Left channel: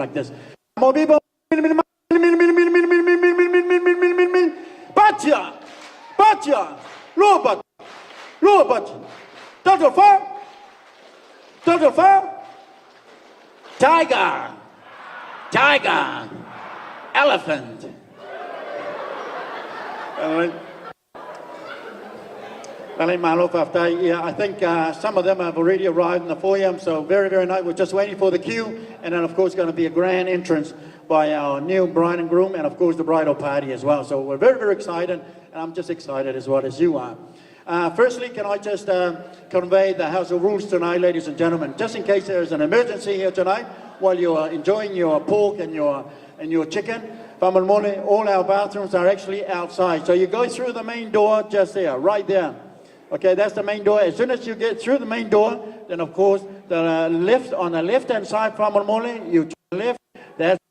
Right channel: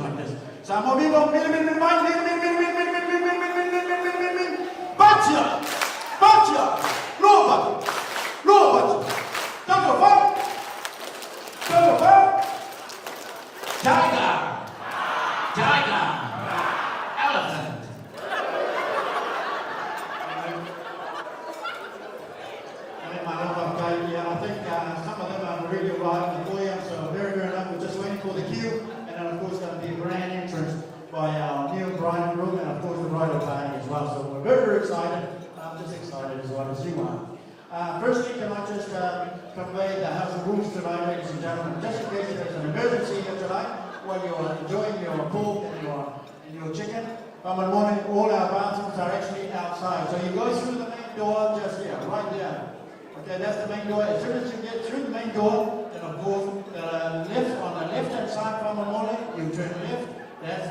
like this. Some more people. Bacha, bacha, robot, robot. Tug tiger, tiger, elephant. Yeah, I think some of them have already arrived in the foyer, so very, very nice. We're just waiting for the queue, and then of course going to be a grand entrance by our new bride and groom, and of course the bridal party as well. So we're very, very excited, and I'm just excited as well as you are. Firstly, can I just convey the house of rules tonight, ladies and gentlemen, just in case there's an emergency here tonight while you are enjoying your pork and your chicken. Whakamomone, all our bathrooms are actually outside, so you go through the main door just there, right there. Okay, that's the main door. As soon as you get through the main door, then of course the left on the left-hand side, Whakamomone, you turn left. That's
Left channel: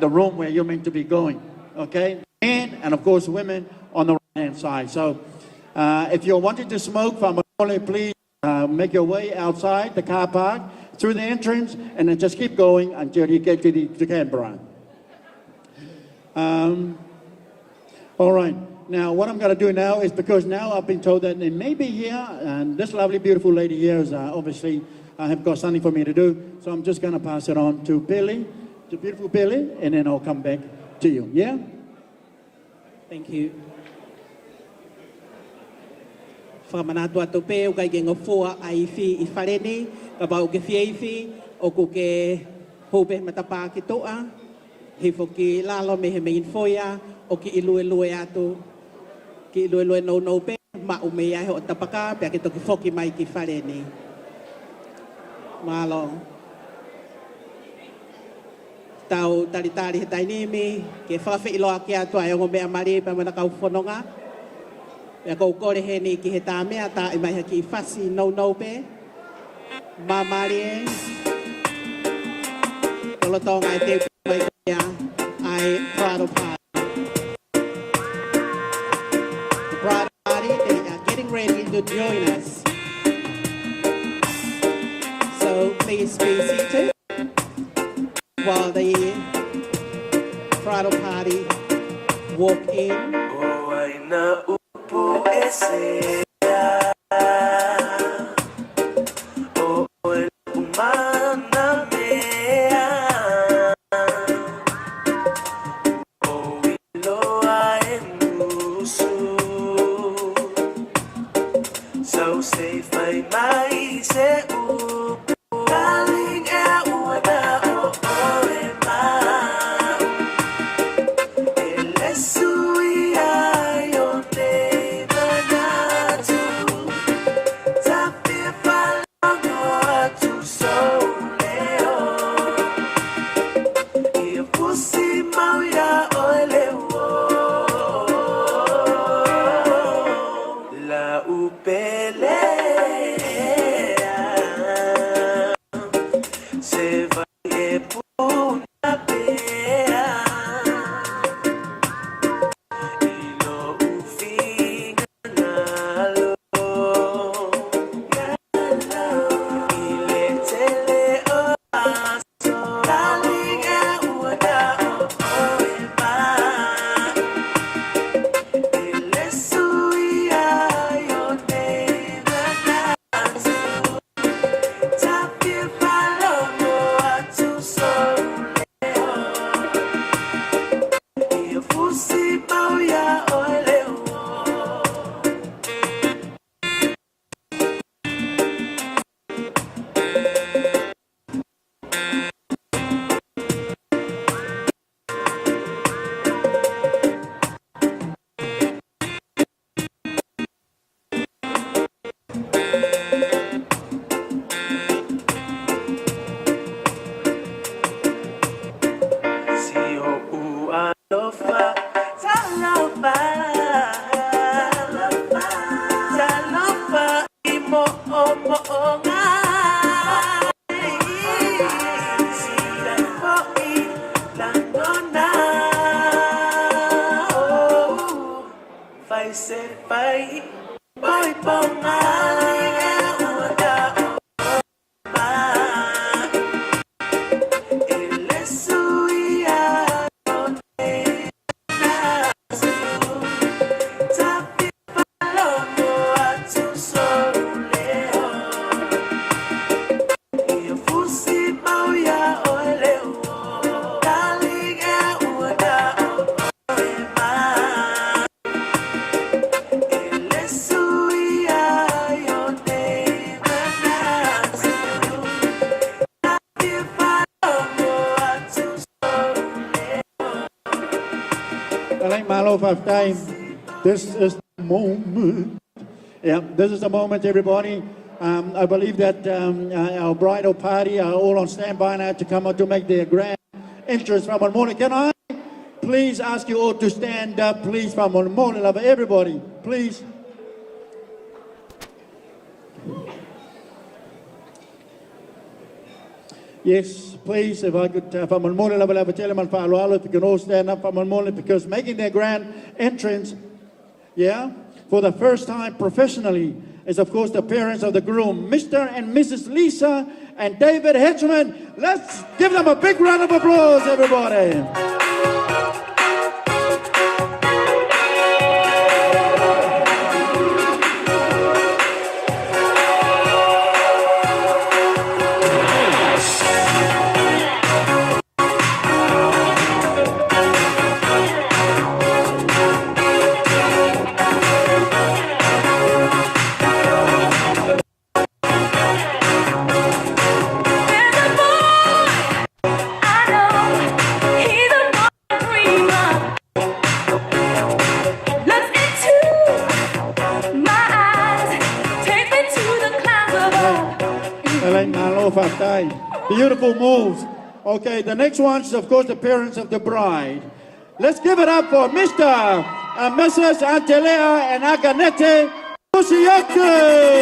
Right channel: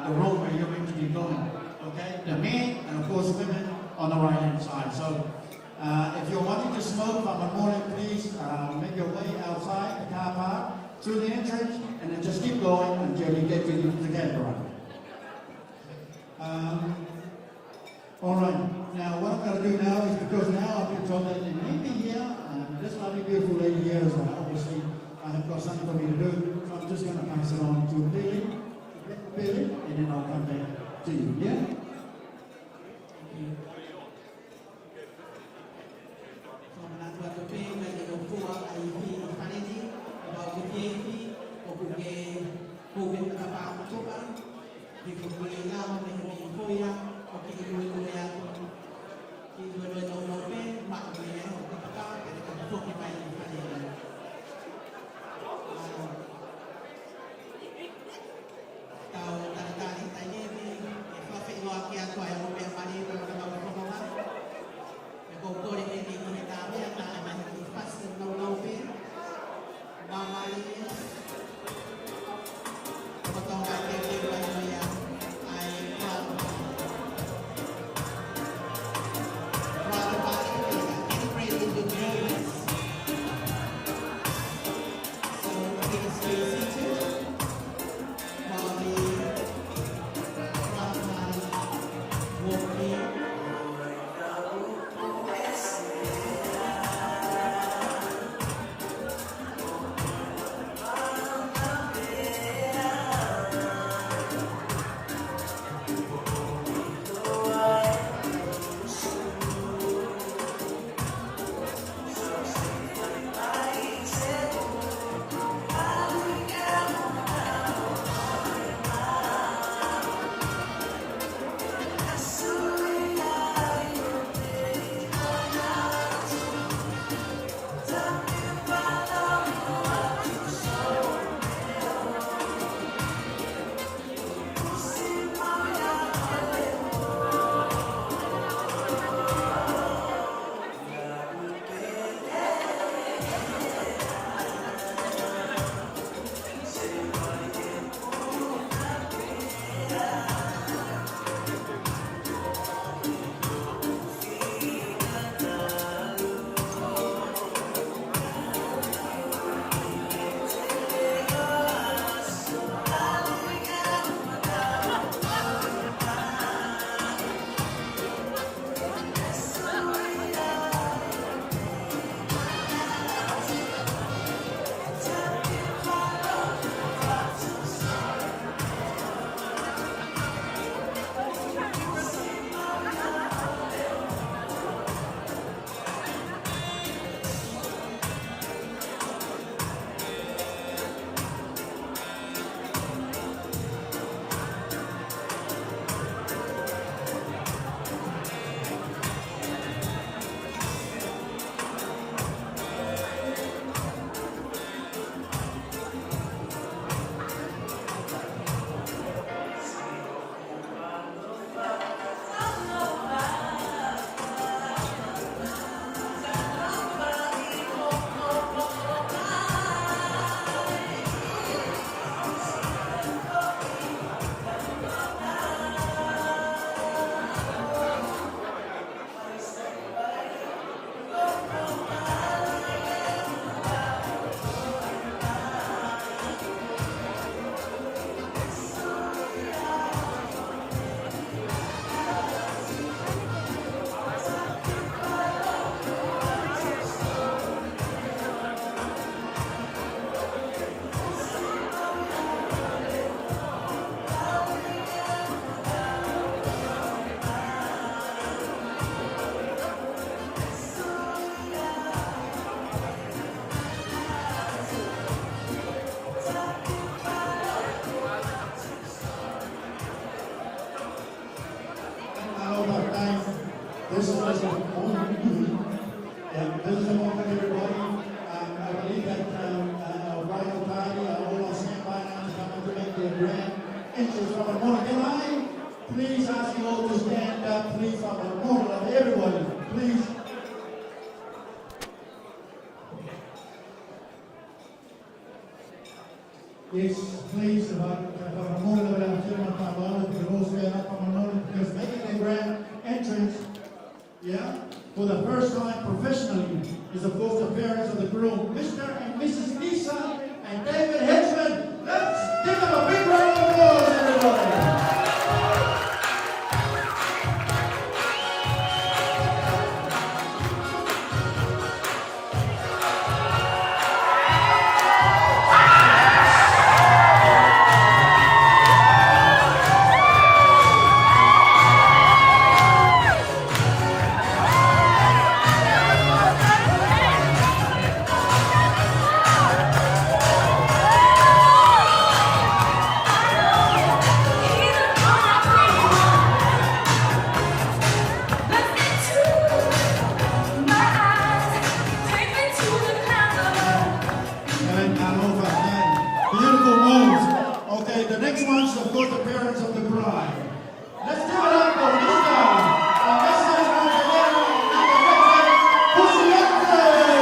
the room where you're meant to be going. Okay, men and of course women on the right-hand side. So if you're wanting to smoke, Whakamomone, please make your way outside the car park through the entrance, and then just keep going until you get to the Canberra. All right, now what I'm going to do now is, because now I've been told that they may be here, and this lovely, beautiful lady here is obviously have got something for me to do, so I'm just going to pass it on to Billy, to beautiful Billy, and then I'll come back to you, yeah? Thank you. Whakamanatua tope o kai ke ngofua ai fi I whareni, ka bau ke fieifi, o ku ke hobe matapa ki toa, he foki lalo me he mein foia, o ki ilue atu, ki ilue no pe, ma o me ai ho tapaka, pe ke toki foki mai ki whareni. Malo. Tau tari he tainimi, ke whawhi iloa ki atua e o mea mari pa mana kau whanonga. Ia kou kore he ni ki he tā mea tā I mai haki I whasi no pe. Mā mari e. Kolo tonga I te mai kia ai Bridal Party. The Bridal Party, they are getting ready to join us. So please be seated while the Bridal Party walk in. Malo Faftay. This is the moment. Yeah, this is the moment, everybody. I believe that our bridal party are all on standby now to come out to make their grand entrance from the morning. Can I please ask you all to stand up, please, from the morning of everybody, please. Yes, please, if I could, from the morning level, have a gentleman, if you can all stand up from the morning, because making their grand entrance, yeah, for the first time professionally is, of course, the parents of the groom, Mr. and Mrs. Lisa and David Hedgeman. Let's give them a big round of applause, everybody. Beautiful moves. Okay, the next one's, of course, the parents of the bride. Let's give it up for Mr. and Mrs. Angelea and Aganete Pusiakri.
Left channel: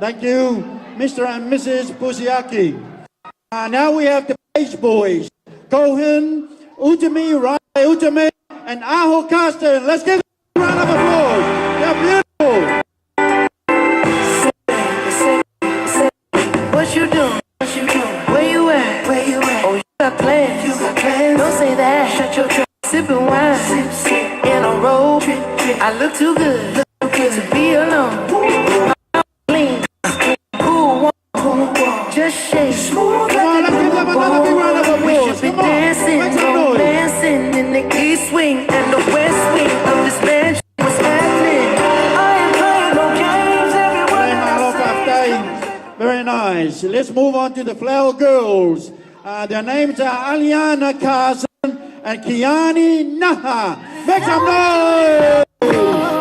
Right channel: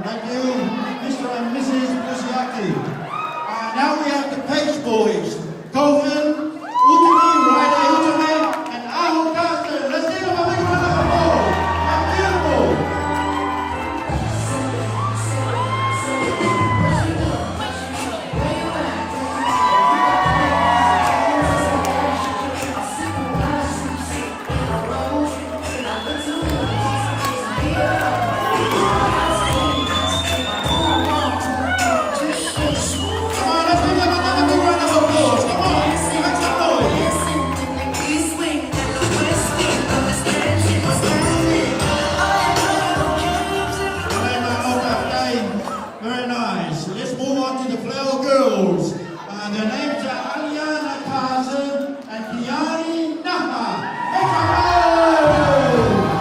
Thank you, Mr. and Mrs. Pusiaki. Now we have the Pace Boys, Cohen, Utami, Riley Utami, and Aho Carsten. Let's give them a round of applause. They're beautiful. What you doing? What you doing? Where you at? Where you at? Oh, you got plans. You got plans. Don't say that. Shut your trap. Sipping wine. In a row. I look too good. Look too good to be alone. Clean. Just shake. We should be dancing. Dancing in the east wing and the west wing. Understand what's happening. I ain't playing no games. Very nice. Let's move on to the Flower Girls. Their names are Aliana Carson and Kiani Naha. Make some noise!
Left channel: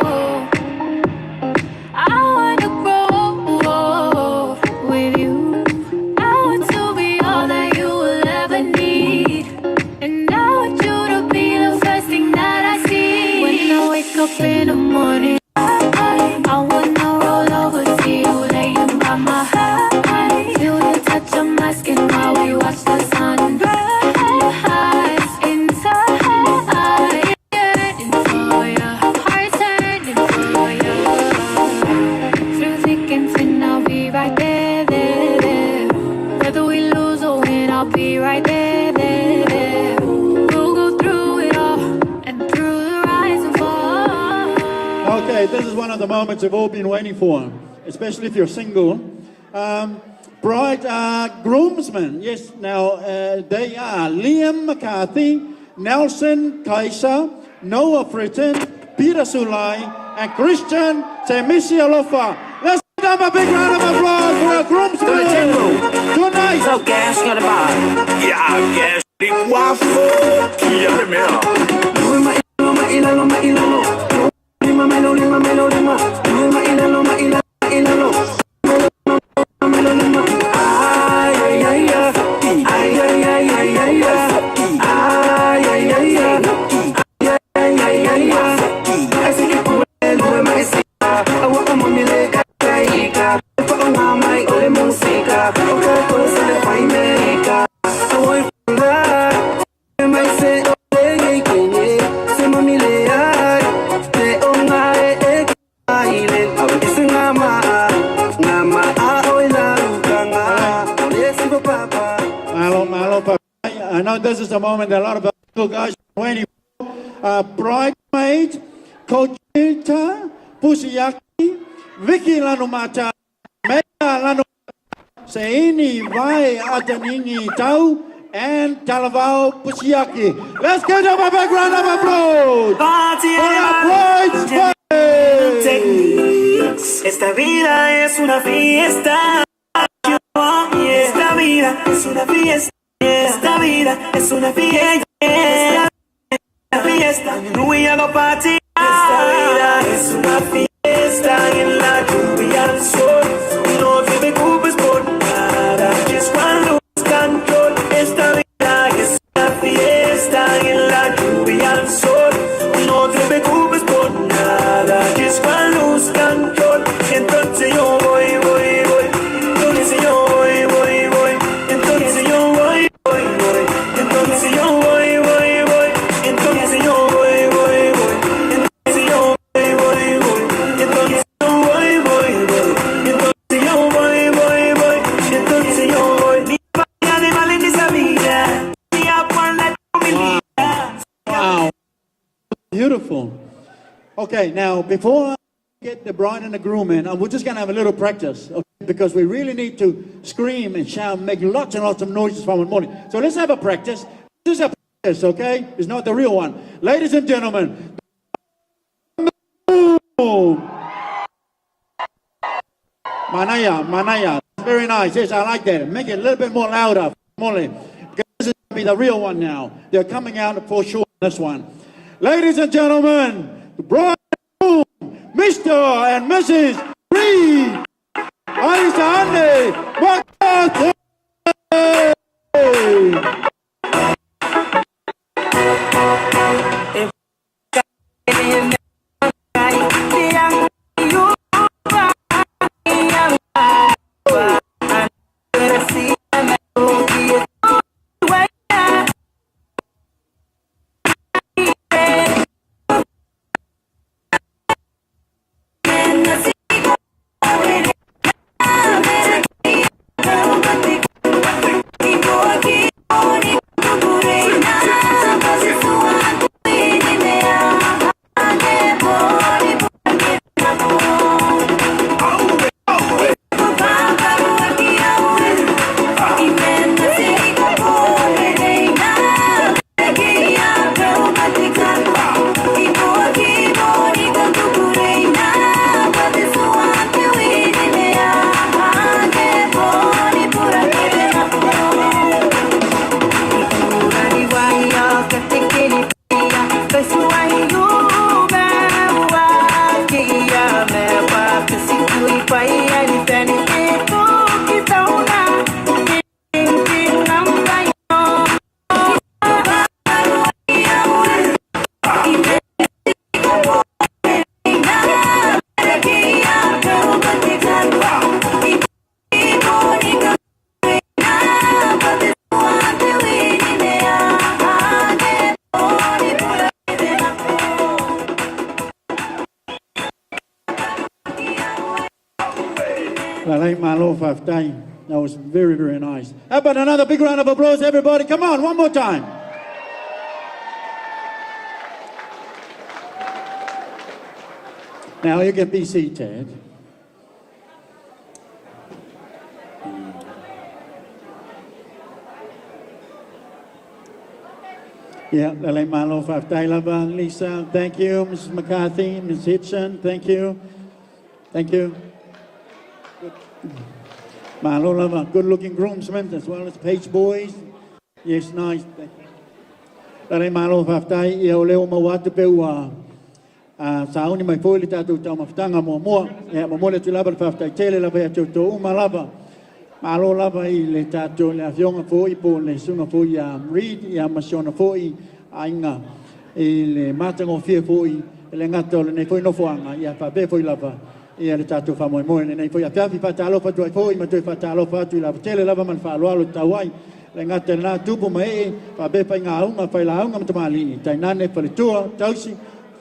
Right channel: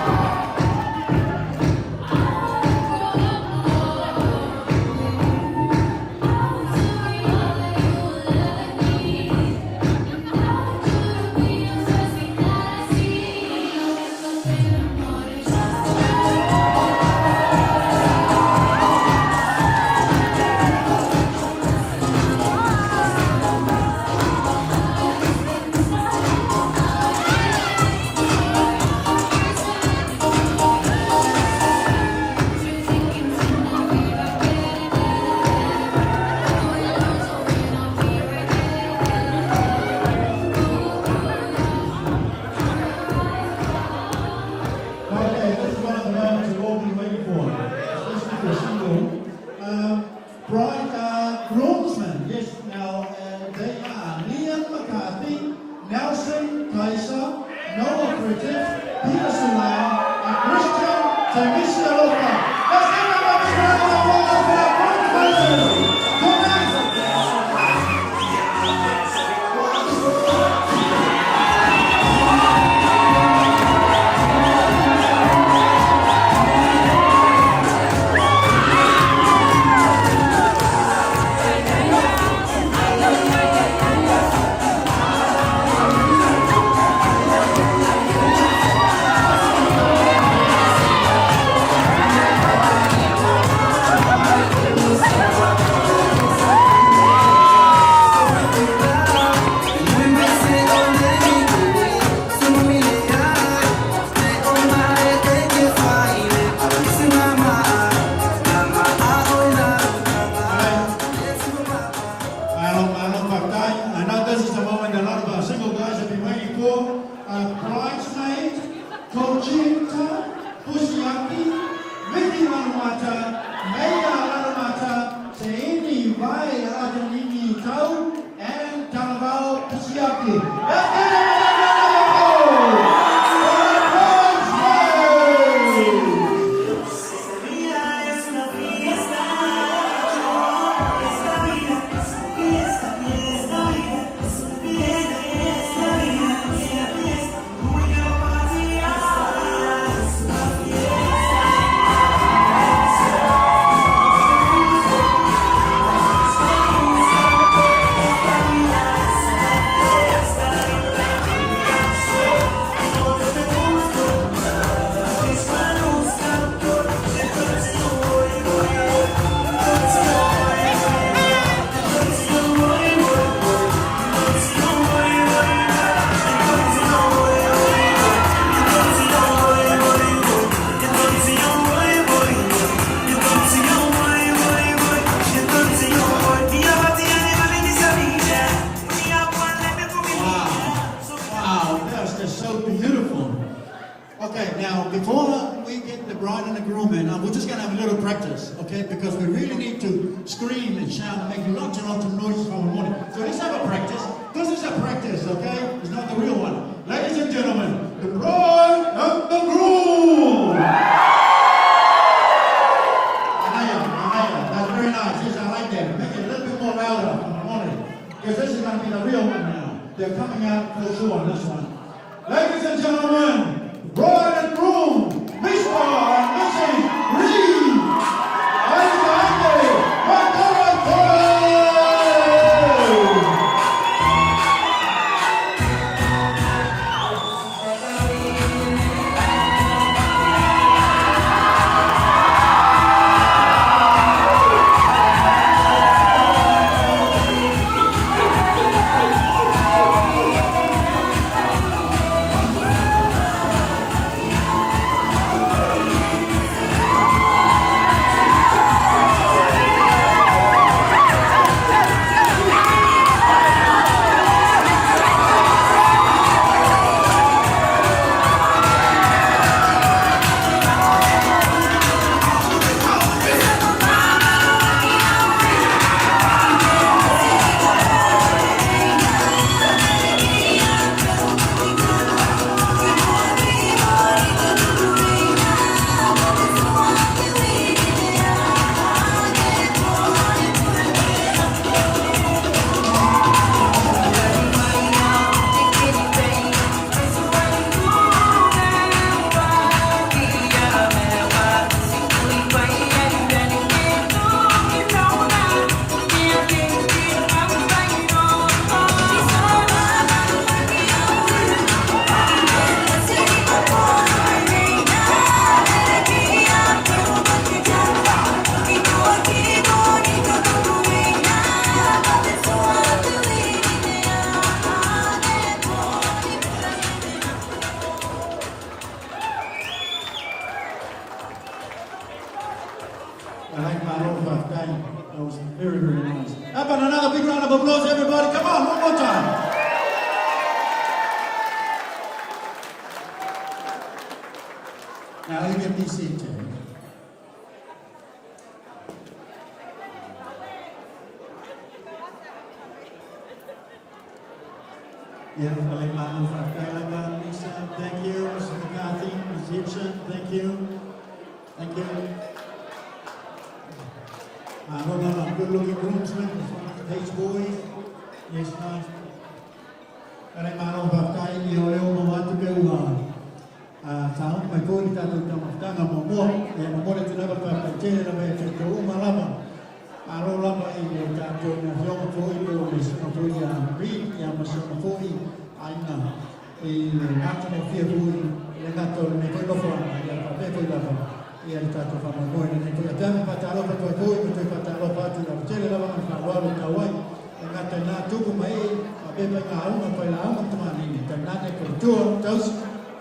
You've all been waiting for, especially if you're single. Bride groomsmen, yes, now they are Liam McCarthy, Nelson Kaiser, Noah Britton, Peter Sulai, and Christian Temisialofa. Let's give them a big round of applause for our groomsmen. Good night. So gas for the bar. Yeah, she was good. I know this is a moment that a lot of our single guys have been waiting for. Bridesmaids, Conchita, Pusiyaki, Vicky Lanumata, Meta Lanumata, Seini, Vai, Ajanini, Tau, and Talavao Pusiyaki. Let's give them a big round of applause! Bridesmaids! Esta vida es una fiesta. Esta vida es una fiesta. Esta vida es una fiesta. Esta fiesta. We are gonna party. Esta vida es una fiesta en la lluvia del sol. Y no te preocupes por nada. Just cuando canto. Esta vida es una fiesta en la lluvia del sol. Y no te preocupes por nada. Just cuando canto. Entonces yo voy. Entonces yo voy. Entonces yo voy. Entonces yo voy. Entonces yo voy. Entonces yo voy. Entonces yo voy. Entonces yo voy. Entonces yo voy. Niña batida de Valencia mía. Mía cuando te comí. Wow, that's just so beautiful. Okay, now before we get the bride and the groom in, we're just going to have a little practice, okay? Because we really need to scream and shout and make lots and lots of noises from the morning. So let's have a practice. This is a practice, okay? It's not the real one. Ladies and gentlemen, the bride and the groom! Manaya, very nice. Yes, I like that. Make it a little bit more louder, Molly. Because this is going to be the real one now. They're coming out for sure on this one. Ladies and gentlemen, the bride and groom, Mr. and Mrs. Reed. Alexander, what That was very, very nice. How about another big round of applause, everybody? Come on, one more time. Now you can be seated. Yeah, Lisa, thank you. Mrs. McCarthy, Ms. Hitchson, thank you. Thank you. Good looking groomsmen as well as page boys. Yes, nice. Tare malo fatai ia leo mo wat peua. Sao ni mai foi lita tu tama tanga mo mo. Ya mo le tu lava fatai tele la be tu tu malava. Malo lava I le tatu le avion foi po le sunga foi ya ri ya masiona foi ainga. Le mata mo fie foi le ngato le foi no fuanga ya pa be foi lava. Ia le tatu fa mo mo nei foi atati pa talo pa tu foi ma tu pa talo pa tu la tele lava man fa lo tawai le ngata na tupu mai pa be pa ngau ma pa lau ngam tamali tai na ne pa tua tausi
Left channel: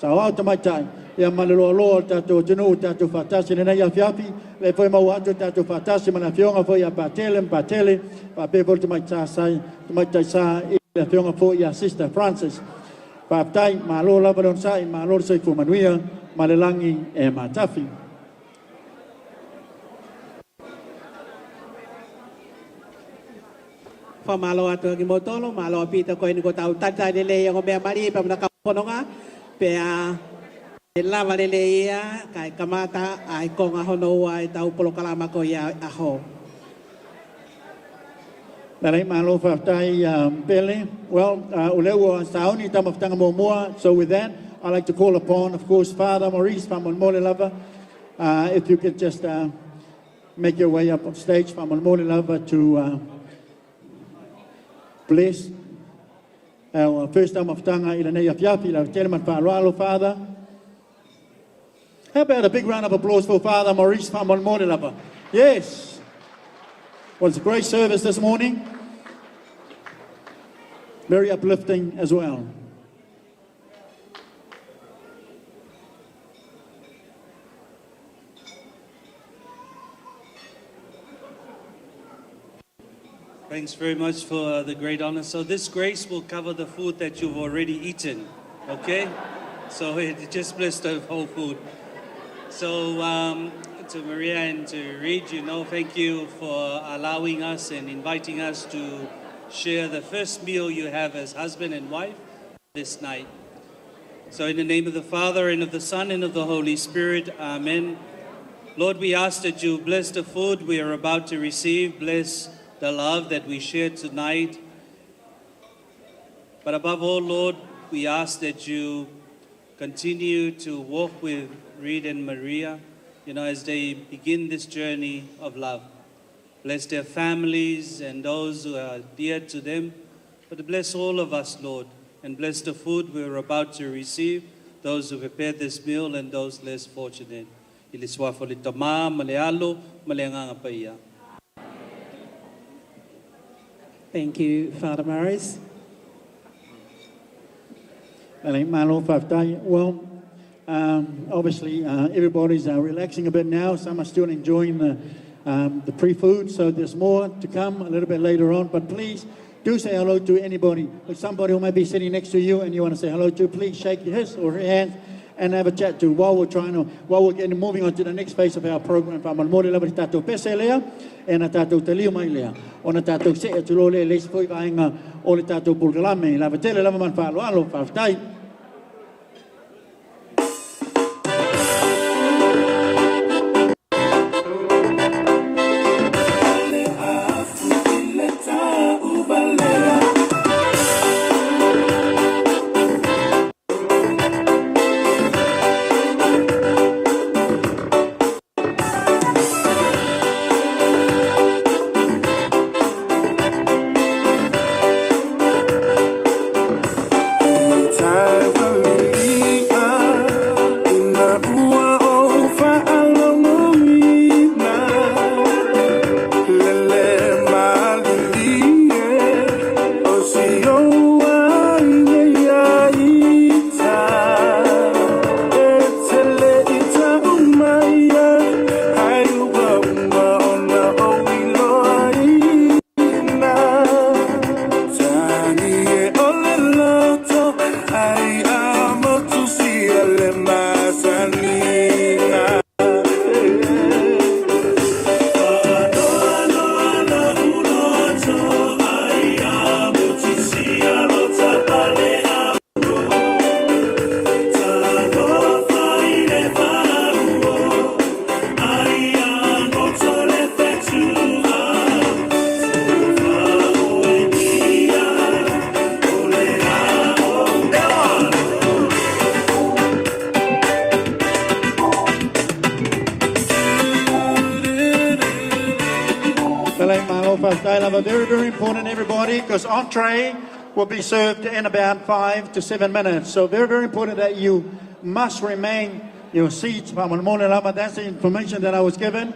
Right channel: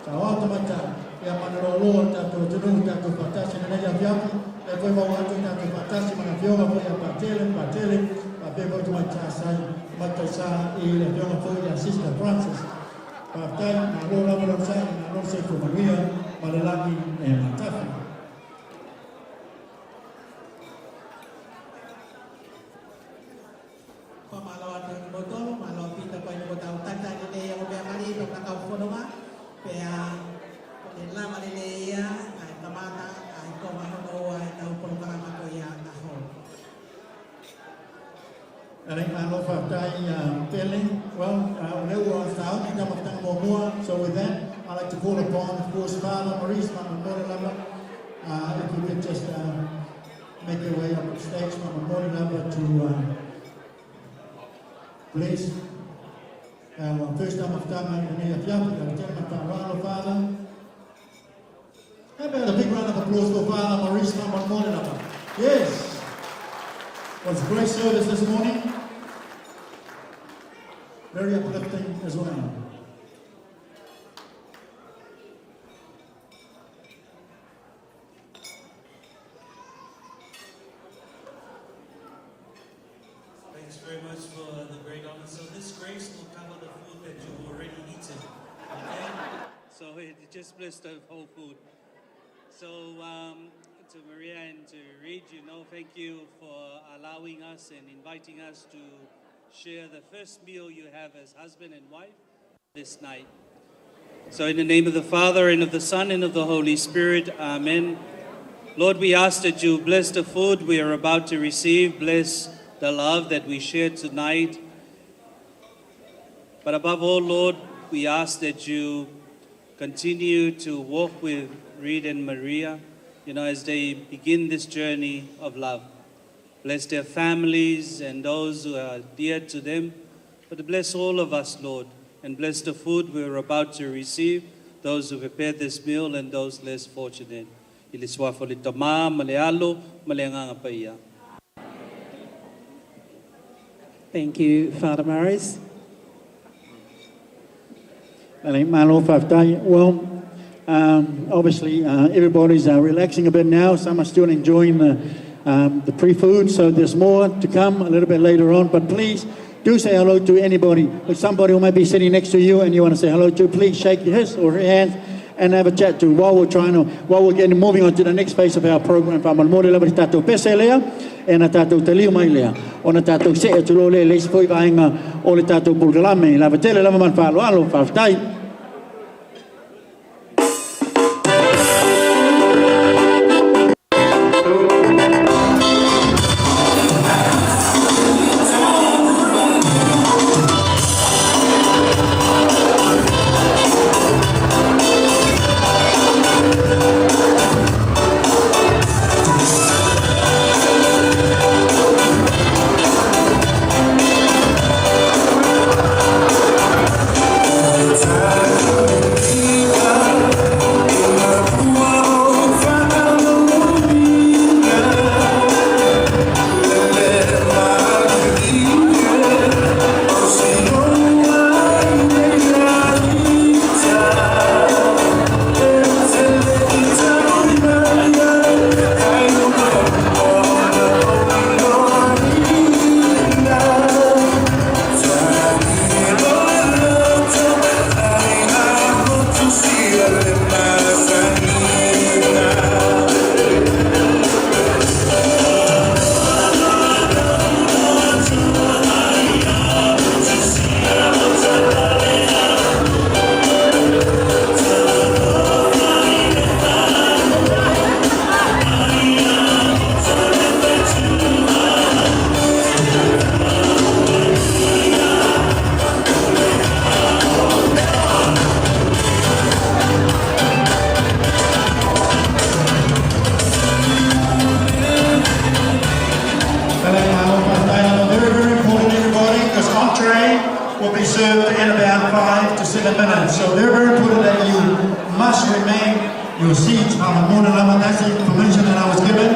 sa o te mai tai ia malero lo ta to tunu ta to fatasi ne ia fiapi le foi mau atu ta to fatasi mana fionga foi a patele pa be vol te mai tai sa I le fionga foi a Sister Francis pa tai ma lo la bro sai ma lo sai fu manuia ma le langi e ma tafi Fa malo ato ki motolo malo pita ko ni ko tau tata de le yang be mari pa na ka kononga pe a e lava le le ia kai kamata ai ko nga hono ai tau polo kalama ko ia a ho Dalai malo fa tai pele well uleu sao ni tama tanga mo so with that I like to call upon of course Father Maurice from Mole Lava if you could just make your way up on stage from Mole Lava to bless our first time of Tanga in the name of Yapi, our chairman, Father. How about a big round of applause for Father Maurice from Monmonilapa? Yes. Was a great service this morning. Very uplifting as well. Thanks very much for the great honor. So this grace will cover the food that you've already eaten, okay? So it just blessed the whole food. So to Maria and to Reed, thank you for allowing us and inviting us to share the first meal you have as husband and wife this night. So in the name of the Father, and of the Son, and of the Holy Spirit, amen. Lord, we ask that you bless the food we are about to receive, bless the love that we share tonight. But above all, Lord, we ask that you continue to walk with Reed and Maria, as they begin this journey of love. Bless their families and those who are dear to them. But bless all of us, Lord, and bless the food we're about to receive, those who prepared this meal and those less fortunate. Iliswa folitama, malealo, maleanganga paiya. Thank you, Father Maurice. Well, obviously everybody's relaxing a bit now. Some are still enjoying the pre-food, so there's more to come a little bit later on. But please do say hello to anybody. If somebody who might be sitting next to you and you want to say hello to, please shake his or her hand and have a chat to while we're getting moving on to the next phase of our program. Pa malmore la tatou pese lea e na tatou talio mai lea. O na tatou se e tulo le leisi foi vaenga o le tatou pulgalame. La vatele lava man whaalo alo whaftai. Your seats from the morning up, and that's the information that I was given.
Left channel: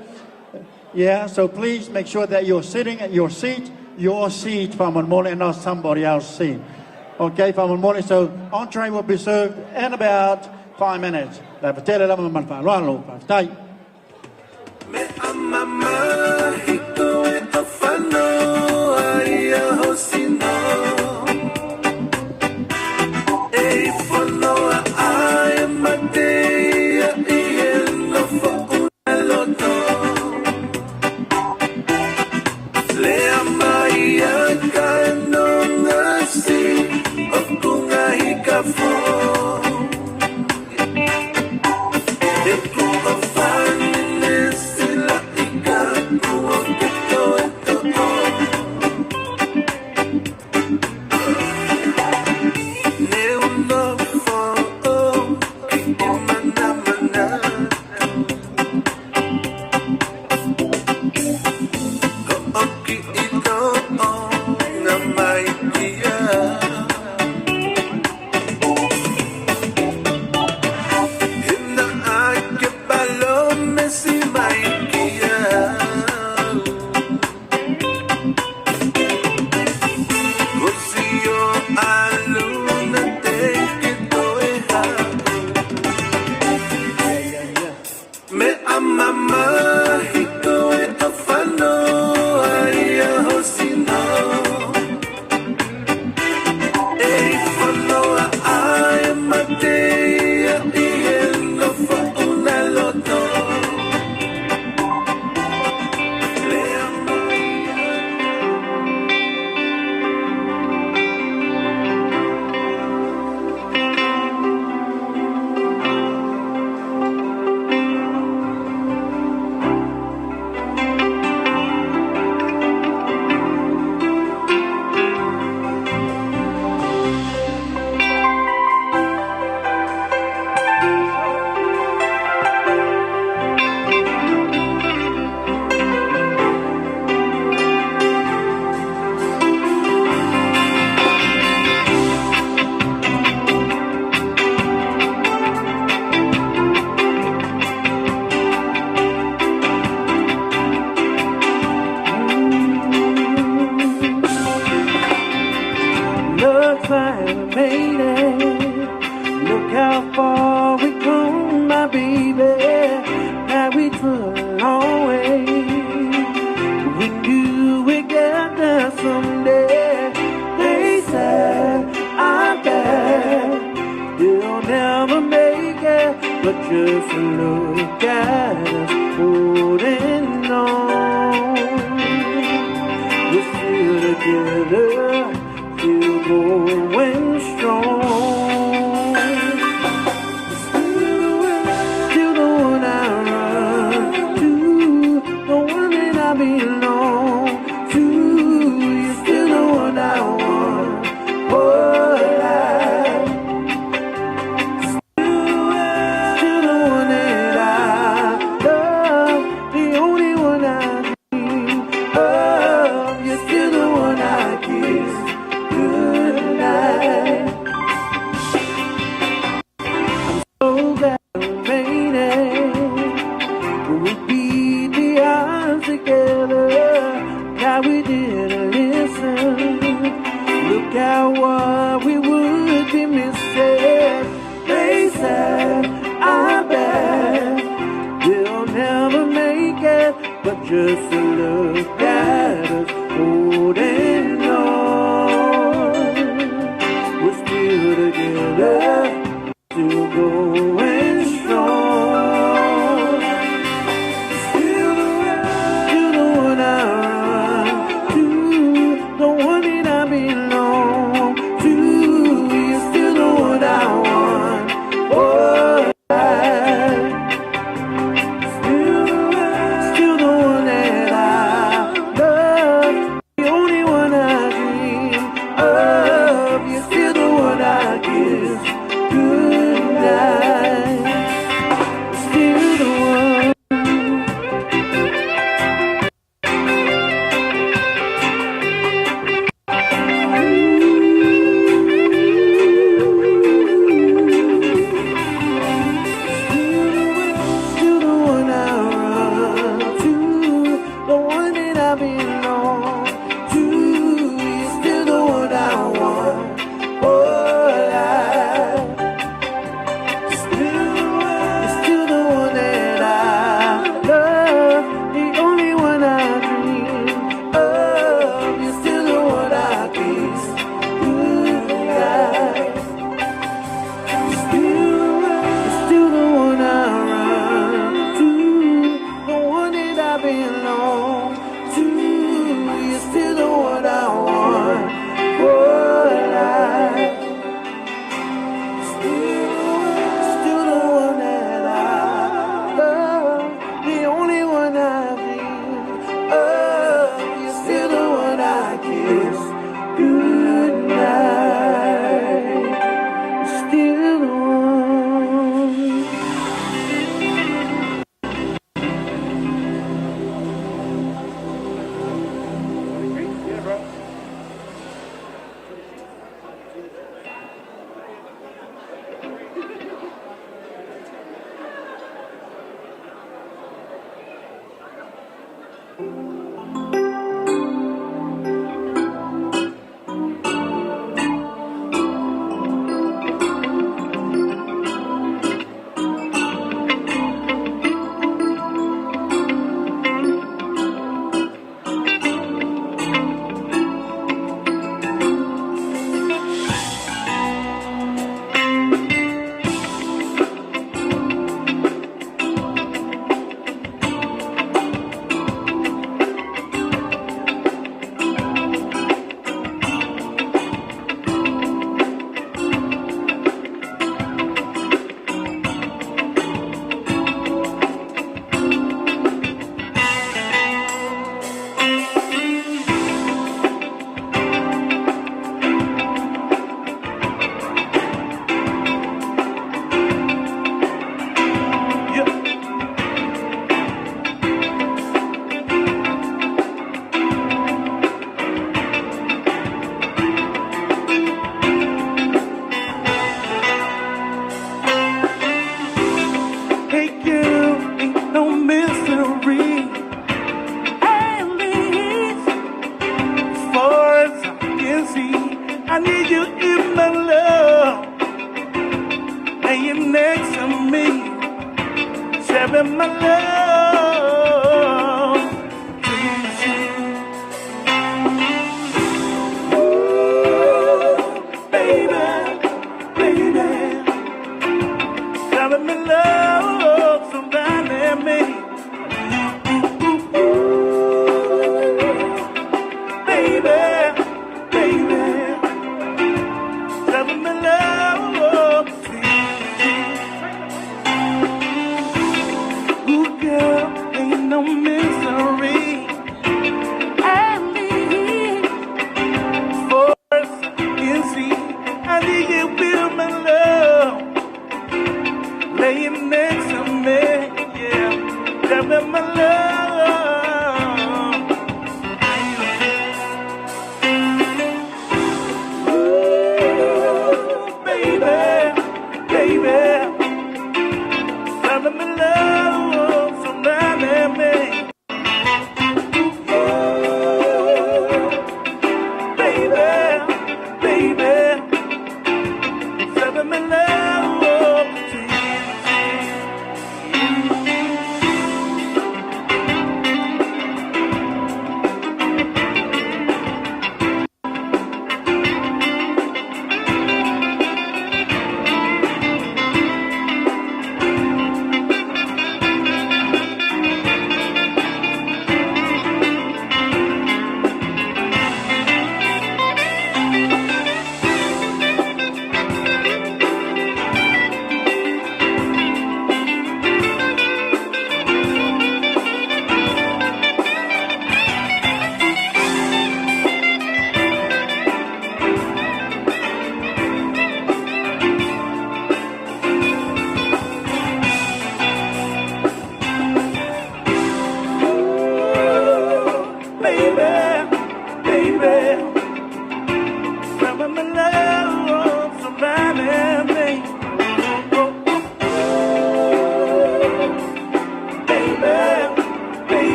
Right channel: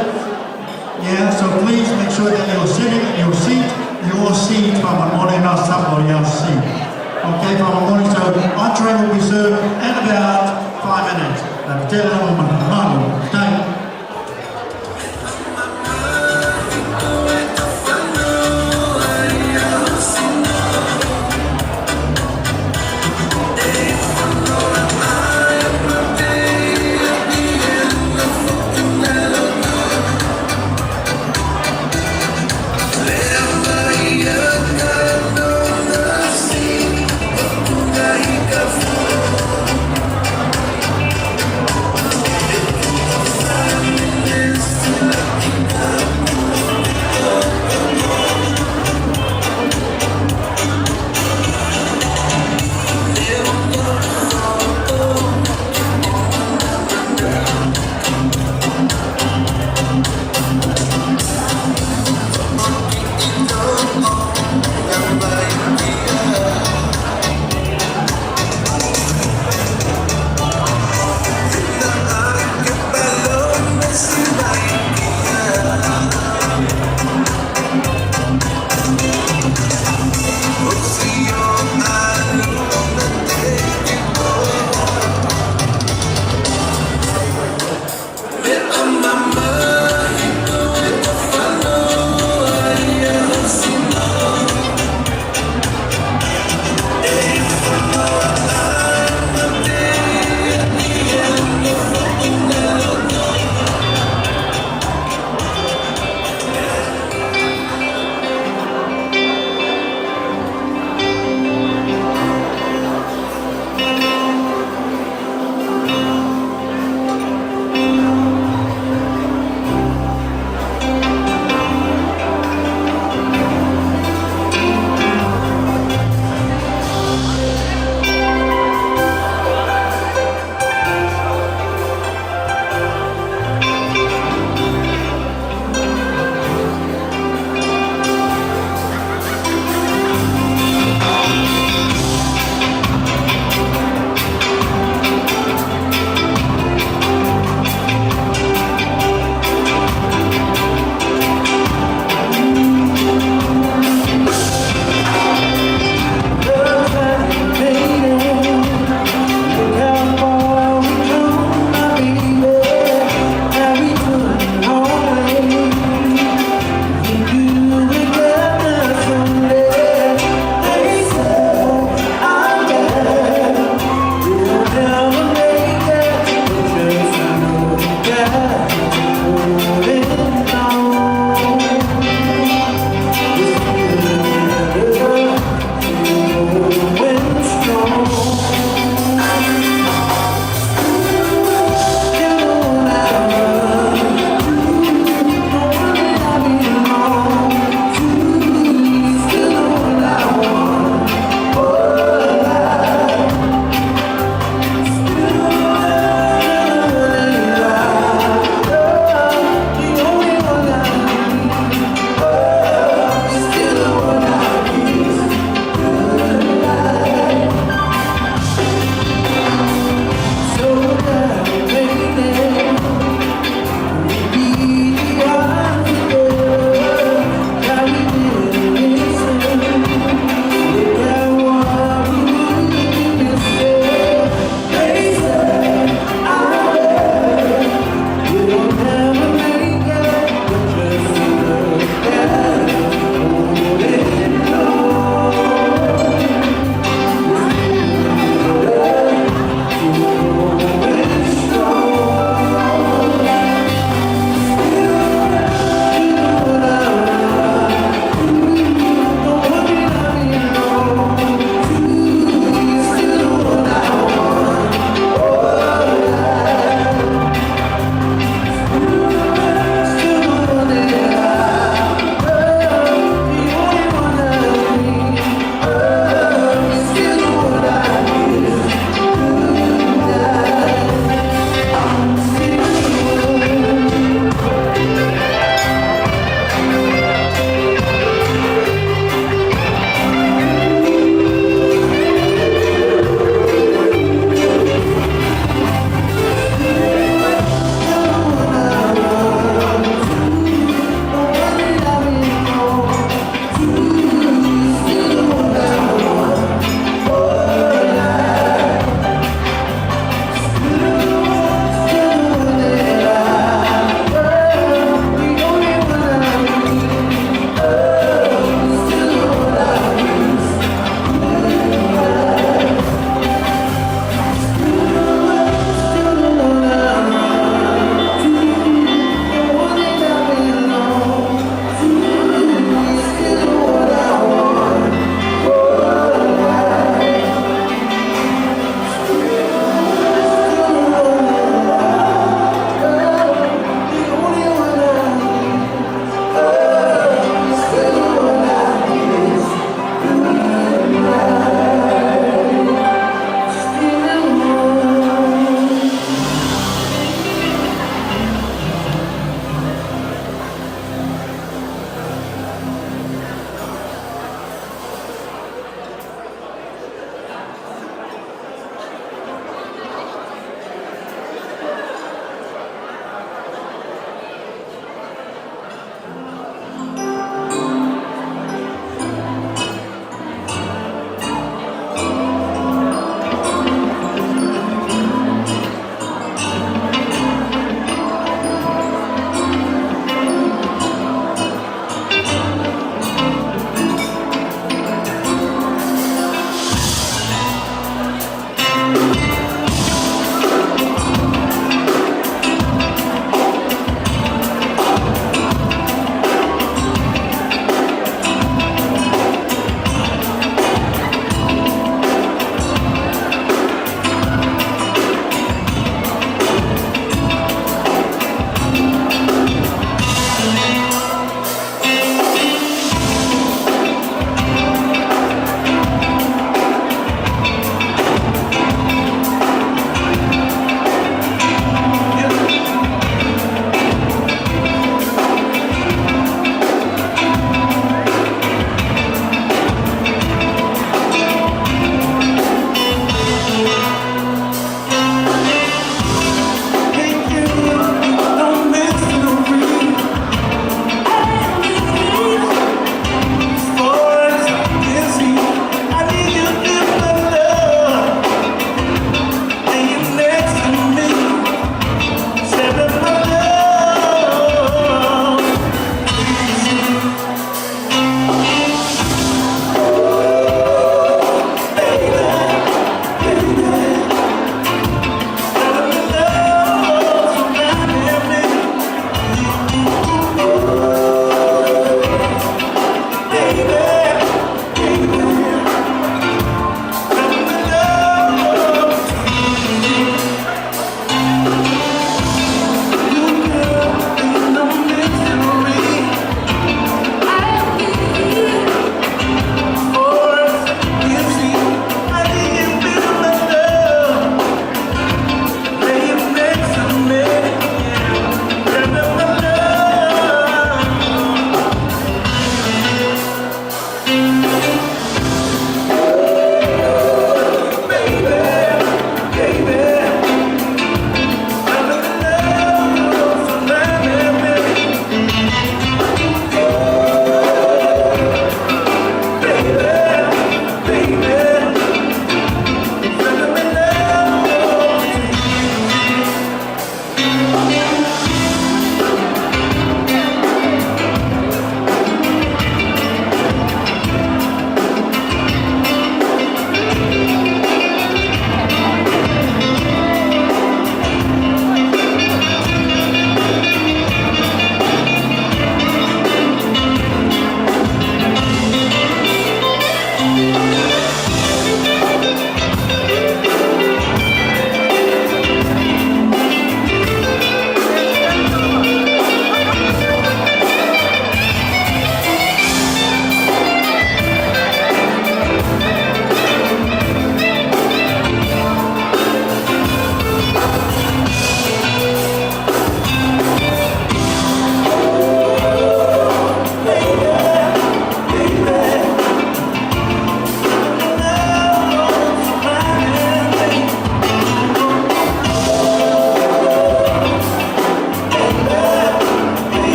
Yeah, so please make sure that you're sitting in your seat. you'll see from the morning of supper, you'll see. Okay, from the morning, so entree will be served in about 5 minutes. Tell them, okay. Fire.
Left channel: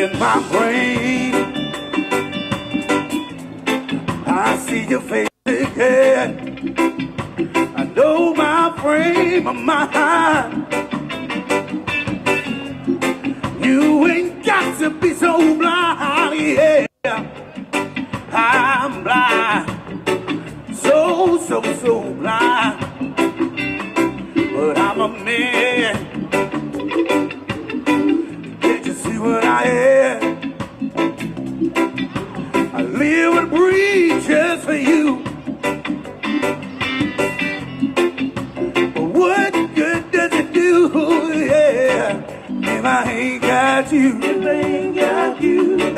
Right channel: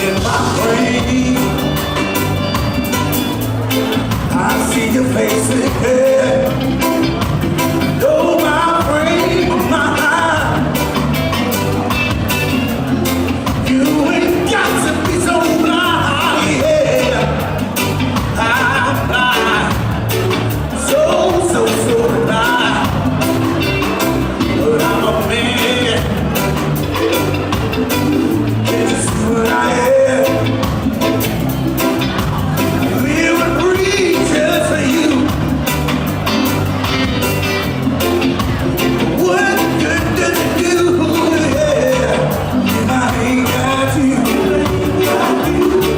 in my brain. I see your face ahead. I know my frame of mind. You ain't got to be so blind, yeah. I'm blind, so blind. But I'm a man. It's just who I am. I live and breathe just for you. What good does it do, yeah, if I ain't got you?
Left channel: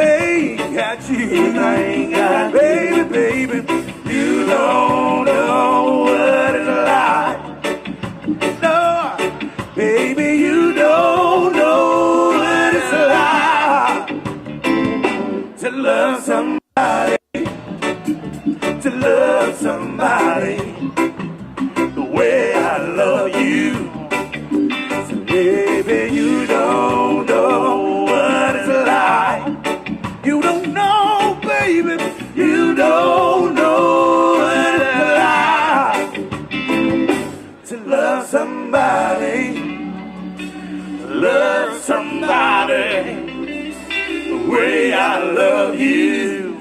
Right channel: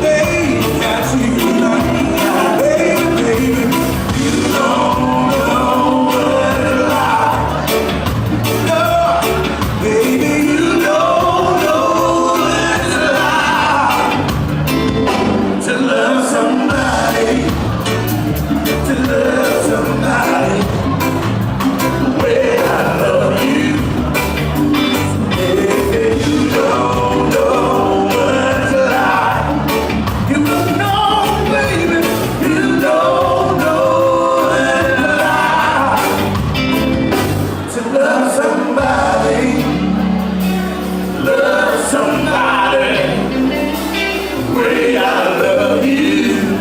Ain't got you, I ain't got you, baby. You don't know what it's like. No, baby, you don't know what it's like to love somebody, the way I love you. Yeah, you don't know what it's like. You don't know, baby. You don't know what it's like to love somebody, the way I love you.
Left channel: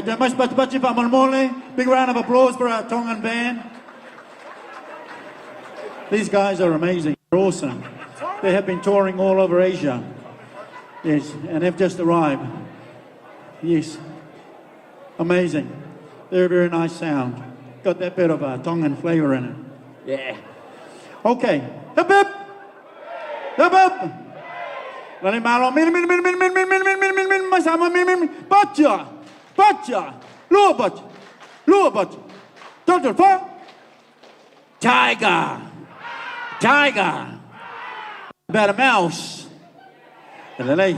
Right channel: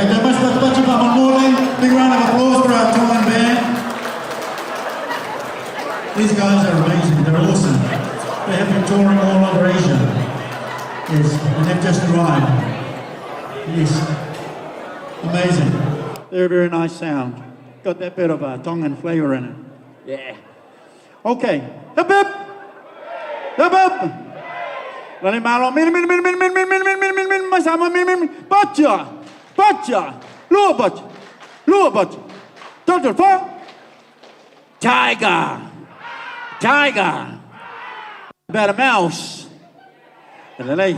Thank you very much for playing on morning. Big round of applause for our Tongan band. These guys are amazing. They're awesome. They have been touring all over Asia. Yes, and they've just arrived. Yes, amazing. Very, very nice sound. Got that bit of a Tongan flavour in it. Yeah. Okay. Hip hip. Hip hip. Lali malo. Min. Masama min. Bacha. Lua bacha. Total for. Tiger. About a mouse. Lali.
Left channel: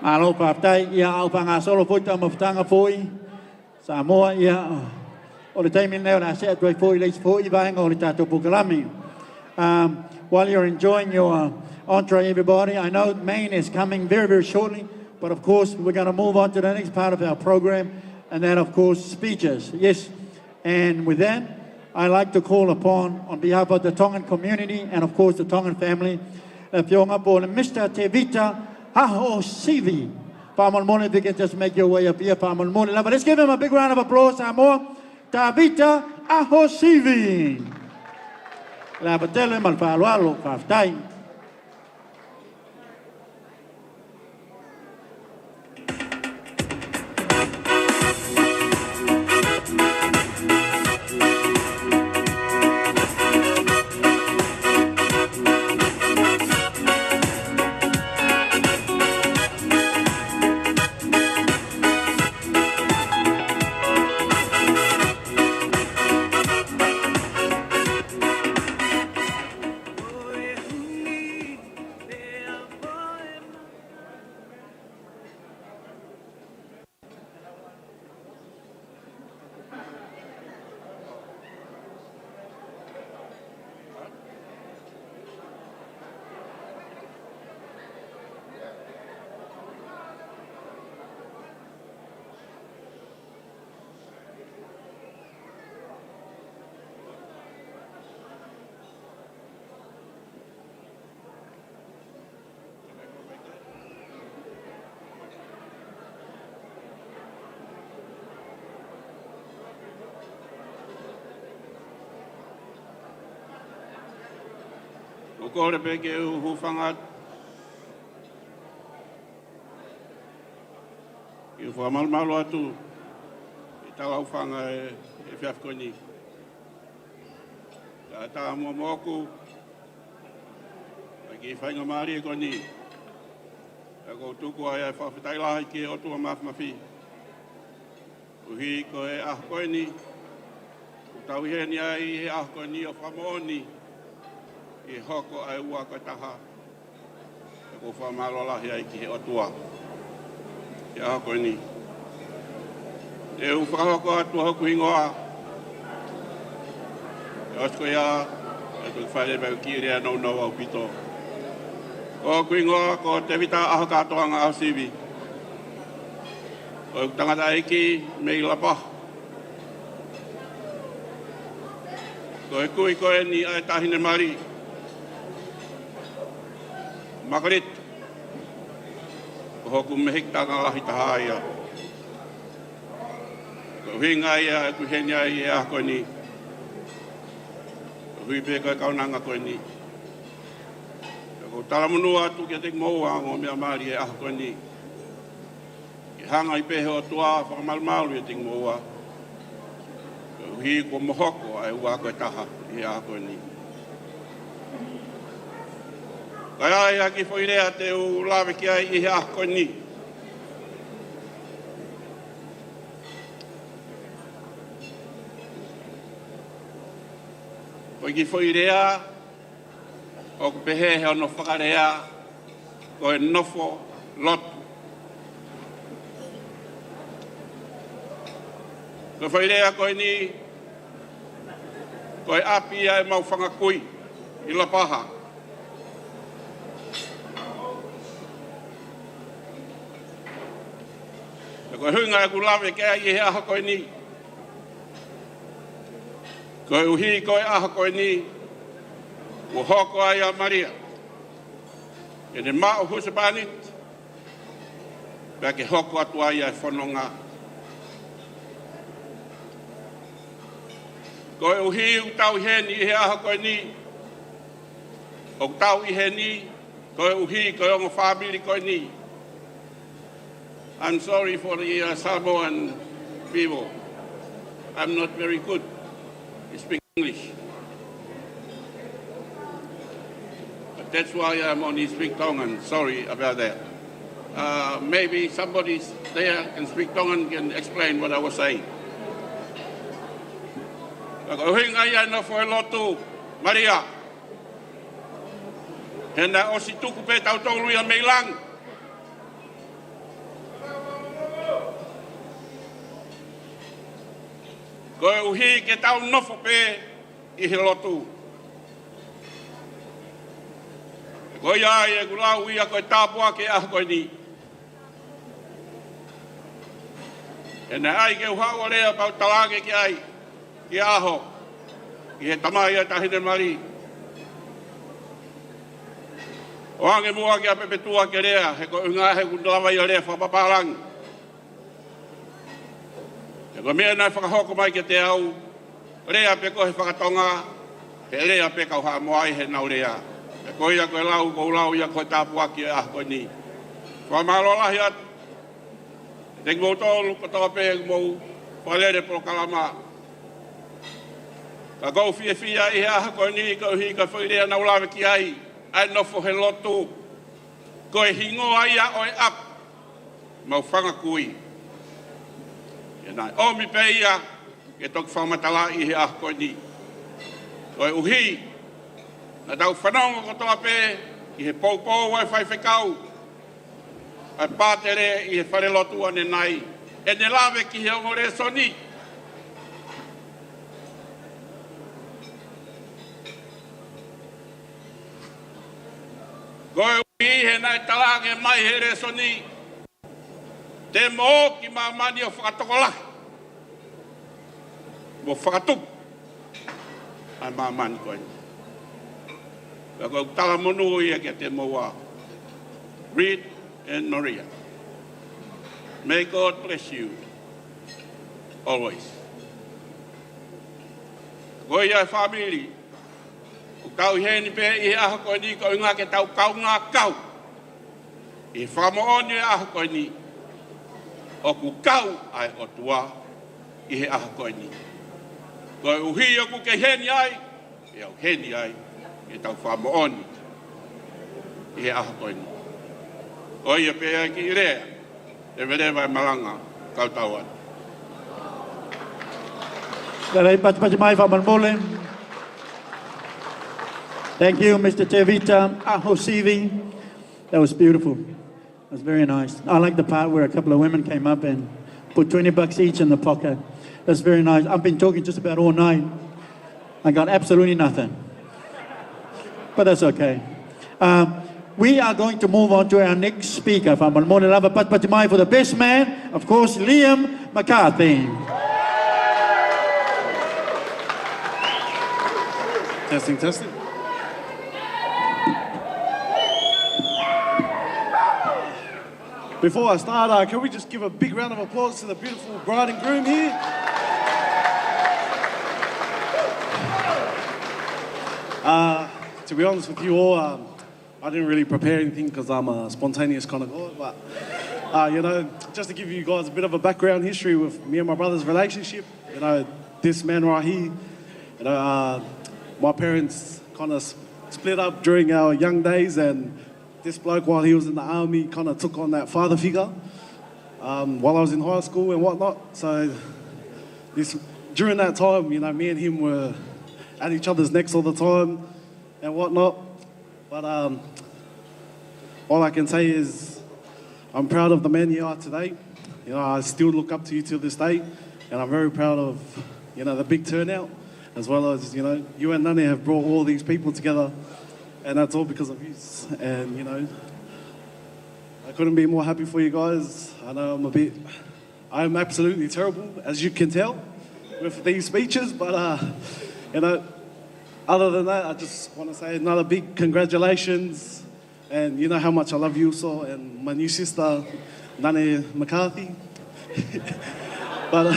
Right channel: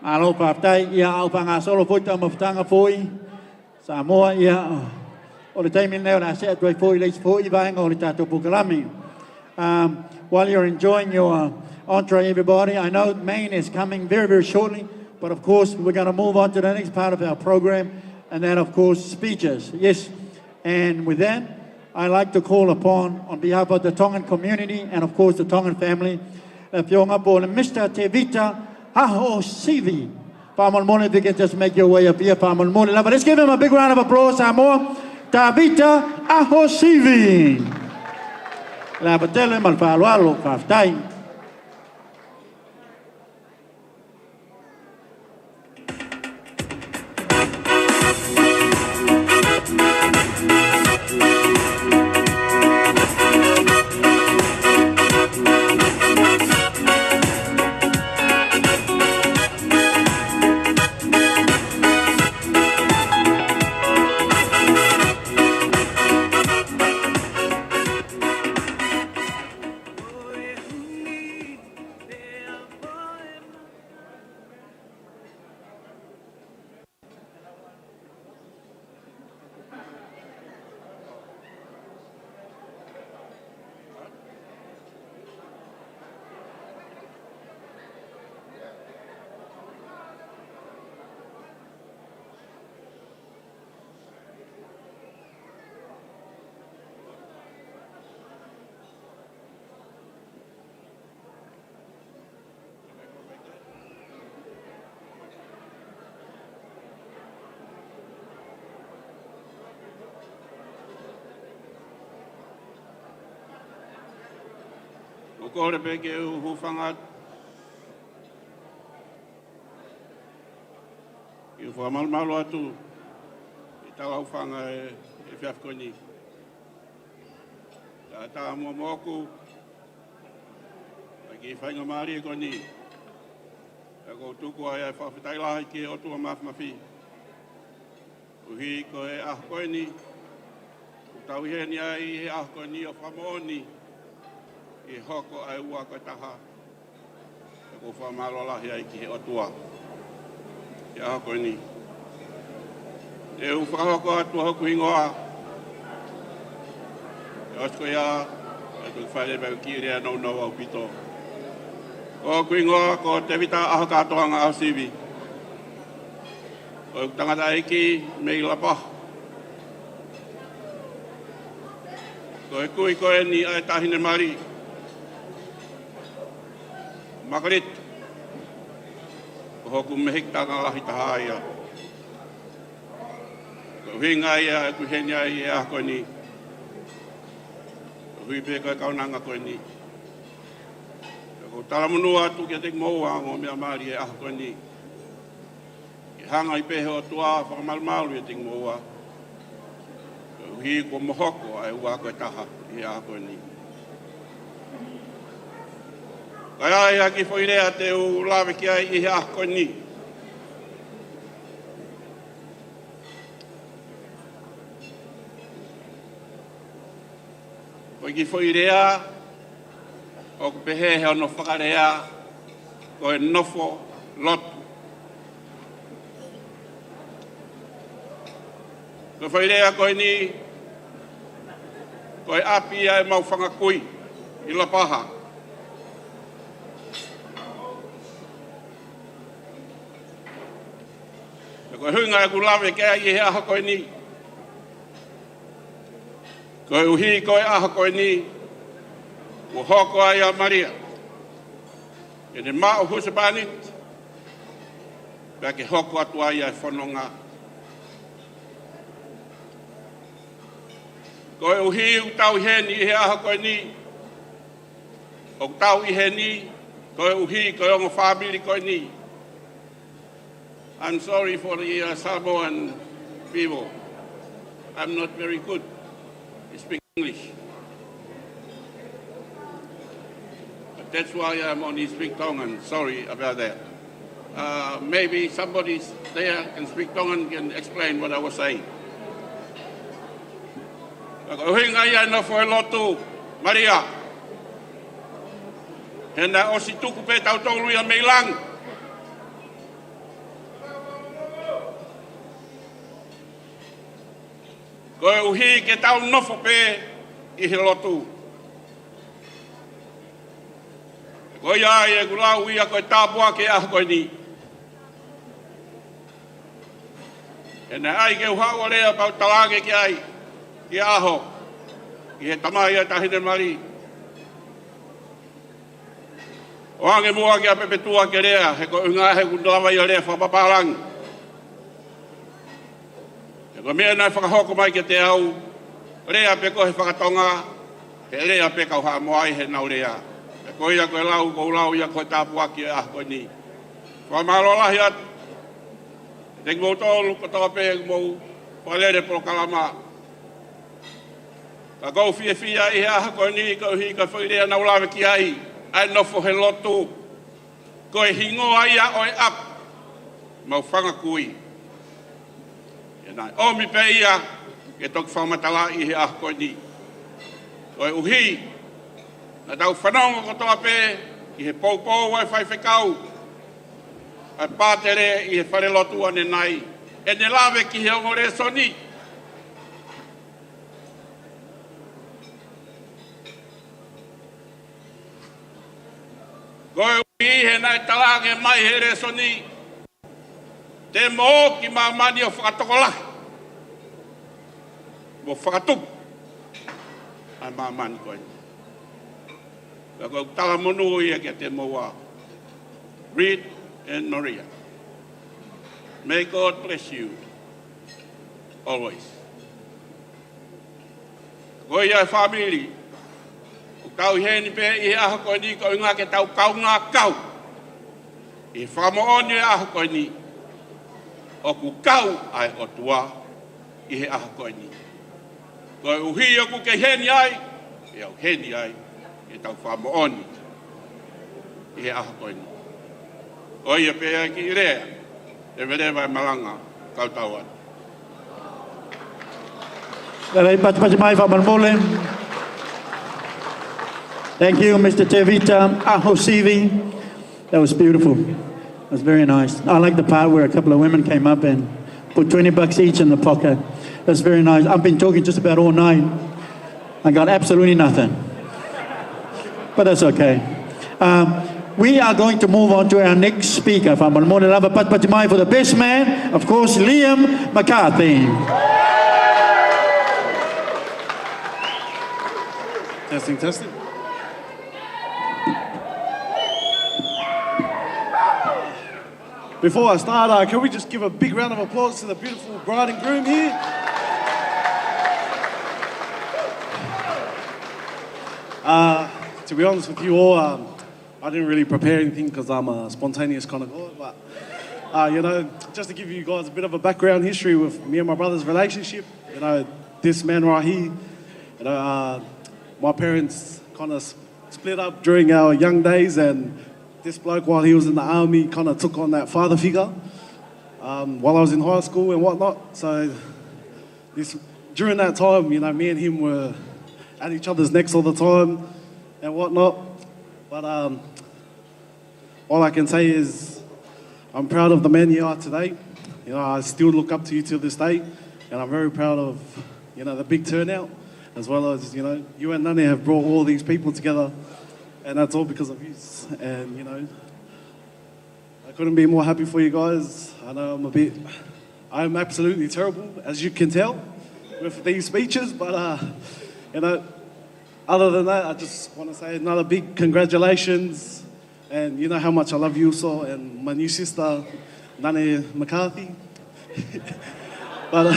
Malo paptai ia au panga solo foi tama ftanga foi. Samoa ia o le taimi leo na se atoi foi leis foi vaenga o le tatou pukalami. While you're enjoying your entree, everybody, I know Maine is coming very, very shortly, but of course we're going to move on to the next part of our program, and then of course speeches. Yes, and with that, I'd like to call upon, on behalf of the Tongan community and of course the Tongan family, Mr. Tevita Ahosivi. Pamalmone, if you can just make your way up here, Pamalmone. But let's give him a big round of applause, Samoa. Tevita Ahosivi. La batele malfalualo kaftai. O kore peke u hufanga i u whamalmalo atu i tala ufanga e whiafkoni. Tā mua moku a ki whainga maari e koni. A ko tuku ai ai whawhitai lahi ki o tua mawhi. Uhi ko e ahkoini. Tau heni ai he ahkoini o whamoni. I hoko ai ua koe taha. E ko whamalo lahi ai ki he o tua. I ahkoini. E u whakahoko atua hoku hingoa. E osko ia. E tu whaere pēu ki rea nau nau au pito. Ko kuingoa ko te vita aho katoanga au sivi. Ko tangata eki mei lapa. Ko e kui ko e ni ai tahine mari. Makarit. Ko hoku mehik tanga lahi taha ia. Ko hinga ia e kuhenia i e ako ni. Ko hui pe koe kaunanga koe ni. Ko talamunua atu kia tek moa o mea maari e aha koe ni. Ki hanga i pehe o tua whakamalmalu e tek moa. Ko hi ko mohoko ai ua koe taha i aha koe ni. Kai ai aki whoirea te u lawe ki ai i aha koe ni. Ko ki whoirea o ku pehe he ono whakarea ko e nofo lotu. Ko whairea ko e ni ko e api ai mau whangakui i la paha. Ko e hunga e ku lawe ke ai he aha ko e ni. Ko e uhi ko e aha ko e ni. Ko hoko ai a Maria. E ne mao husapanit. Pea ke hoko atua ia e whanonga. Koe uhi u tau i heni i he aha koe ni. O tau i he ni, koe uhi, koe ongo whabili koe ni. I'm sorry for the Samoan people. I'm not very good at speaking English. But that's why I'm only speak Tongan. Sorry about that. Maybe somebody there can speak Tongan can explain what I was saying. Hinga ia no for lotu Maria. Hena o si tuku pe tau tolu ia meilang. Koe uhi ke tau nofo pe i he lotu. Koe ia e gulau ia koe tāpua ke ah koe ni. Hena ai ke uhaua lea pau talange ki ai. Ki aho. Ki he tamai ai tahine mari. O ange mua ki a pepetua ke rea, he ko unga he kundalawa i a rea whapapalang. He ko mea nai whakahoko mai ke te au, rea pe ko he whakatonga, he rea pe kau haa moai he nau rea. He ko ia koe lau, ko lau ia koe tāpua ki a koe ni. Whamaro lahi at, te ngau tolu ko tawa pe ngau palere pro kalama. Ka kou fia fia i he aha koe ni, ko hi ka whairea nau lawe ki ai. Ai nofo he lotu, koe hingo ai a oi ap, mau whanga kui. E nai, omi pe ia, ke tok whamatala i he ah koe ni. Koe uhi, na tau whanonga ko toa pe, i he poupou wai whai whekau. Ai pātere i he whare lotu ane nai, e ne lawe ki he ongore soni. Koe uhi he nai talange mai he reso ni. Te mo ki mamani o whakatokolahi. Mo whakatupu. Ai mamani koe ni. Ka koe tala monu ia kia te moa. Reed and Maria. May God bless you. Always. Koe ia family. Tau heni pe i aha koe ni ko inga ke tau kau ngā kau. I whamooni aha koe ni. O ku kau ai o tua i he aha koe ni. Koe uhi o ku ke heni ai, e au heni ai, e tau whamooni i he aha koe ni. Koe ia pe ai ki rea, e vere vai malanga kau tau anu. Galay pati mai whamarmole. Thank you, Mr. Tevita Ahosivi. That was beautiful. It was very nice. I like the part where a couple of women came up and put $20 each in the pocket. That's very nice. I've been talking just about all night. I got absolutely nothing. But that's okay. We are going to move on to our next speaker. For the best man, of course, Liam McCarthy. Testing, testing. Before I start, can we just give a big round of applause to the beautiful bride and groom here? To be honest with you all, I didn't really prepare anything because I'm a spontaneous kind of guy, but you know, just to give you guys a bit of a background history with me and my brother's relationship, you know, this man right here, you know, my parents kind of split up during our young days, and this bloke, while he was in the army, kind of took on that father figure while I was in high school and whatnot. So during that time, you know, me and him were at each other's necks all the time and whatnot. But all I can say is I'm proud of the man you are today. You know, I still look up to you till this day, and I'm very proud of, you know, the big turnout, as well as, you know, you and Nani have brought all these people together. And that's all because of you. And, you know, I couldn't be more happy for you guys. I know I'm absolutely terrible, as you can tell, with these speeches. But, you know, other than that, I just want to say another big congratulations. And you know how much I love you, so, and my new sister. Nane McCarthy. but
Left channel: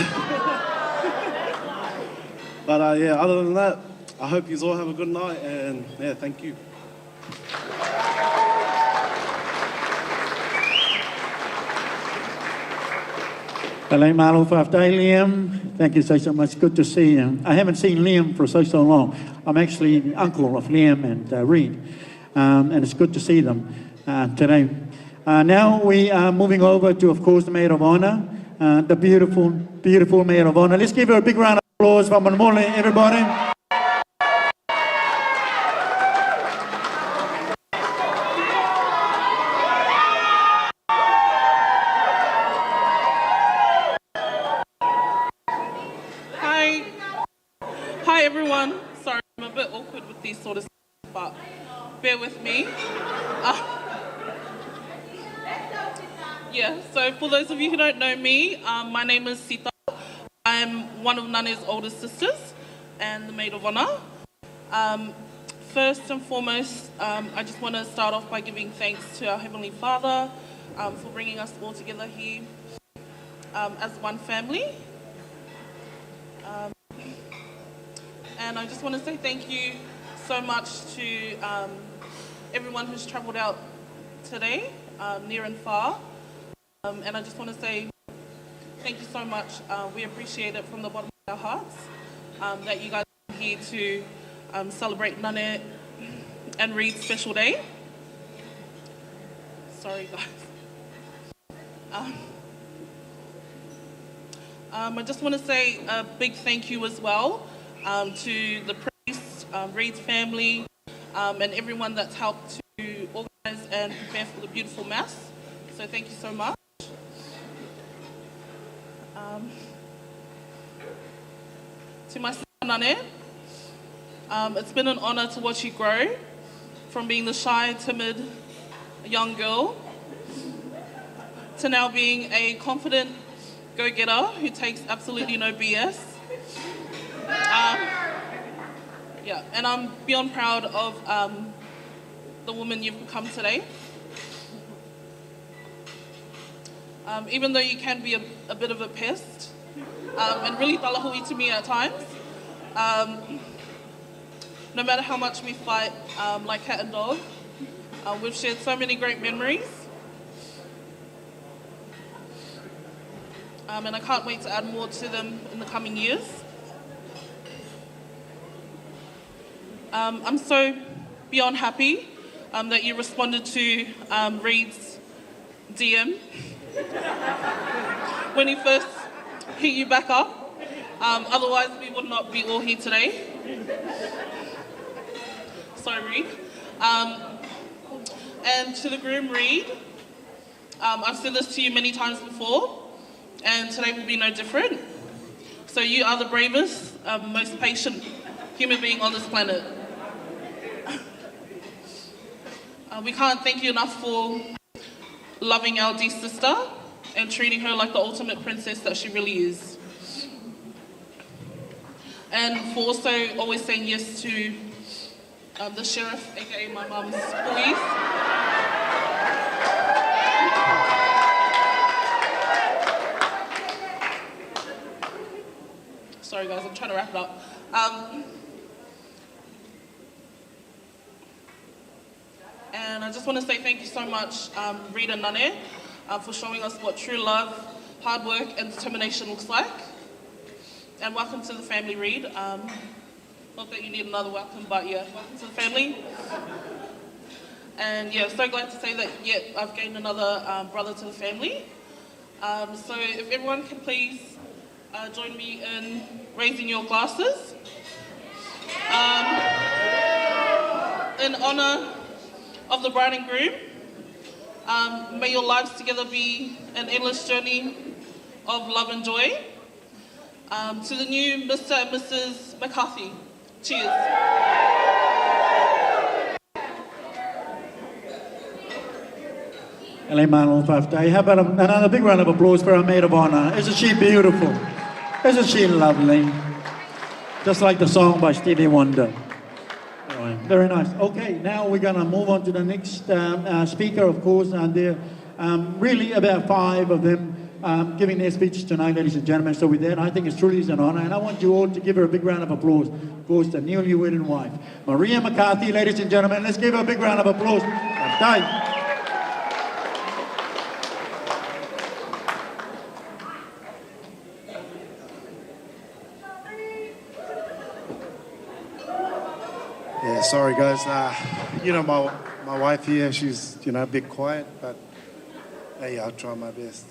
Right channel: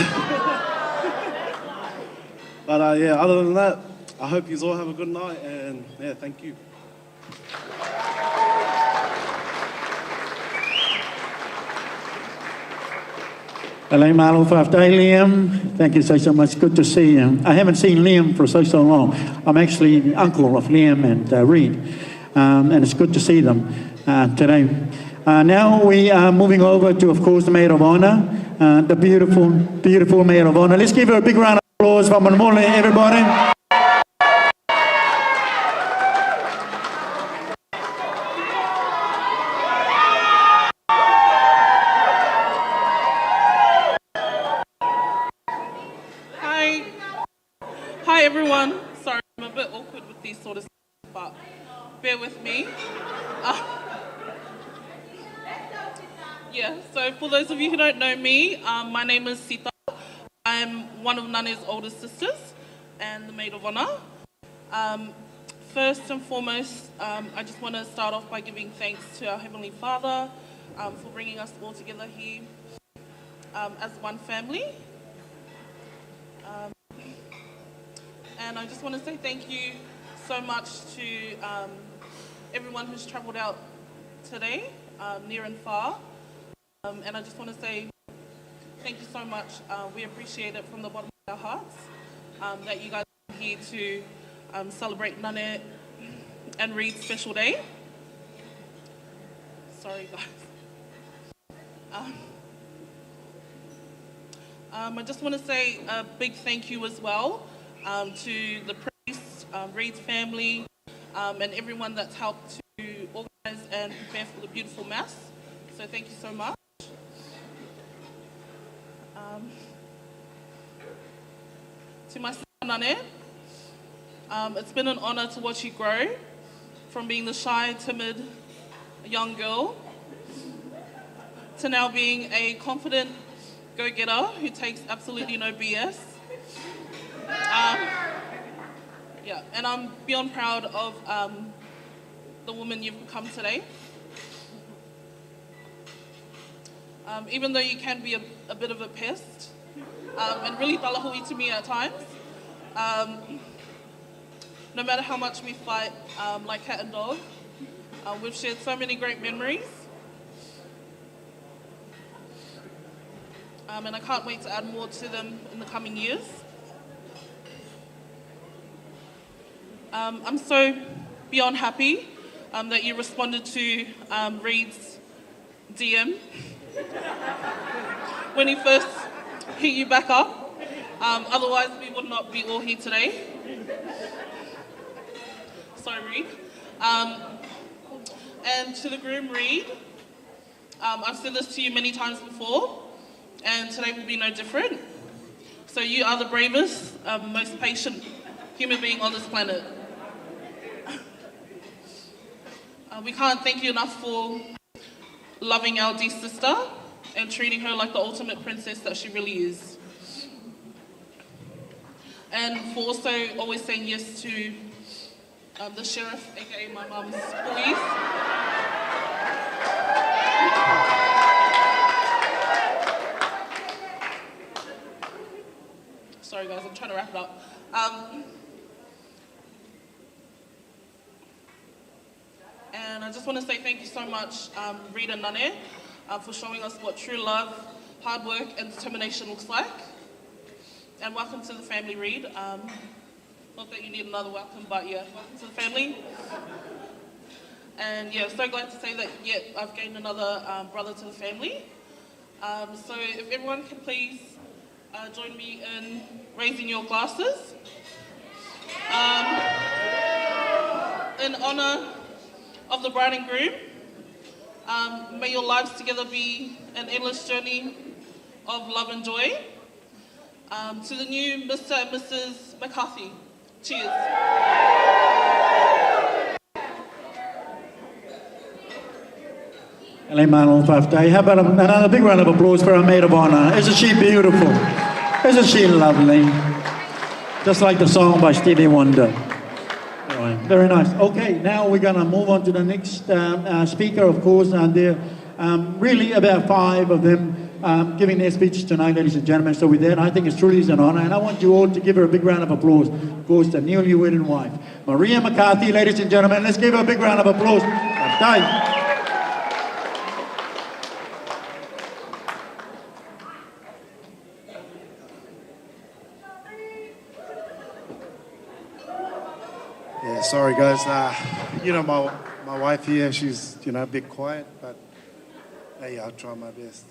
yeah, other than that, I hope you all have a good night, and yeah, thank you. Hello, Malo Faftai, Liam. Thank you so much. Good to see you. I haven't seen Liam for so long. I'm actually the uncle of Liam and Reed, and it's good to see them today. Now we are moving over to, of course, the Maid of Honor, the beautiful, beautiful Maid of Honor. Let's give her a big round of applause for Manmole, everybody. Hi everyone. Sorry, I'm a bit awkward with these sort of stuff, but bear with me. So for those of you who don't know me, my name is Sita. I'm one of Nane's older sisters and the Maid of Honor. First and foremost, I just want to start off by giving thanks to our Heavenly Father for bringing us all together here as one family. And I just want to say thank you so much to everyone who's travelled out today, near and far. And I just want to say thank you so much. We appreciate it from the bottom of our hearts that you guys are here to celebrate Nane and Reed's special day. Sorry, guys. I just want to say a big thank you as well to the priest, Reed's family, and everyone that's helped to organise and prepare for the beautiful Mass. So thank you so much. To my sister Nane, it's been an honour to watch you grow from being the shy, timid young girl to now being a confident go-getter who takes absolutely no BS. And I'm beyond proud of the woman you've become today. Even though you can be a bit of a pest and really talahui to me at times, no matter how much we fight like cat and dog, we've shared so many great memories. And I can't wait to add more to them in the coming years. I'm so beyond happy that you responded to Reed's DM when he first hit you back up. Otherwise, we would not be all here today. Sorry, Reed. And to the groom, Reed, I've said this to you many times before, and today will be no different. So you are the bravest, most patient human being on this planet. We can't thank you enough for loving our dear sister and treating her like the ultimate princess that she really is. And for also always saying yes to the sheriff, aka my mum's police. Sorry guys, I'm trying to wrap it up. And I just want to say thank you so much, Reed and Nane, for showing us what true love, hard work and determination looks like. And welcome to the family, Reed. Not that you need another welcome, but yeah, welcome to the family. And yeah, so glad to say that, yeah, I've gained another brother to the family. So if everyone can please join me in raising your glasses. In honor of the bride and groom, may your lives together be an endless journey of love and joy. To the new Mr. and Mrs. McCarthy, cheers. How about another big round of applause for our Maid of Honor? Isn't she beautiful? Isn't she lovely? Just like the song by Stevie Wonder. Anyway, very nice. Okay, now we're going to move on to the next speaker, of course, and dear really about 5 of them giving their speeches tonight, ladies and gentlemen. So with that, I think it's truly an honour, and I want you all to give her a big round of applause. Of course, the newly wedded wife, Maria McCarthy, ladies and gentlemen. Let's give her a big round of applause. Yeah, sorry guys. You know, my wife here, she's, you know, a bit quiet, but hey, I'll try my best.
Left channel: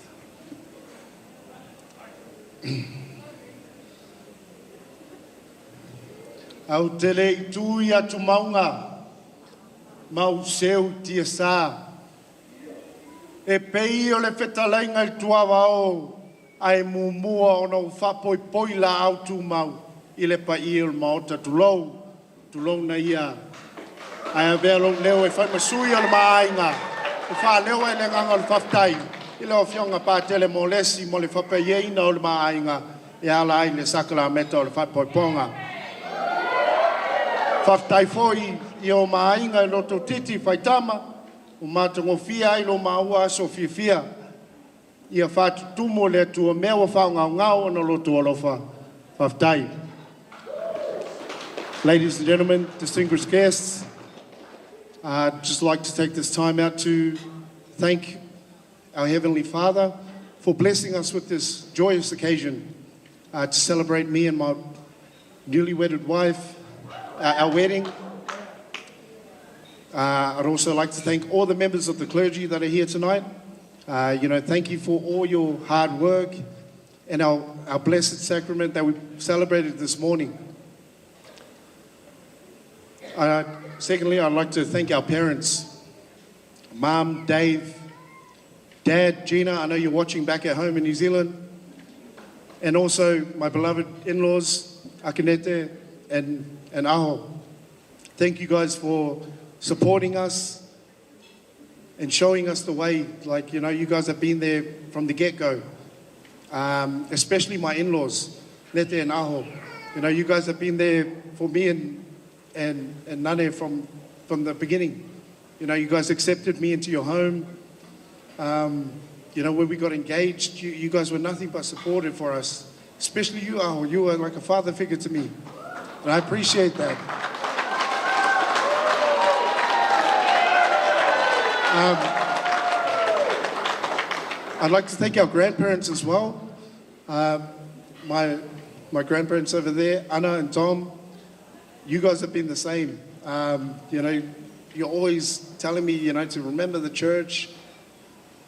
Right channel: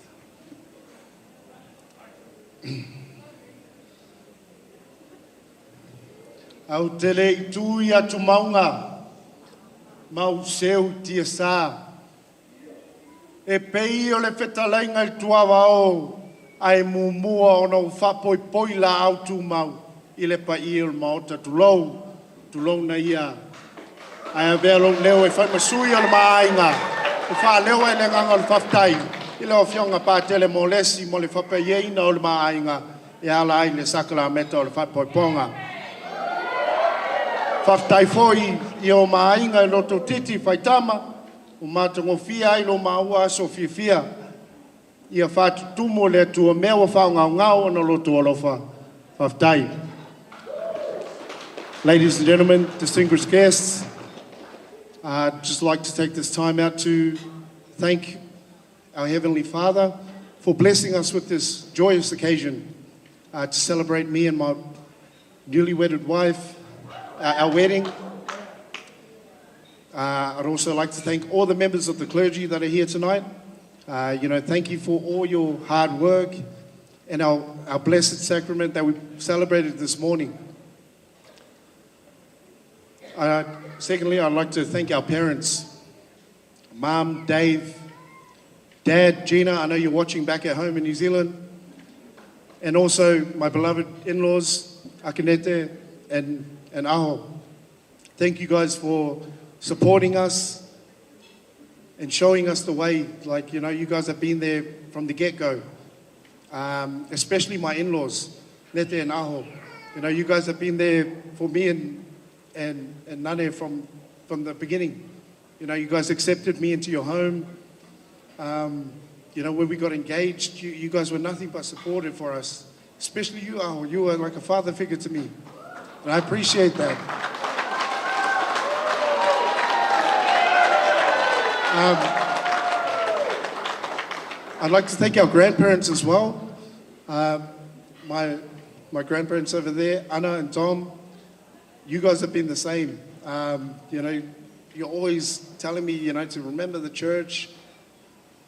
Au te lei tui atu maunga, mau seu tia sā. E pei o le whetalainga i tuawa o, ai mumua o nau whapoi poila au tu mau, i le pa i o maota tulou na ia. Ai a vea long leo e whai masui o le maainga, e wha leo e le nganga o le whaftai, i leo fionga pātele mo lesi mo le whapaiena o le maainga, e ala ai le sakala meta o le whapoi ponga. Whaftai foi i o maainga i loto titi whaitama, o mātango fia ai lo maua aso fia. Ia whatu tumo le tua mea wa whao ngau na loto alofa. Whaftai. Ladies and gentlemen, distinguished guests, I'd just like to take this time out to thank our Heavenly Father for blessing us with this joyous occasion to celebrate me and my newly wedded wife, our wedding. I'd also like to thank all the members of the clergy that are here tonight. You know, thank you for all your hard work and our blessed sacrament that we celebrated this morning. Secondly, I'd like to thank our parents, Mom, Dave, Dad, Gina. I know you're watching back at home in New Zealand. And also my beloved in-laws, Akinete and Aho. Thank you guys for supporting us and showing us the way. Like, you know, you guys have been there from the get-go. Especially my in-laws, Nete and Aho. You know, you guys have been there for me and Nane from the beginning. You know, you guys accepted me into your home. You know, when we got engaged, you guys were nothing but supportive for us. Especially you, Aho. You were like a father figure to me. And I appreciate that. I'd like to thank our grandparents as well. My grandparents over there, Anna and Tom, you guys have been the same. You know, you're always telling me, you know, to remember the church,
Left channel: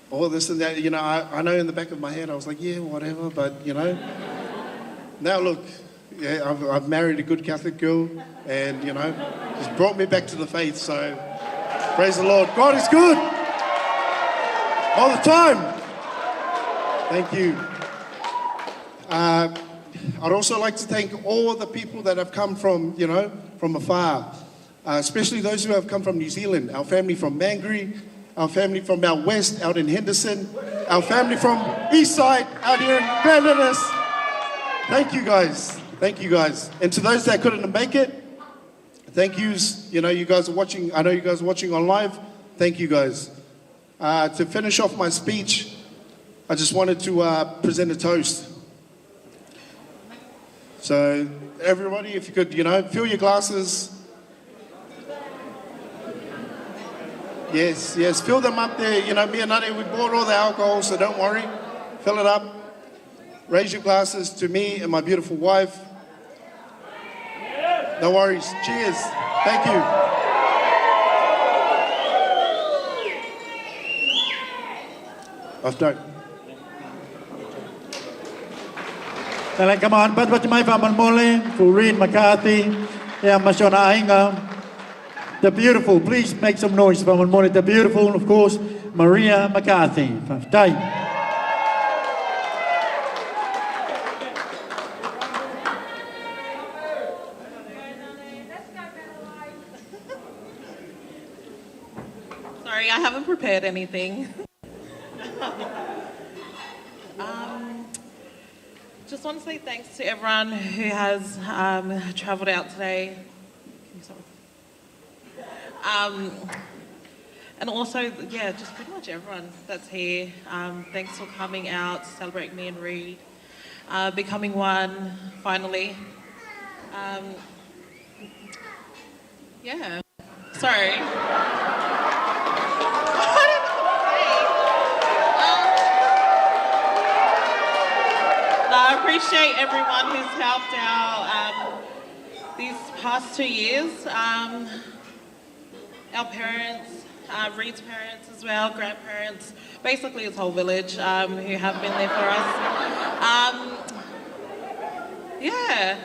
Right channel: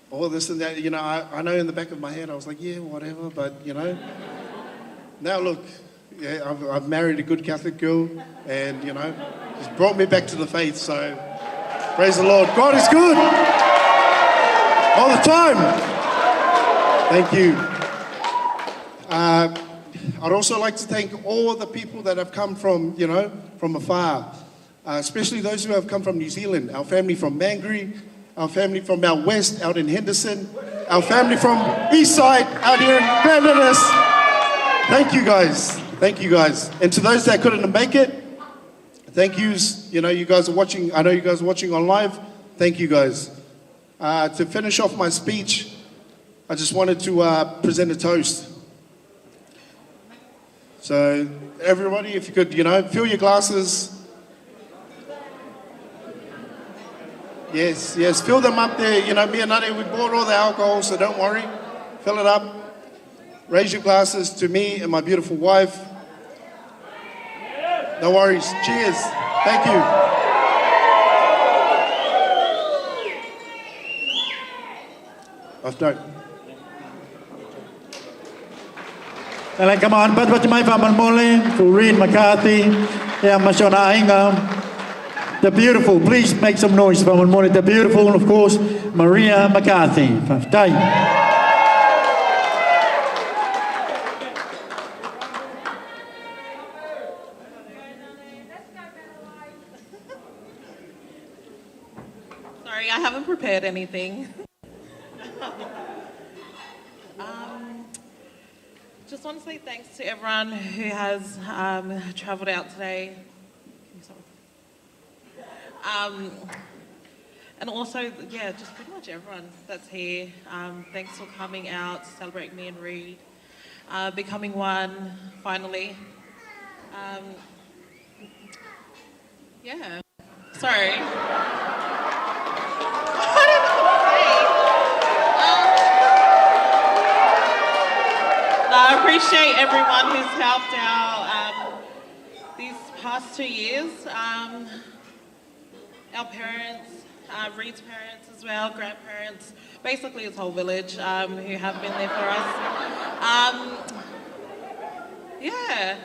all this and that. You know, I know in the back of my head, I was like, yeah, whatever, but, you know. Now look, yeah, I've married a good Catholic girl, and, you know, it's brought me back to the faith, so praise the Lord. God is good all the time. Thank you. I'd also like to thank all the people that have come from, you know, from afar, especially those who have come from New Zealand, our family from Mangere, our family from out west, out in Henderson, our family from east side, out here in Grandanas. Thank you guys. Thank you guys. And to those that couldn't make it, thank yous. You know, you guys are watching. I know you guys are watching on live. Thank you guys. To finish off my speech, I just wanted to present a toast. So everybody, if you could, you know, fill your glasses. Yes, fill them up there. You know, me and Nani, we bought all the alcohol, so don't worry. Fill it up. Raise your glasses to me and my beautiful wife. No worries. Cheers. Thank you. Off note. And come on, but my family Mole, Fureen McCarthy, yeah, Mashona Ainga. The beautiful, please make some noise for Mole. The beautiful, of course, Maria McCarthy. Sorry, I haven't prepared anything. Just want to say thanks to everyone who has travelled out today. And also, yeah, just pretty much everyone that's here. Thanks for coming out to celebrate me and Reed. Becoming one, finally. Yeah. Sorry. I don't know what to say. No, I appreciate everyone who's helped out these past 2 years. Our parents, Reed's parents as well, grandparents, basically his whole village who have been there for us. Yeah.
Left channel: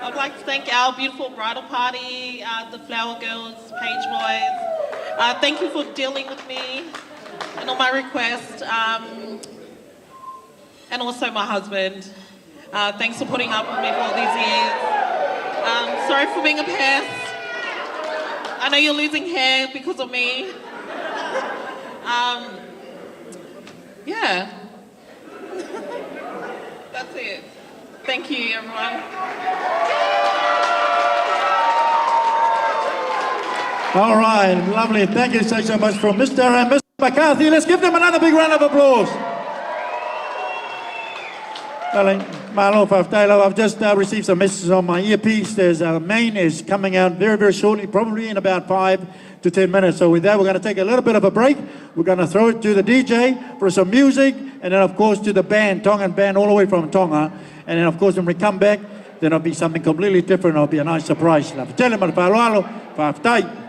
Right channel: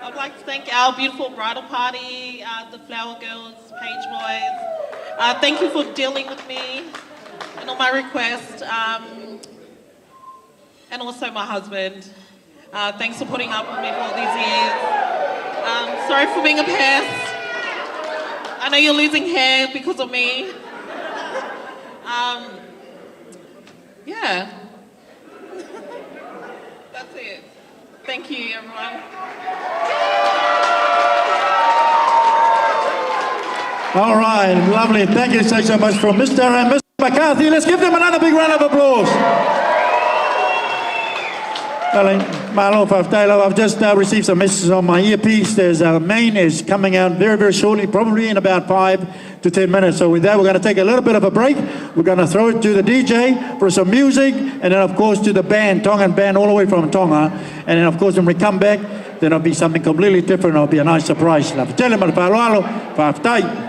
I'd like to thank our beautiful bridal party, the Flower Girls, Page Boys. Thank you for dealing with me and all my requests. And also my husband. Thanks for putting up with me for all these years. Sorry for being a pest. I know you're losing hair because of me. Yeah. That's it. Thank you, everyone. All right, lovely. Thank you so much from Mr. and Mr. McCarthy. Let's give them another big round of applause. Malo Faftalo, I've just received some messages on my earpiece. There's main is coming out very, very shortly, probably in about 5 to 10 minutes. So with that, we're going to take a little bit of a break. We're going to throw it to the DJ for some music, and then of course to the band, Tongan band, all the way from Tonga. And then of course when we come back, then it'll be something completely different. It'll be a nice surprise. Tell them Faftai.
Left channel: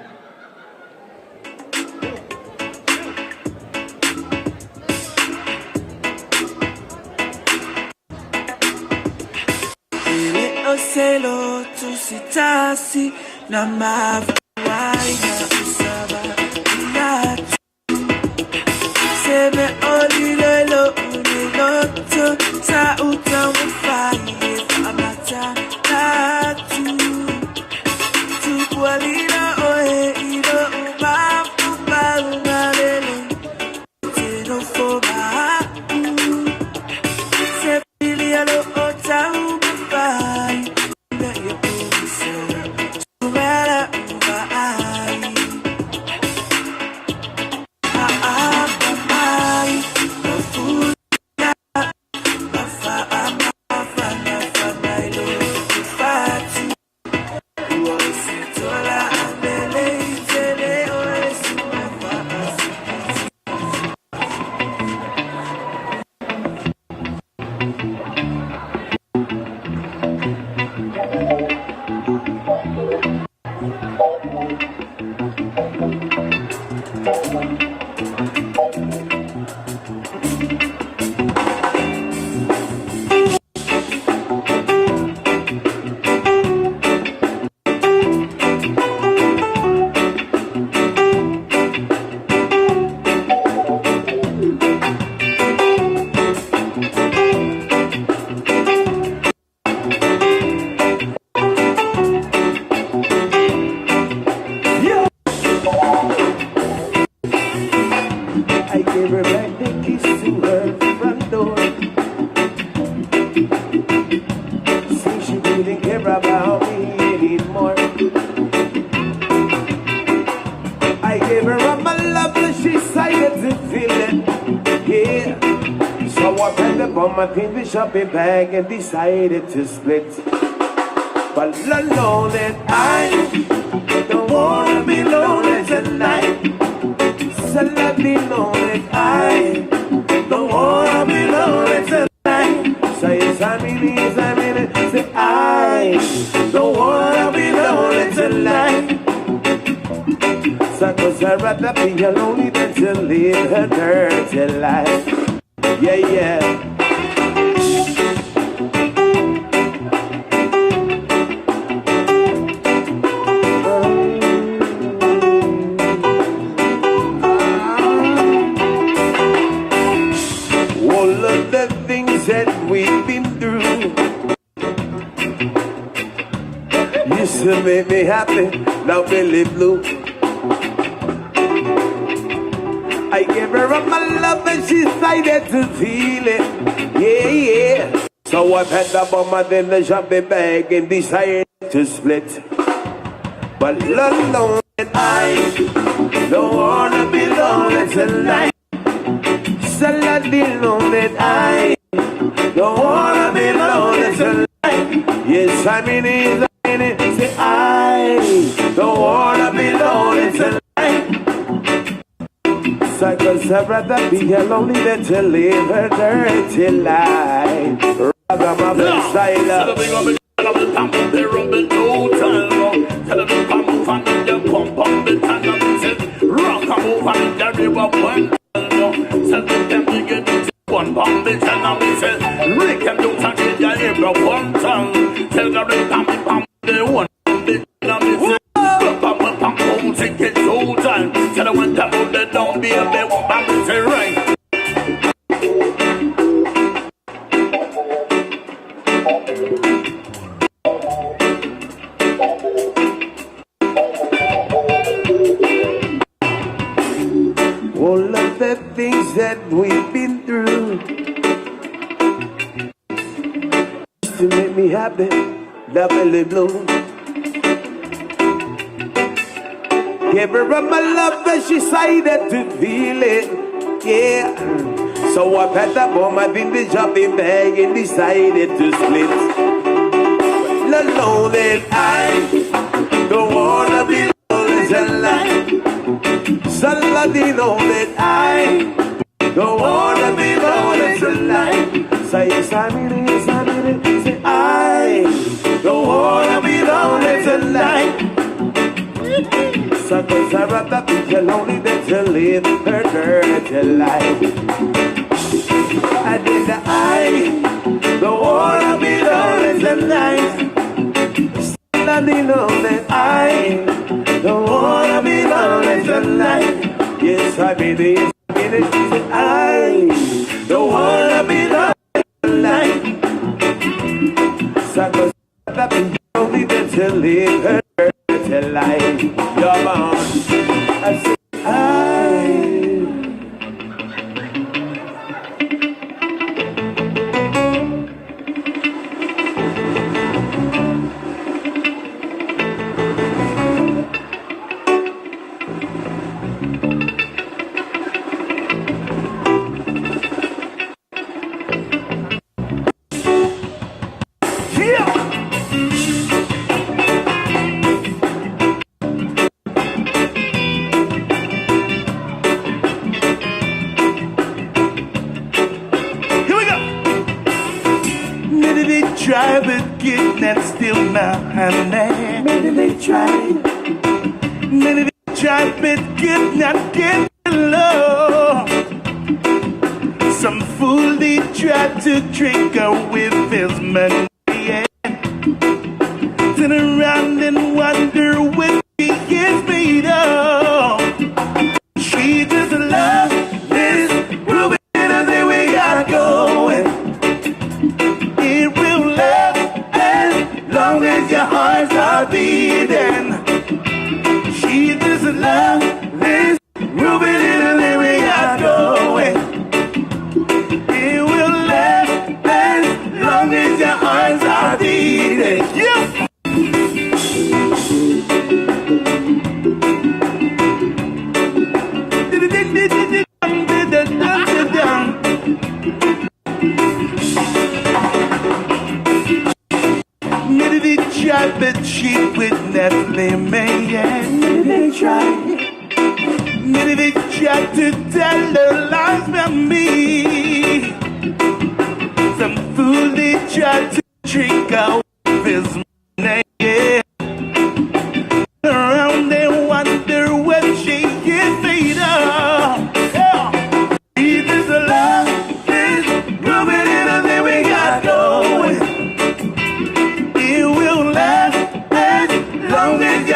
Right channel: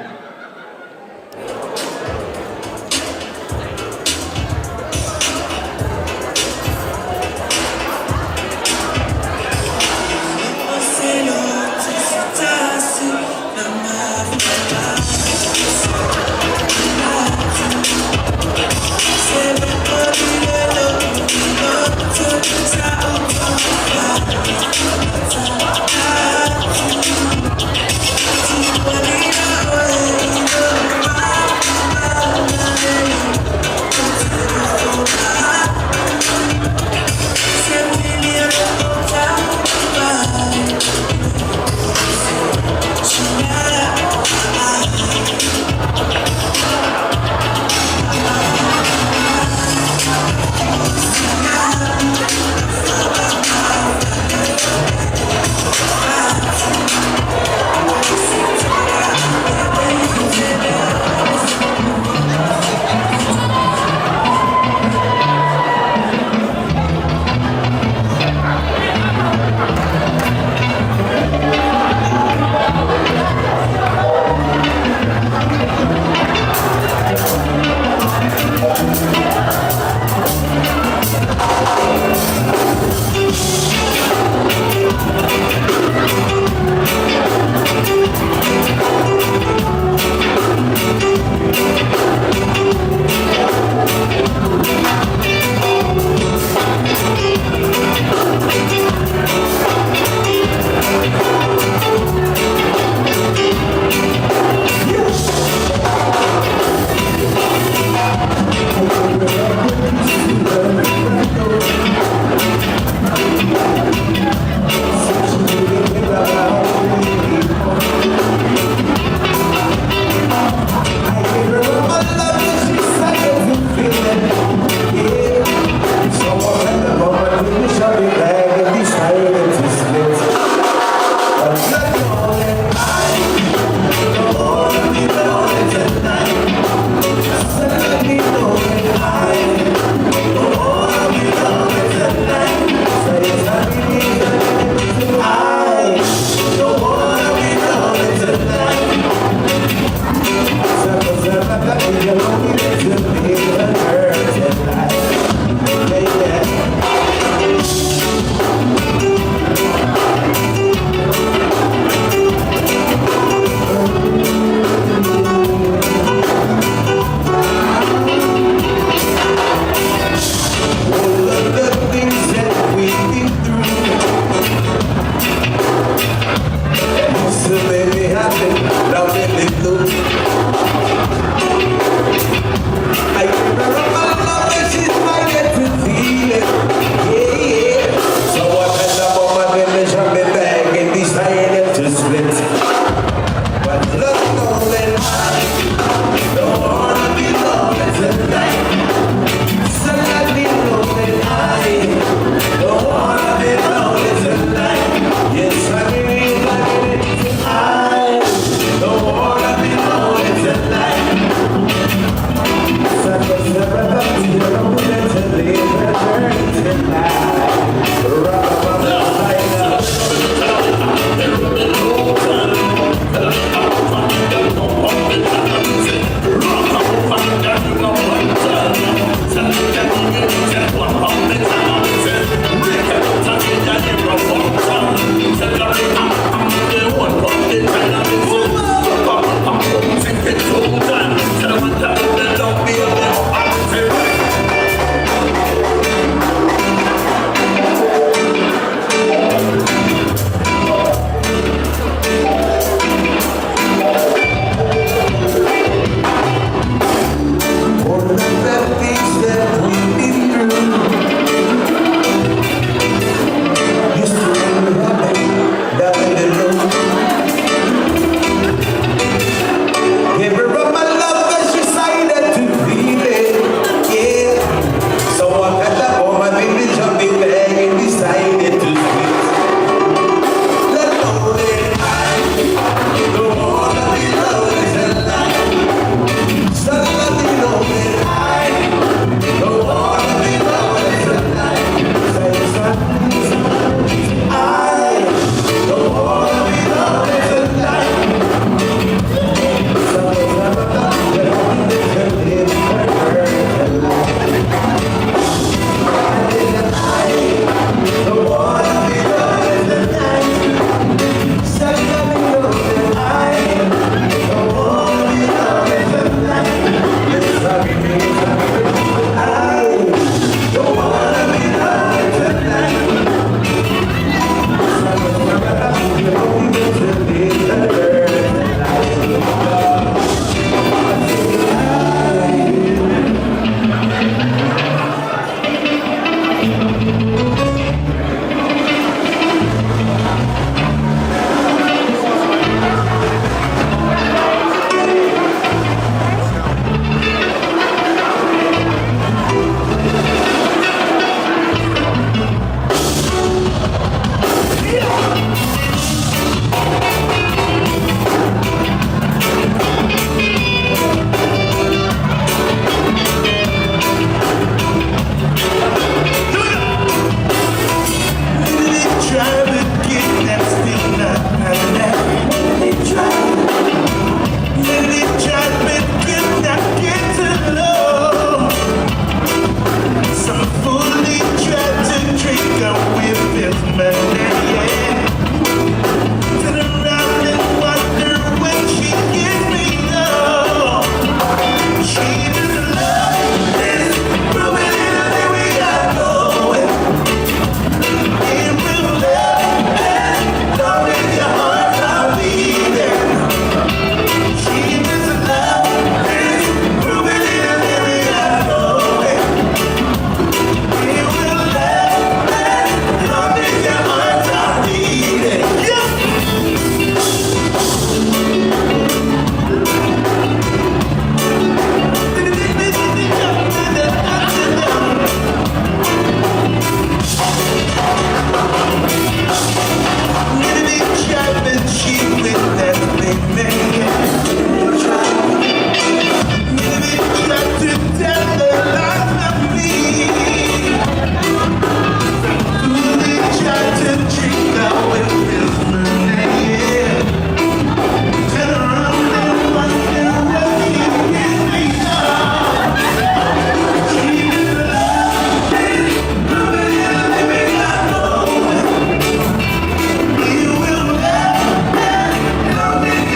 Long as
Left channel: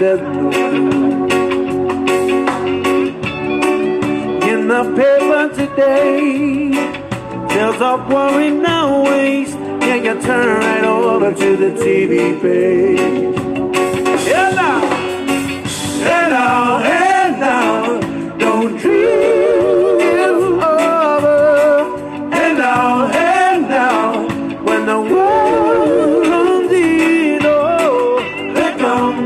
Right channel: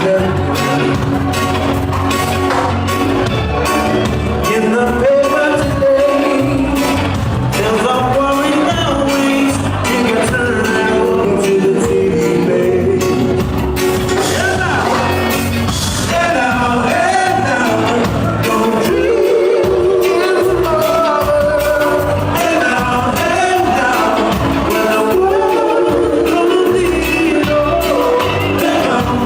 In the paper today, there's a worrying always. Think I turn it over to the TV page. Yeah, now, hey now, don't dream you over. Hey now, when the world don't need oh, let come,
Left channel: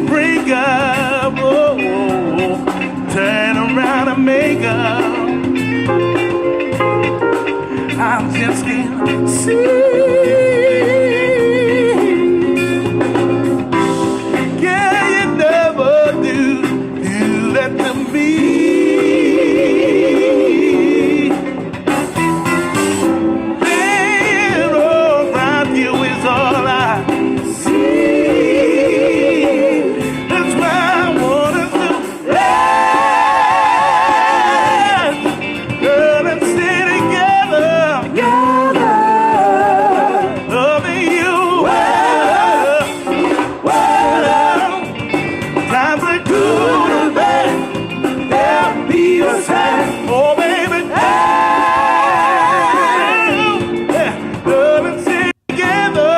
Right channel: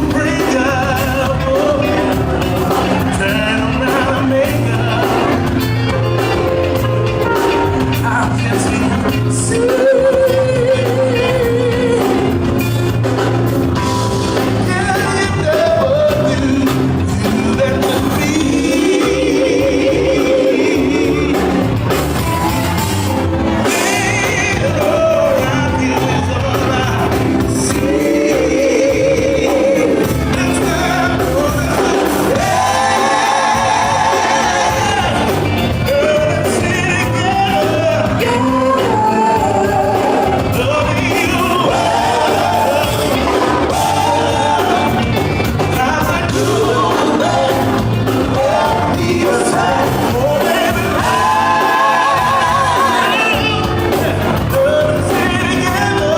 to break up. Oh, turn around and make up. I'll just see. Yeah, you never knew you let me. Being around you is all I see. That's why I wanna do. Girl, let's sit together. Loving you. Times are good, babe. Help me a time. Oh, baby. Let's sit together.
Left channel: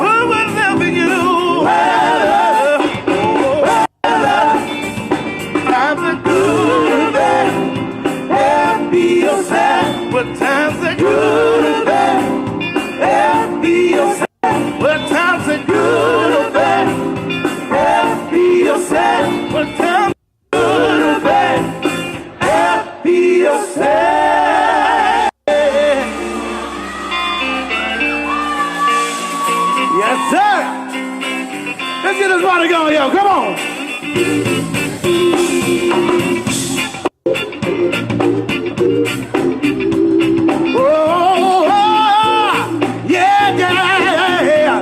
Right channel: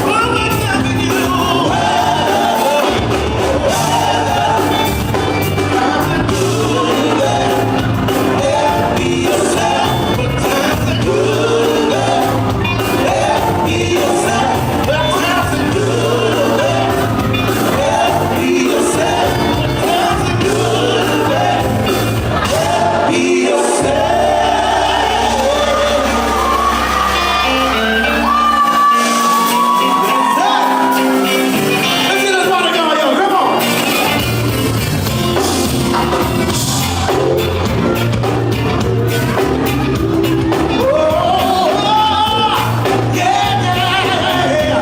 Oh, I'm telling you. Times are good, babe. Help me yourself. When times are good, babe. Help me yourself. When times are good, babe. Help me yourself. When times are good, babe. Help me yourself. Yes, sir. Let's get this party going, yo. Come on. Oh, yeah, yeah, yeah.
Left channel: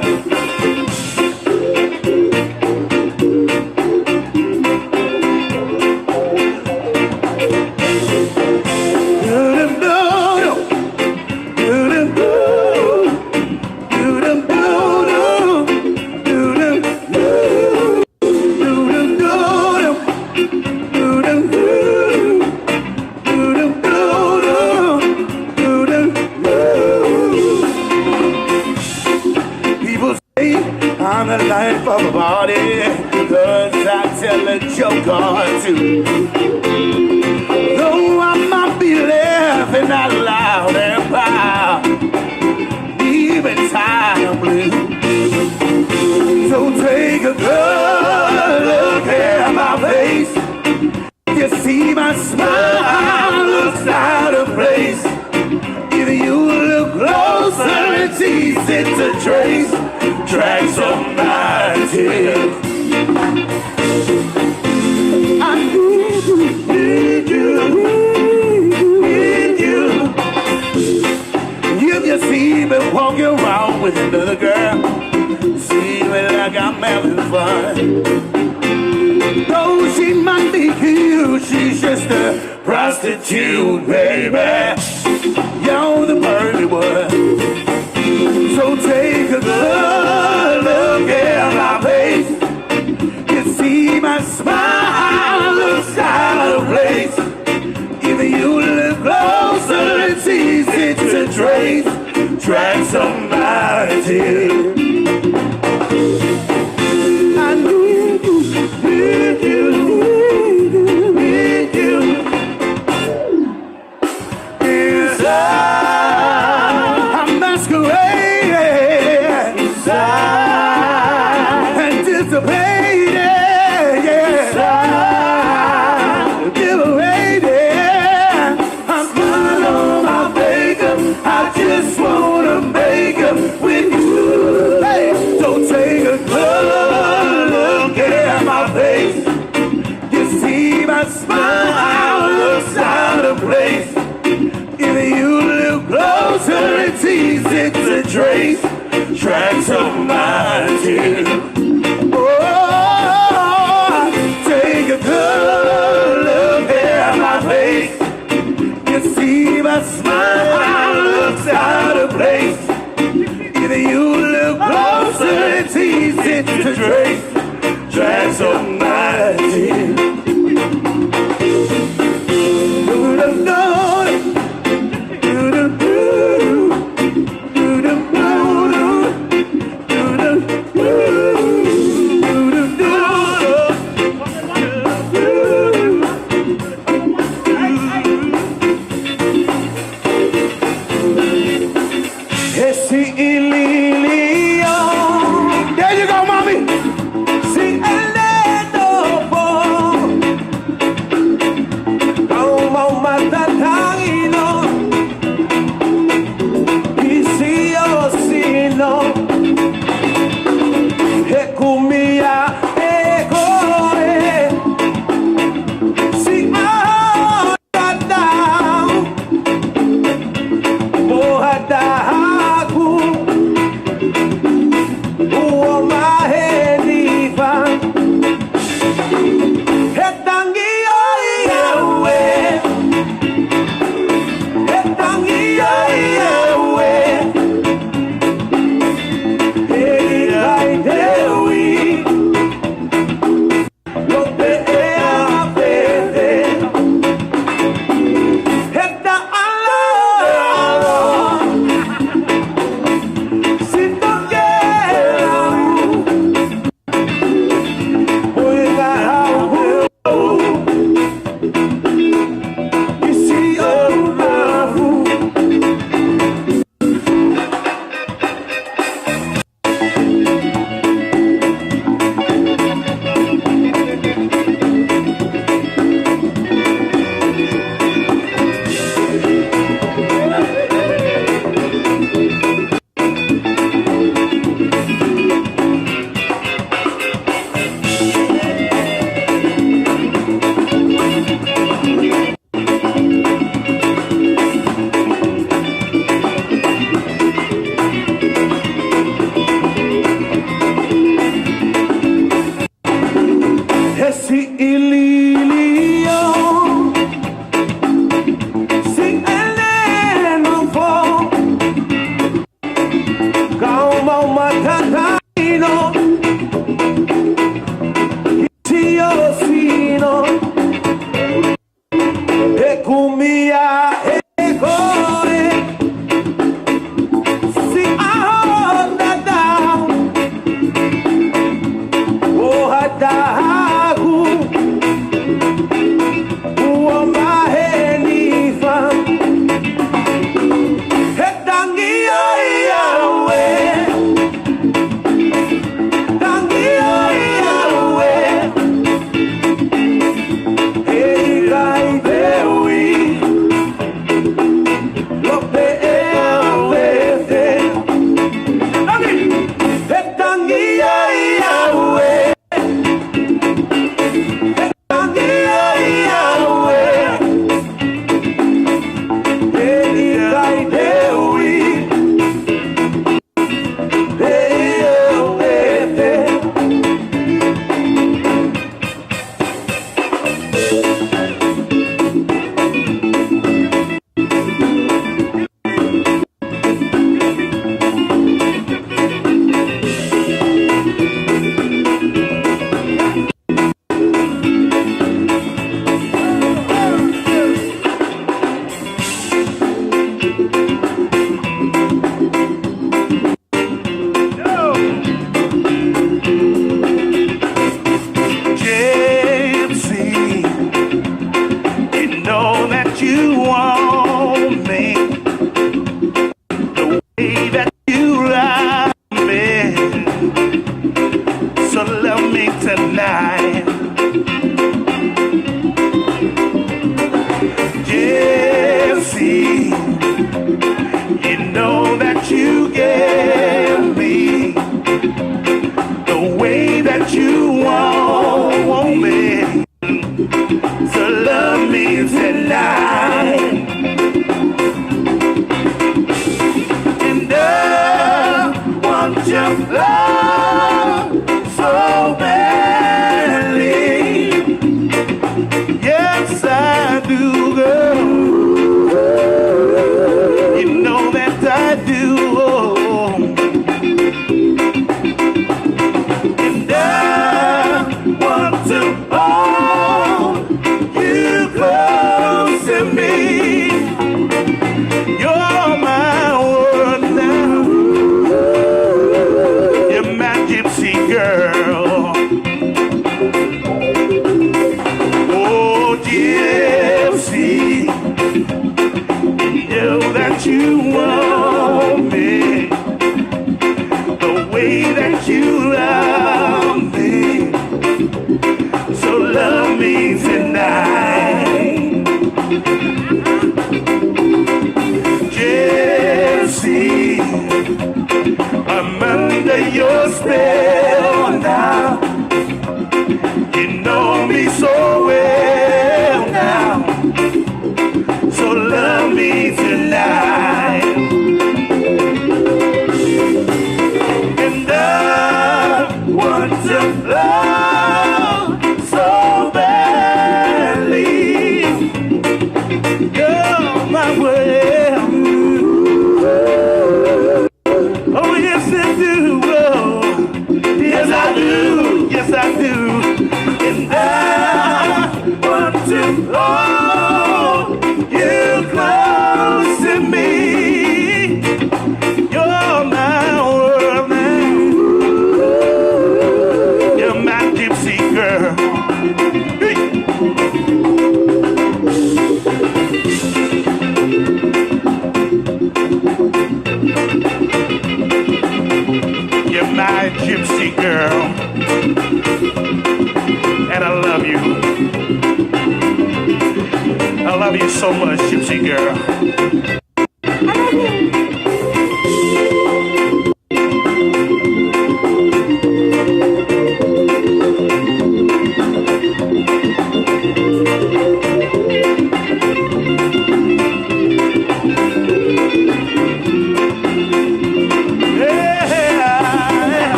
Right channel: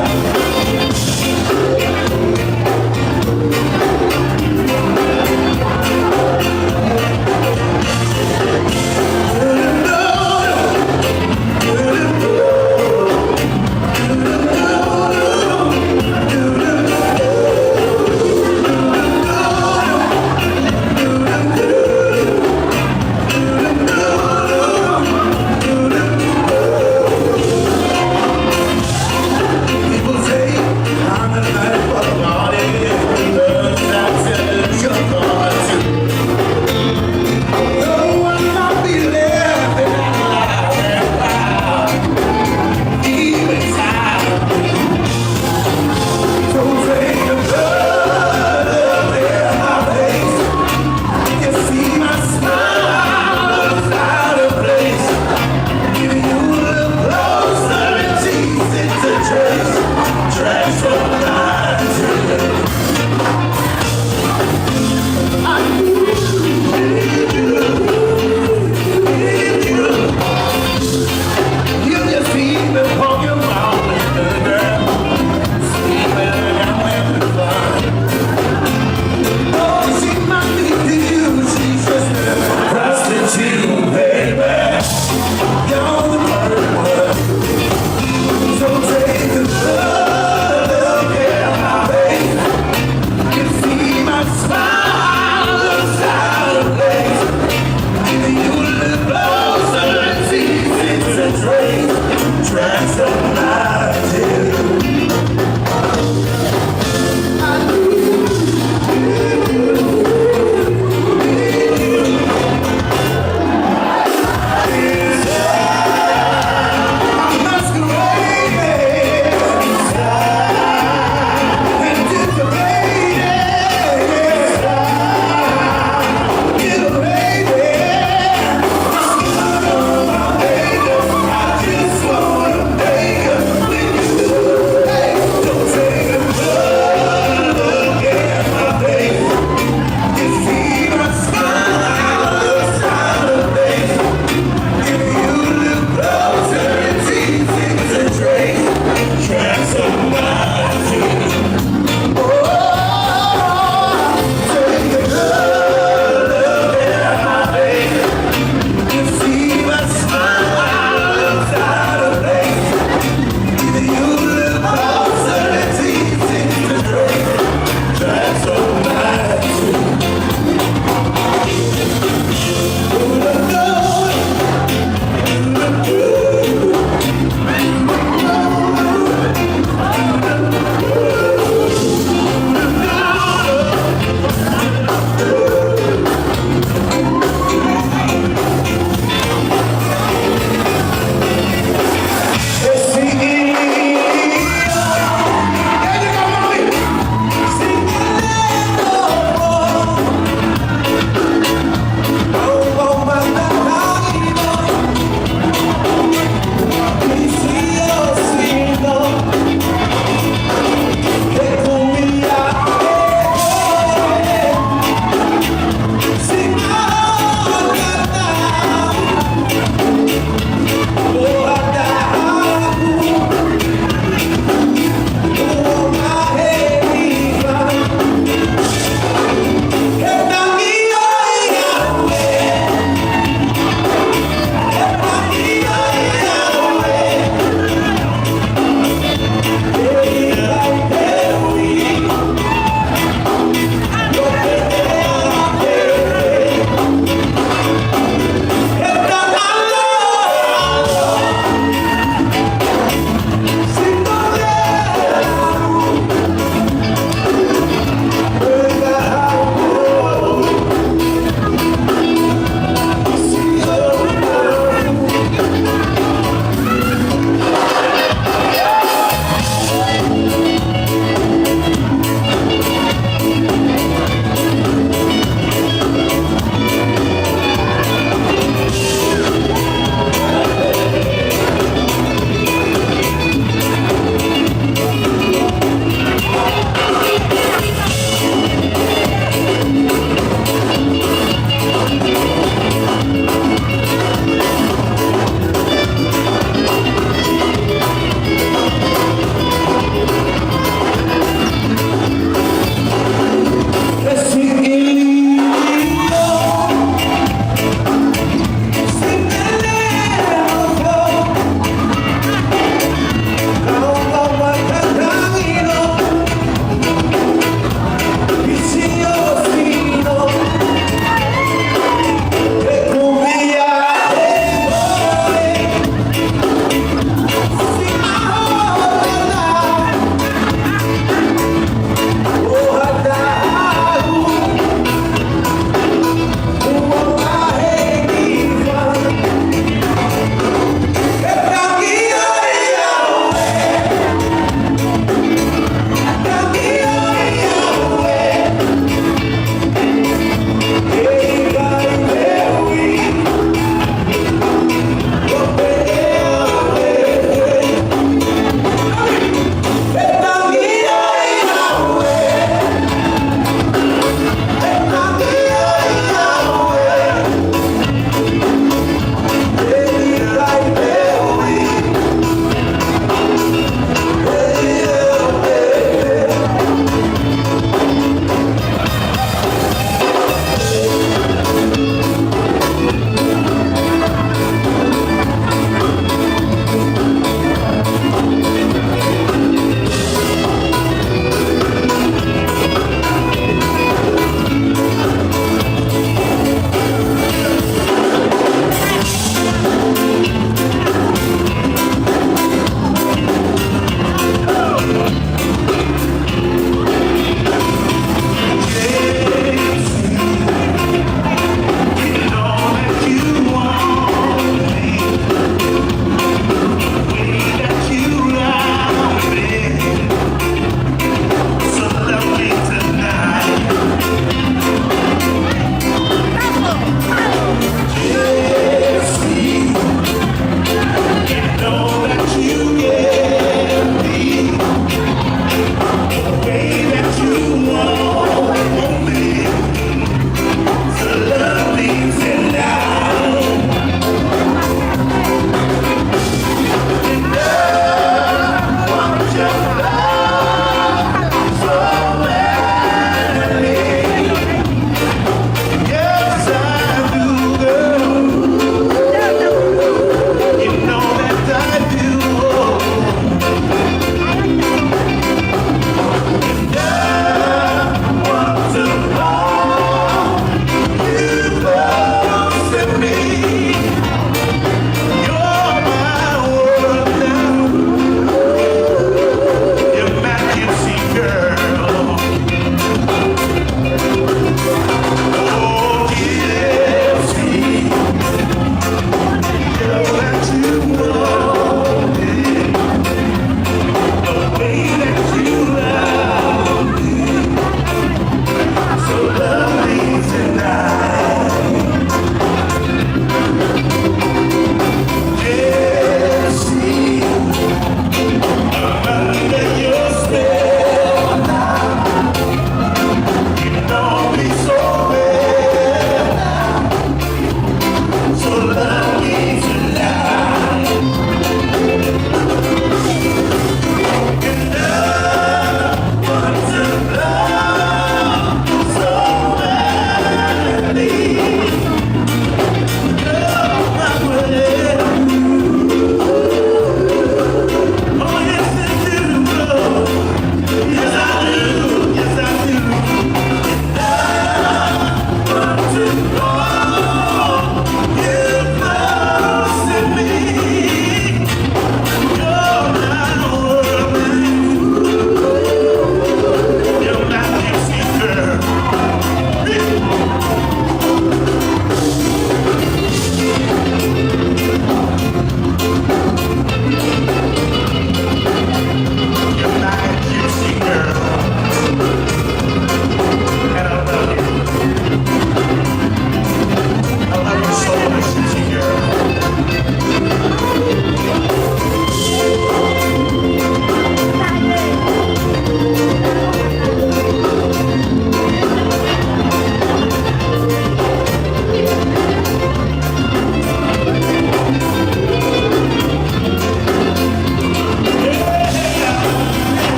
People say I'm the life of the party, but I'm telling your party. Though I might be laughing out loud and proud, even silently. So take a good look at my face. You see my smile looks out of place. If you look closer, it's easy to trace. Tracks of mine to you.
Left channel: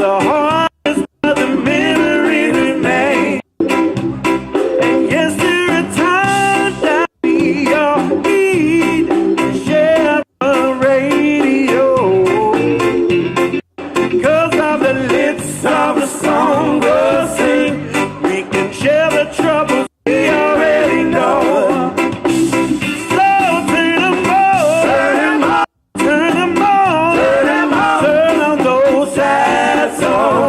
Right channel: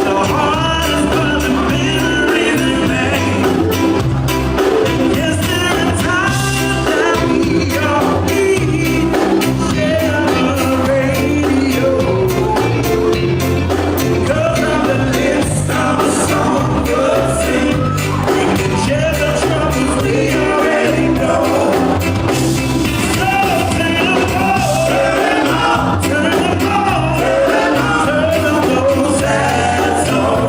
the hardest, but the memory remains. And yes, there are times that we all need to share the radio. Cause of the lips of a song we'll sing, we can share the troubles we already know. So turn them on, turn them on, turn them on, turn them on, those sad songs.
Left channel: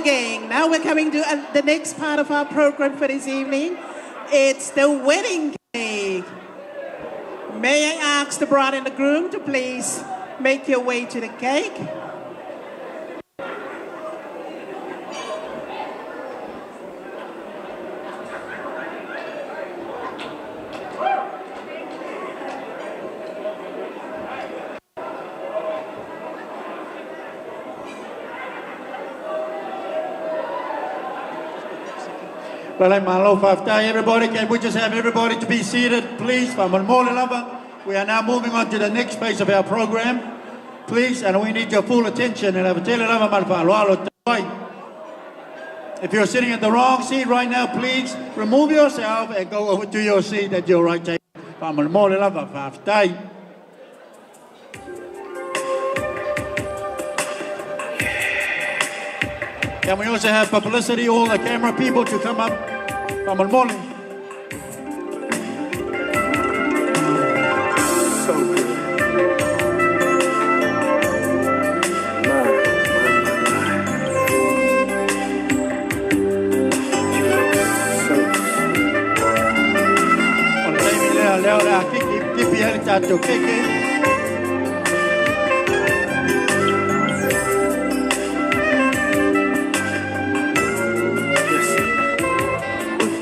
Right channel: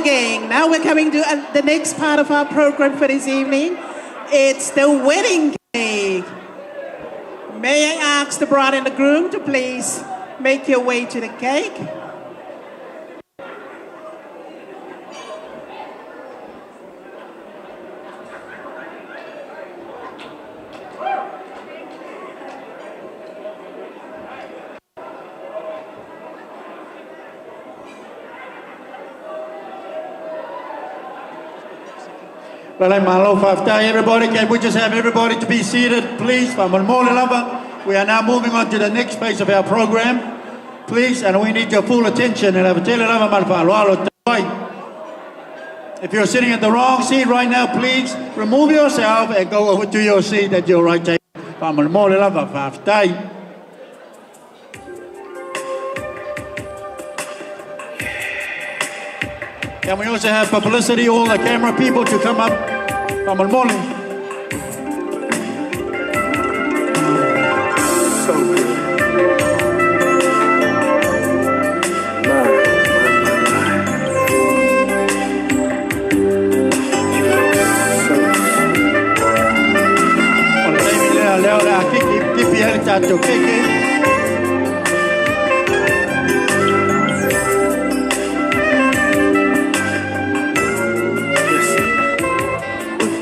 again. Now we're coming to the next part of our program for this evening. It's the wedding cake. May I ask the bride and the groom to please make your way to the cake? Well, I'm Malo Faftai. Everybody, can we just have everybody to be seated, please? We are now moving on to the next phase of our program, please, and we need your full attention. If you're sitting at the wrong seat right now, please remove yourself and go over to your seat at your right table. Can we also have publicity, all the camera people to come up from the morning? So good.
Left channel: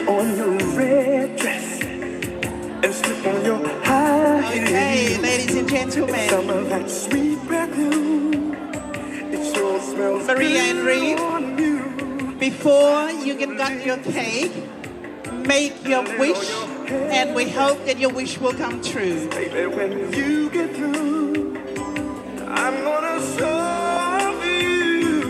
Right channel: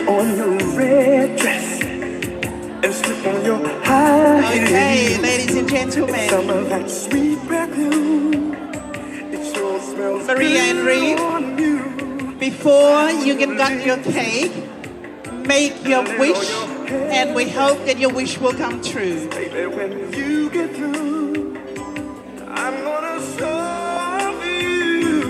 On your red dress and slip on your high Okay, heels. ladies and gentlemen, Some of that sweet perfume. It sure smells Maria and Reed, on you. before you get got your cake, make your wish, and we hope that your wish will come true. Baby, when you get through, I'm gonna show you.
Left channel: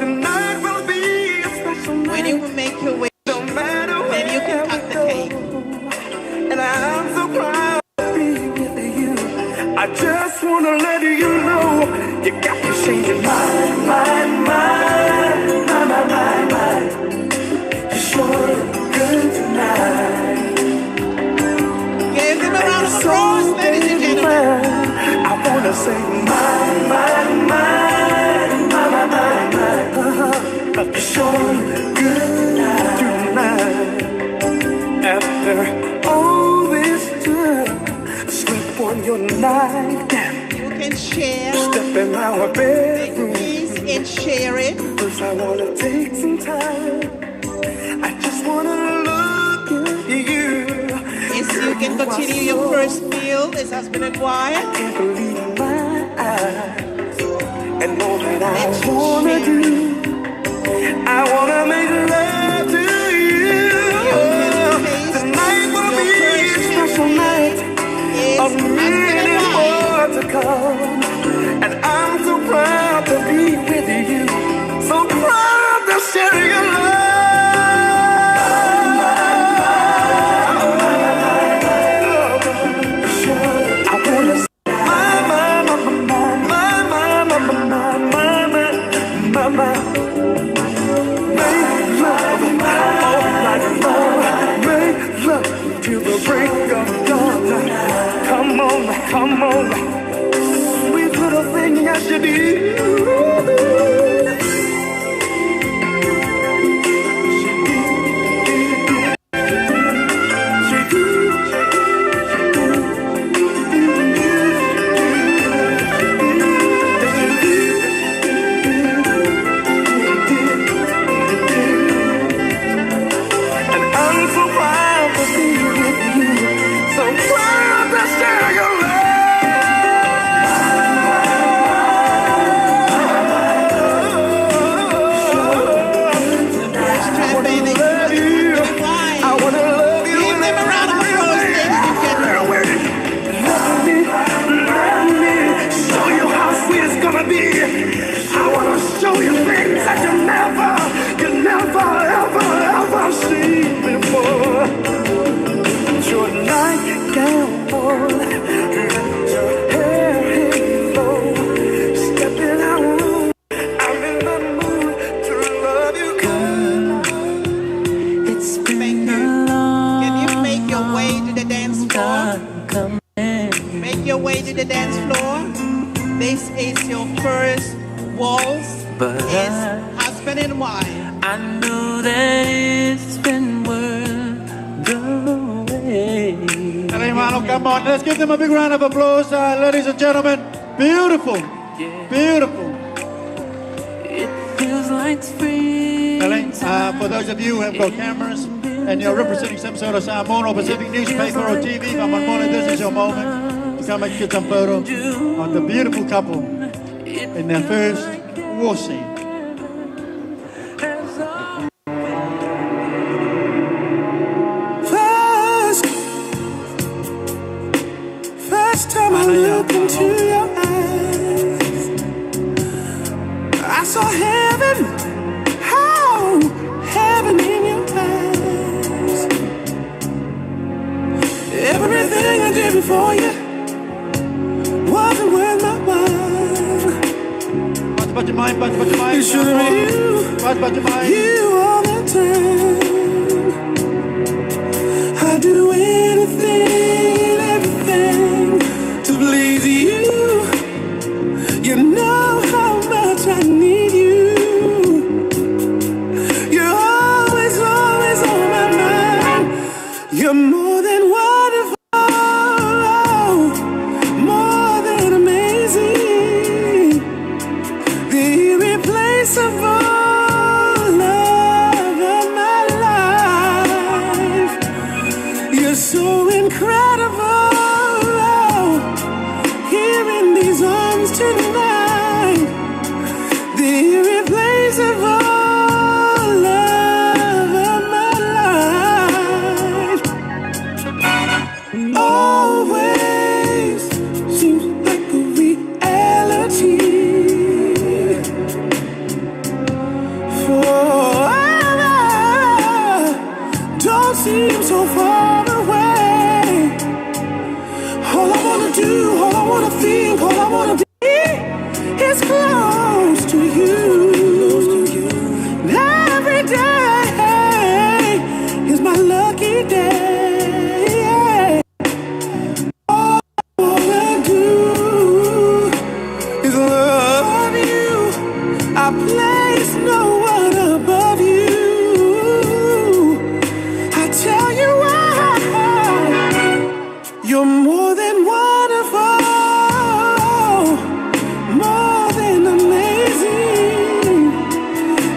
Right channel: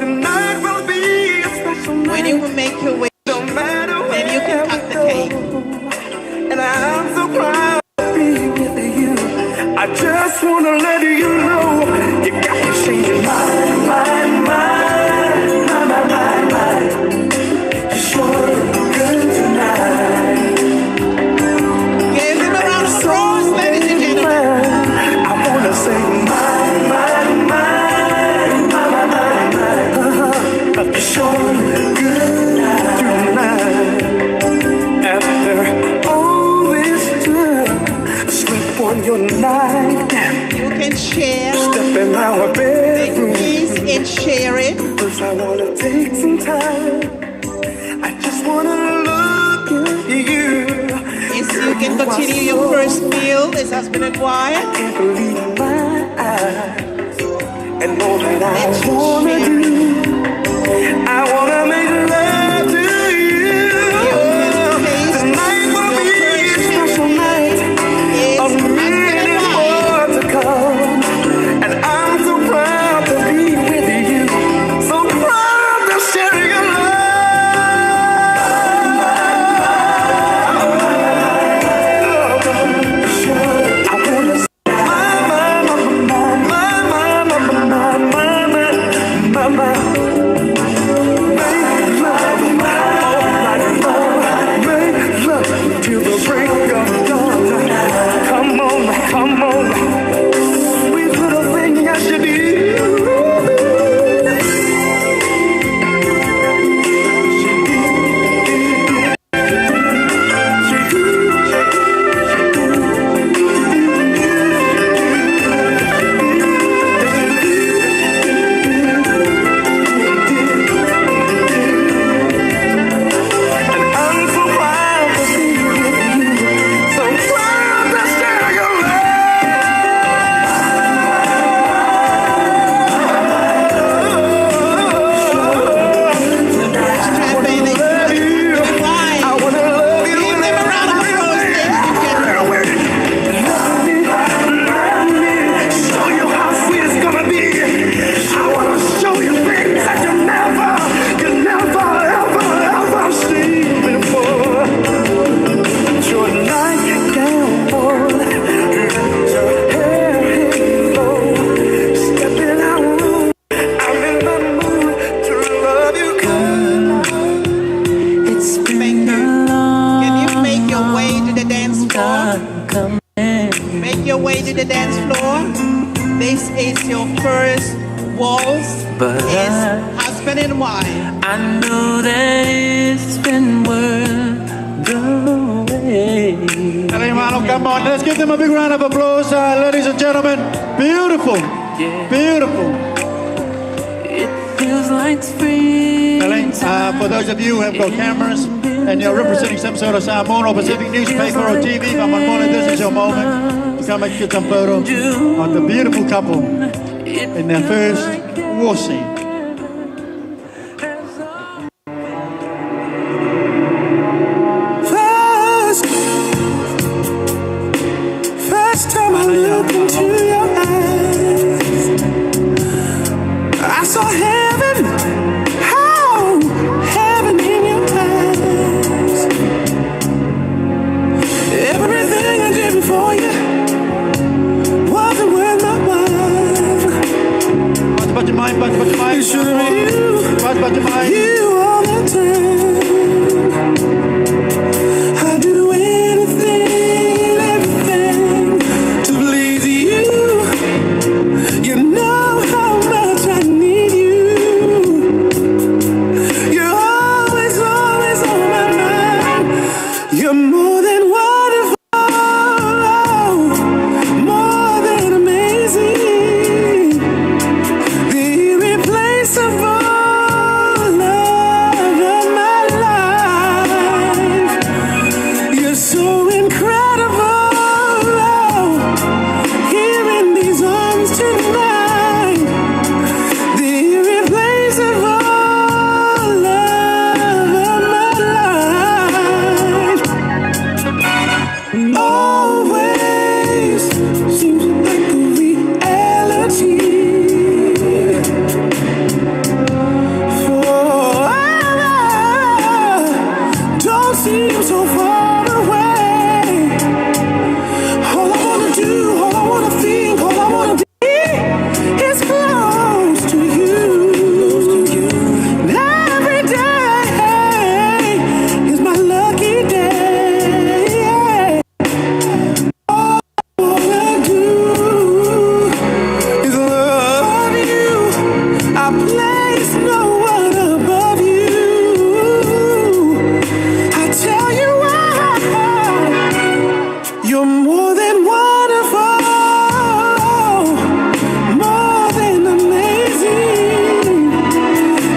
The night will be a special night. When you make your wish, No matter then you can cut the cake. and I'm so proud to be with you. I just wanna let you know you got me changing my. You sure look good tonight. Give them a round of applause, ladies and gentlemen. I wanna say you sure look good tonight. After all this time, slip on your nightgown. You can share, Step in our make bedroom. peace and share it. First I wanna take some time. I just wanna look at you. Yes, you can continue your first meal as husband and wife. Can't believe my eyes. And all that I Let's wanna share. do, I wanna make love to you. Tonight will be a special night. Yes, A husband minute and wife. more to come. And I'm so proud to be with you. So proud to share your love. I wanna say my. Make love all night long. Make love till the break of dawn. Come on, sweet little thing I should do. And I'm so proud to be with you. So proud to share your love you. I wanna love you. Give them a round of applause, ladies and gentlemen. Love me, show you how sweet it's gonna be. I wanna show you things that you never ever seen before. Put your nightgown on, let your hair hang low. Step in our room, I'm in the mood to love you good. Thank you. Can you make your way to the dance floor? Make your way to the dance floor. This is your first waltz as husband Penny and why. I know that it's been worth the wait. Hermano, come on, let's give them a big round of applause, ladies and gentlemen. Beautiful, beautiful. It feels like spring. For those of you who have got cameras and you're representing some sort of Samoan or Pacific newspaper or TV, come on, morning, this is your moment to come and get some photo of the beautiful couple in their first war scene. First time I looked into your eyes, I saw heaven, oh, heaven in your eyes. Everything I did before you wasn't worth my while. But your mind, It should have been you all the time. I'd do anything, everything to please you. You know how much I need you. You're always, always on my mind. You're more than wonderful, more than amazing, the irreplaceable love of my life. You're so incredible, here in these arms tonight, the irreplaceable love of my life. Always seems like a reality. Forever don't seem so far away. All I wanna do, all I wanna think, all I wanna be is close to you. And every day is my lucky day. All I wanna do is love you. I place no one above you. I tell you why. You're more than wonderful, more than amazing,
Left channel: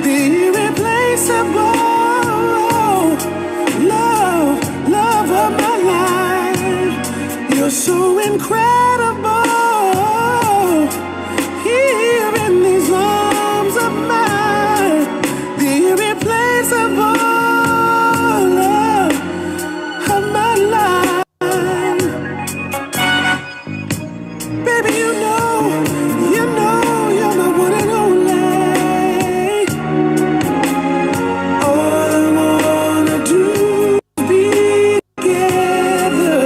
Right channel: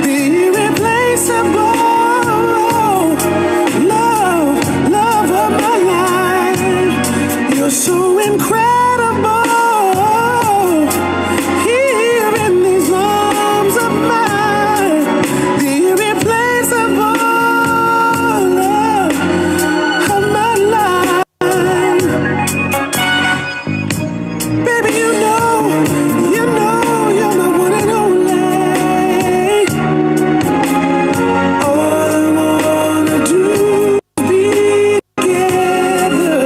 the irreplaceable love of my life. You're so incredible, here in these arms of mine, the irreplaceable love of my life. Baby, you know, you're my one and only. All I wanna do is be together.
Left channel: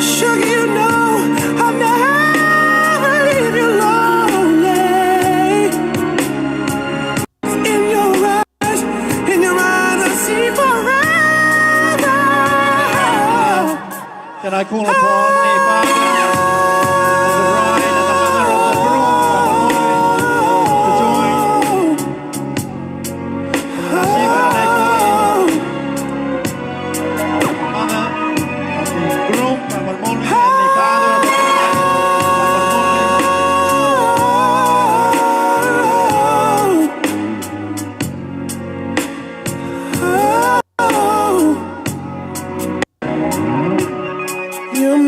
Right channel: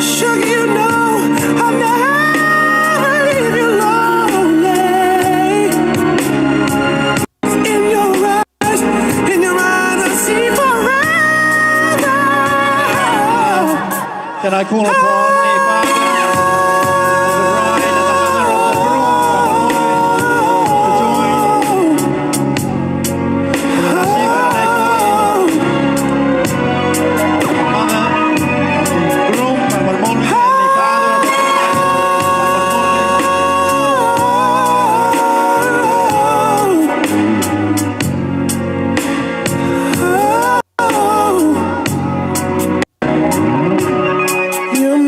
Sugar, you know I'll never leave you lonely. In your eyes, I see forever. Can I call upon the father of the bride and the mother of the groom to join in the Nasiba mother of the groom, Mama Molly, and the father of the bride, You're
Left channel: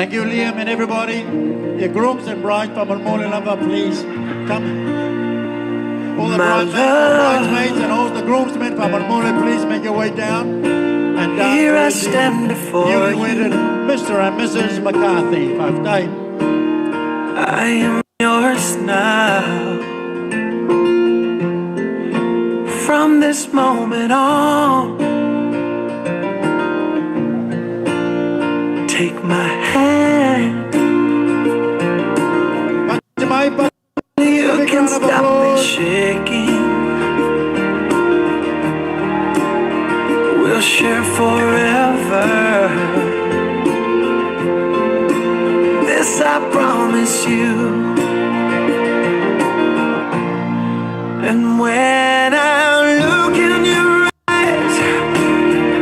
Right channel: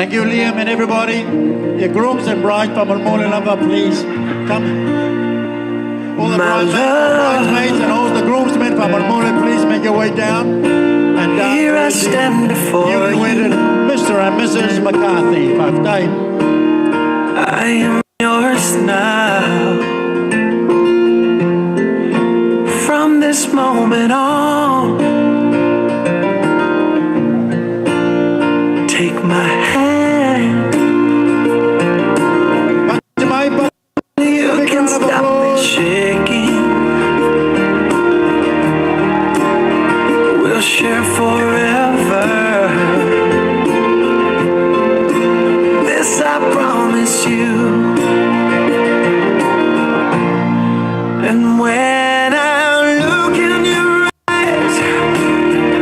Thank you, Liam and everybody. Your grooms and bride from Mulmuli Lava, please come. All the bridesmaids and all the groomsmen from Mulmuli, please make your way down. And down Here I the stand before newly you. wedded Mr. and Mrs. McCarthy. I am yours now. From this moment on, take my hand. You can stop me shaking. We'll share forever. This I promise you. And when I look in your eyes,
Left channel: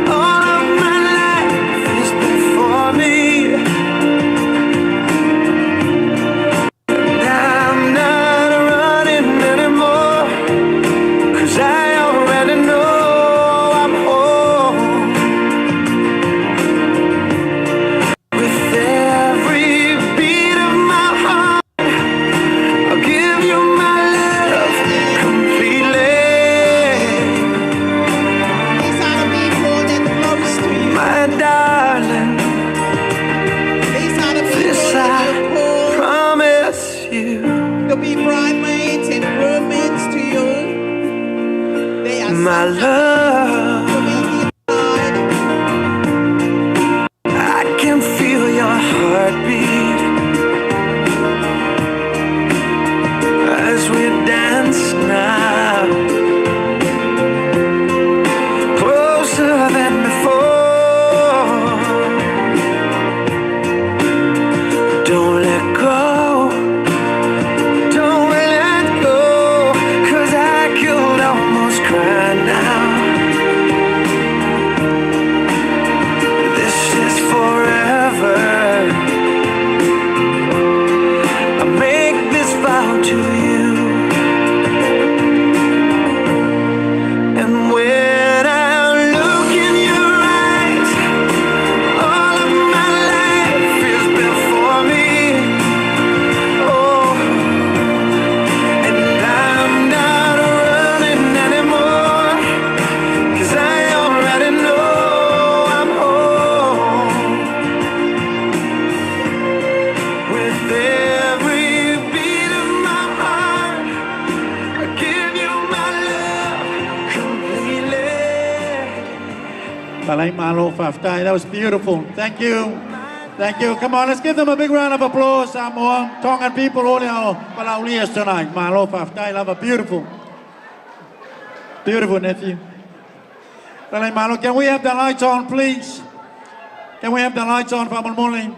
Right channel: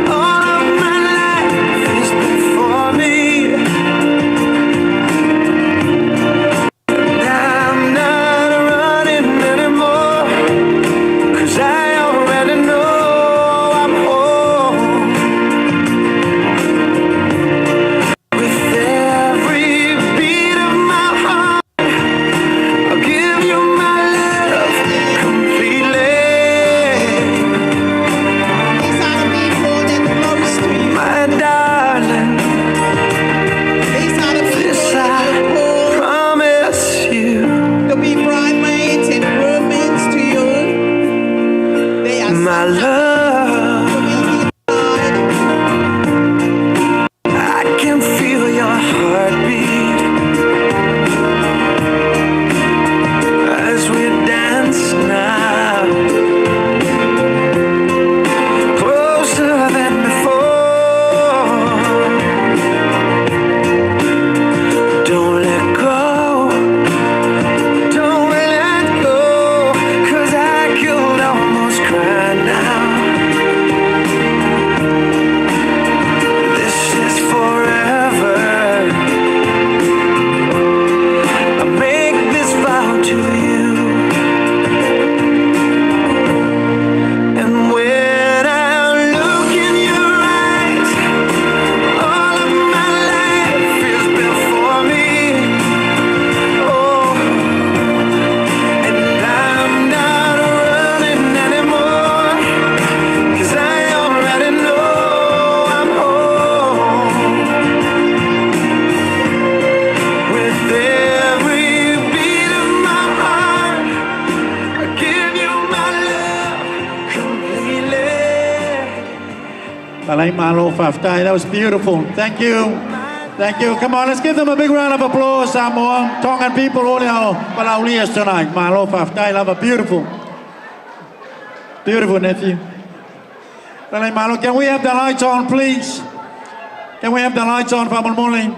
all of my life is before me. And I'm not running anymore, 'cause I already know I'm home. With every beat of my heart, I'll give you my love completely. These are the people that close to you. My darling, These are the people this that I you call promise you. to be bridesmaids and groomsmen to you. They are My so love, happy to be inside. I can feel your heartbeat as we dance now, closer than before. Don't let go, don't let go, 'cause I could almost cry now. This is forever. I make this vow to you. And when I look in your eyes, all of my life is before me. Oh, and I'm not running anymore, 'cause I already know I'm home. With every beat of my heart, I give you my love completely. Palay Malo Faftai. That was beautiful. Thank you. Thank you. Come on, let's give them a big round of applause. Samoa, Tongan people, all our Palaulias tonight. Malo Faftai, love a beautiful. Beautiful nephew. Palay Malo, can we have the lights on, please? Can we have the lights on for Mulmuli?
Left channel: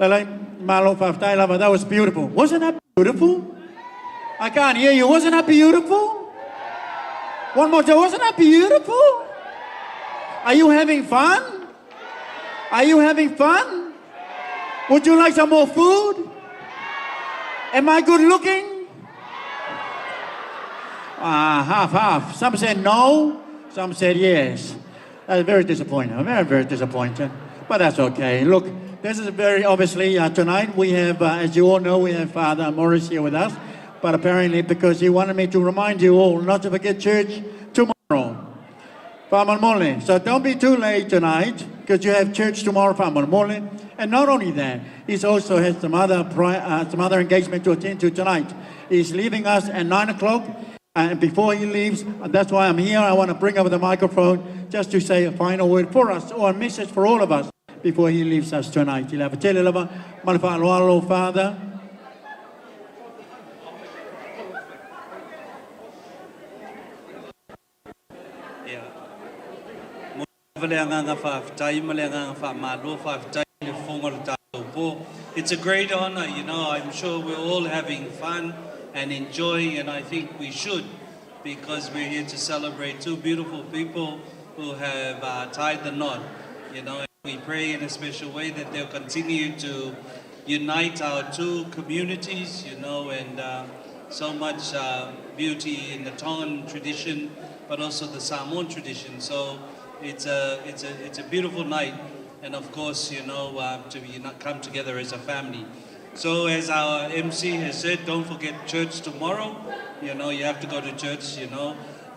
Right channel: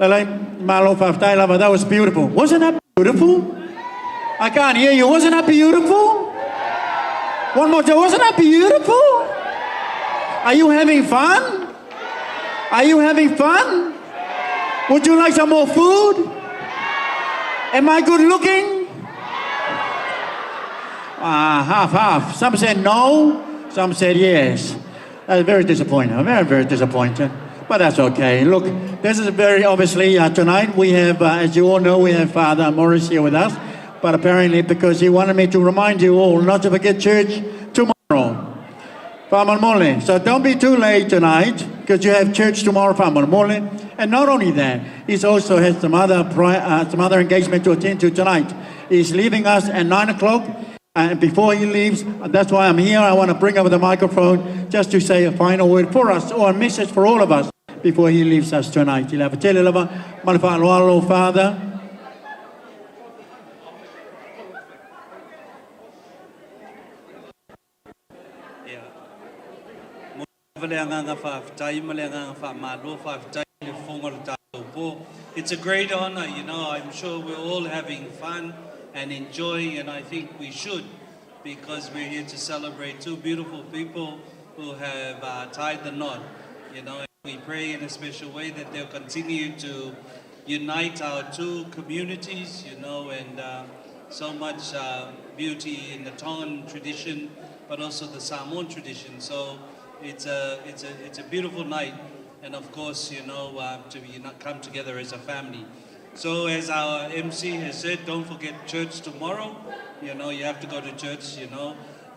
Palay Malo Faftai, love, that was beautiful. Wasn't that beautiful? I can't hear you. Wasn't that beautiful? One more time. Wasn't that beautiful? Are you having fun? Are you having fun? Would you like some more food? Am I good looking? Half. Some said no, some said yes. That's very disappointing. Very, very disappointing. But that's okay. Look, this is very obviously tonight we have, as you all know, we have Father Morris here with us. But apparently, because he wanted me to remind you all not to forget church tomorrow. Whamalmole. So don't be too late tonight, because you have church tomorrow, Whamalmole. And not only that, he also has some other engagement to attend to tonight. He's leaving us at 9 o'clock. And before he leaves, that's why I'm here. I want to bring over the microphone just to say a final word for us, or a message for all of us, before he leaves us tonight. He'll have a telelava, malafa'aloalo, Father. It's a great honor, you know. I'm sure we're all having fun and enjoying, and I think we should, because we're here to celebrate two beautiful people who have tied the knot, you know. And we pray in a special way that they'll continue to unite our two communities, you know, and so much beauty in the Tongan tradition, but also the Samoan tradition. So it's a beautiful night and of course, to come together as a family. So as our MC has said, don't forget church tomorrow. You have to go to church,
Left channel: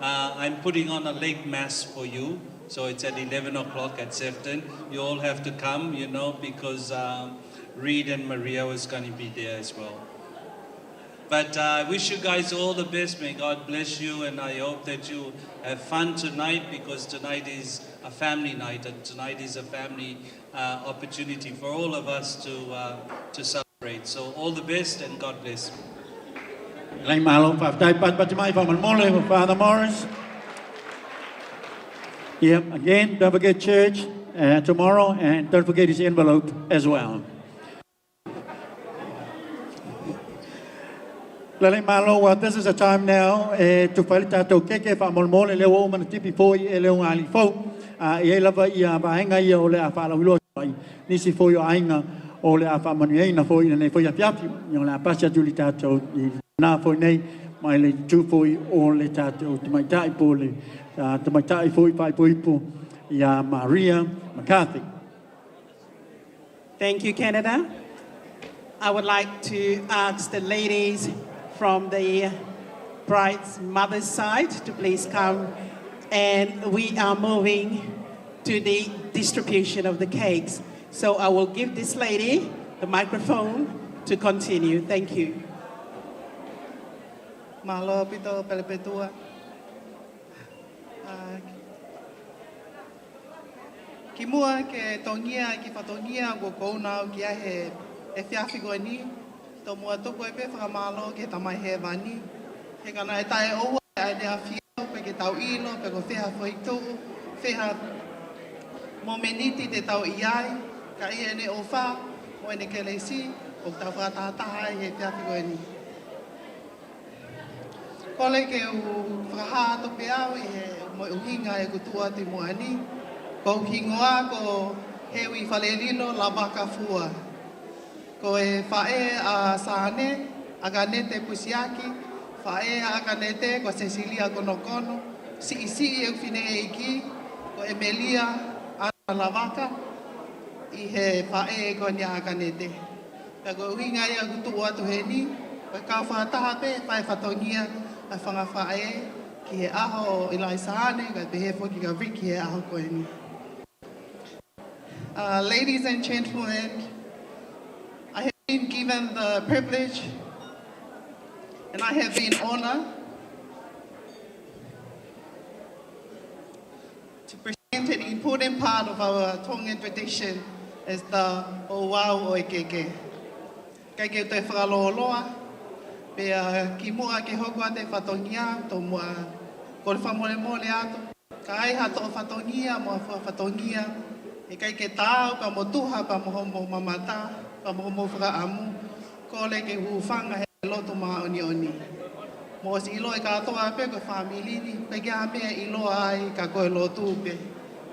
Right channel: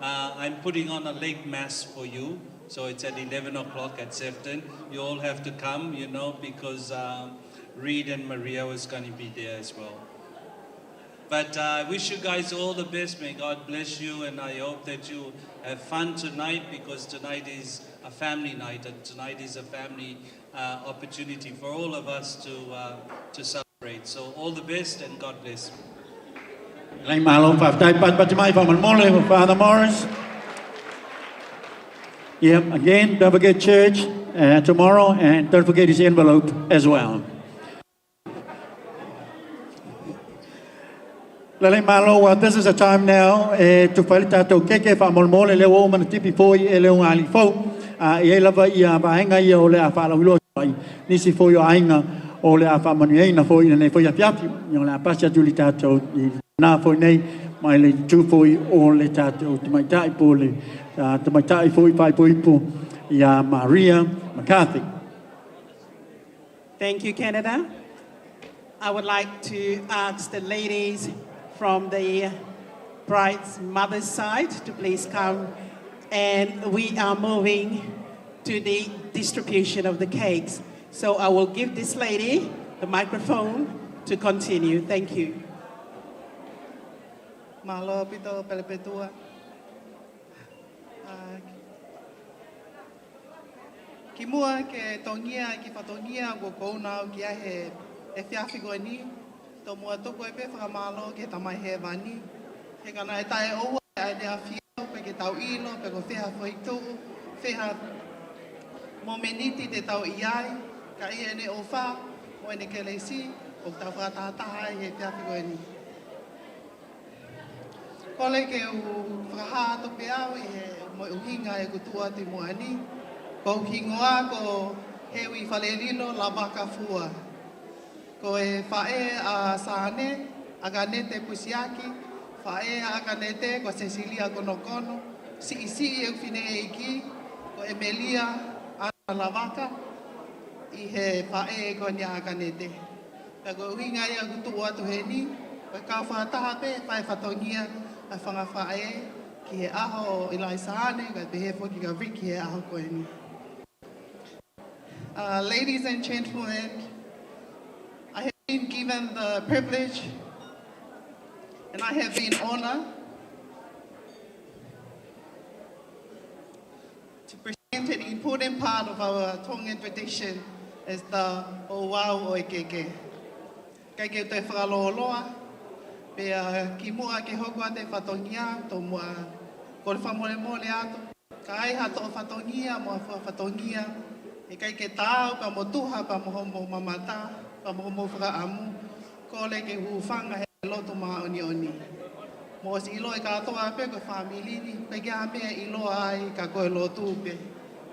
I'm putting on a late mass for you. So it's at 11 o'clock at Sefton. You all have to come, because Reed and Maria was going to be there as well. But I wish you guys all the best. May God bless you, and I hope that you have fun tonight, because tonight is a family night, and tonight is a family opportunity for all of us to celebrate. So all the best, and God bless. Lang malo whaftai pat from Mole with Father Morris. Yep, again, don't forget church tomorrow, and don't forget his envelope as well. Lang malo, well, this is a time now to whale tātou keke whamolmole leo o mana tipi fōi e leo ngāli fōu. I lava I a vahenga I o le a whalawilo ai. Nisi fōi o ainga o le a whamanueina fōi na nei fōi a whiapi. I le a pasi atu li tātou I nā fōi nei, mai le tū fōi o le tātou tamaitai pō le tamaitai fōi whai pōipo I a Maria McCarthy. Thank you, Canada. I would like to ask the ladies from the bride's mother's side to please come. And we are moving to the distribution of the cakes. So I will give this lady the microphone to continue. Thank you. Malo pito pelepetua. Ki mua ke tongia ki patongia go kona ki ahe e fiafigo ni to mua toko e pe whakamalo ke tamai he vani. He kana e tae oua ai te awhio pe ke tau ilo pe ko wheha whaitu wheha momeniti te tau iai ka ia ne o wha o ene ke leisi o tau whātātaha he fiafigo ni. Kole ke u whakaha to pe au I he mo uhinga e kutua te mua ni. Ko uhingoa ko hewi whalelilo la baka fua. Ko e whae a Sane, a ganete Pusiaki, whae a ganete ko Cecilia Konokono, si e whine e iki, ko Emilia a Lavaka, I he whae ko ni a ganete. Ka ko uhinga ia kutua tu he ni, ko ka whataha pe, whae whatongia, a whanga whae, ki he aho I lai Sane, ka te he whoki ka wiki he aho ko ni. Ladies and gentlemen, I have been given the privilege and I have been honored to present an important part of our Tongan tradition as the Owau Oikeke. Kake te whakaloloa, pe ki mua ke hokua te whatongia, to mua ko le whamole mole ato, ka ai hato o whatongia, mua whatongia, e kai ke tāu, pa mo tuha, pa mo homo mamata, pa mo homo whakaamu, ko le ke huwhanga he loto maa oni oni. Mo si ilo e katoa pe koe whamilini, pe ke a mea ilo ai ka koe lotu pe.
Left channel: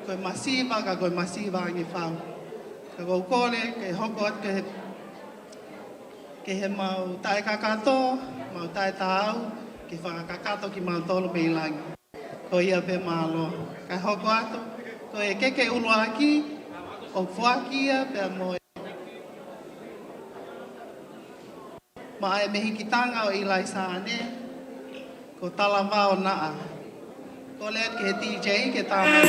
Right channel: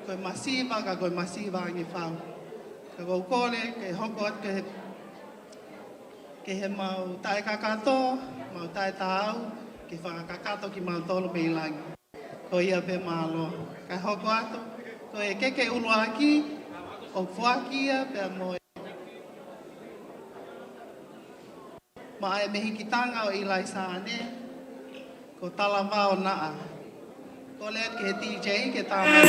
Koe masiva, ka koe masiva ange whau. Ka koe kole, ke hoko at ke he mau tae kakato, mau tae tāu, ke whakakato ki mau tolo pe ilangi. Ko ia pe malo, ka hoko ato, ko e keke ulu aki, o fuakia pe mo e. Ma e mehi kitanga o Ilai Sane, ko tala wao naa. Ko leat ke he DJ ke tāma.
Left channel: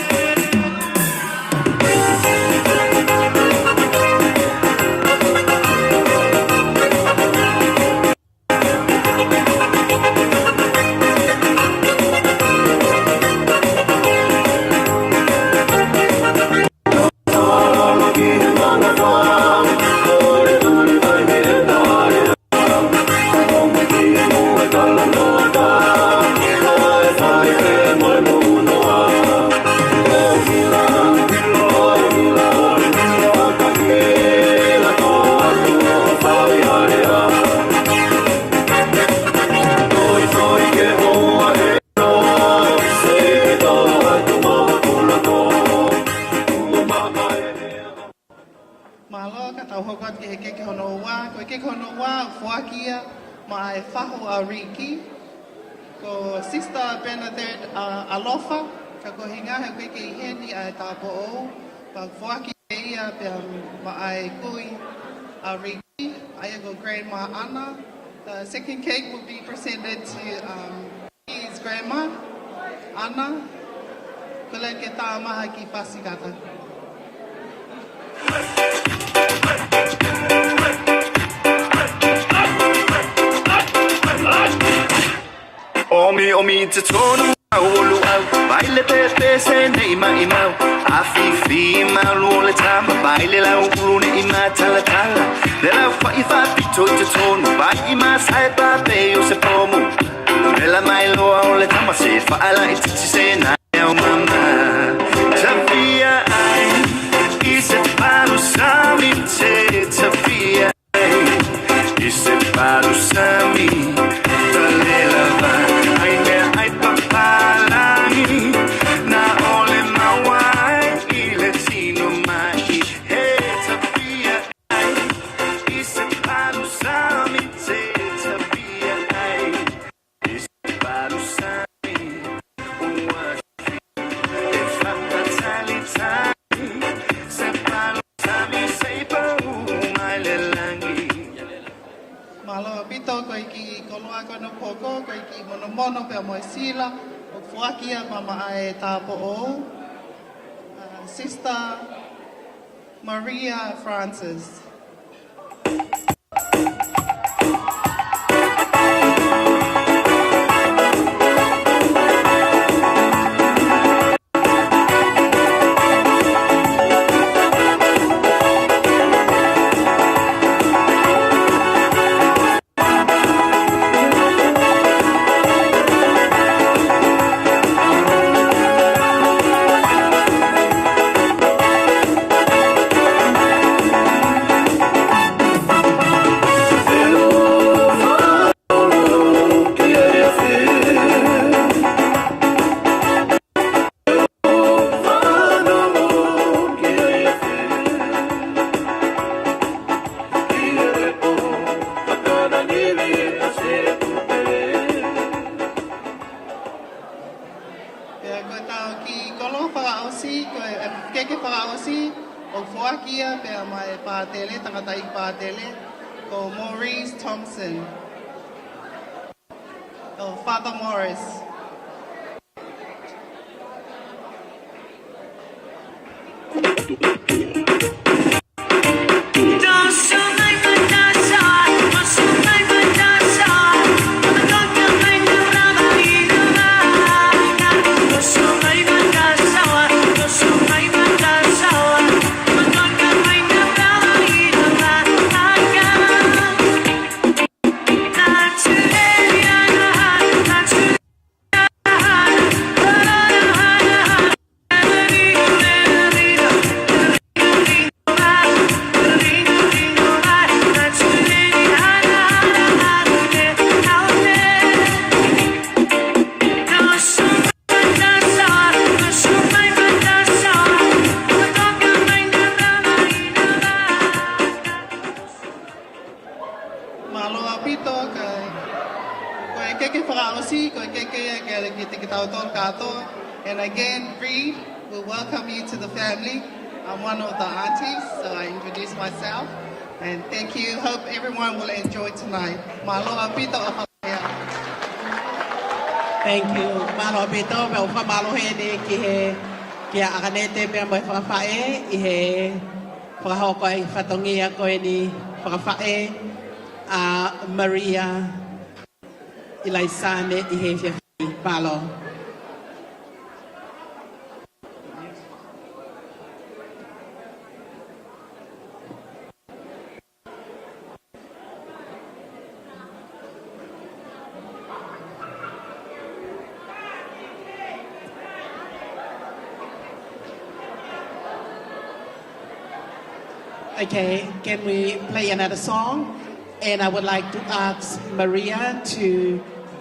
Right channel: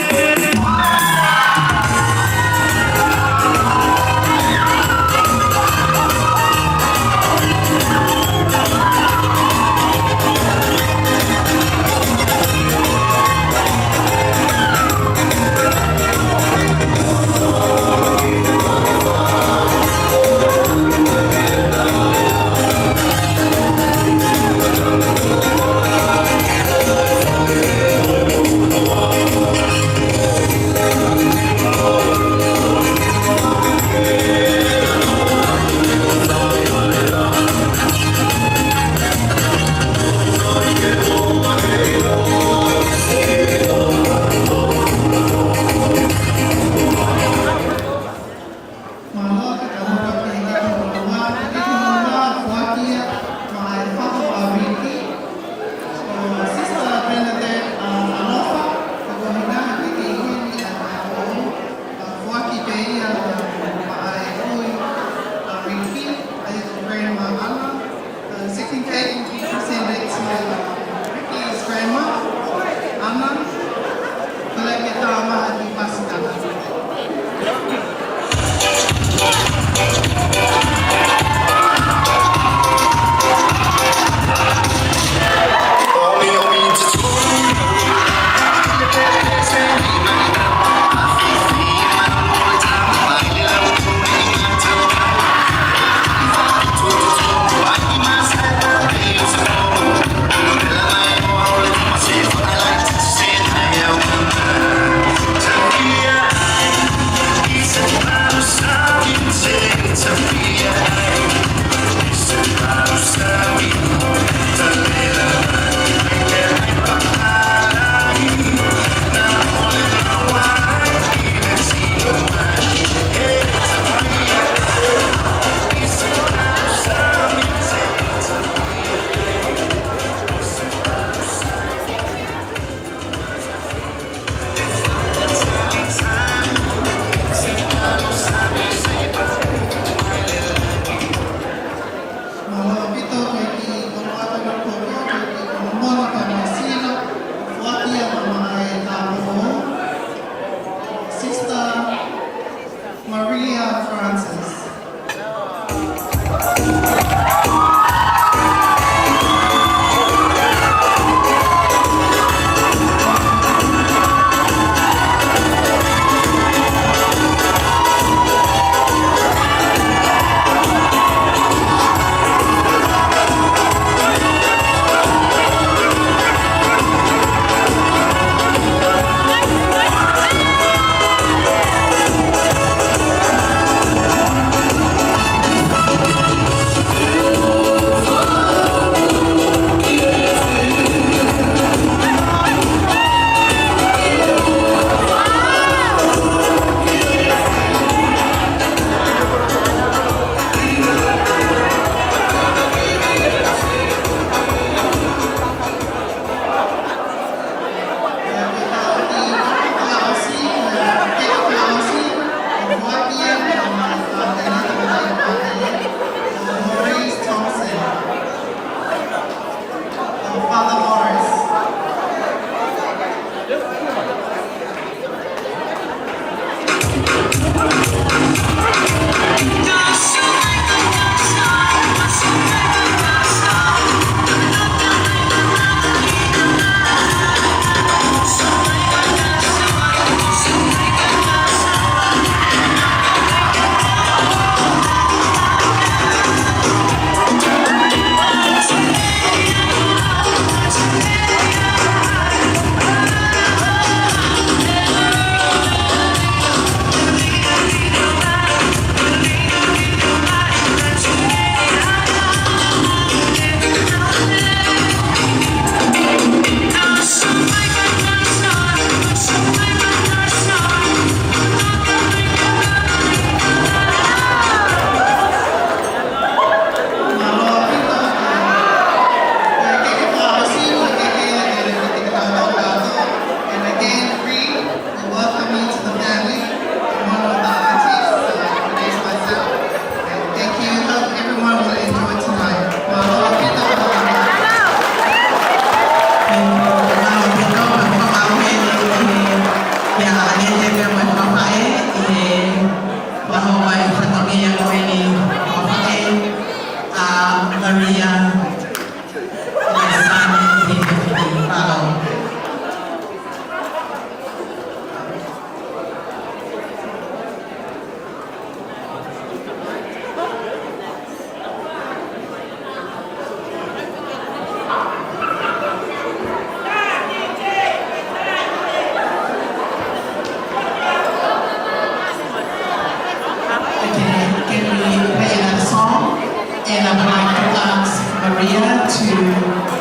Maria to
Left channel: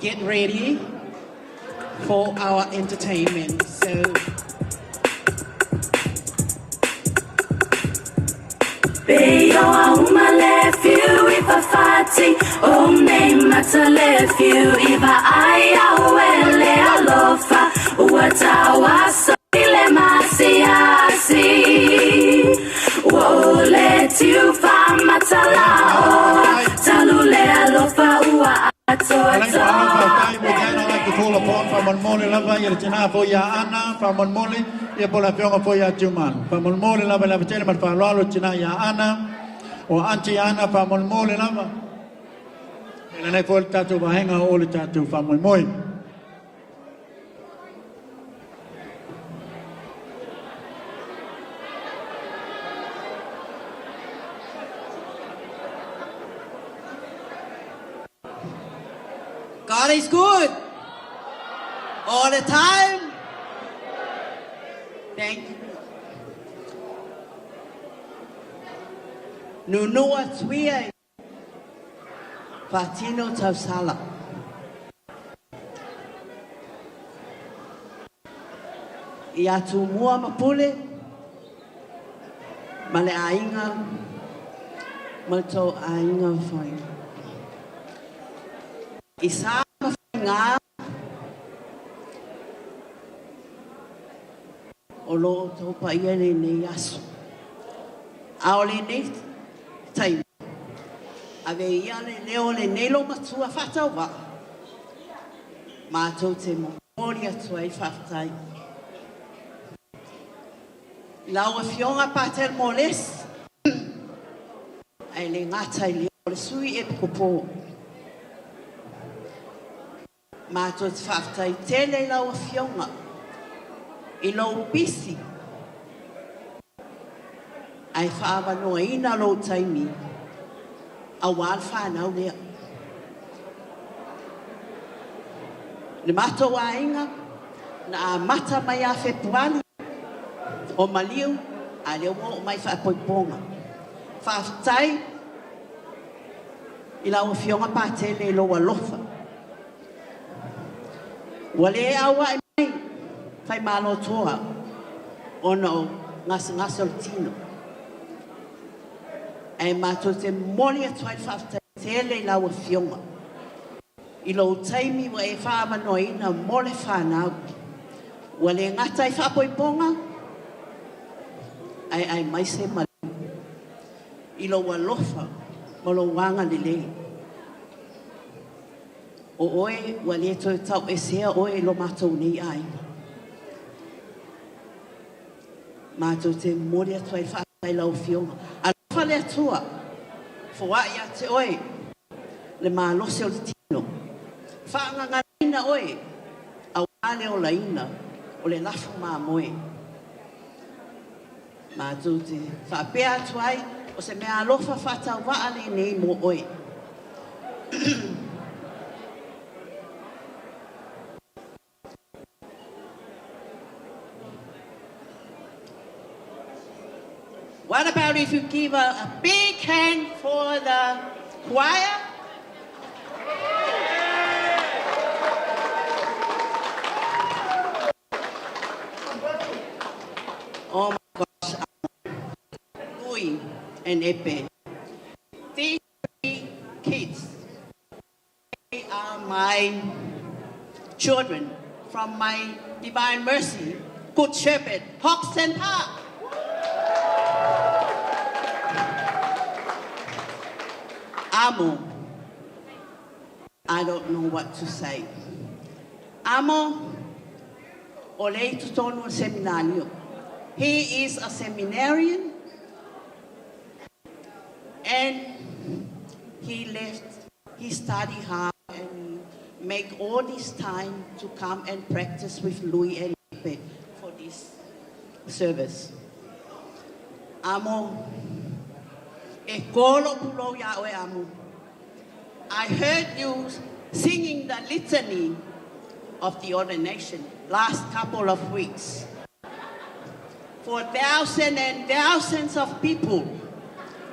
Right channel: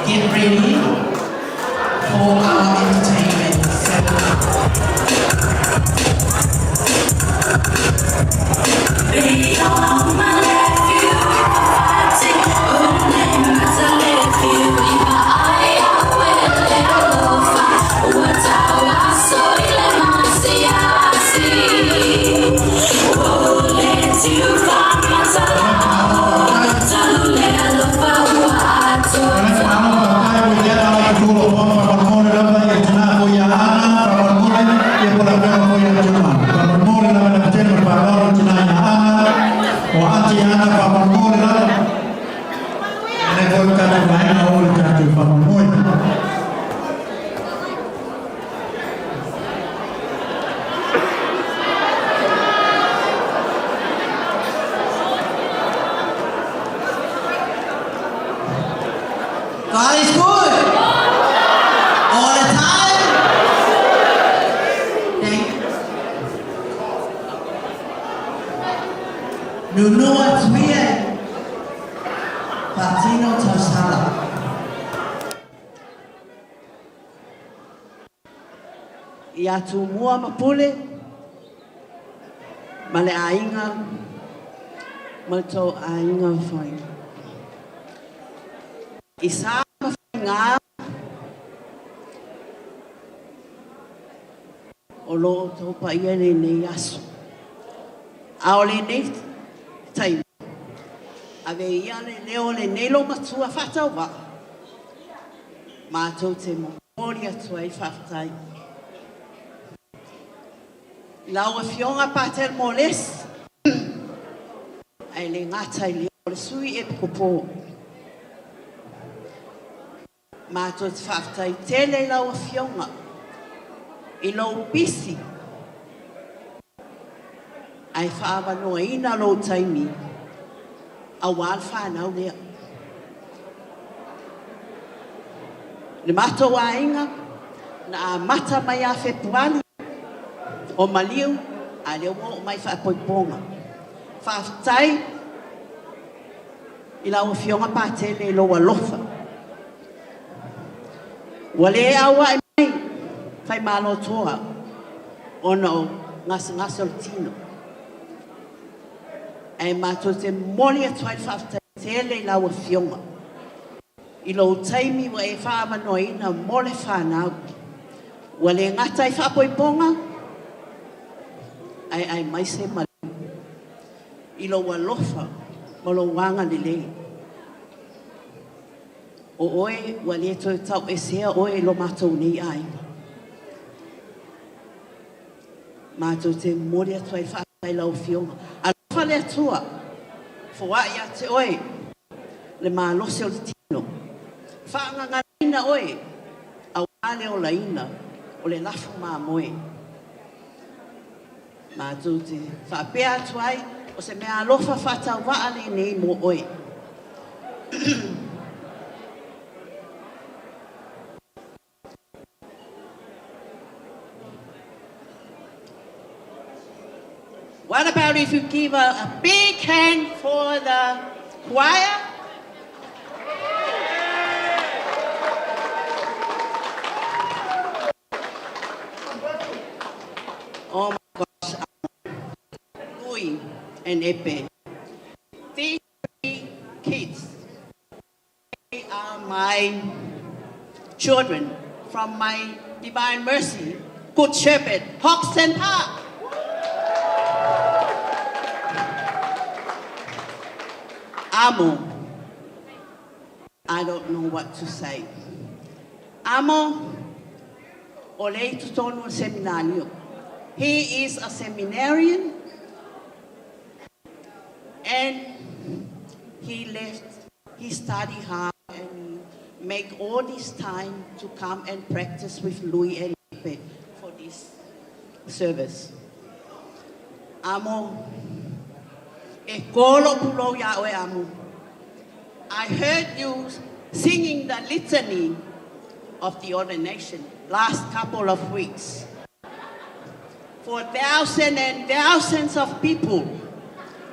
get ready for our entertainment. Baby, oh, I wanna let you if I fight it. Oh, name not to let you if I will let love. What's our soul? I see. Oh, let you come and tell let love. God is good all the time. Okay. Nunua tuia patino tausala. Ia tu mua mapule male ainga malto ainga fai. Isa nga o lo to pa ia nei aso a o le nei tai ave ia le leo le nei lo matua fata wa ma to te mo moria tuai fatai la o fionga patel moles ai le ngata le sui e popo ma to te whaftai tele lau a fionga i lau pisi ai whaava noa ina lau taimi a wāl whanau lea le mato wā inga na a mata mai a whepuani o maliu a leo mo mai whapoiponga whaftai i lau a fionga pa tele lau a lofa wale awa mai fai malo toa ono ngas o tino ai mato te moli a tuai whafta tele lau a fionga i lo taimi wa e whaama noina mole whanau wale ngata i whapoiponga ai mai se mali i lo walofa mo lo wanga lelei o oe wale to tau e sea oe lo matou nei ai. Matou te mori atu ai whaatai lau fionga. A lofa le atua, fua ia te oe, le maalose o le tino. Whaanganga ina oe, a wale o la ina, o le lafu maa moe. Matou te whaapea atu ai, o se mea alofa whatau waale nei mo oe. What about if you give a big hand for the choir? Oh my gosh, Louis and Epe. These three kids, they are my children from my Divine Mercy, Good Shepherd, Hoxton Park. Amo, I don't know what to say. Amo, ole tutono seminario. He is a seminarian, and he left. He studied hard and make all this time to come and practice with Louis and Pepe for this service. Amo. I heard you singing the litany of the ordination last couple of weeks. For thousands and thousands of people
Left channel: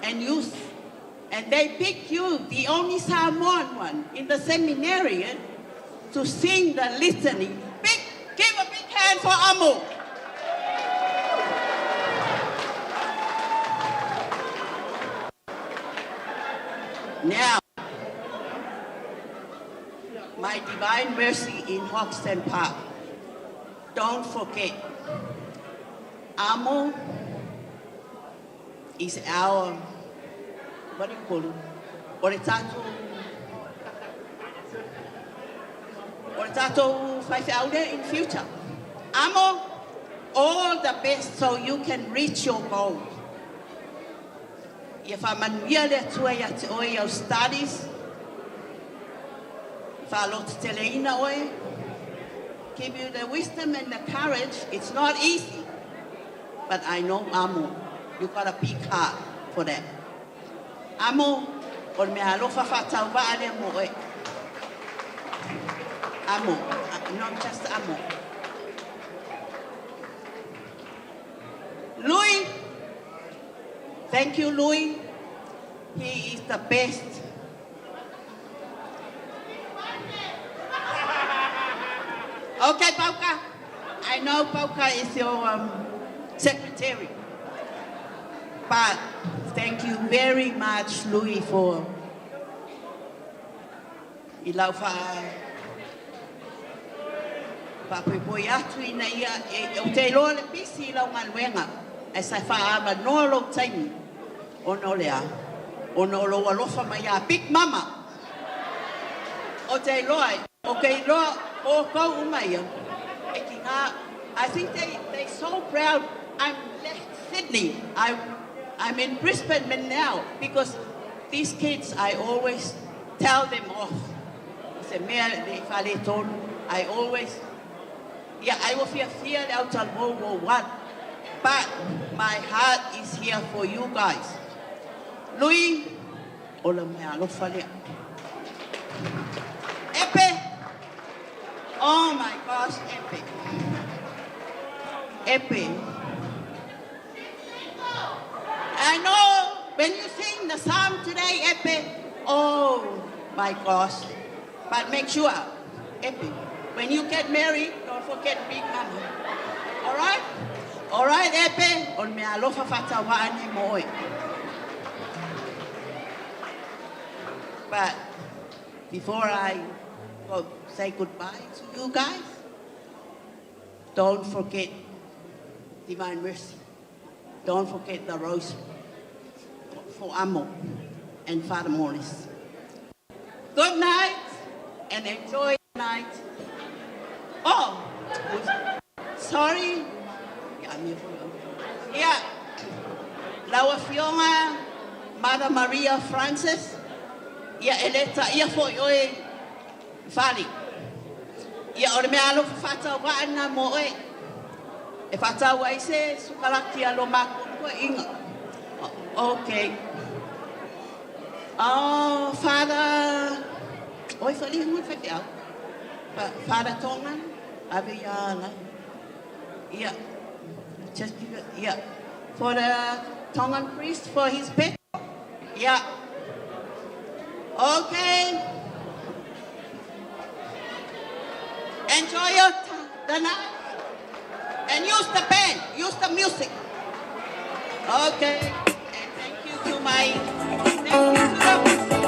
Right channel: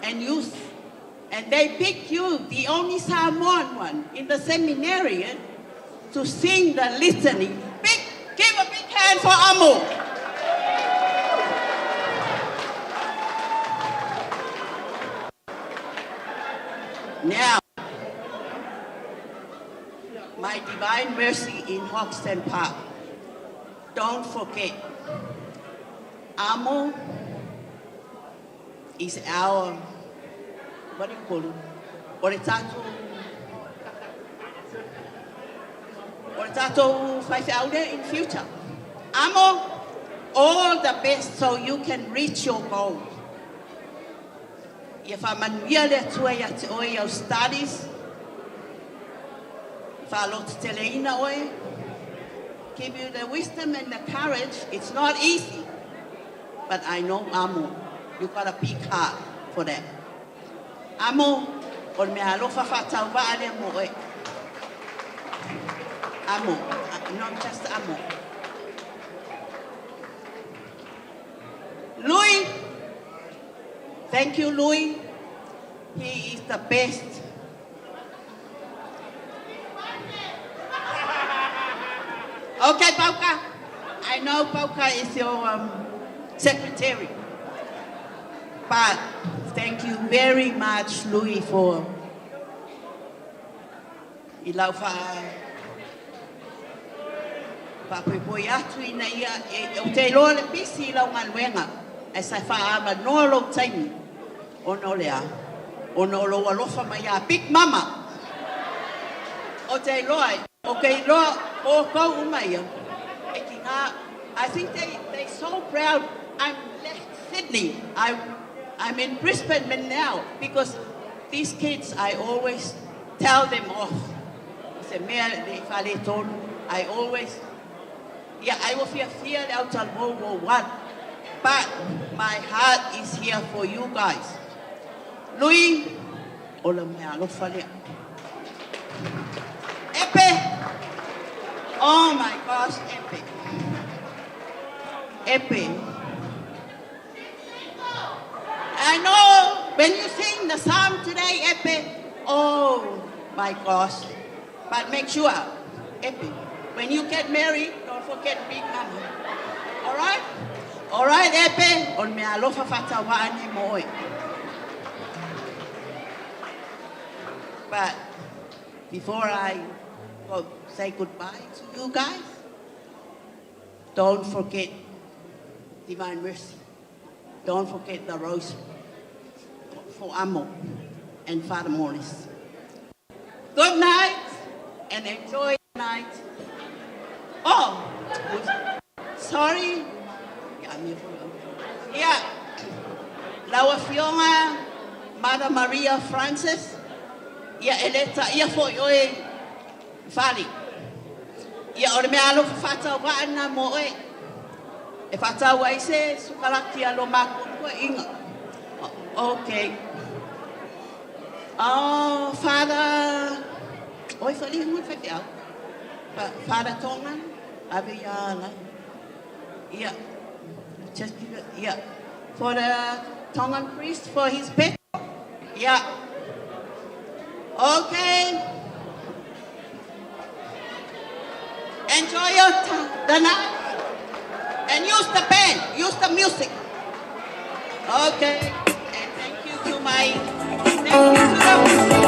and youth And they picked you, the only Samoan one in the seminary, to sing the litany. Give a big hand for Amo. Now, my Divine Mercy in Hoxton Park. Don't forget, Amo is our, what do you call it? Oritato Whaiwhaude in future. Amo, all the best so you can reach your goal. If I'm on your studies, give you the wisdom and the courage. It's not easy, but I know Amo, you got a big heart for that. Amo, or me alofa fatau ba ale mo e. Amo, not just Amo. Louis, thank you, Louis. He is the best. Okay, Pauka. I know Pauka is your secretary. But thank you very much, Louis, for ilaufa papoi atu ina ia o te loa le pisi lau ngaluenga e sa whaama nolo taimi o no lea o no lo alofa mai a Big Mama o te loa o kei loa o kou umai e ki ngā I think they so proud. I'm left Sydney. I'm in Brisbane now because these kids I always tell them off. I always I will fear out of World War I, but my heart is here for you guys. Louis, Epe, oh my gosh, Epe, Epe. I know when you sing the psalm today, Epe, oh my gosh, but make sure, Epe, when you get married, don't forget Big Mama. All right? All right, Epe. On me alofa fatawa moi. But before I say goodbye to you guys, don't forget Divine Mercy. Don't forget the rosary for Amo and Father Morris. Good night and enjoy the night. Oh, sorry. Yeah. Lawa Fiona, Mother Maria Francis. Yeah, eleta, yeah, for you, Fali. Yeah, or me alo fata wa na moe. E fata wa ise sukalaki alo maku inga. Okay. Oh, Father. Oi, Fali, muy feo. Father Tongan, Abiyala. Yeah. Just give it, yeah. For the Tongan priest, for his pet. Yeah. Okay. Enjoy the night. And use the band, use the music. Okay. And thank you to my, thank you to the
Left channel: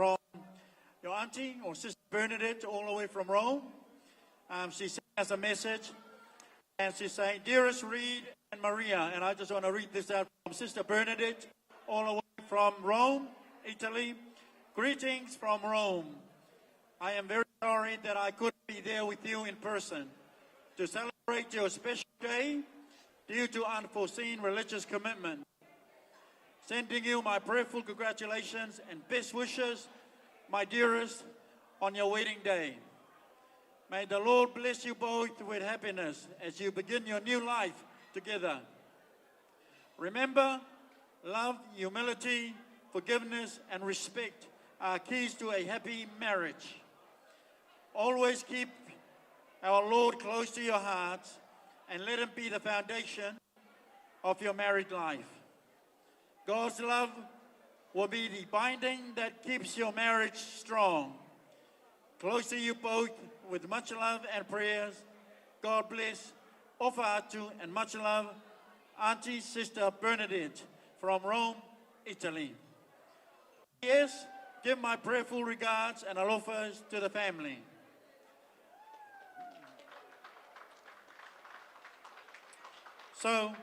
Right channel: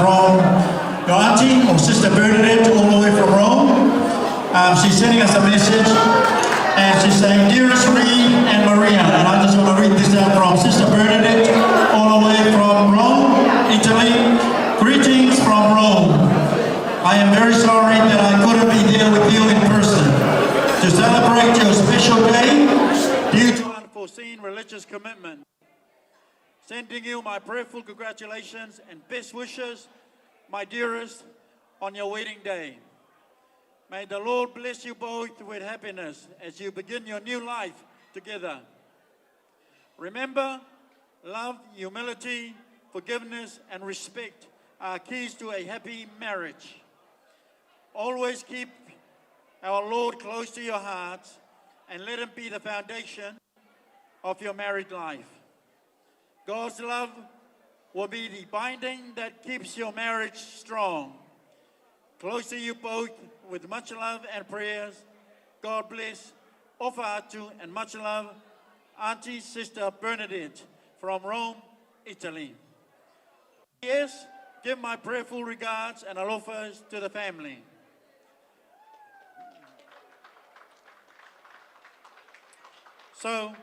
from your auntie or Sister Bernadette all the way from Rome. She's sending us a message and she's saying, "Dearest Reed and Maria," and I just want to read this out from Sister Bernadette all the way from Rome, Italy. "Greetings from Rome. I am very sorry that I couldn't be there with you in person to celebrate your special day due to unforeseen religious commitment. Sending you my prayerful congratulations and best wishes, my dearest, on your wedding day. May the Lord bless you both with happiness as you begin your new life together. Remember, love, humility, forgiveness, and respect are keys to a happy marriage. Always keep our Lord close to your hearts and let Him be the foundation of your married life. God's love will be the binding that keeps your marriage strong. Close to you both with much love and prayers. God bless. Ofa'atu and much love, Auntie Sister Bernadette from Rome, Italy. Yes, give my prayerful regards and alofas to the family." So,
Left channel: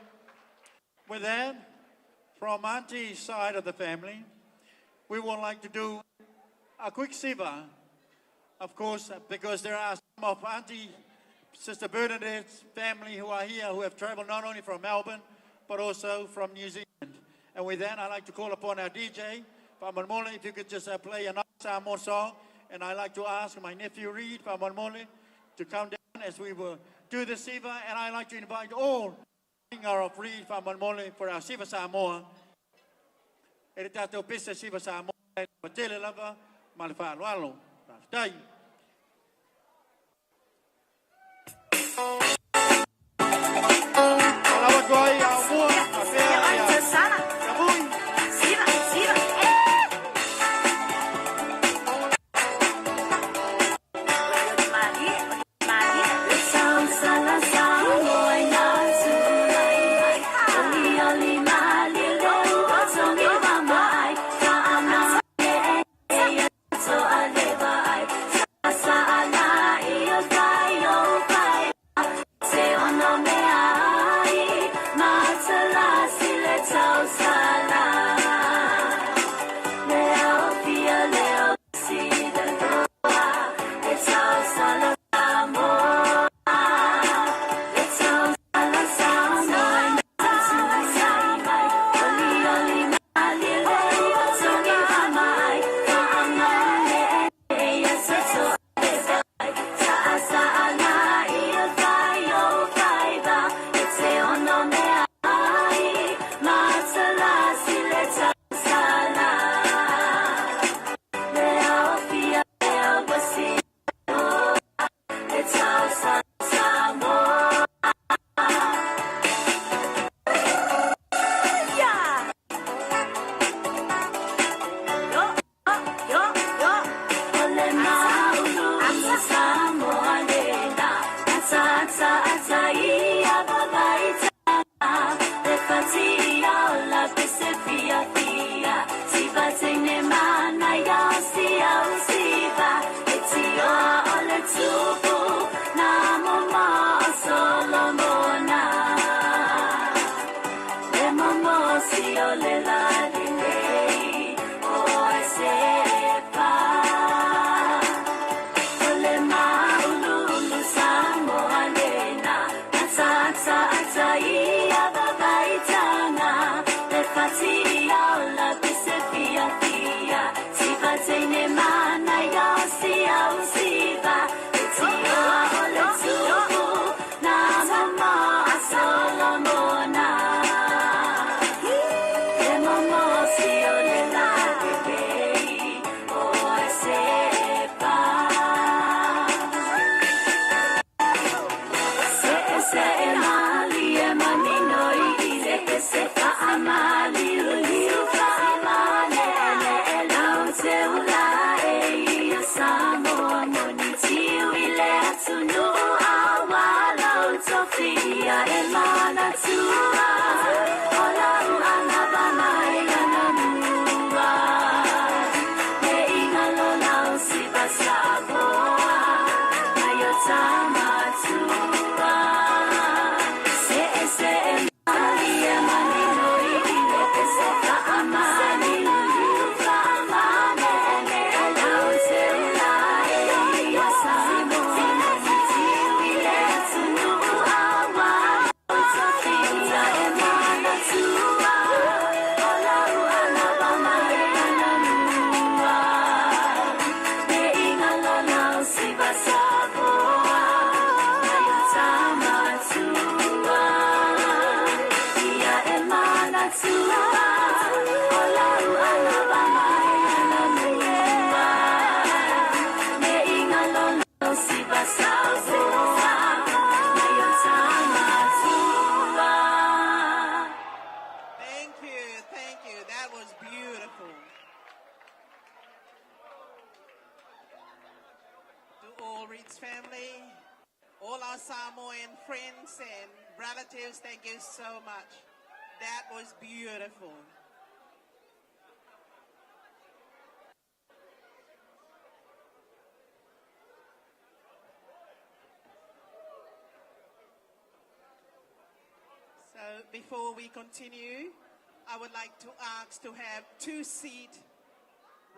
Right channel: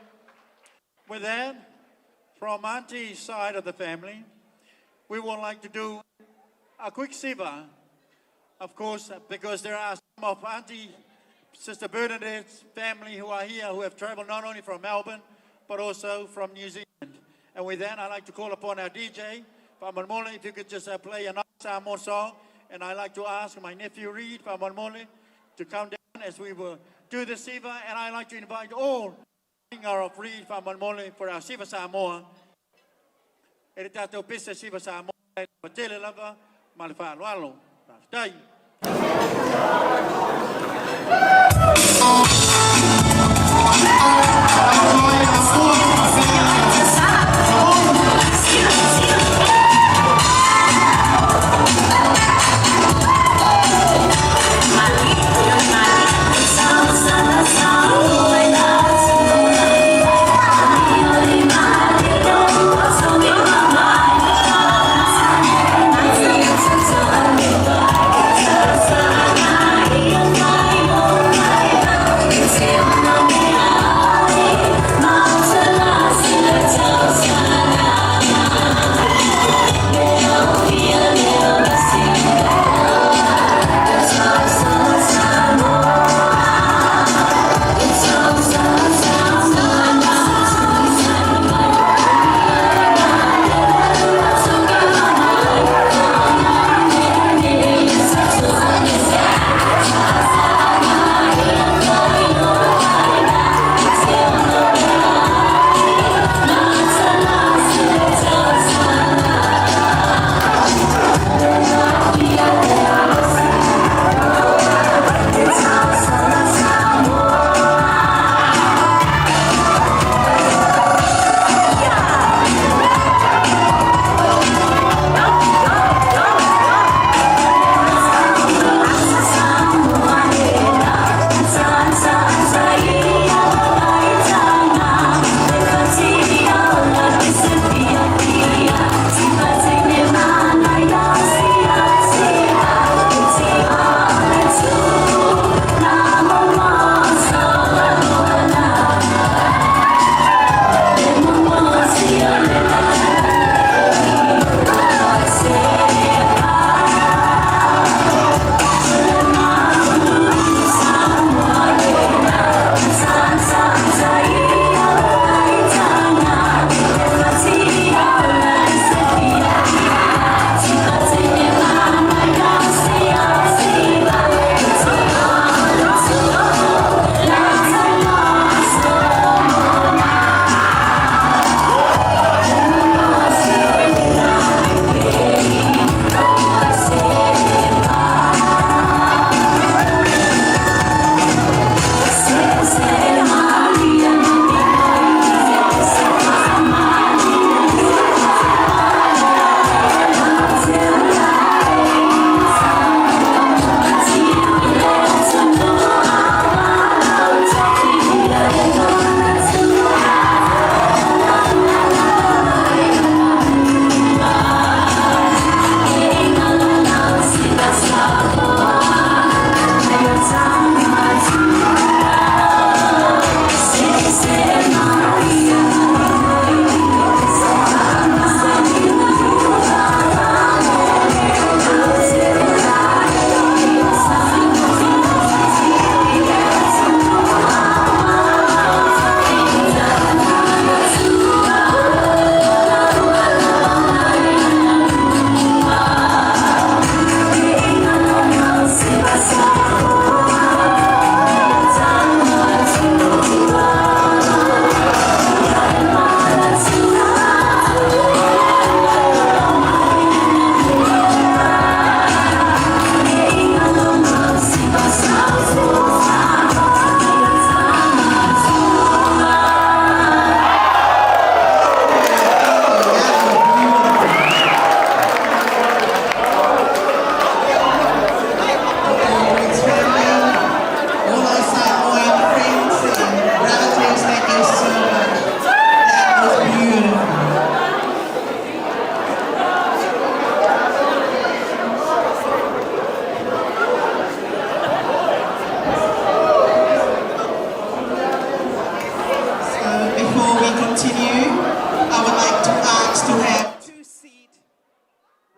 with that, from Auntie's side of the family, we would like to do a quick siva, of course, because there are some of Auntie Sister Bernadette's family who are here, who have traveled not only from Melbourne, but also from New Zealand. And with that, I'd like to call upon our DJ, Whamonmole, if you could just play a nice Samoan song. And I'd like to ask my nephew Reed, Whamonmole, to come down as we will do the siva. And I'd like to invite all of Reed Whamonmole for our Siva Samoa. E te tātou pesa Siva Samoa, pa tele lava, ma le whāloalo. Tai. It's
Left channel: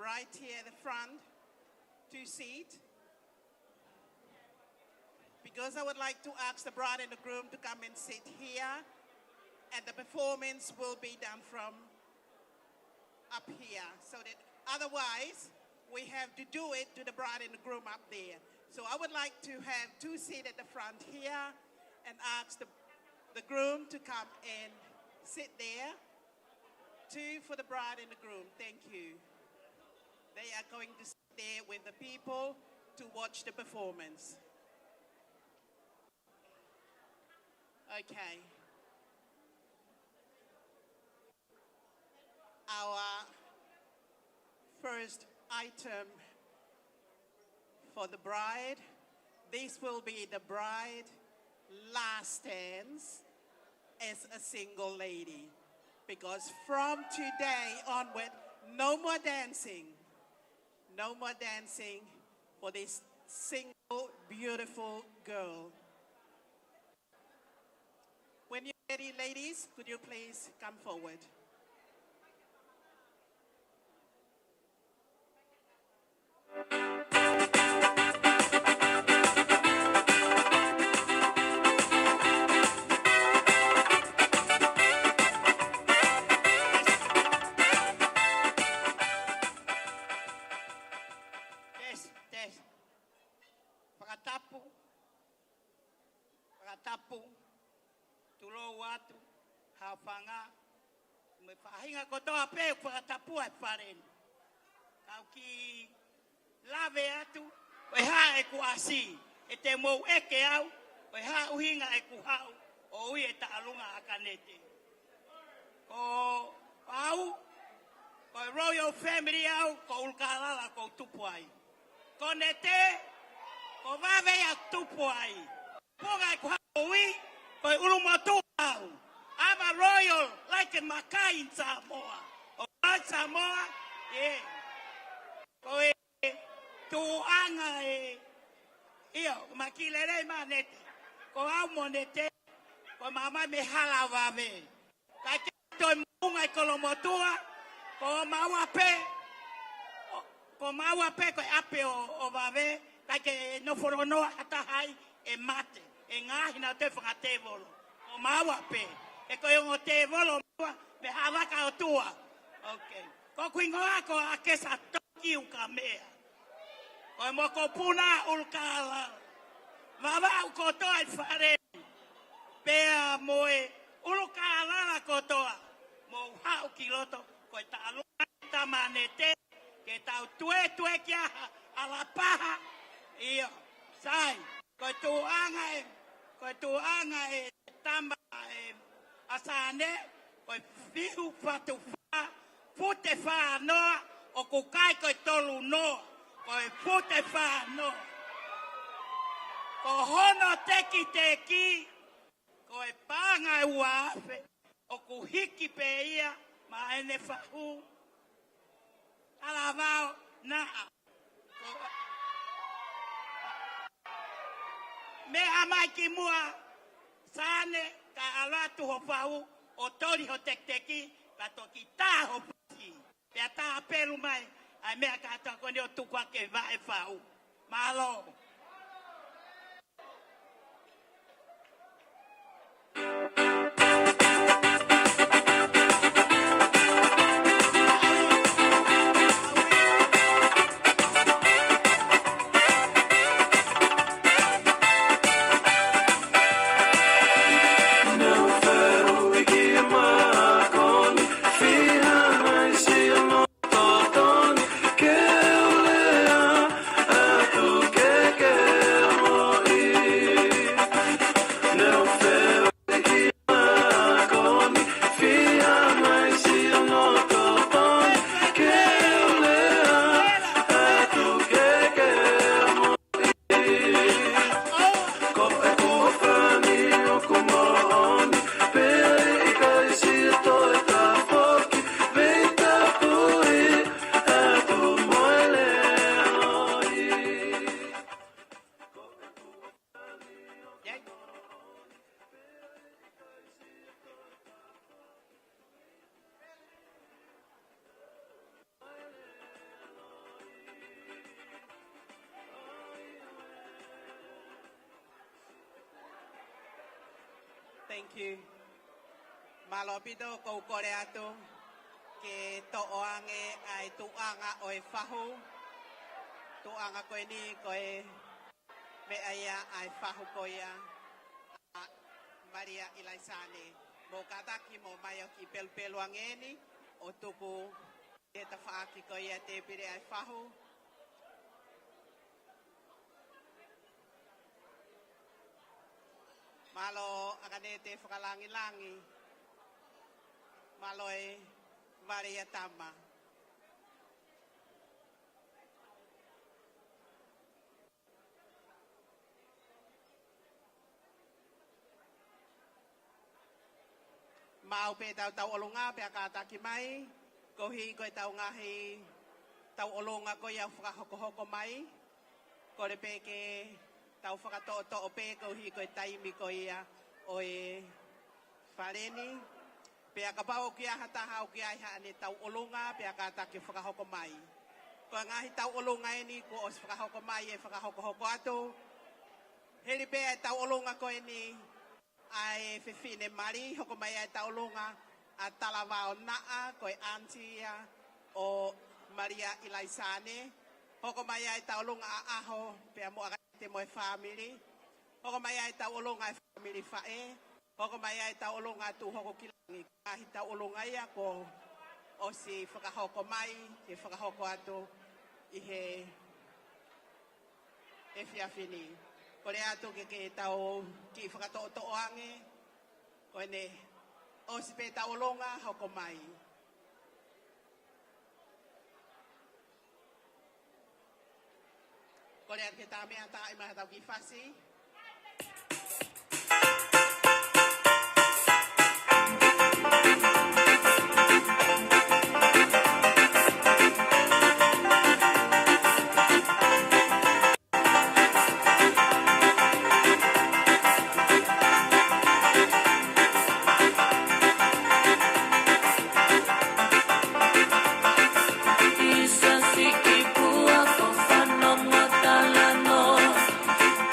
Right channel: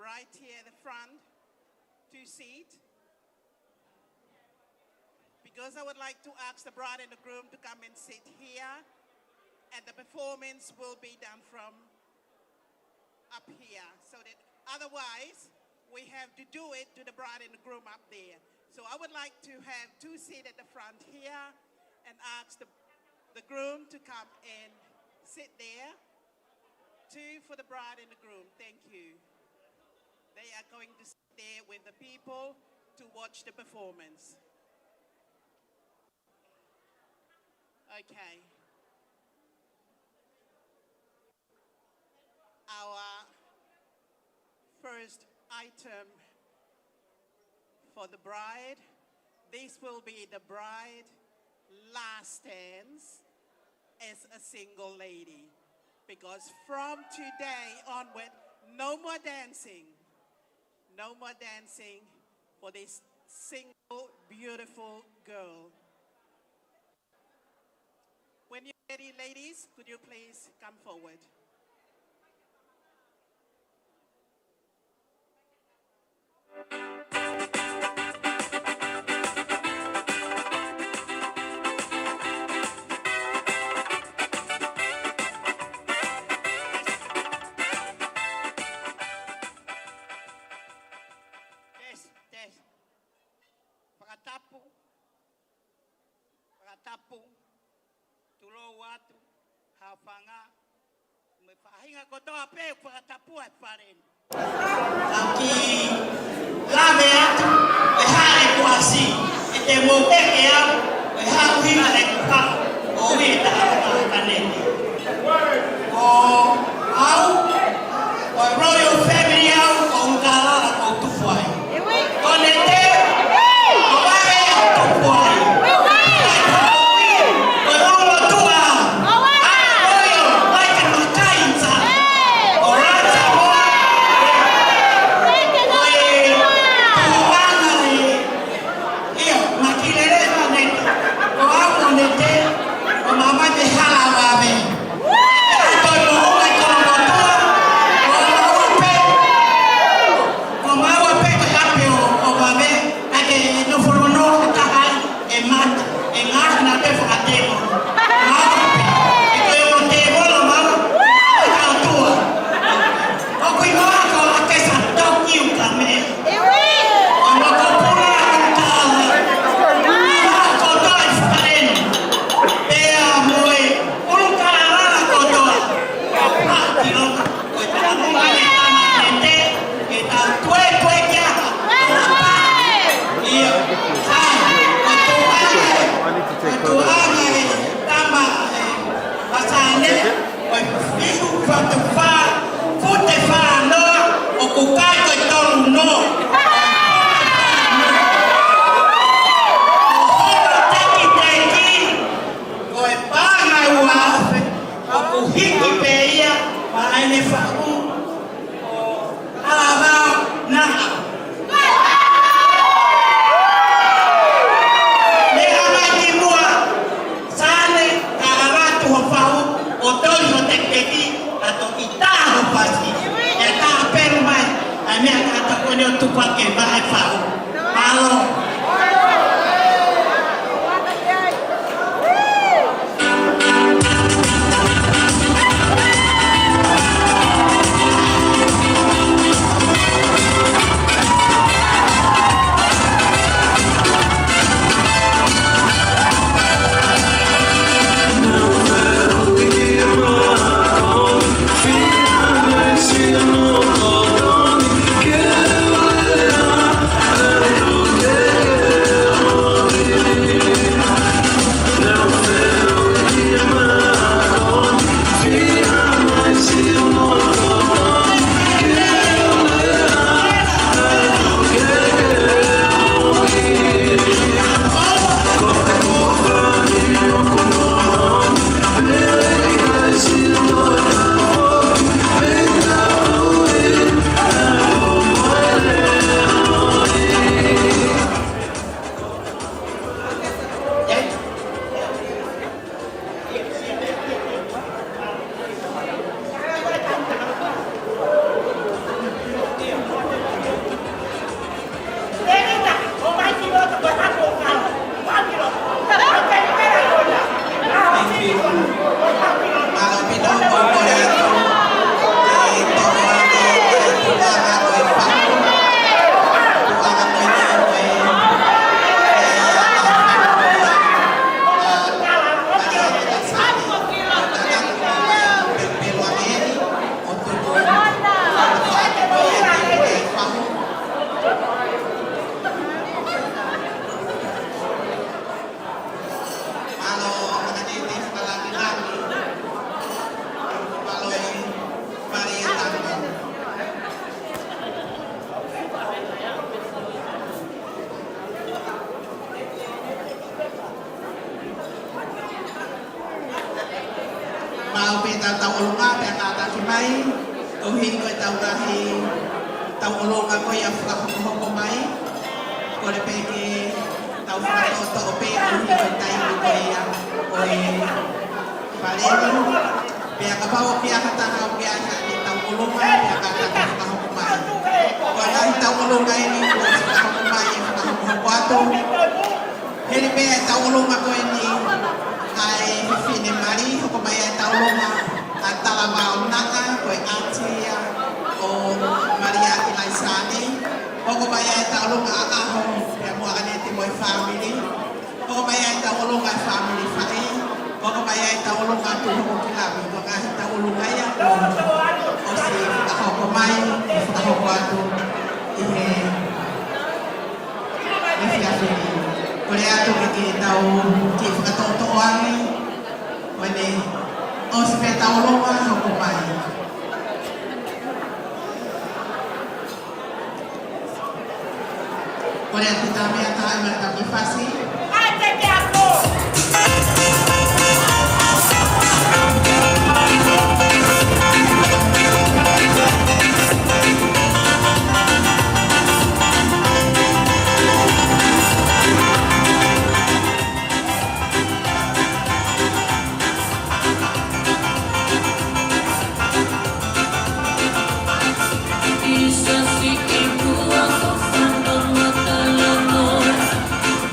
right here at the front to seat. Because I would like to ask the bride and the groom to come and sit here, and the performance will be done from up here. So that otherwise, we have to do it to the bride and the groom up there. So I would like to have 2 seats at the front here and ask the groom to come and sit there. 2 for the bride and the groom. Thank you. They are going to sit there with the people to watch the performance. Okay. Our first item for the bride, this will be the bride last dance as a single lady. Because from today onward, no more dancing. No more dancing for this single, beautiful girl. When you're ready, ladies, could you please come forward? Pakatapu, tulo watu, hafanga, mefahinga kotoa pe pakatapu at parin. Aki lave atu, ehare kuasi, ete mokeke au, eharu hinga le kupa, o wita hata kanene. O au, o royal family au, o ungalala o tufuai. Konete, o wale o tufuai. Yeah. Ko hi ko tau rahi tau olonga ko ia whakahoko mai. Ko le peke tau whakato o pe ko hi ko tai ko ia o e whaleni. Pea ka pao pea hataha o pea ia ni tau olonga pea ka tau whakahoko mai. Ko ia hi tau olonga e ni ko whakahoko mai e whakahoko ato. Heri pea tau olonga ko e ni ai whiwhine mari hoko mai e tau olonga a tala mao naka ko e atia o Maria i Laisane. Hoko mai e tau olonga a aho pea mua anete mo e family. Hoko mai e tau olonga e family whae. Hoko mai e tau olonga tu hoko ki labi. Ko ngahi tau olonga ia o si whakahoko mai e whakahoko atu i he whiawhini. Ko le ato ke tau ki whakatoto angi. Wene, o se pe tau longa hoko mai. Ko le atu tā mea tā ima tā ki whasi.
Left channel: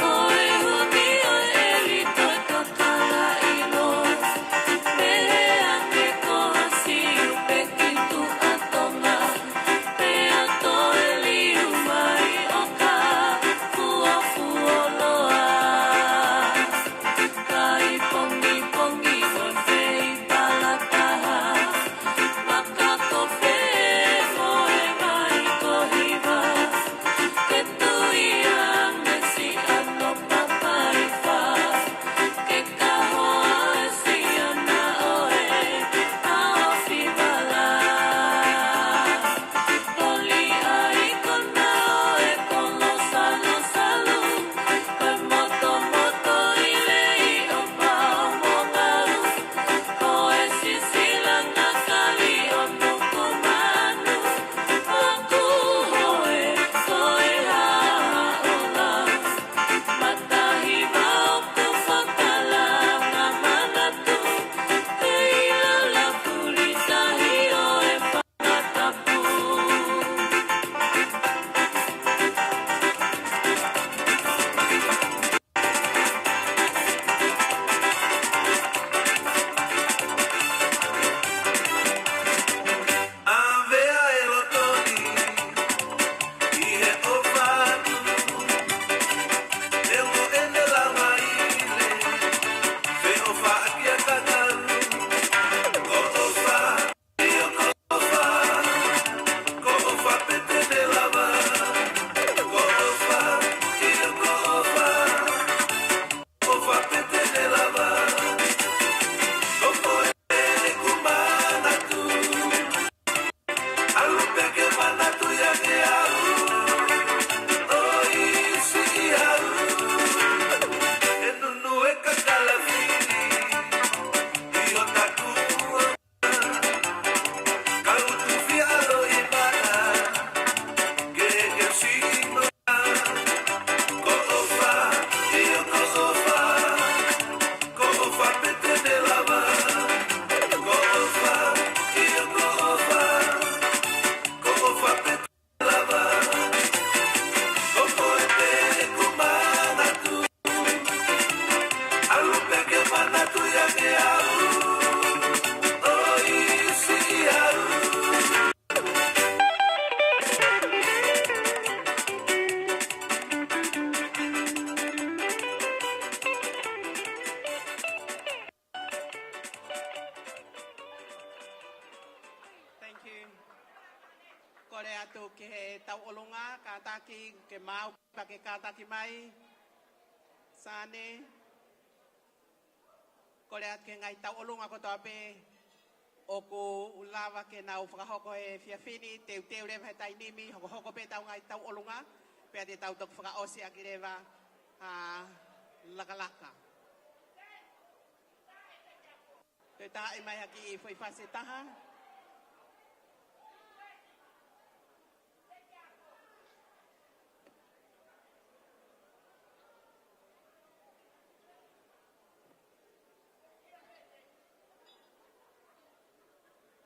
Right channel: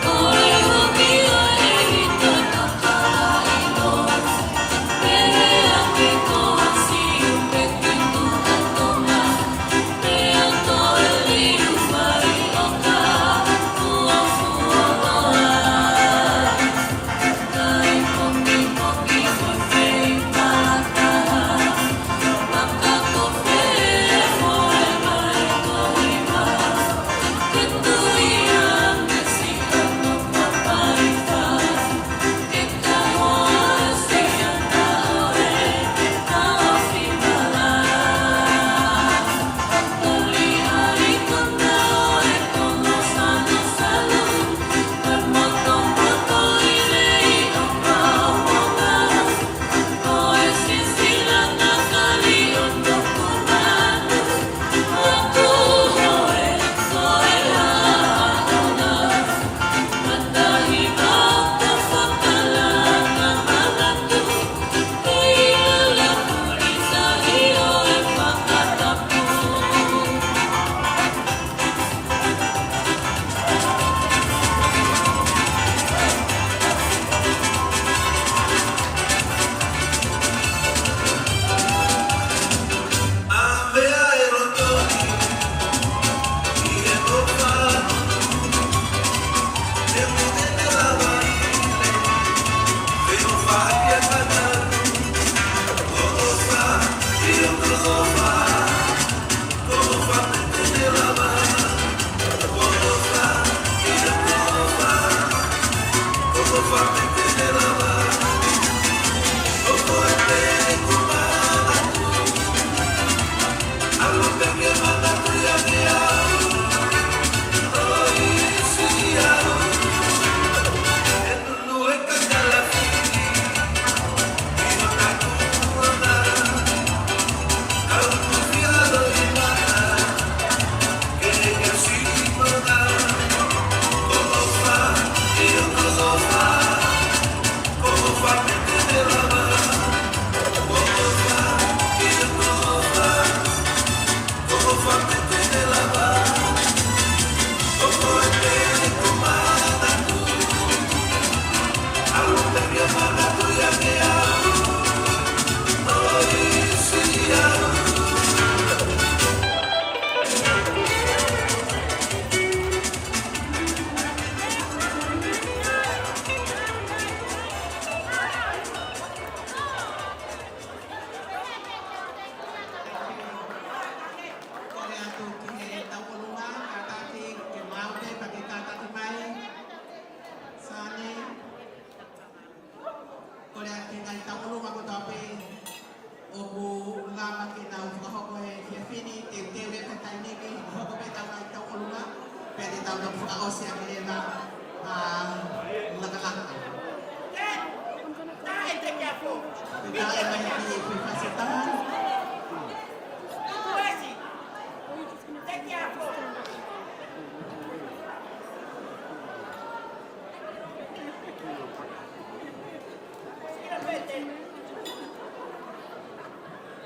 Oi,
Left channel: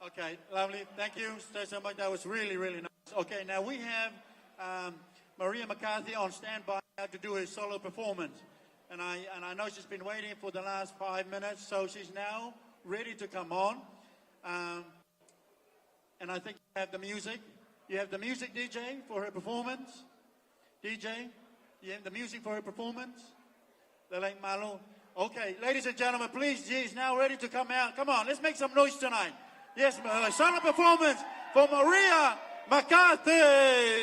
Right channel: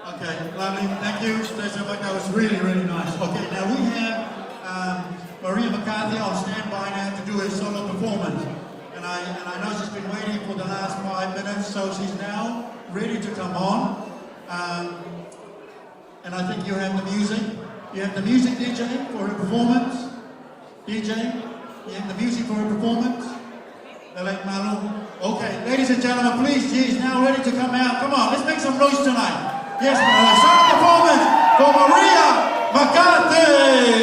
Okay, lovely. Thank you, Special One. That was really, really nice. Okay, now we have Maria McCarthy on standby now to do a solo performance. And I know she's been waiting for the last 5 minutes, so she's now ready to come on. And I think you have the music. You have the music, DJ, for her performance. DJ, you have the music for her performance. All right, Manu. Okay, ladies and gentlemen, please, she's now ready to come out. Come on, let's make some noise tonight. Yes, solo performance for Maria McCarthy.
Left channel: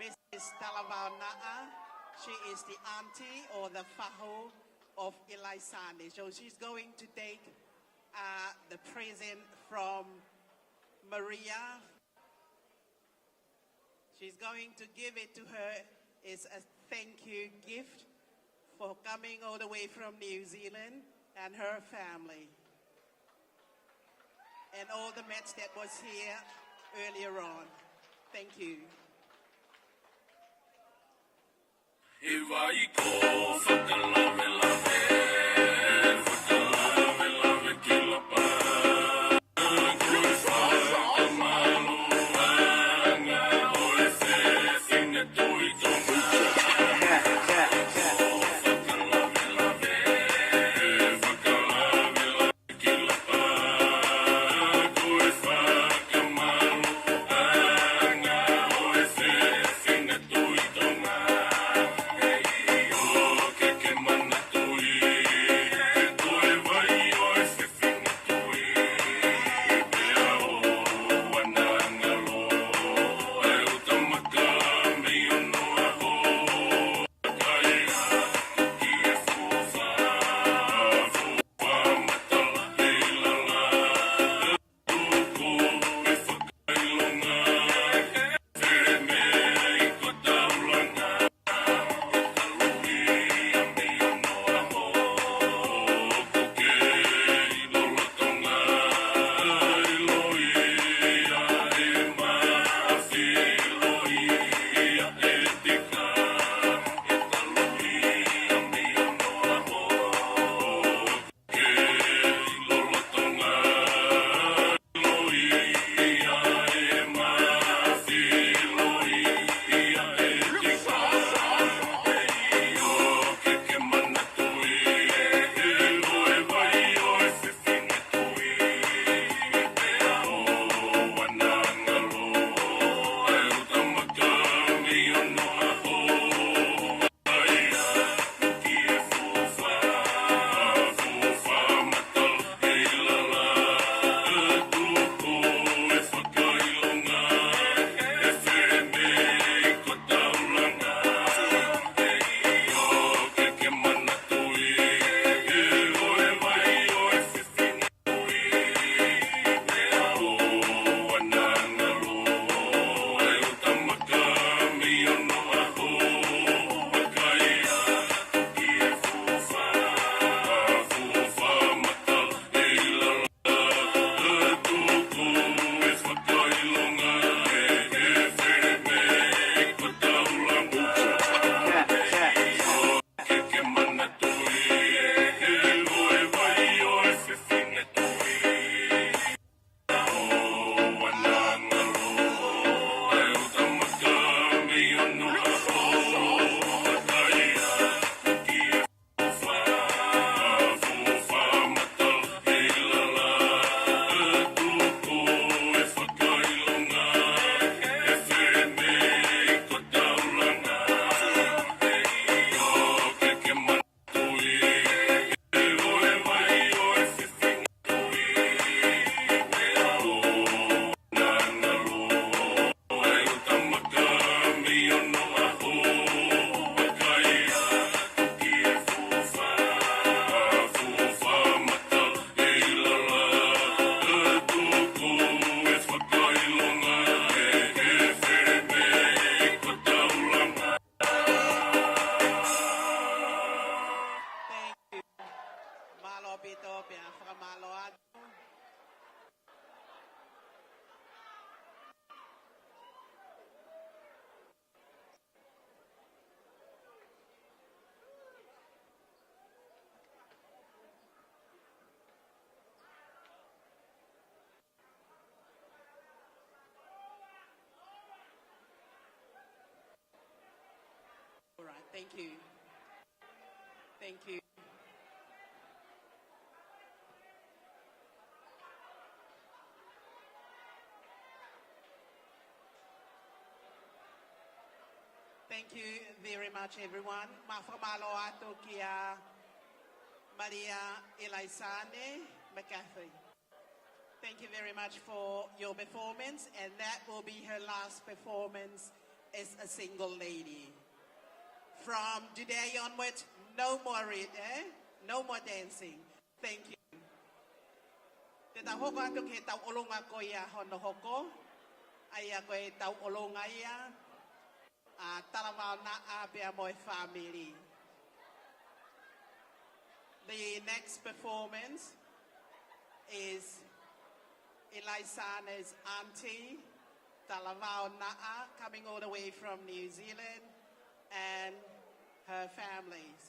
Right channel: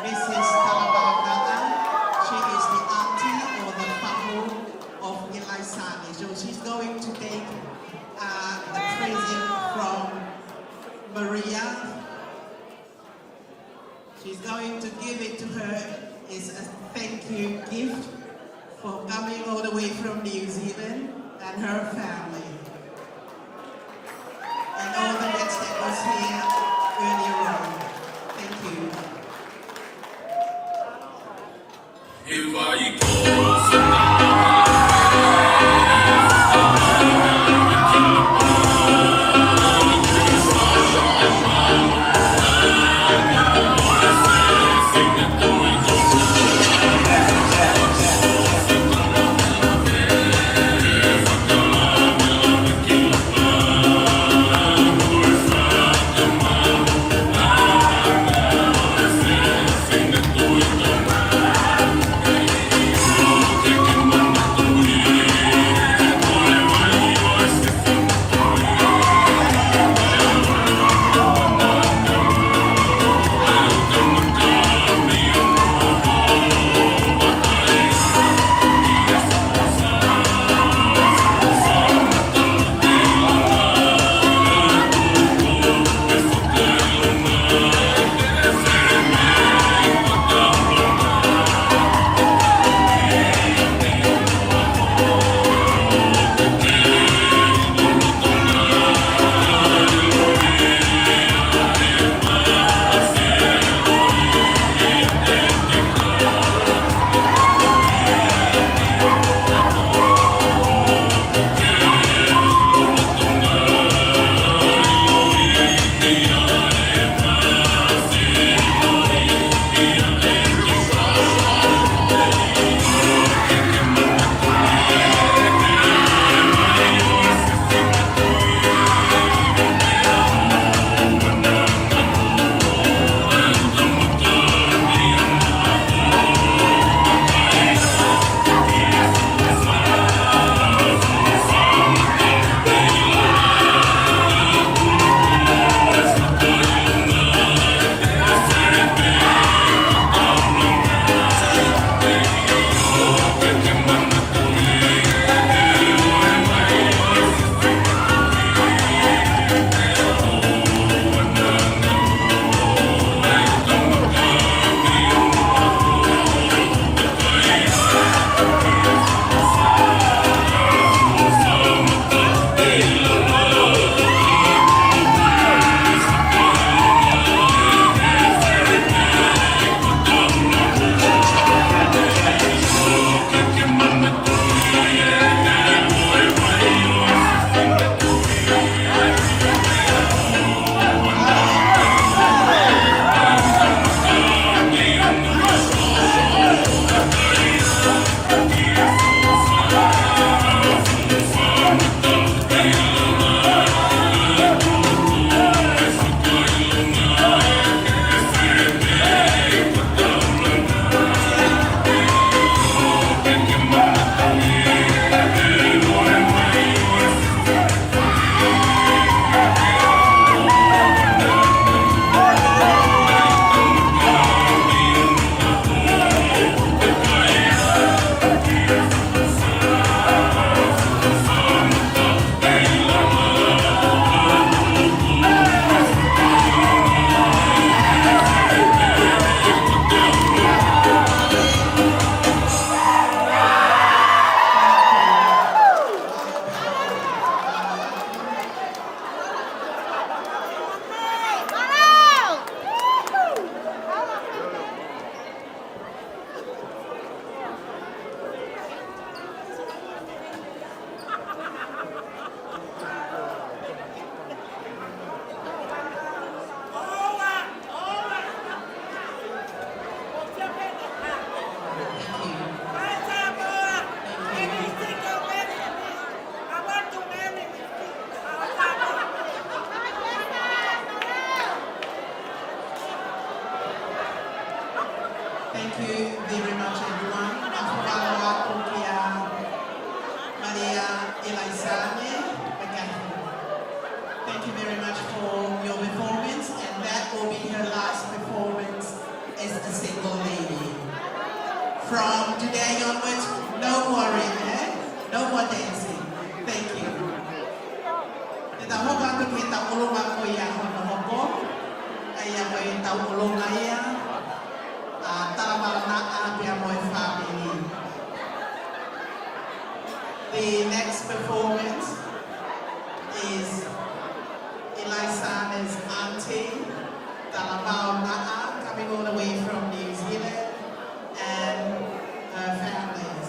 Mrs. Talabagata, she is the auntie or the fahu of Ilaisani. So she's going to take the present from Maria. She's going to give it to her as a thank you gift for coming all the way from New Zealand and her family. And all the guests that was here earlier on. Thank you. Thank you. you very much, everyone. Maria Elizane. Thank you very much for your performance, and that will be her last performance as the single lady. From today onwards, no worry, no more dancing. Thank you. Kita hoka tu kita ulung aku ya hono hopo, ayah kita ulung ayah, talamarana ayah moy family. The next performance is Elisa's auntie, Talabao Na'a, coming all the way from New Zealand, and her families.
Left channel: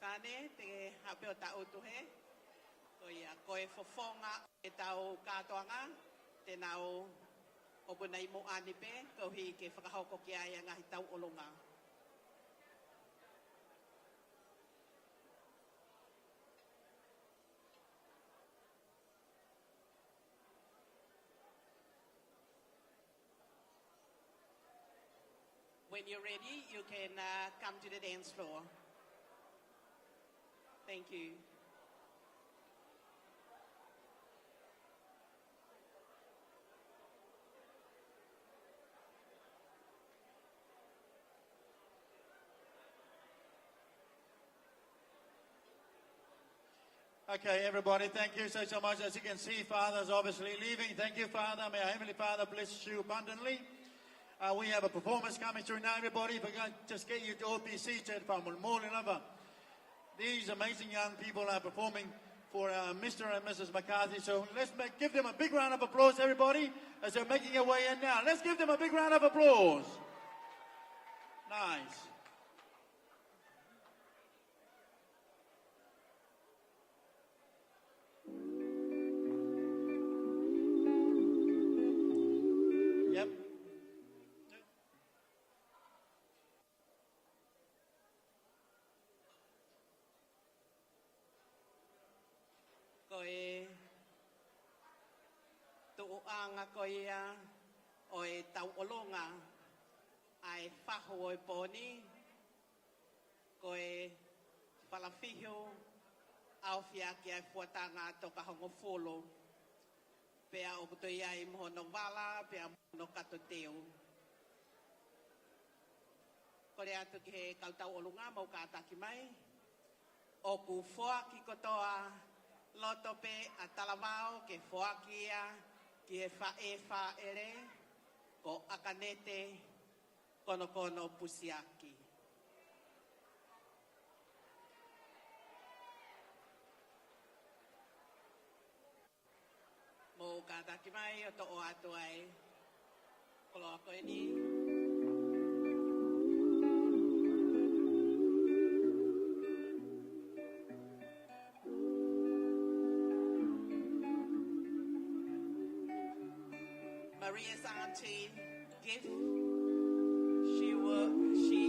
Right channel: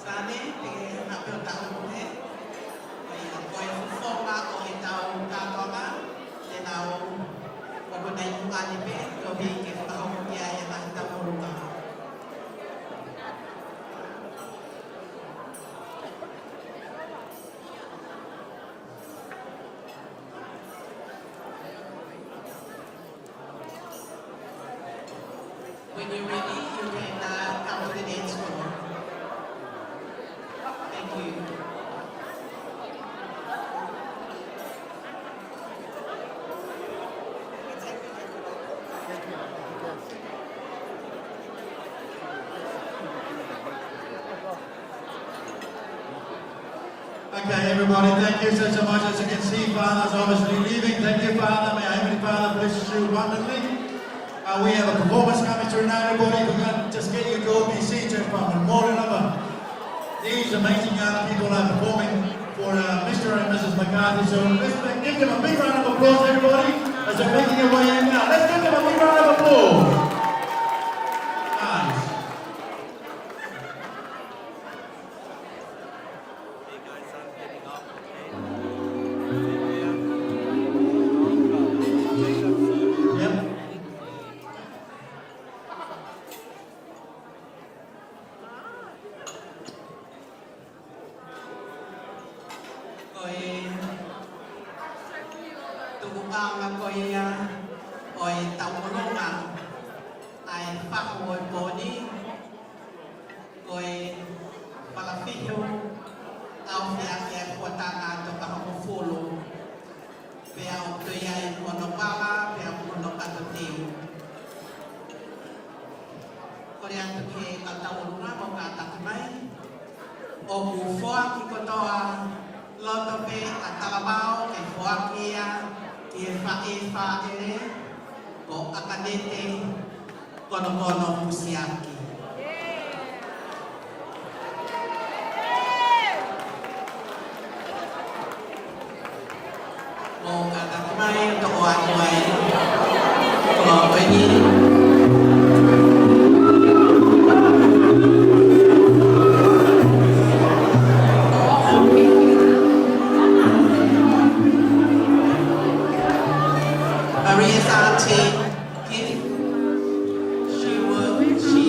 Sane, tingin apel tahu ni, koi fufoka koi tahu katonga, denau wagunay mukanipe, kobi kiftahu kaya yang tahu ruka. When you're ready, you can come to the dance floor. Thank you. Okay, everybody, thank you so much. As you can see, Father's obviously leaving. Thank you, Father. May our Heavenly Father bless you abundantly. We have a performance coming through now, everybody. We're going to just get you to all be seated from more than ever. These amazing young people are performing for Mr. and Mrs. McCarthy. So let's give them a big round of applause, everybody, as they're making their way in now. Let's give them a big round of applause. Nice. Maria's auntie, if she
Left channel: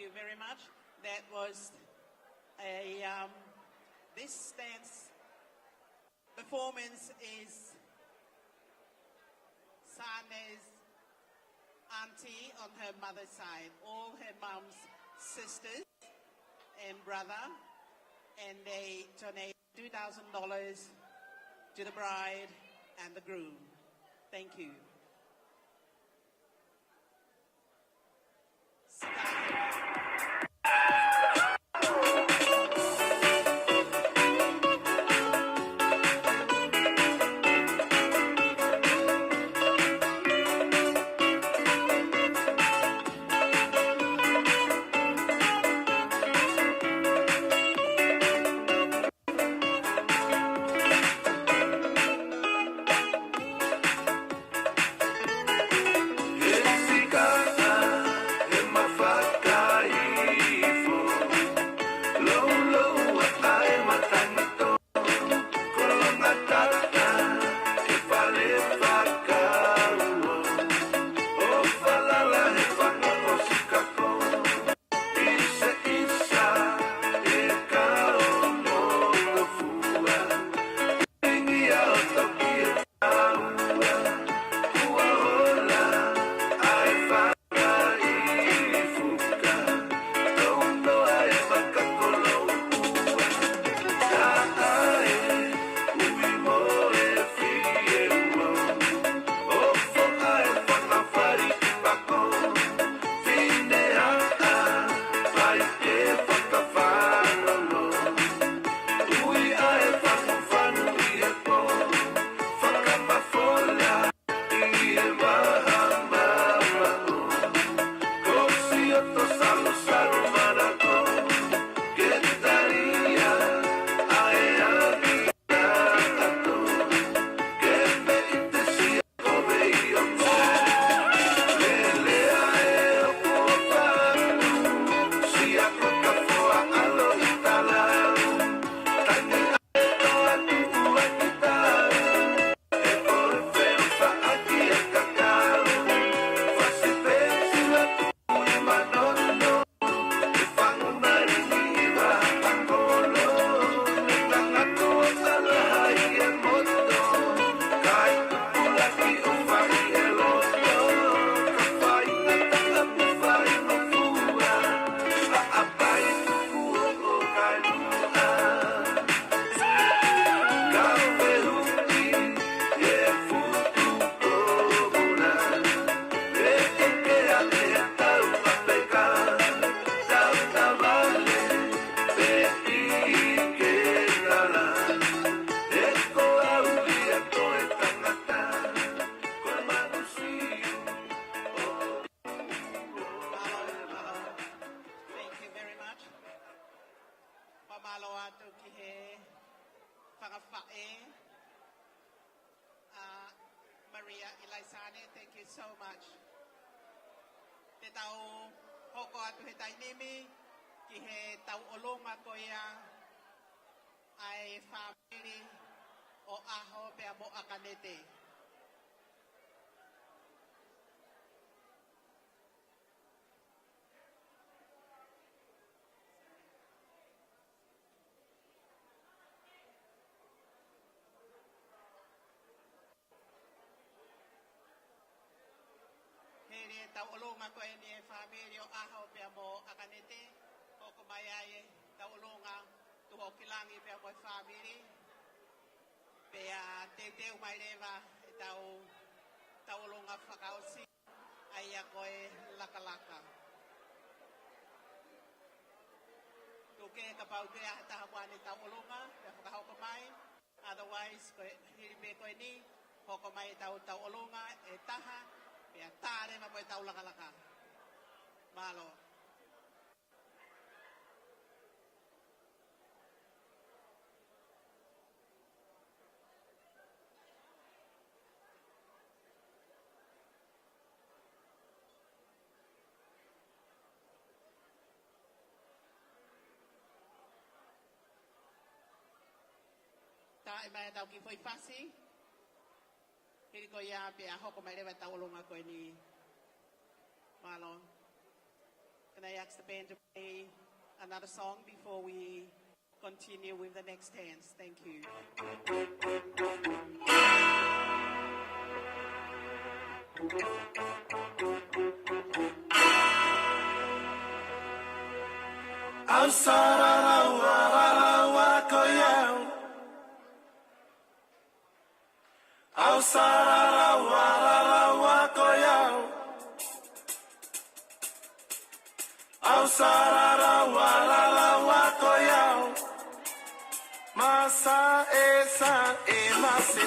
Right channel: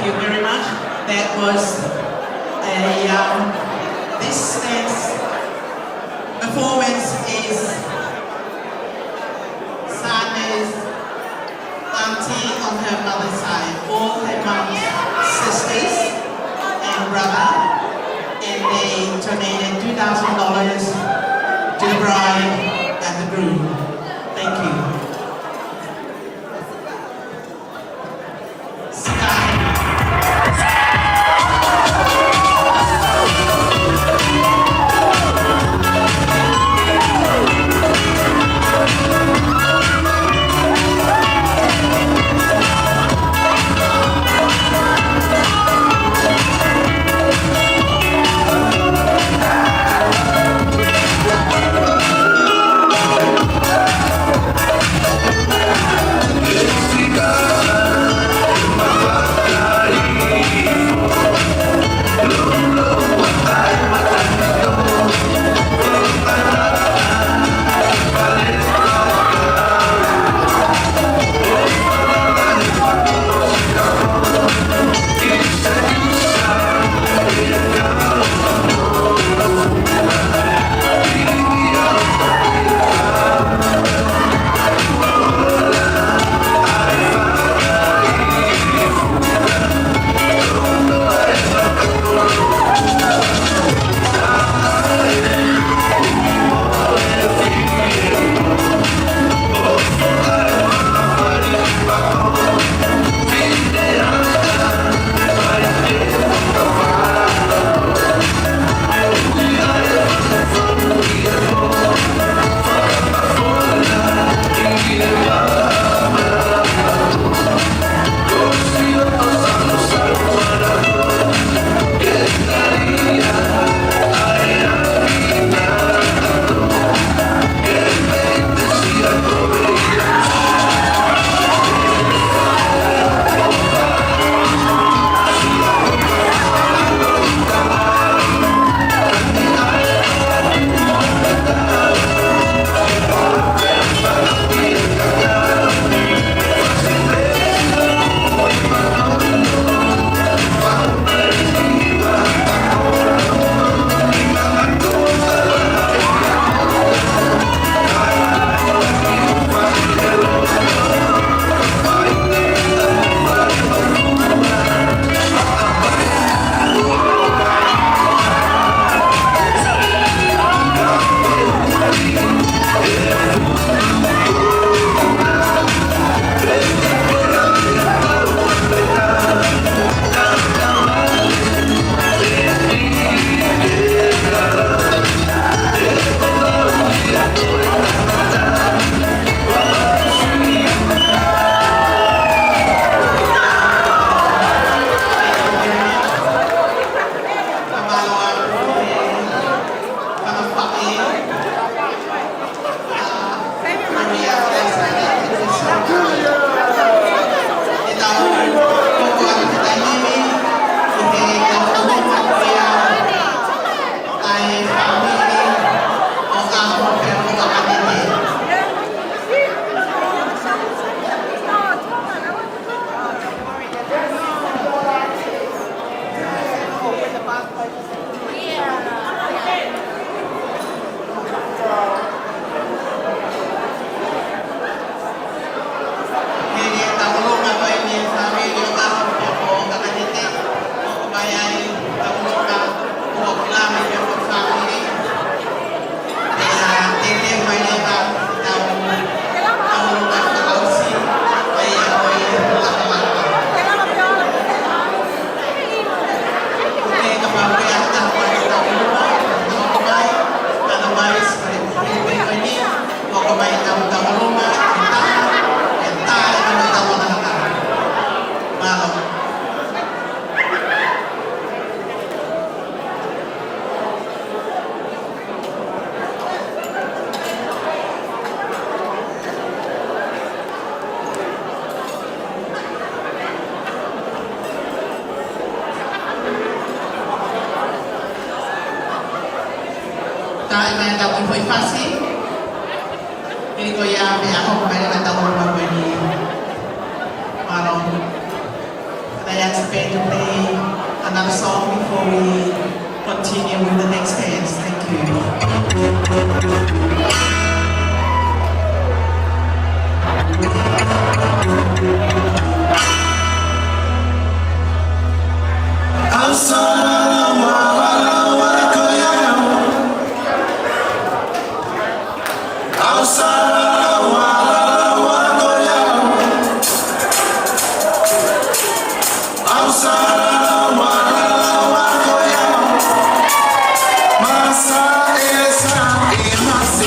Thank you very much. That was this next performance is Sanders' auntie on her mother's side, all her mom's sisters and brother, and they donated $2,000 to the bride and the groom. Thank you. foi fácil. Ini ko ya me ako may nagtawo pa ni Marong. Kaya sa pedo with the next dance. Thank you. Masa esa, masa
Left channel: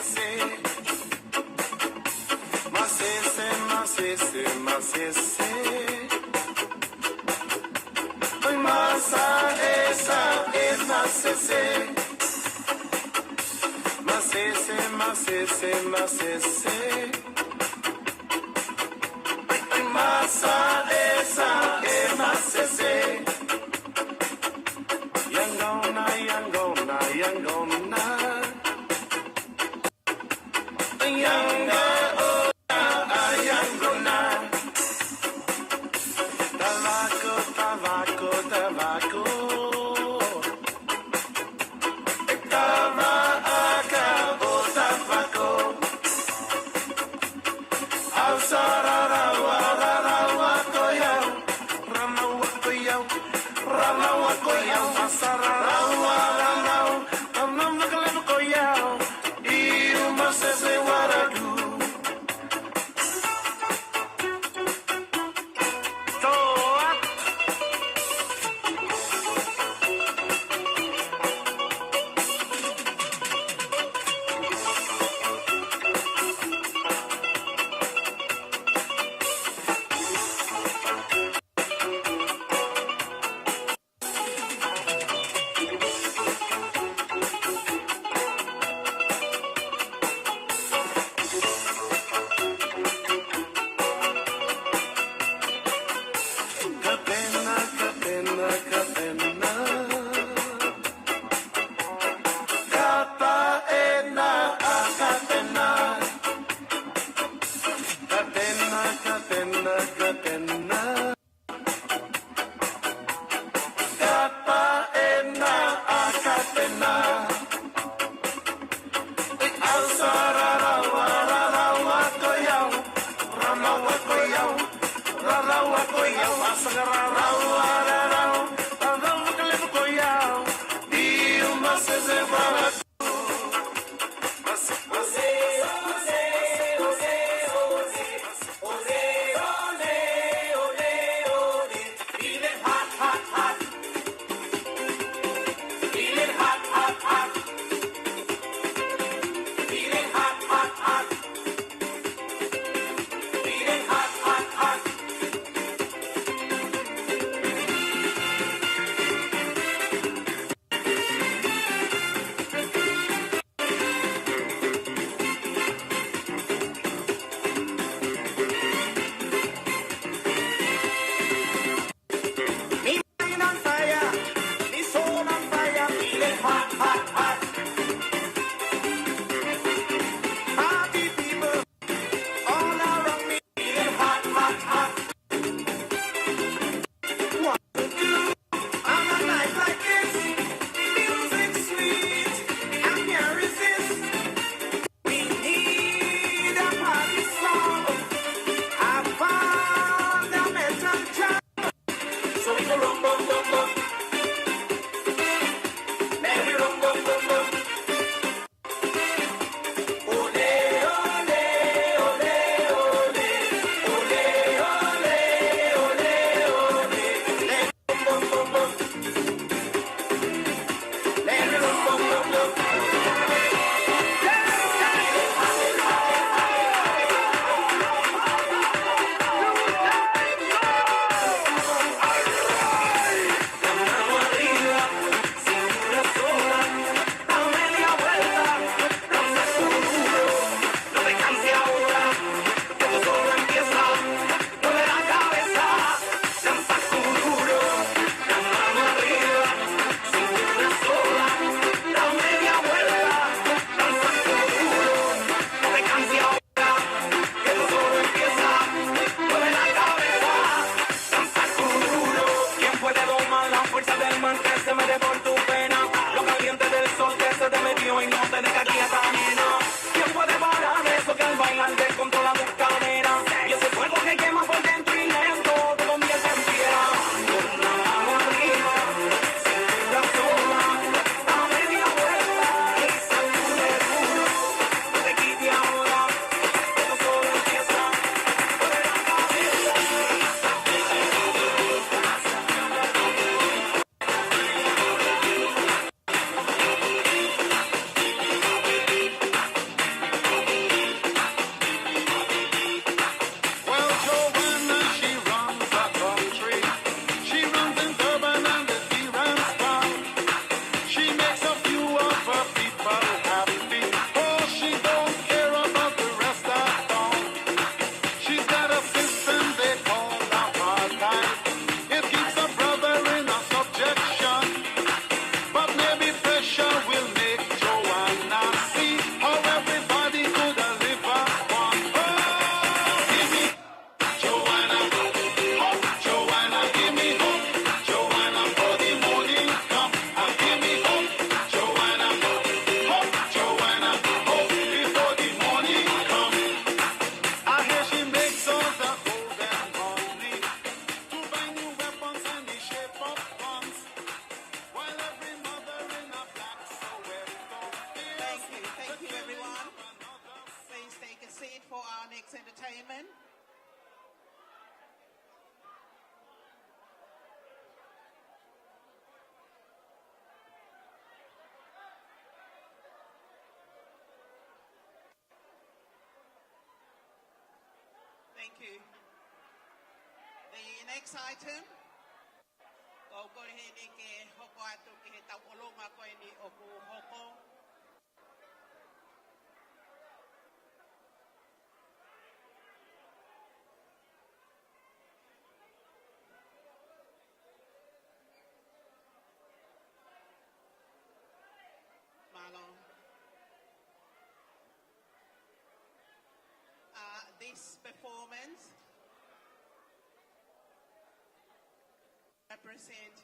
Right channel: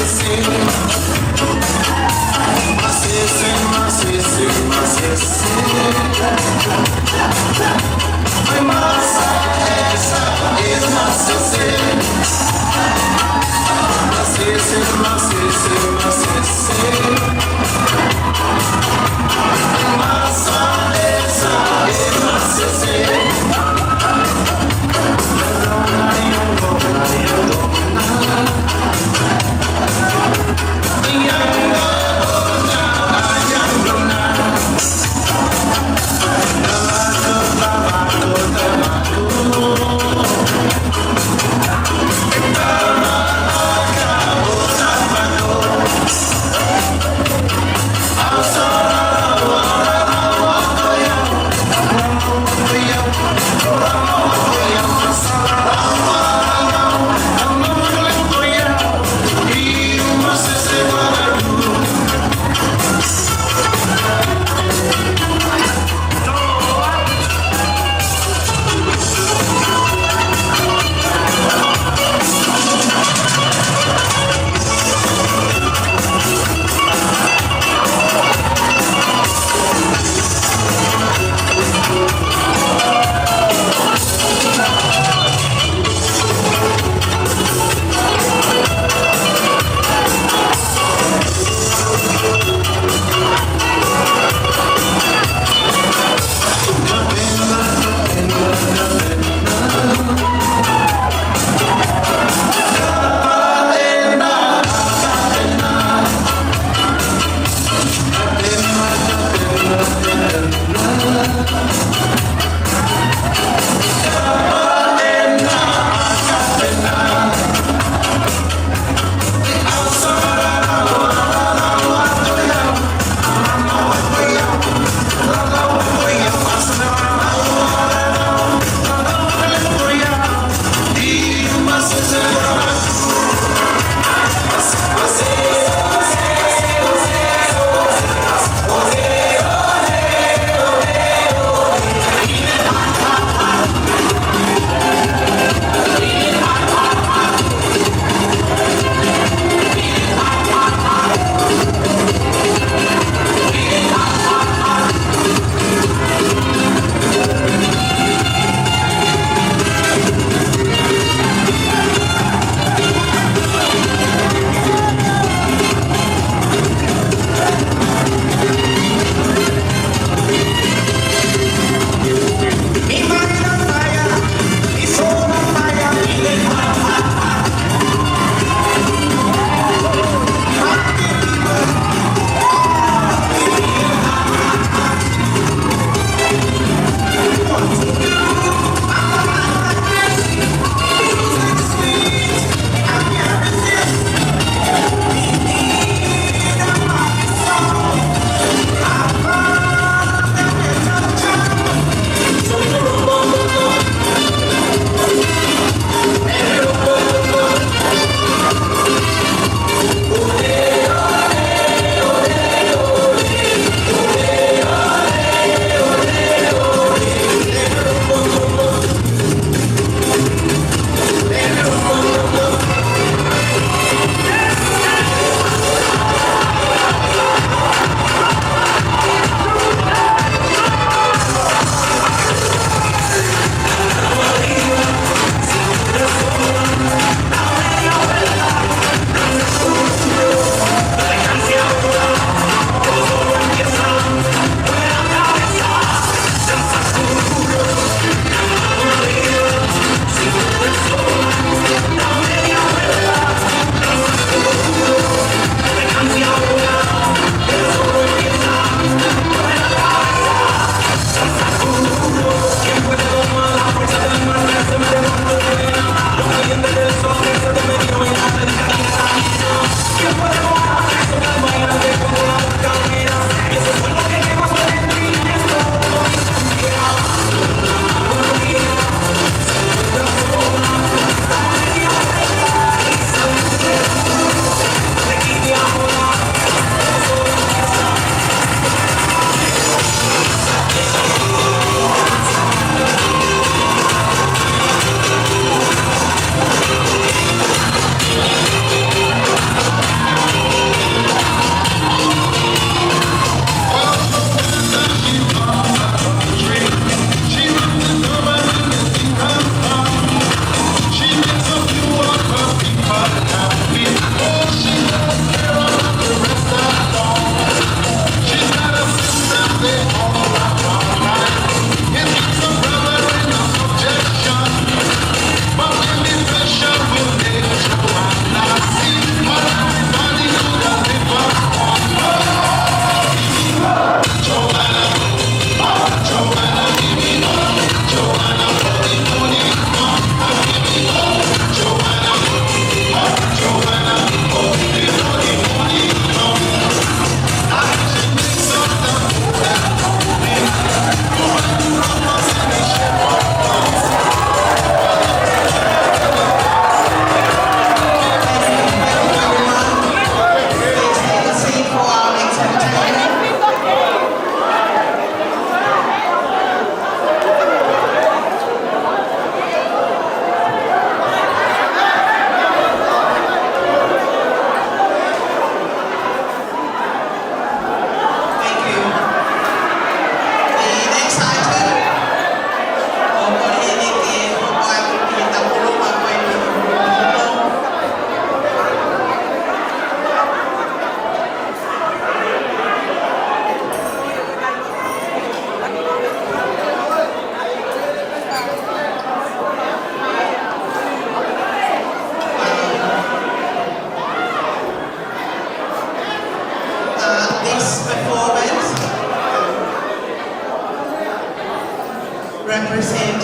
represent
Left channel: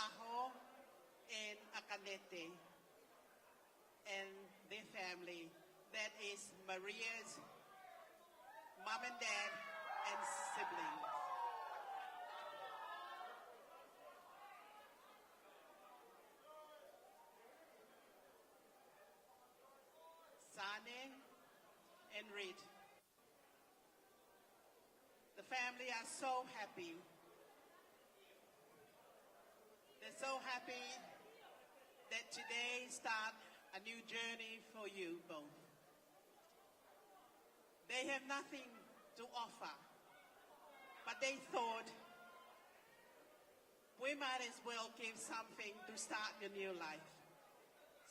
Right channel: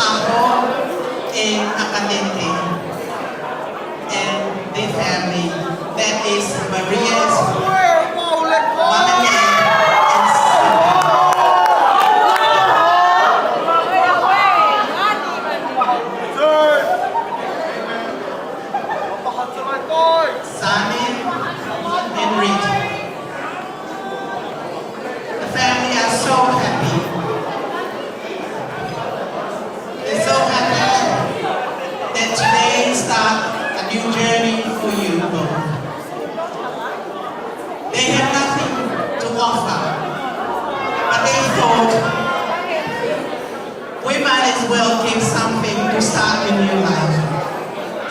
Aho and Acadente and the family. That is Maria's mom and dad and Simon and Rick. The family are so happy. They're so happy that today start a new journey for you both. They have nothing to offer, but they thought we might as well give something to start a new life.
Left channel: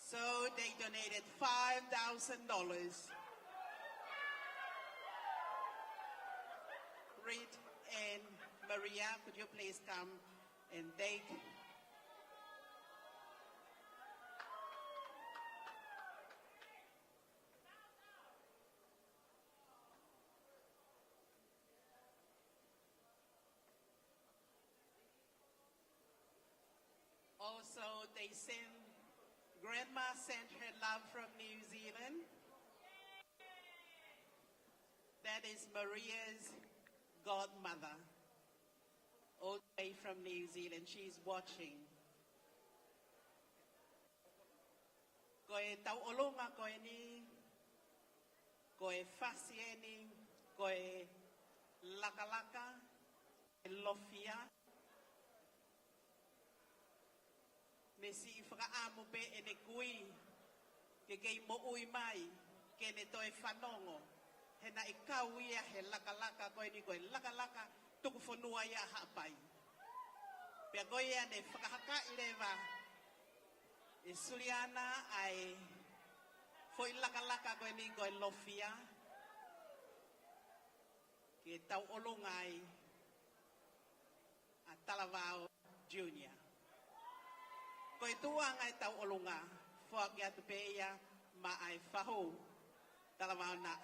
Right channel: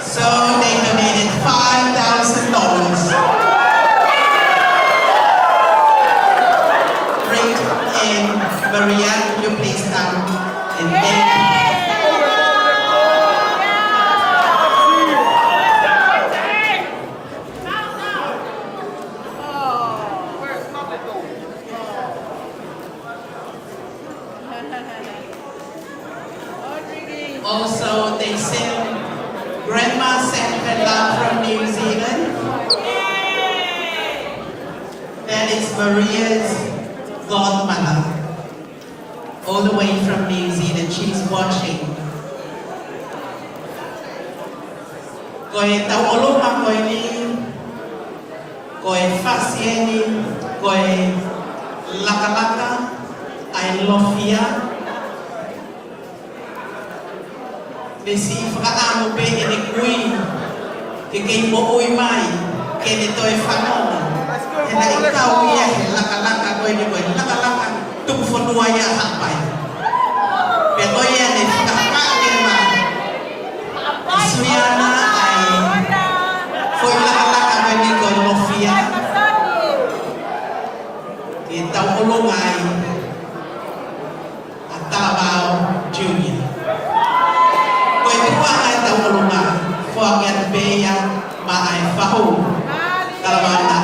So they donated $5,000. Rick and Maria, you please come and thank Also, they sent, Grandma sent her love from New Zealand. That is Maria's godmother, all the way from New Zealand. She's watching. Koe tauoloma koe ni, koe fasia ni, koe lakalaka, I love ya. Nesi whakaamo pe e ne kui, ke kei mo oi mai, ke ne toi whanonga. E na i kau ia he lakalaka koe ni koe lakalaka tuku whanua ia hapai. Pe toi ia ne whakaka ke mai. I suiana ai foi lakalaka koe ni koe lofia. Ke tau olonga ai a Talabao Junior. Forget beya ma ai fahu kalabana.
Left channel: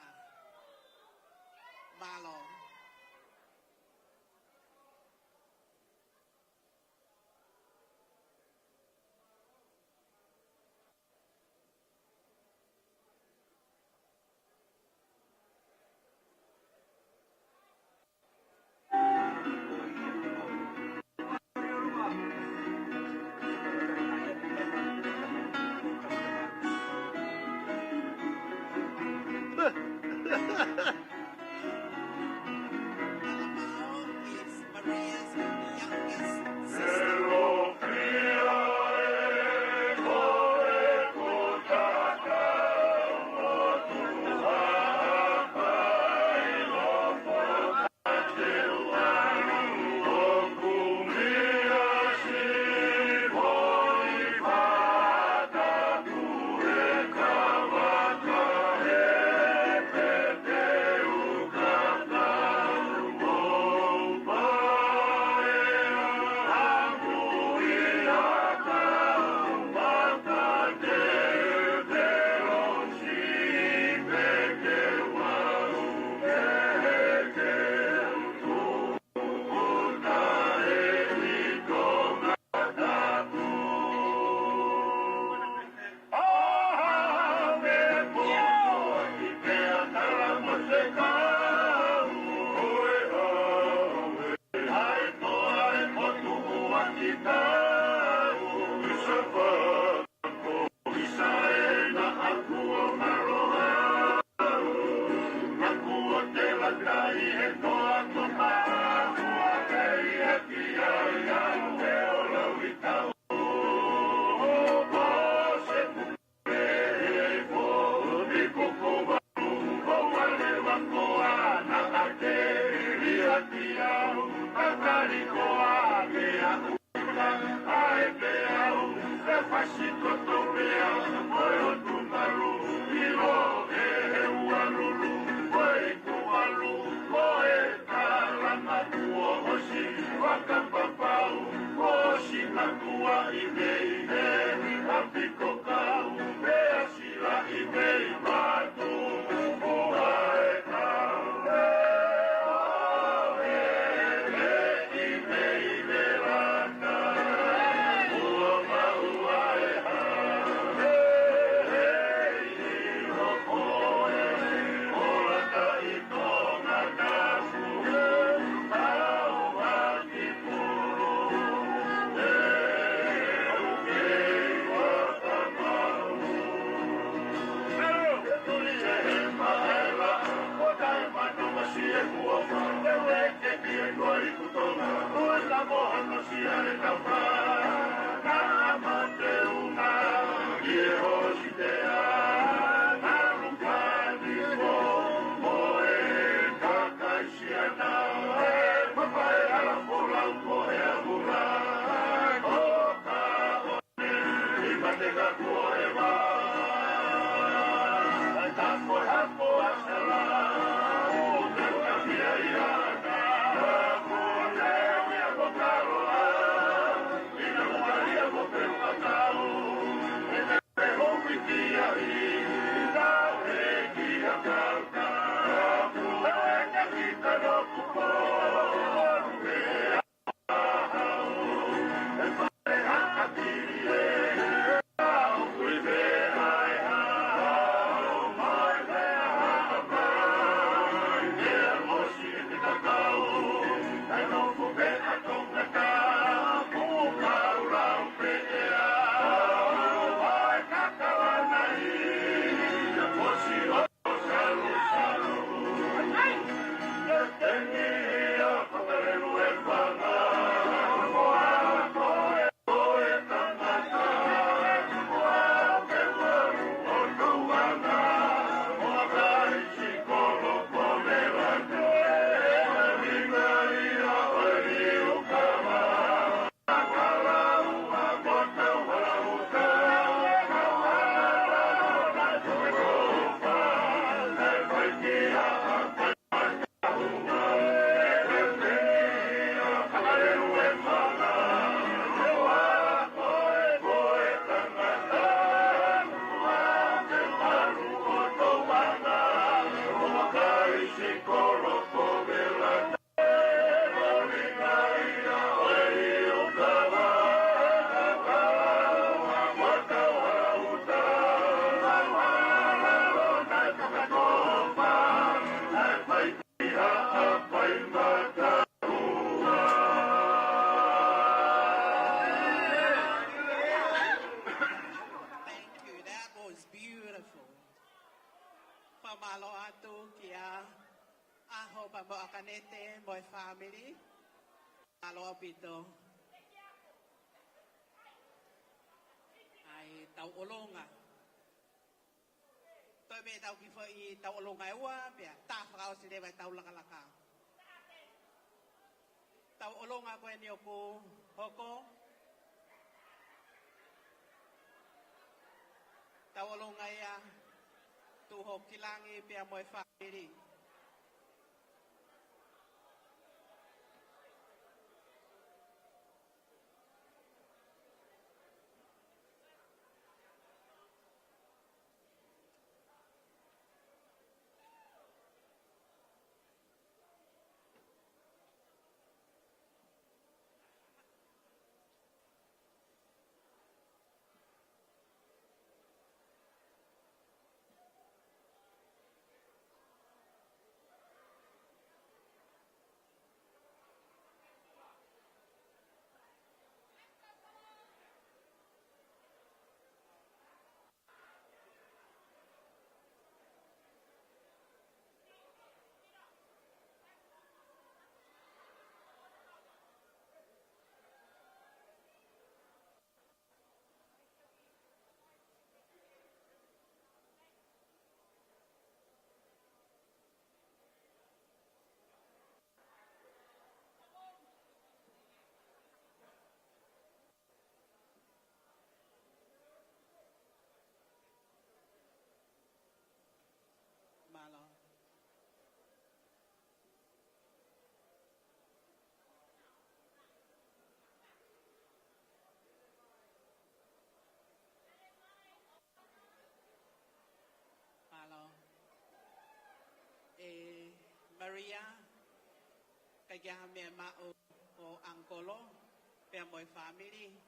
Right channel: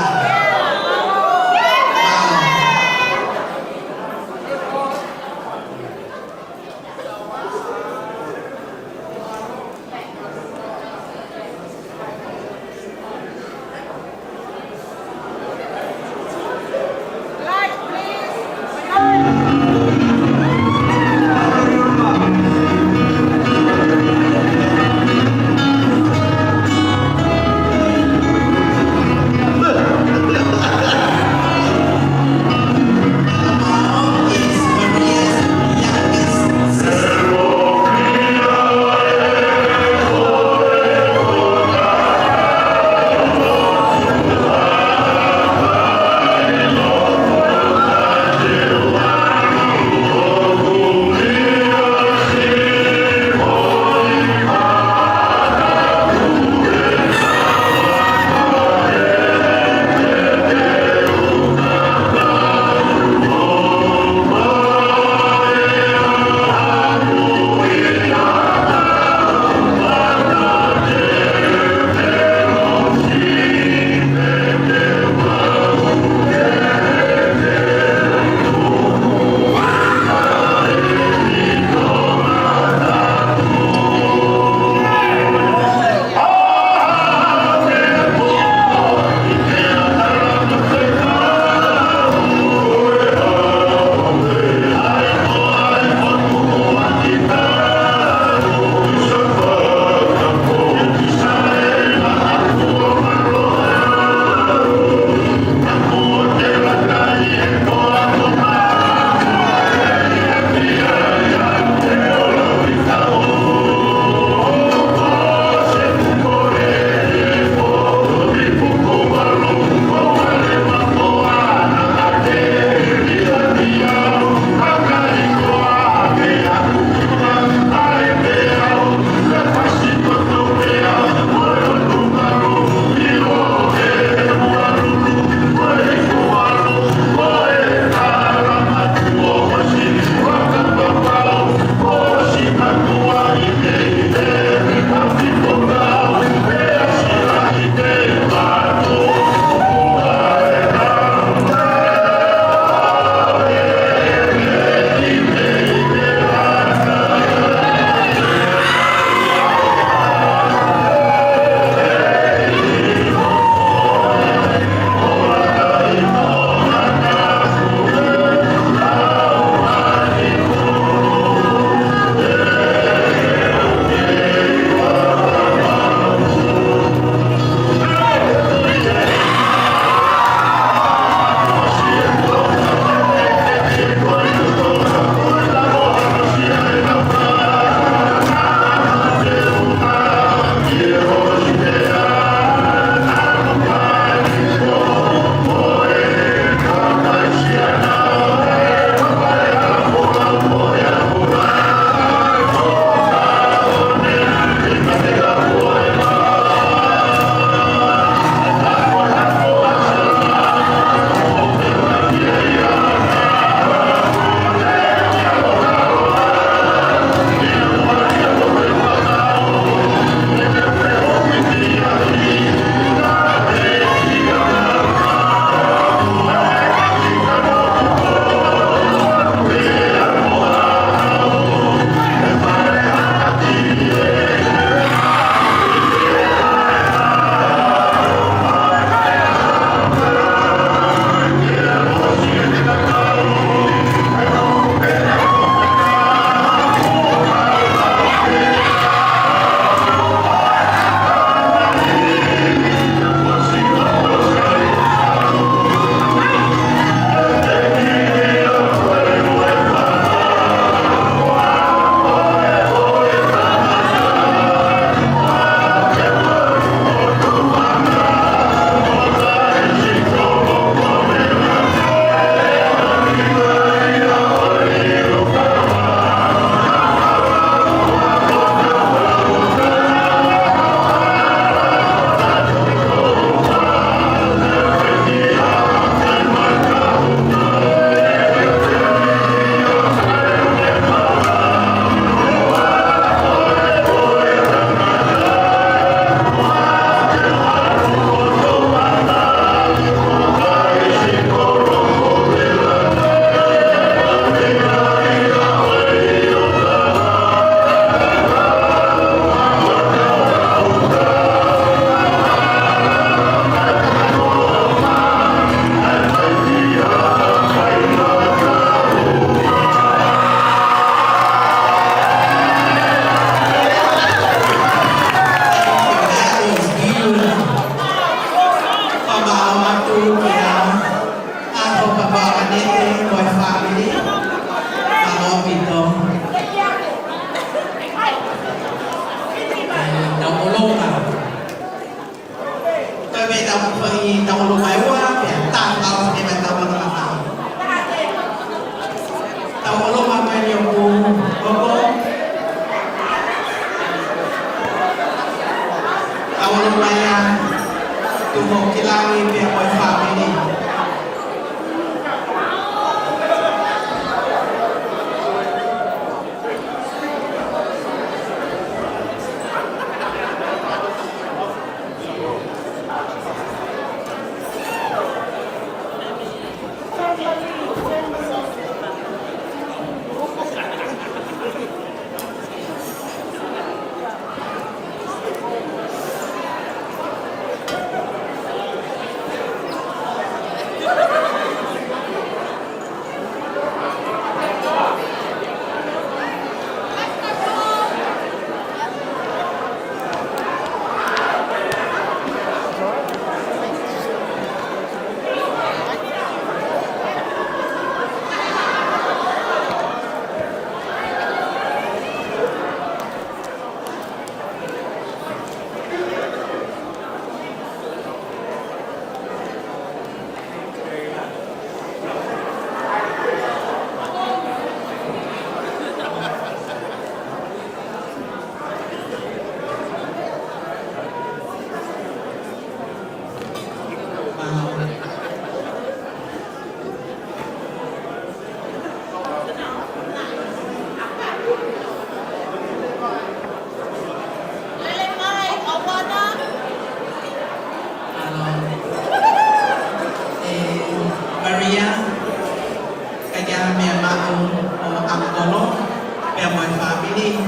ini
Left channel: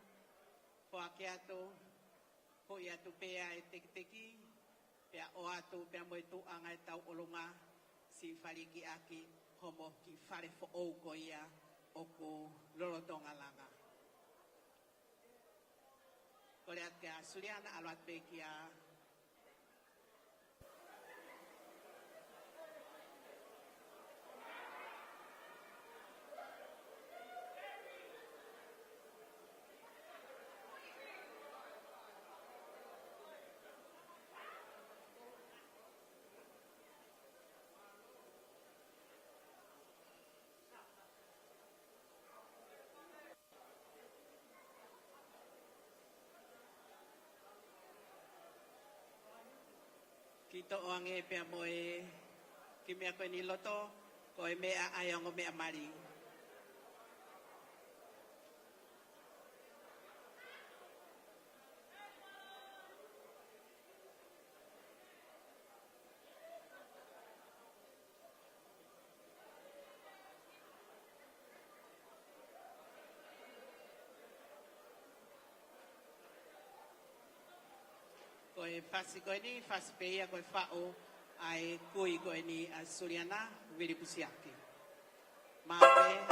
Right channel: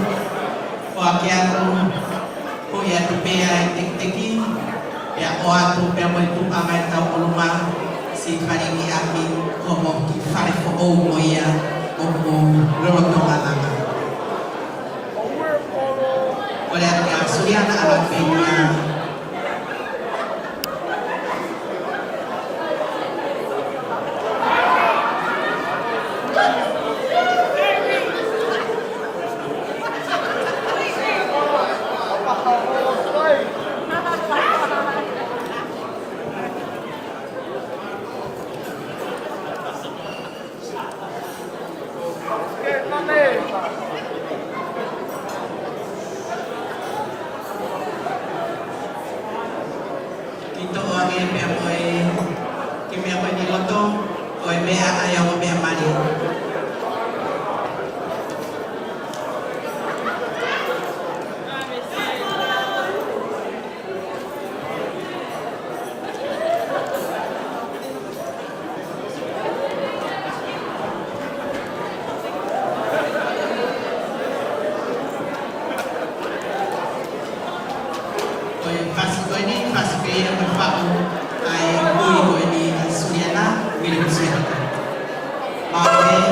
o ke atu ko ia tu pe ai teki ya o atu pe mo tu amai tau oluma si fari ni aki ko mo ki fari fo o mo ia o mo roto alanga oleh ya suriana ala penya Kita orang yang berapa kimi apa ni loto, oi be ayam be mari. Oi fasi ini fasi kaya berfau ai kui ini Suriana milik Suriana. Mau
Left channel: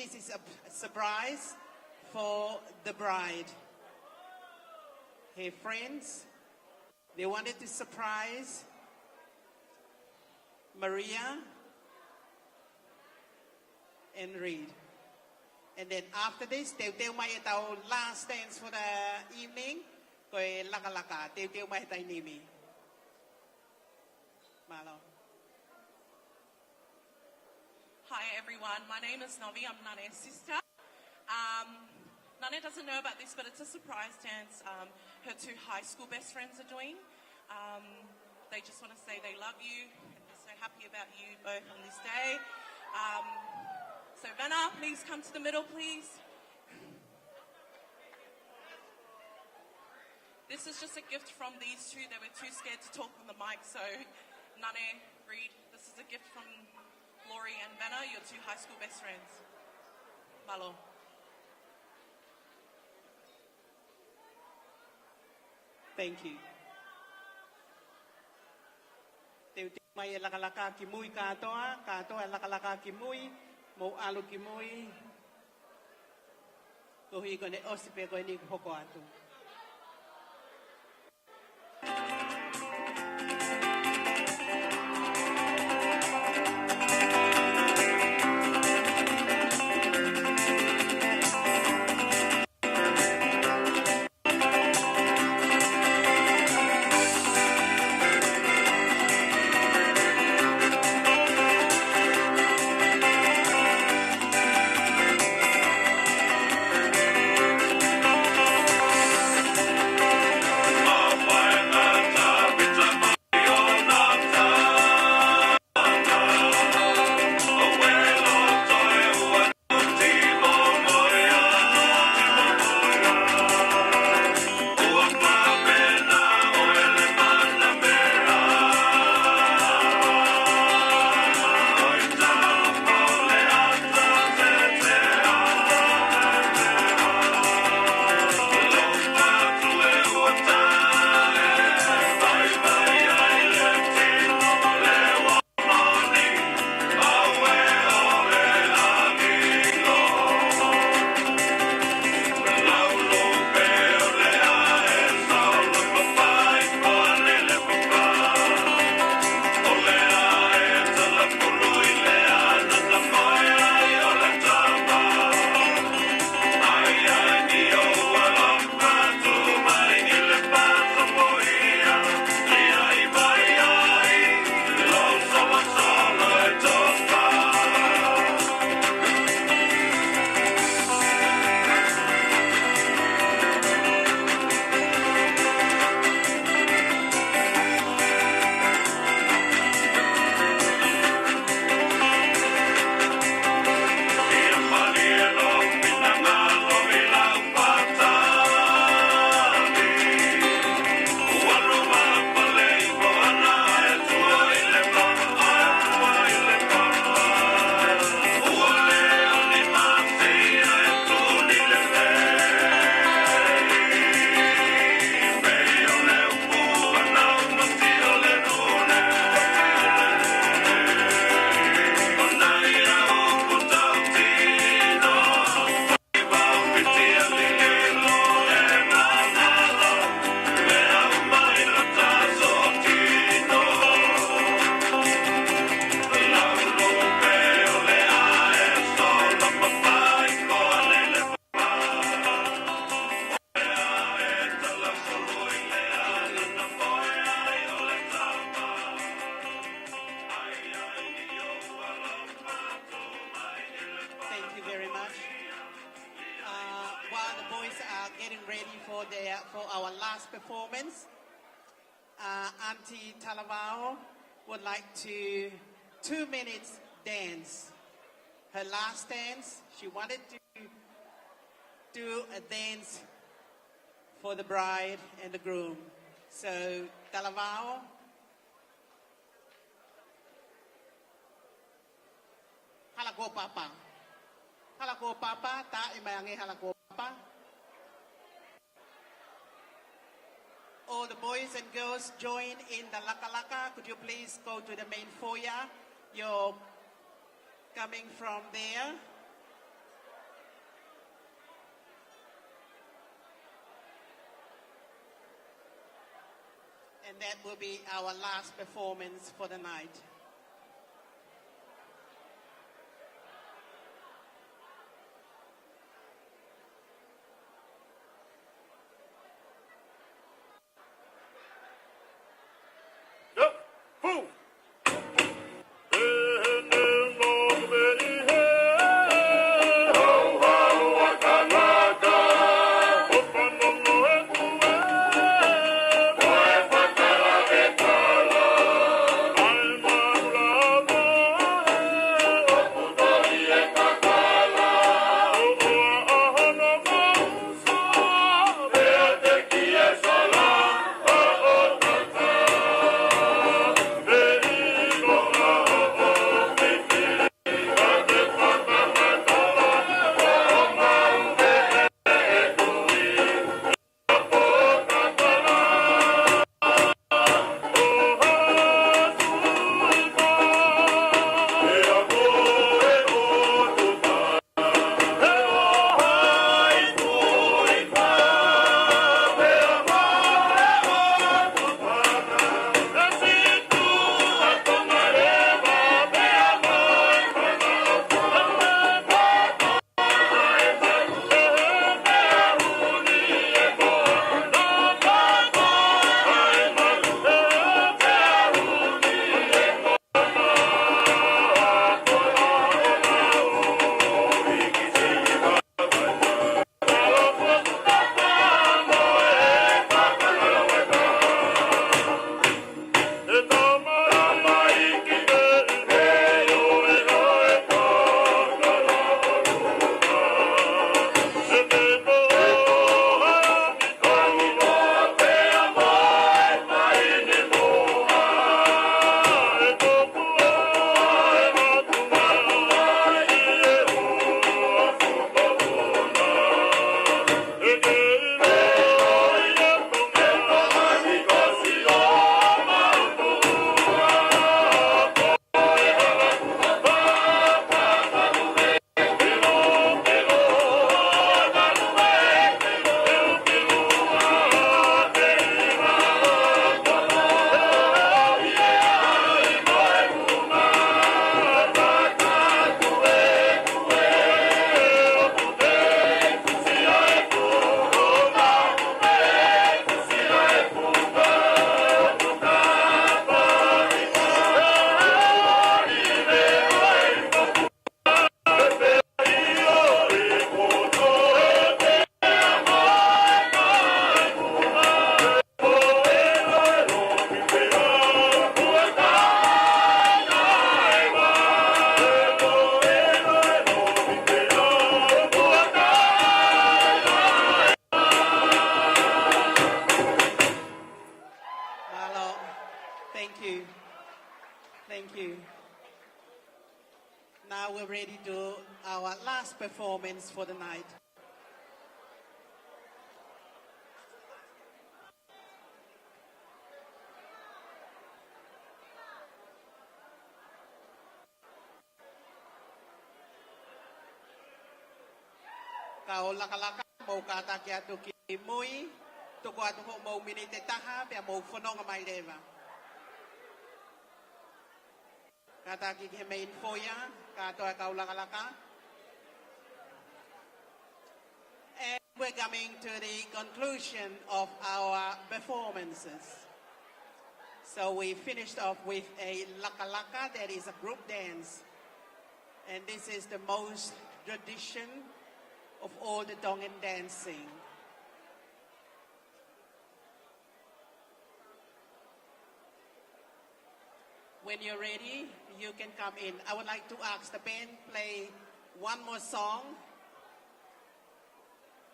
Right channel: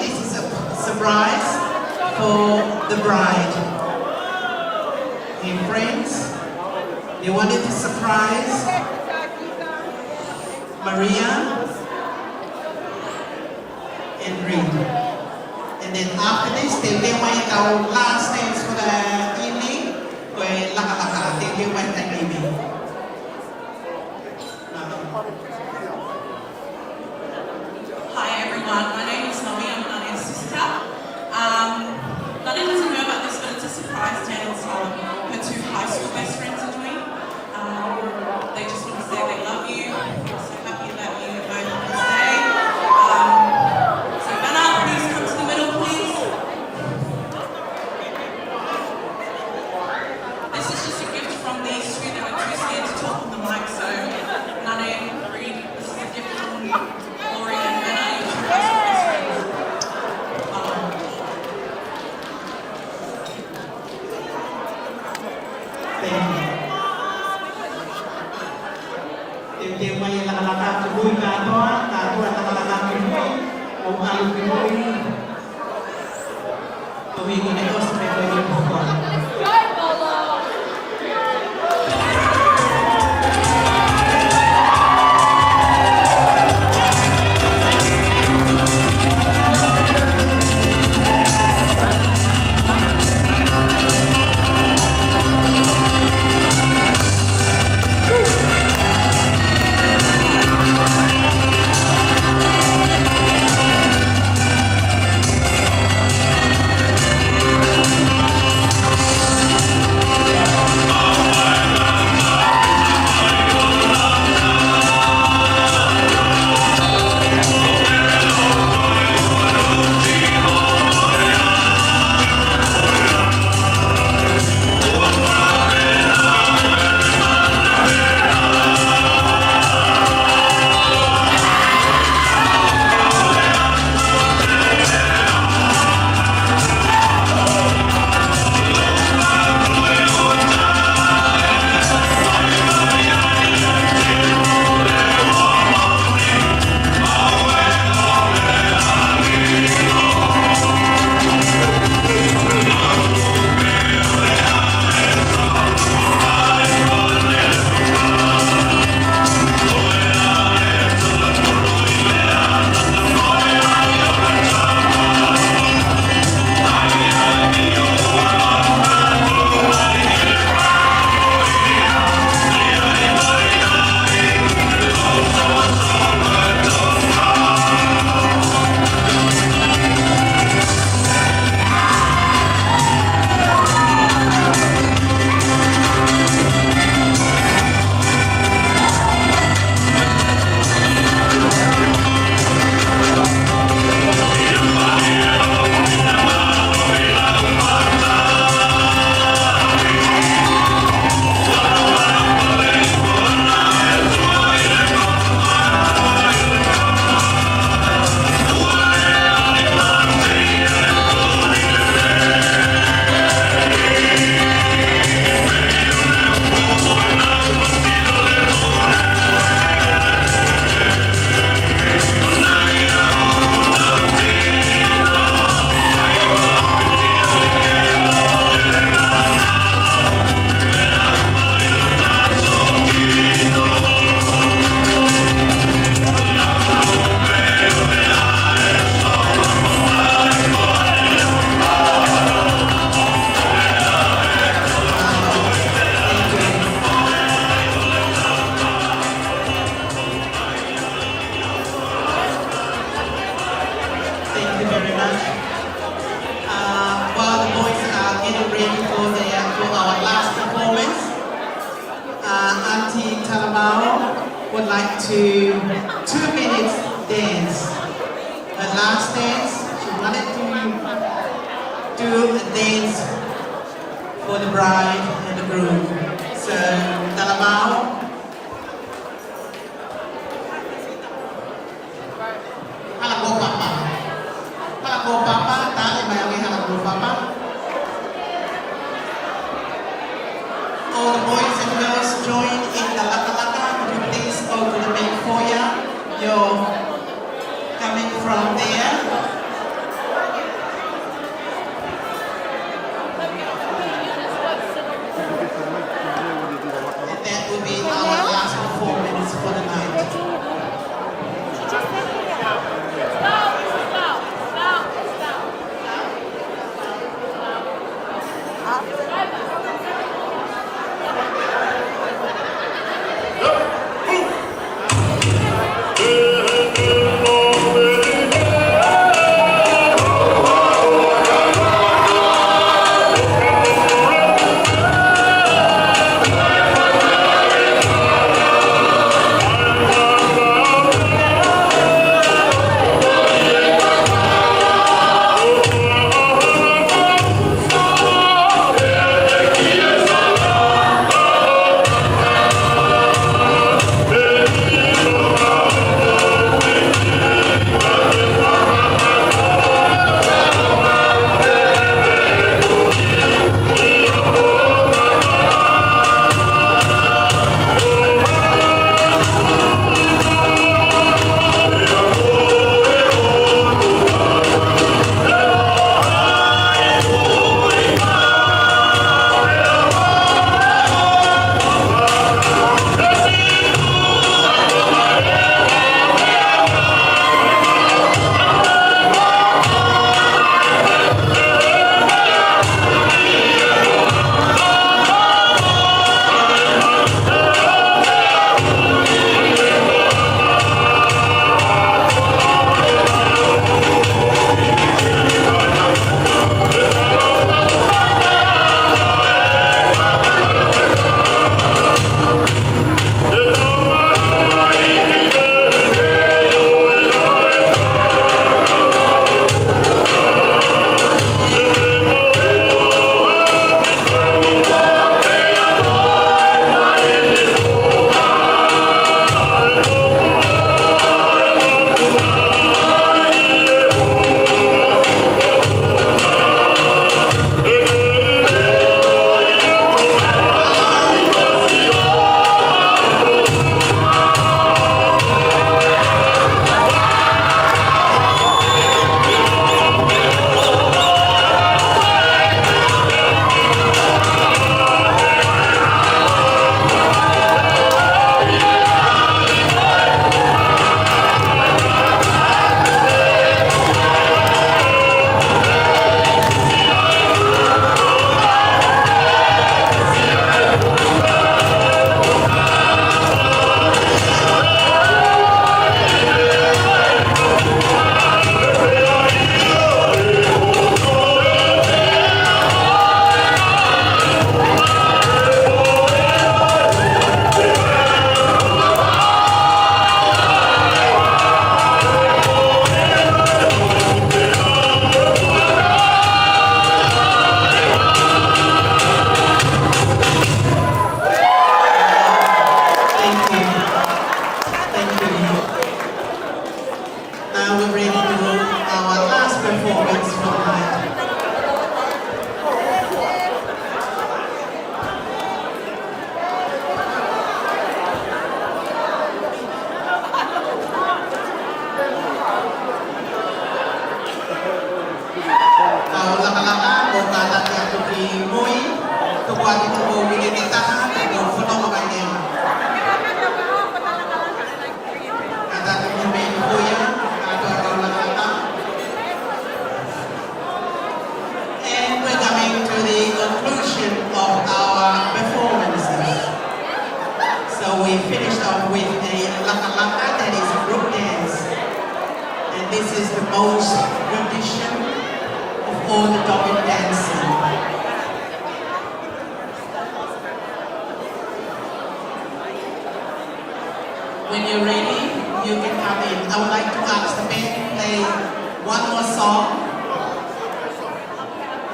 This is a surprise for the bride. Hey friends, they wanted to surprise Maria and Reed. And then after this, they went our last dance for the evening, where Laka they went that evening. Hi everyone, my name is Nomi, I'm Nania's sister. Nania doesn't know about this, but it's a surprise dance her two high school best friends are doing. They just want to say they love you. We're so happy that you both want to stay. So Vanna, please come to the middle, please. This is just a gift from these two that are too scared to talk on the mic, so Nania, Reed, this is a gift from Gloria and Vanna, your two high school best friends. Dia main laka-laka kebun katoa laka-laka kebun, alu kebun. Kami guna kos mereka yang pokok. would like to 2 minutes dance. Her last dance, she wanted to do a dance for the bride and the groom. So, Talamao. Halako Papa. Halako Papa, tali mayami halako Papa. All the boys and girls join in the laka-laka. Would you please go to the most rendition of all the Dogged dancing. When you're ready, you can come in. I would like to ask the men to play one more song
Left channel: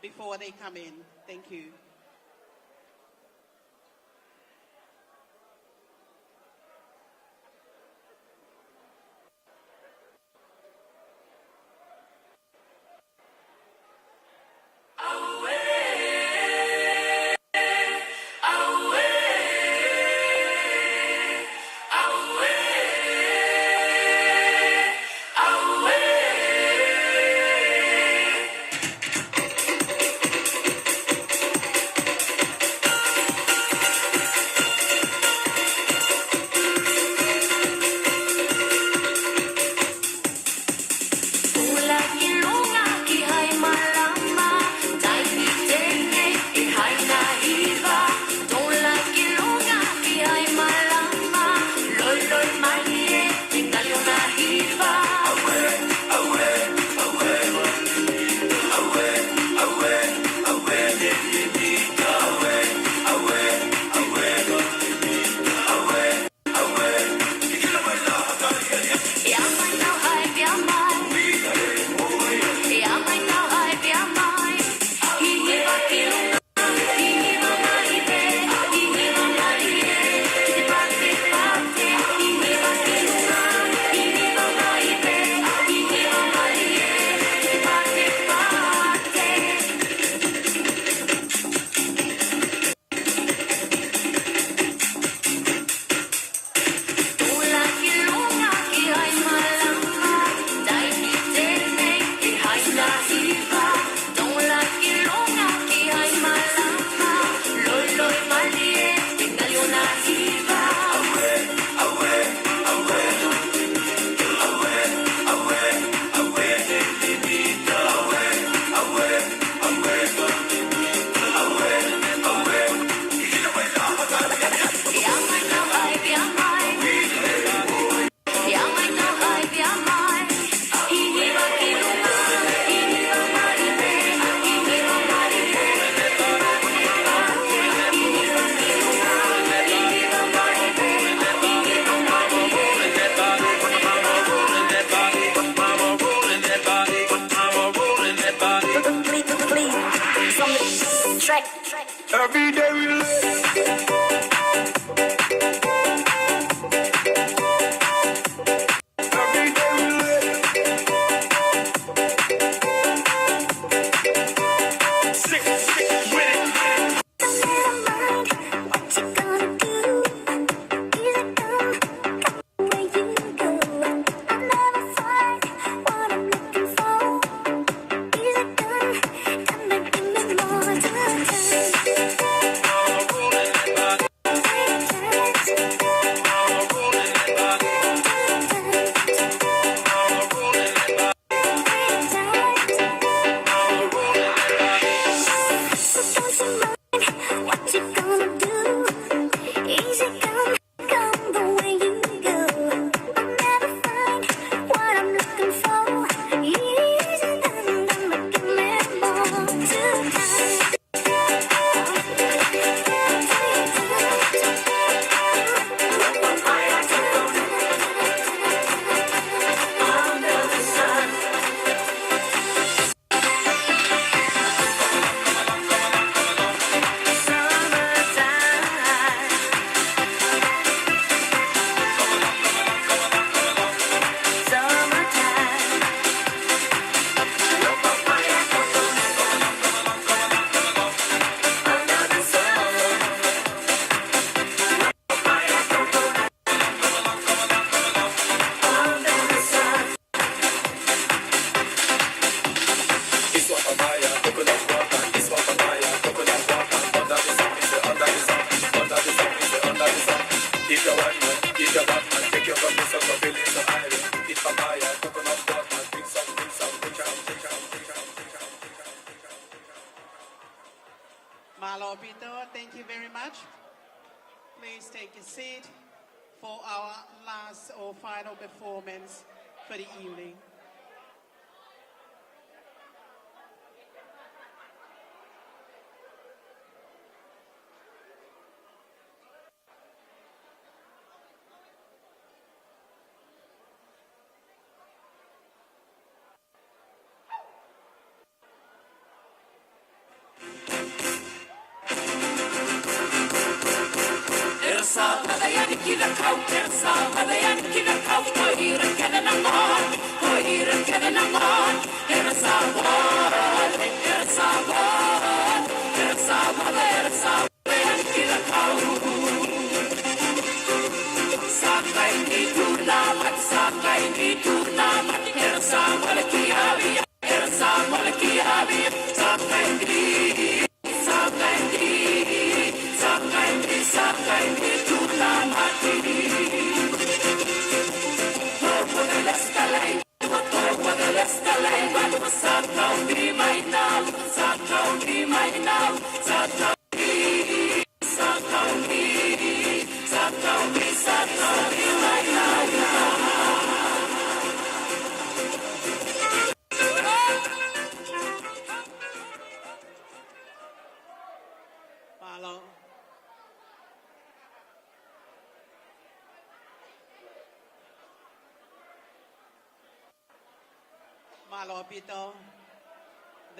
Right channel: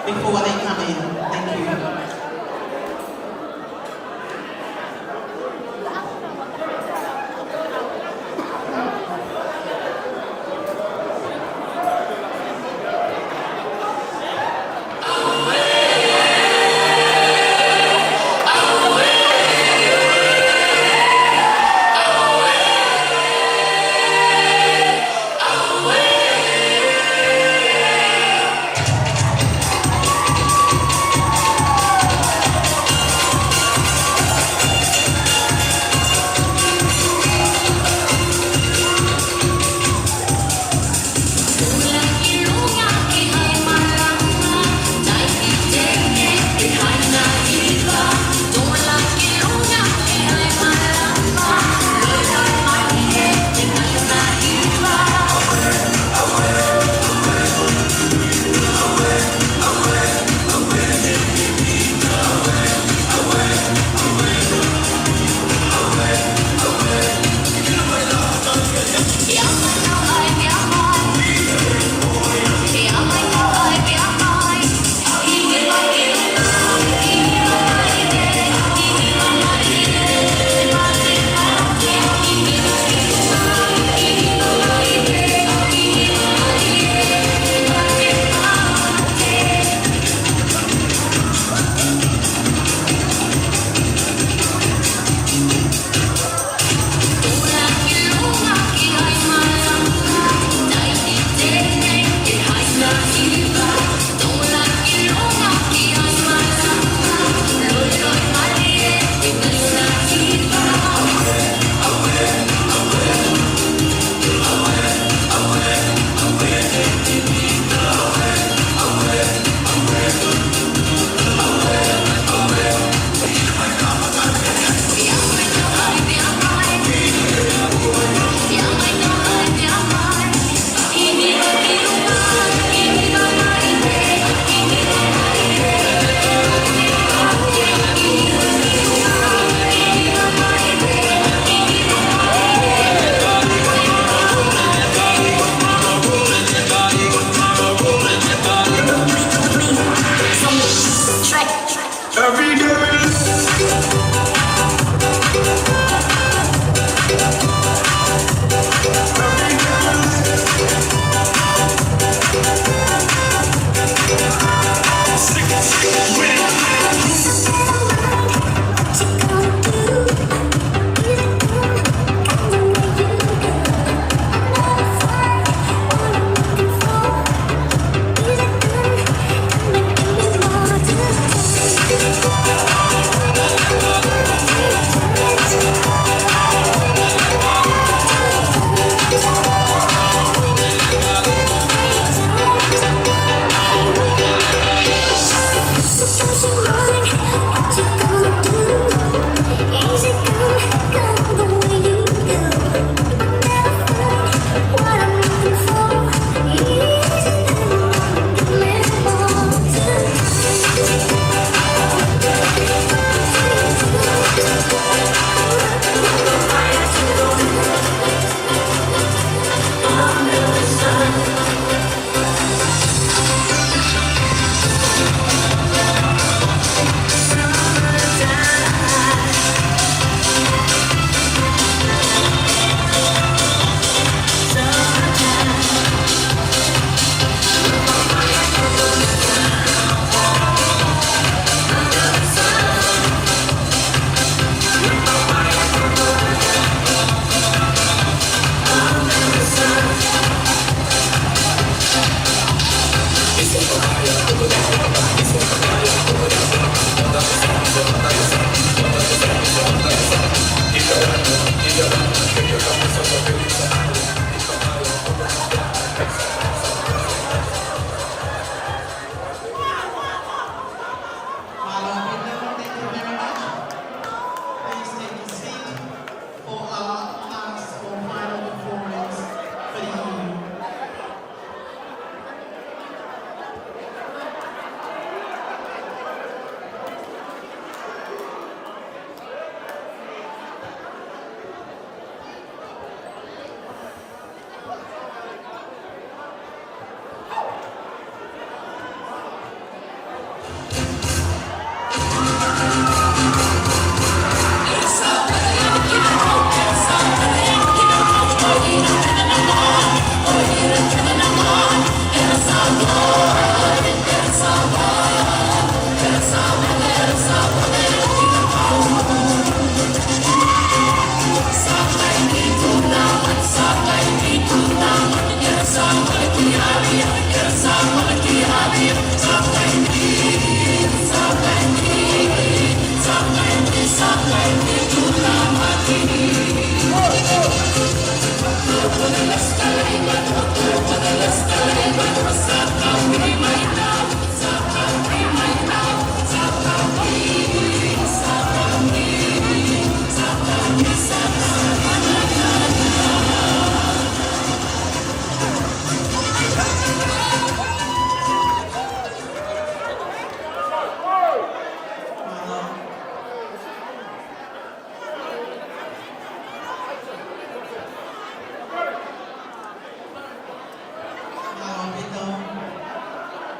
before they come in. Thank you.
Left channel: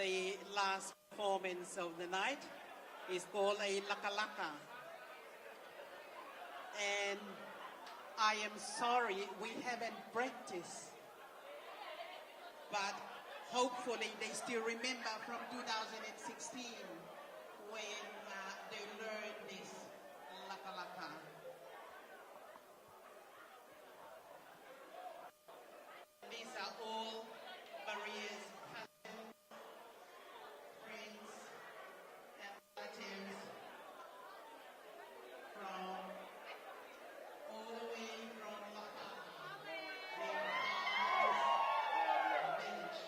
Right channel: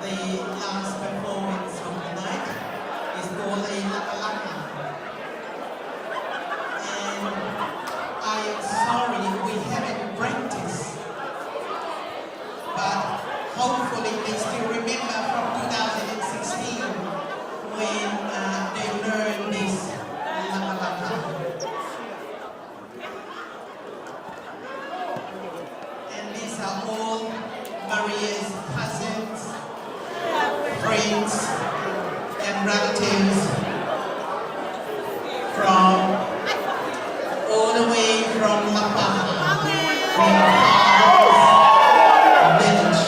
The last performance of the night is called a Lakalaka. And I'm sorry we haven't practiced, but hopefully we still remember from 2016 when they learned this Lakalaka. And these are all Maria's cousins, friends, and relatives from all the way from La Paja, from Paja's village.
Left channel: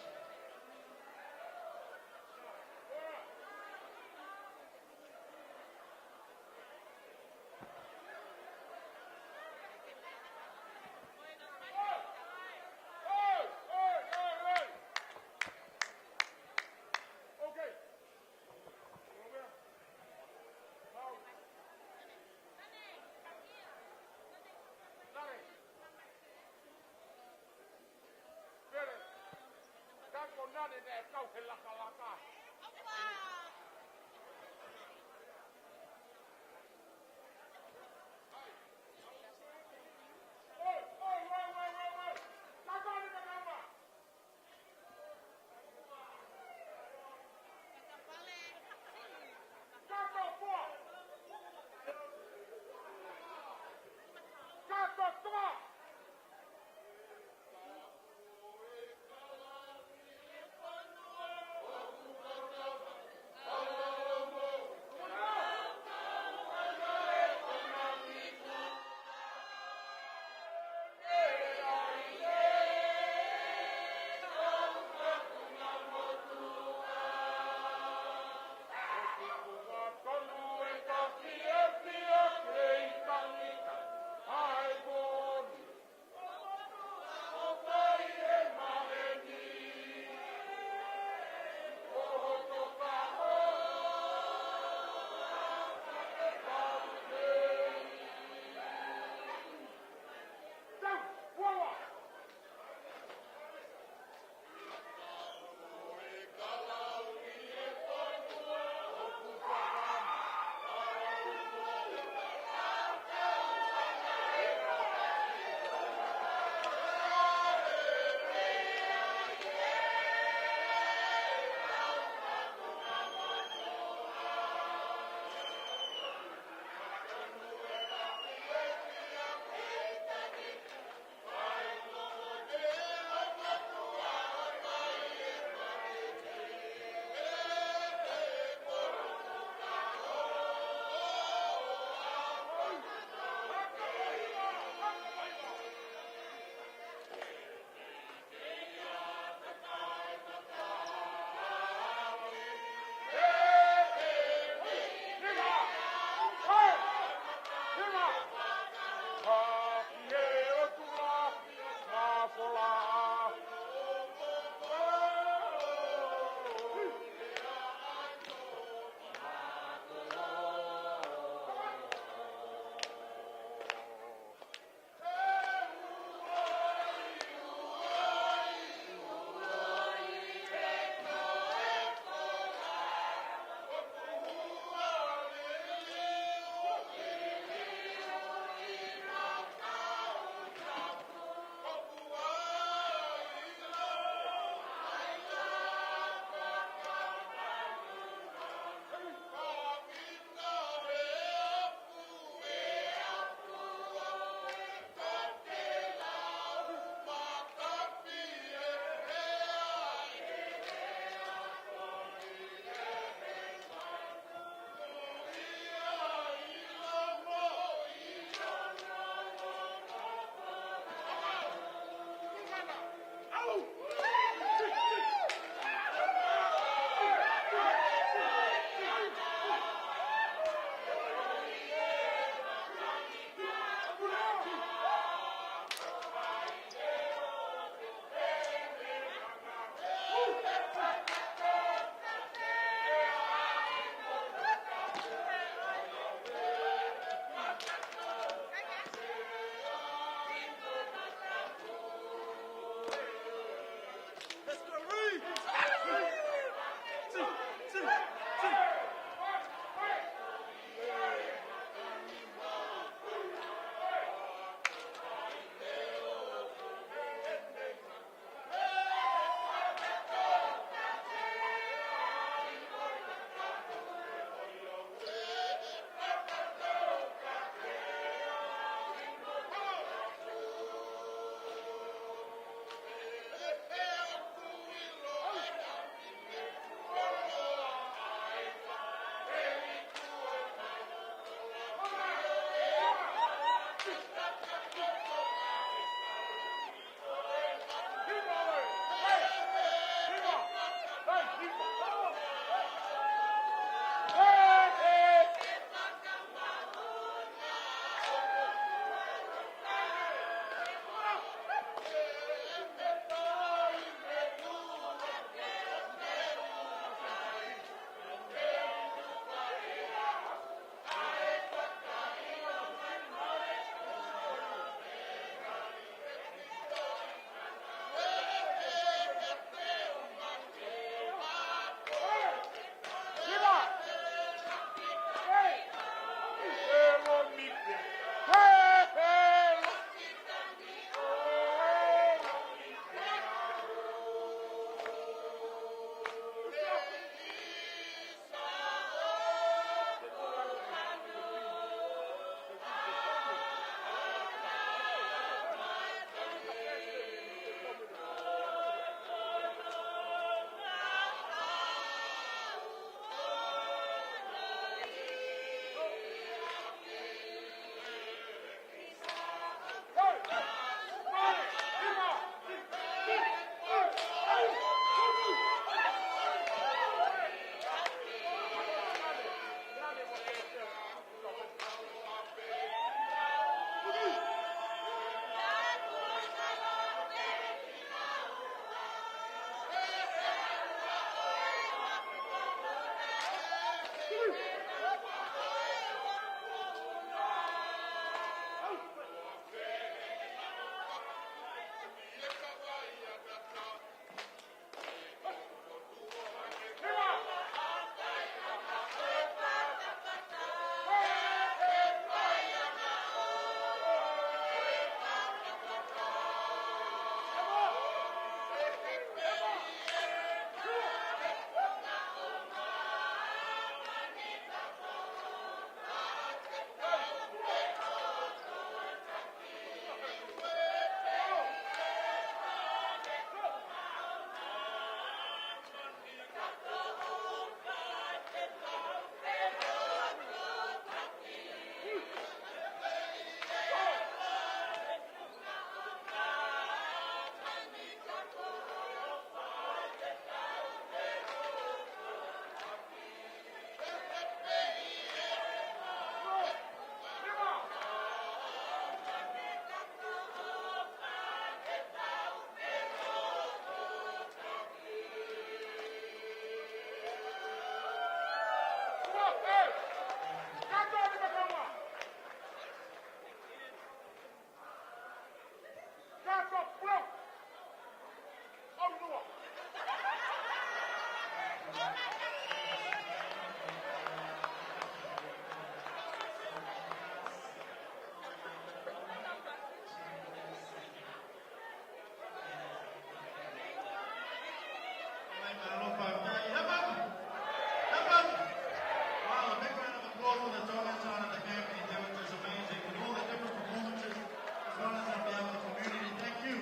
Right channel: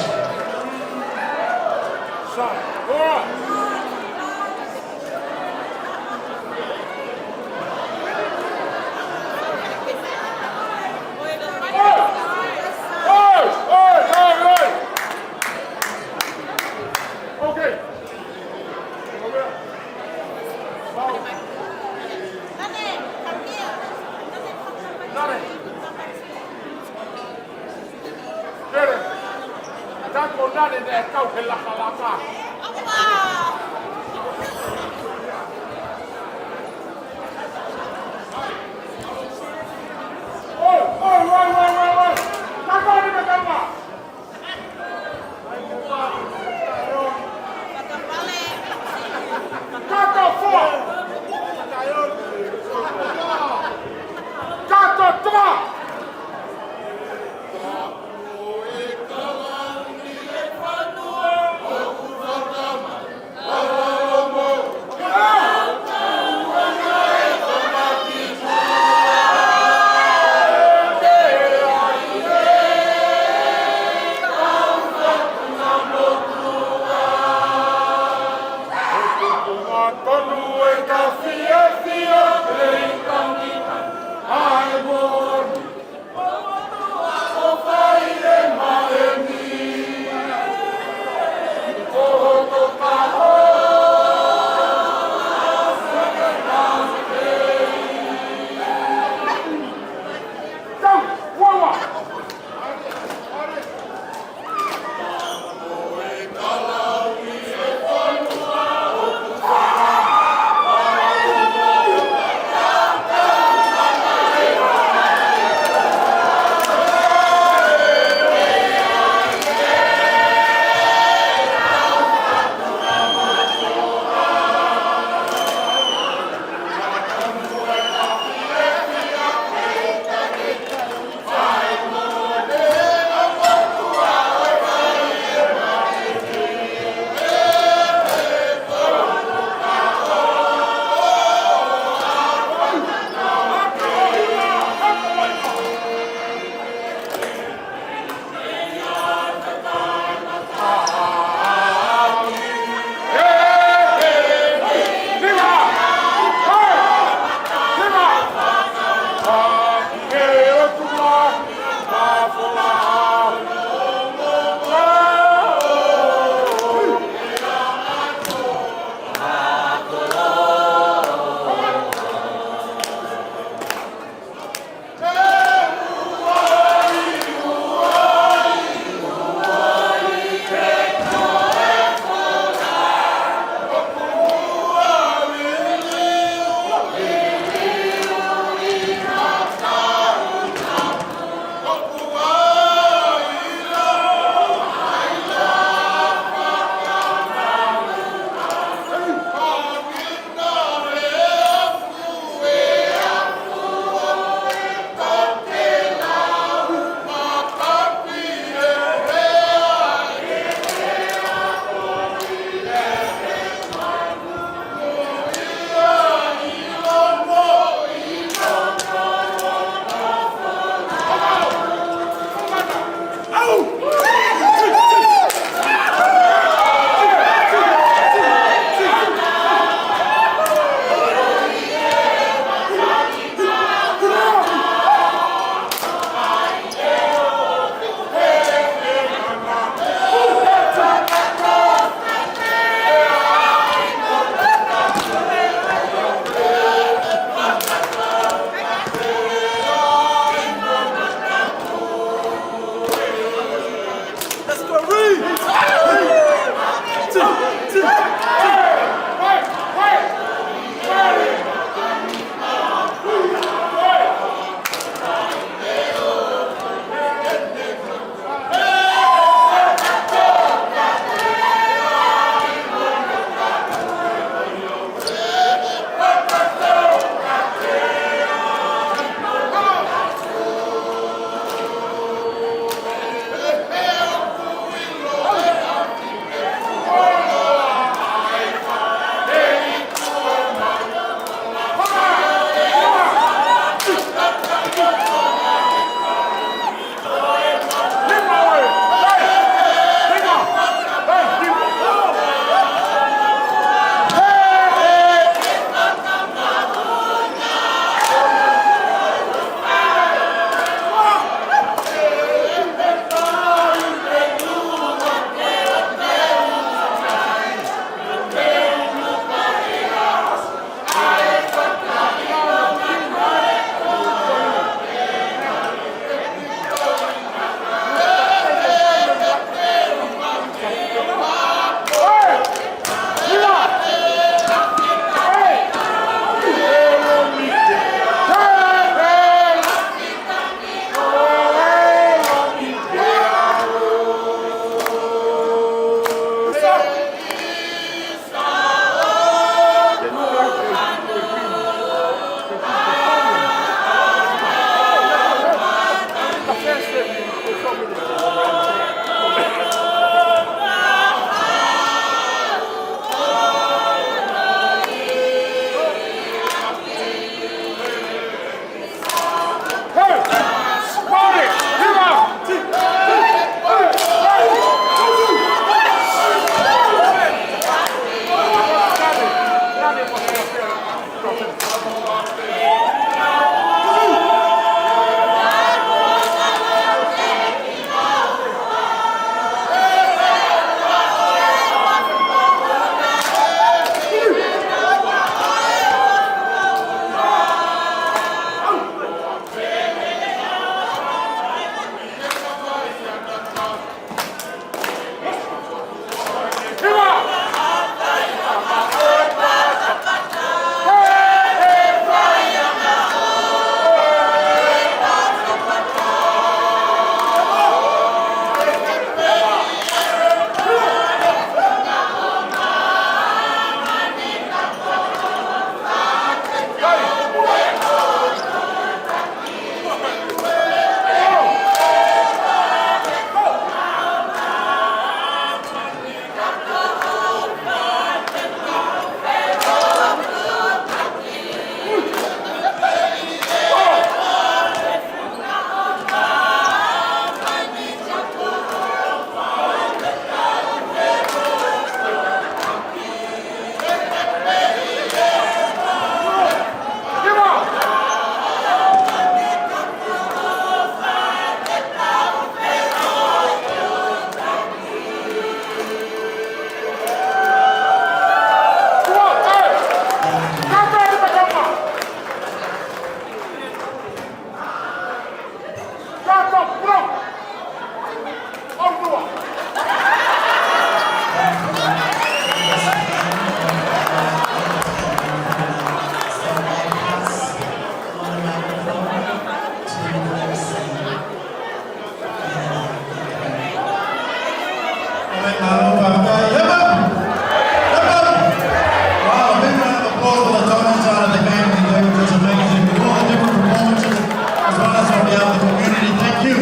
behalf of the community, thank you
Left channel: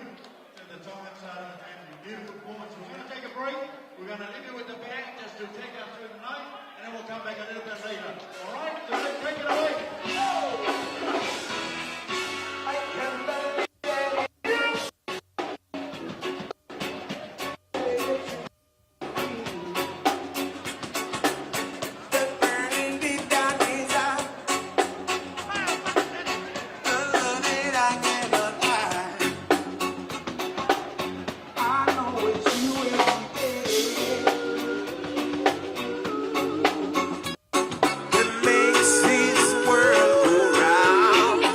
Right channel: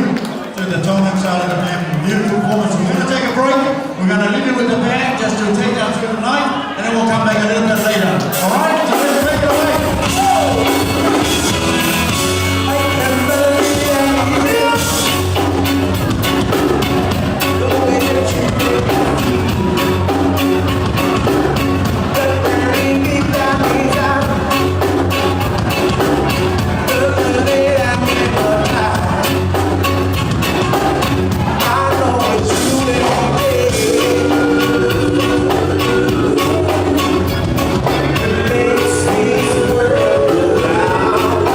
to the Tongan side of the family. Beautiful performance. We're going to take a break. We're going to leave you with the band just to take us through the night, and then we'll come back a little bit later. All right? So let's take it away. This is the world around.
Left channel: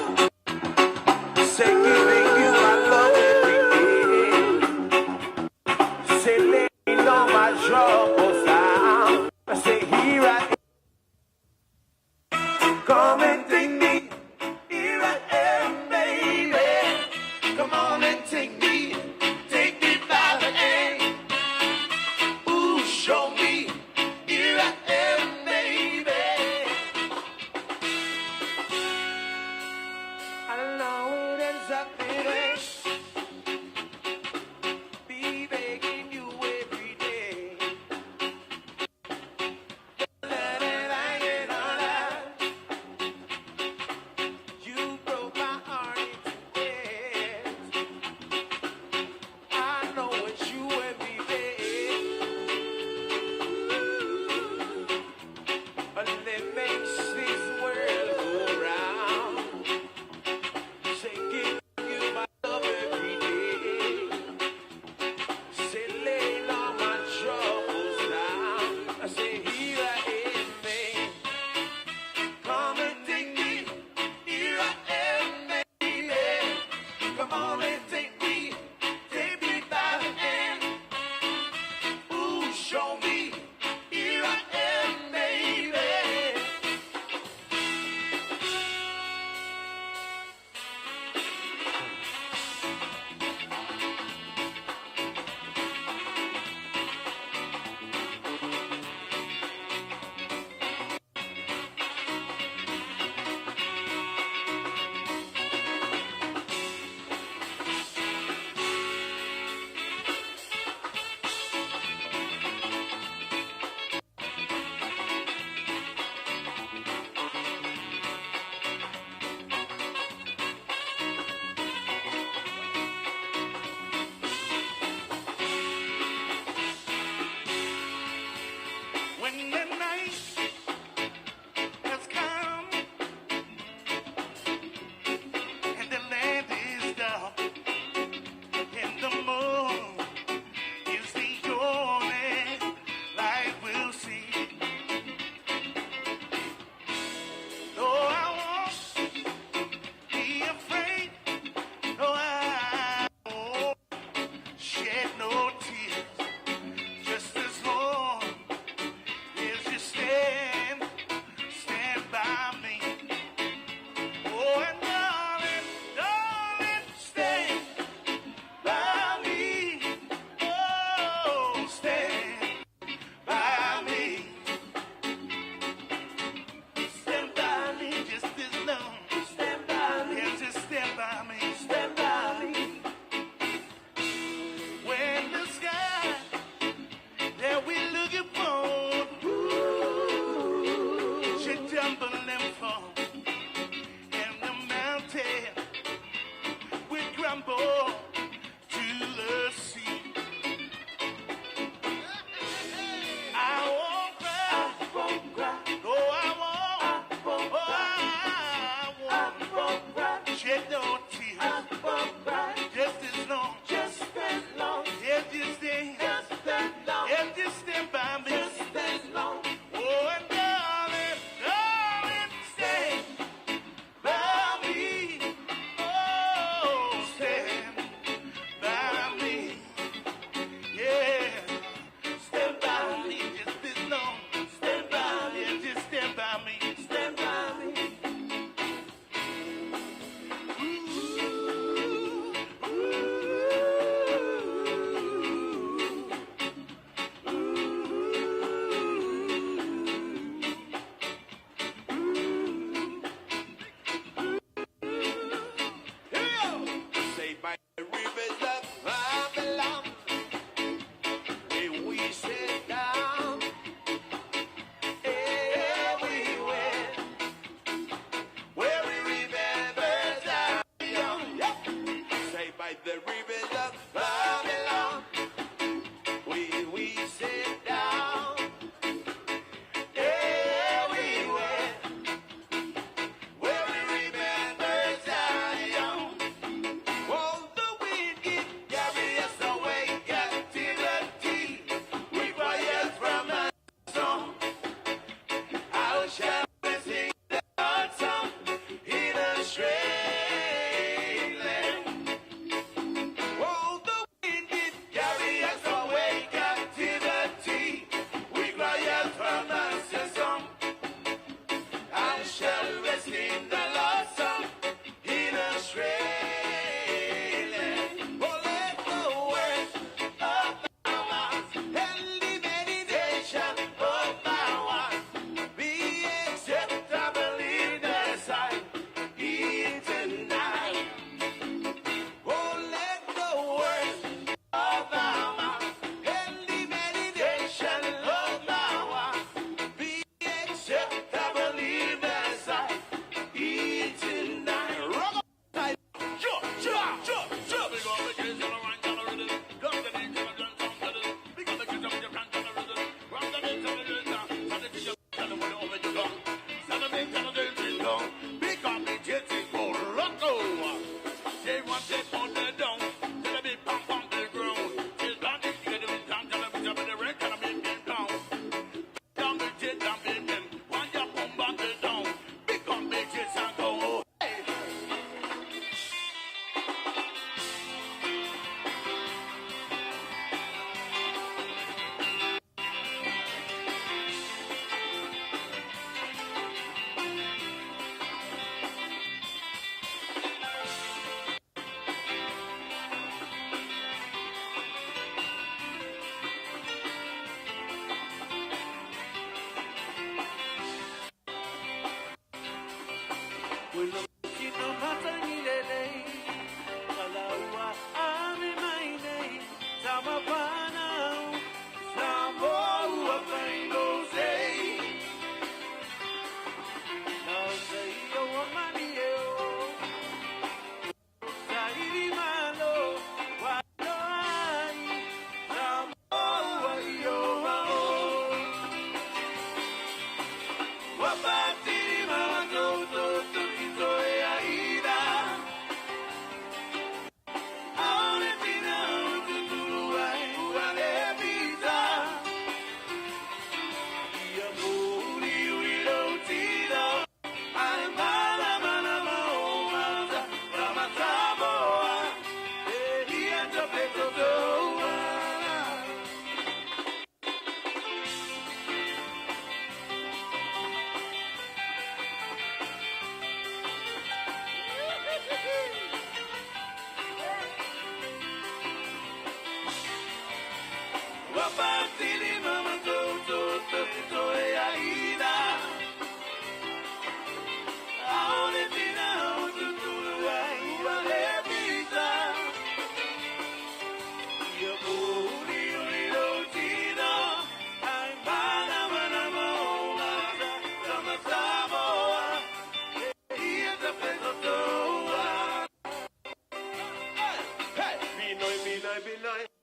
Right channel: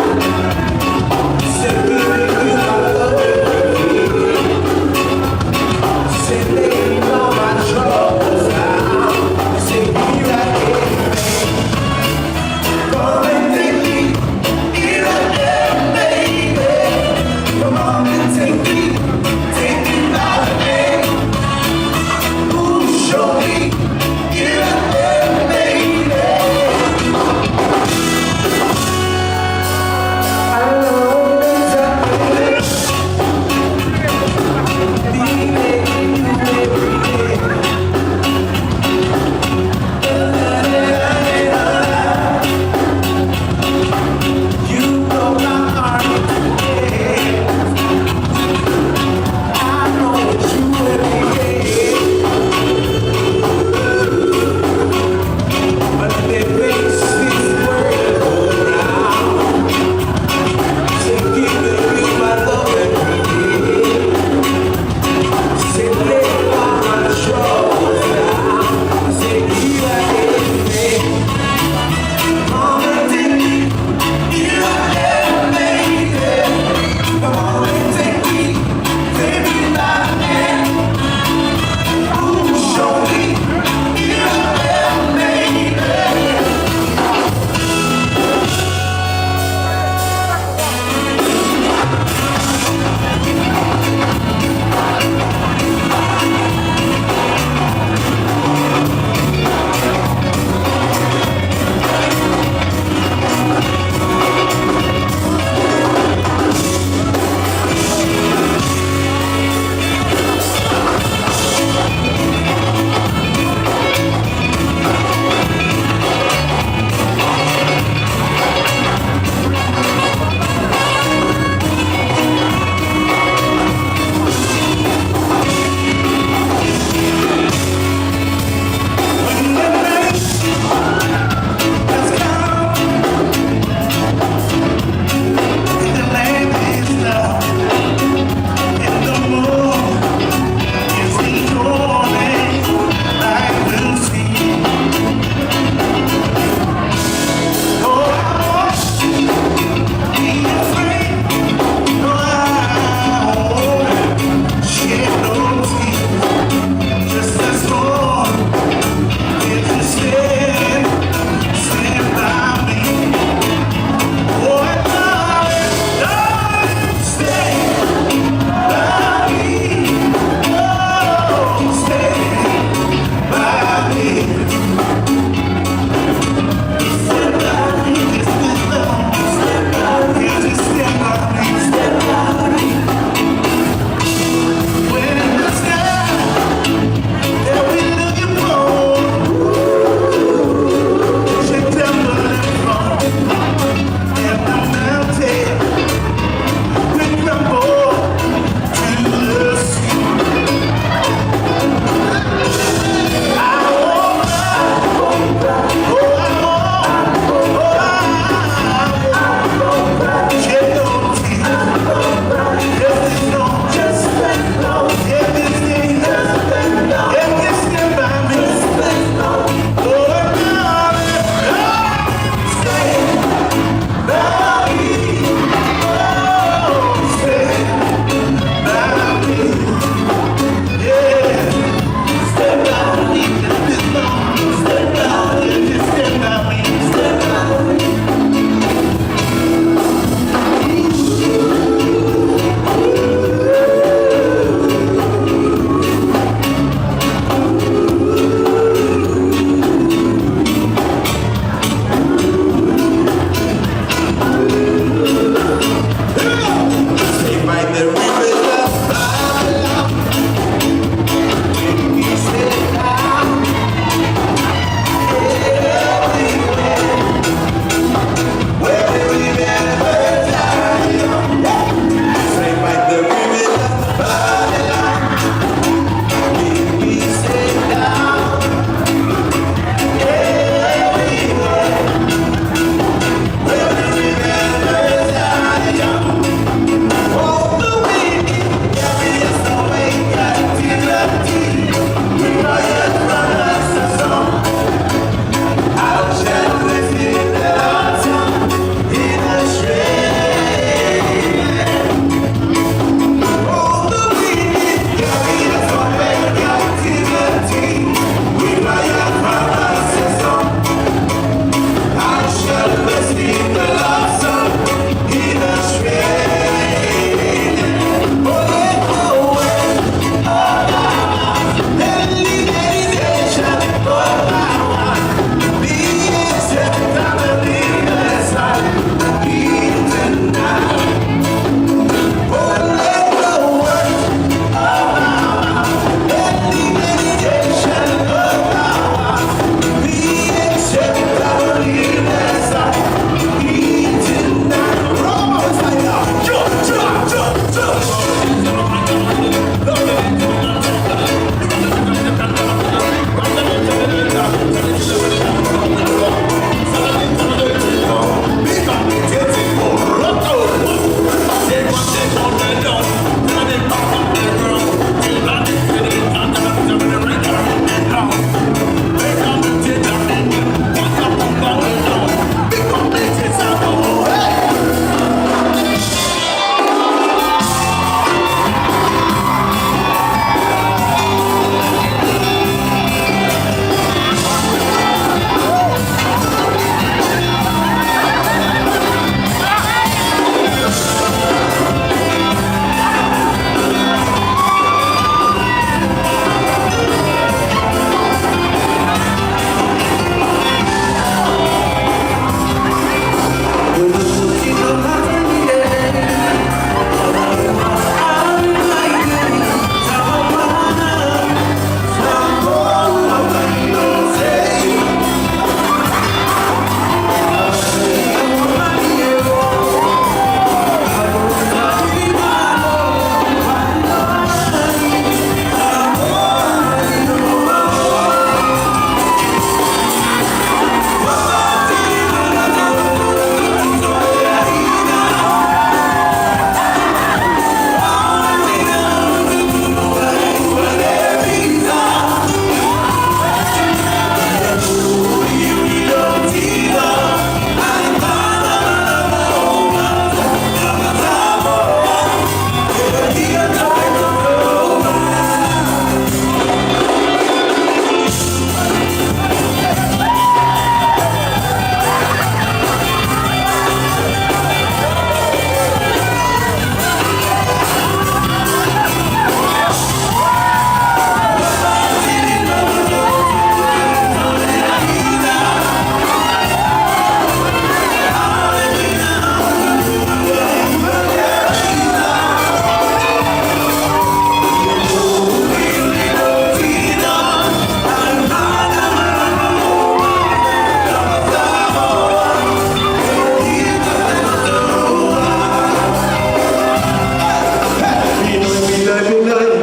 Hey,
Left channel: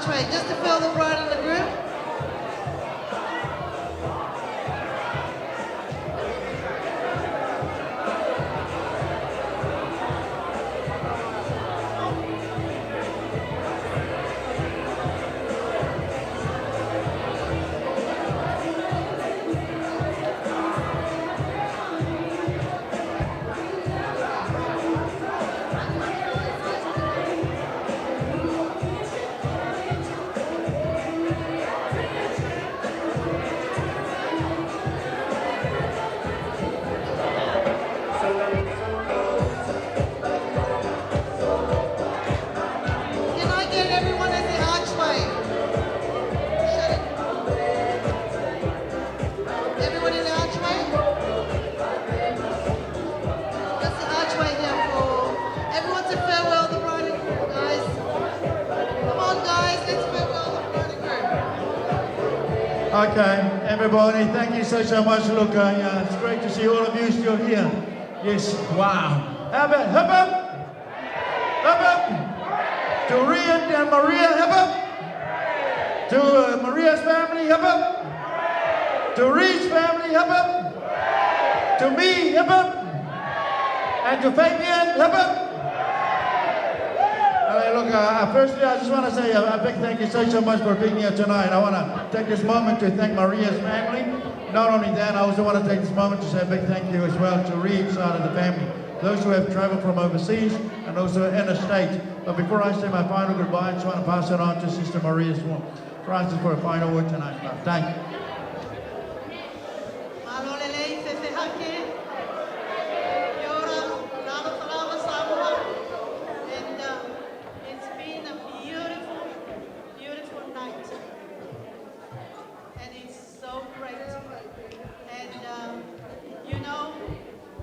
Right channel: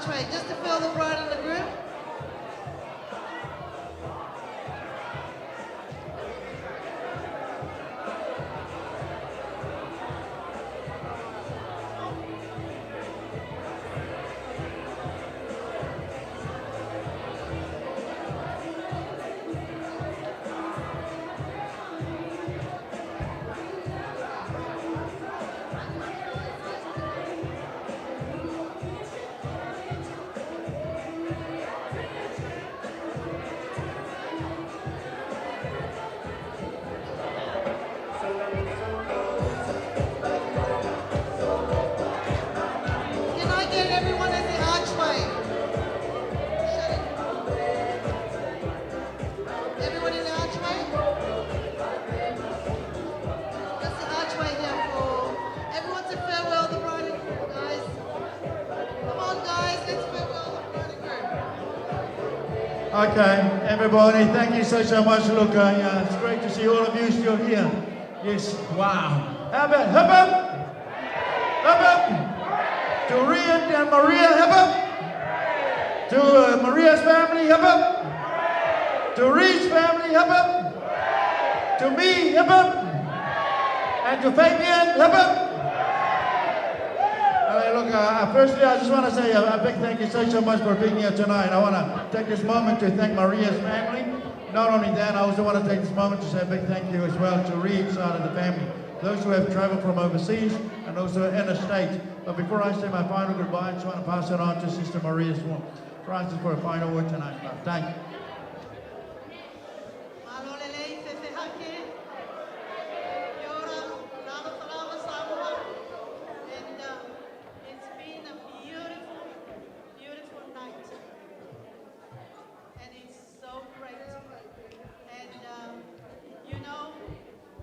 archway, just to fill the bride and the groom. Can I get everyone at the archway? Shut it. Everyone in the archway? That's the archway here for everyone to farewell the bride and groom, guys. Come on, guys, let's farewell the bride and groom. Okay, everybody, thank you so much. Look, it's great to see all of you still here. Yes, wow. How about hip hip? Hip hip? To Rhea and Maria, hip hip? To Maria's family, hip hip? To Reed's family, hip hip? To me, hip hip? And to Fabian, hip hip? Look, firstly, I just want to say a big thank you so much for being here tonight. I want to take this moment to thank Maria's family. Not only that, I also want to take this moment to say a big thank you as well to Reed's side of the family. Those who have traveled from overseas and also interstate. But before I say my final goodbye, I just want to pass it on to Sister Maria Francis for a final word tonight. Thank you. Malolele, Sesehake, Yora, Lava Salama Samoa. And it's been a beautiful, beautiful night. And it's so great. And you know,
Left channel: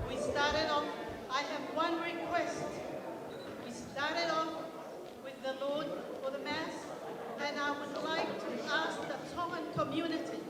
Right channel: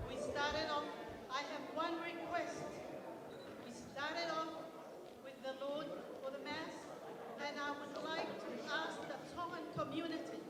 we started off, I have one request. We started off with the Lord for the Mass, and I would like to ask the Tongan community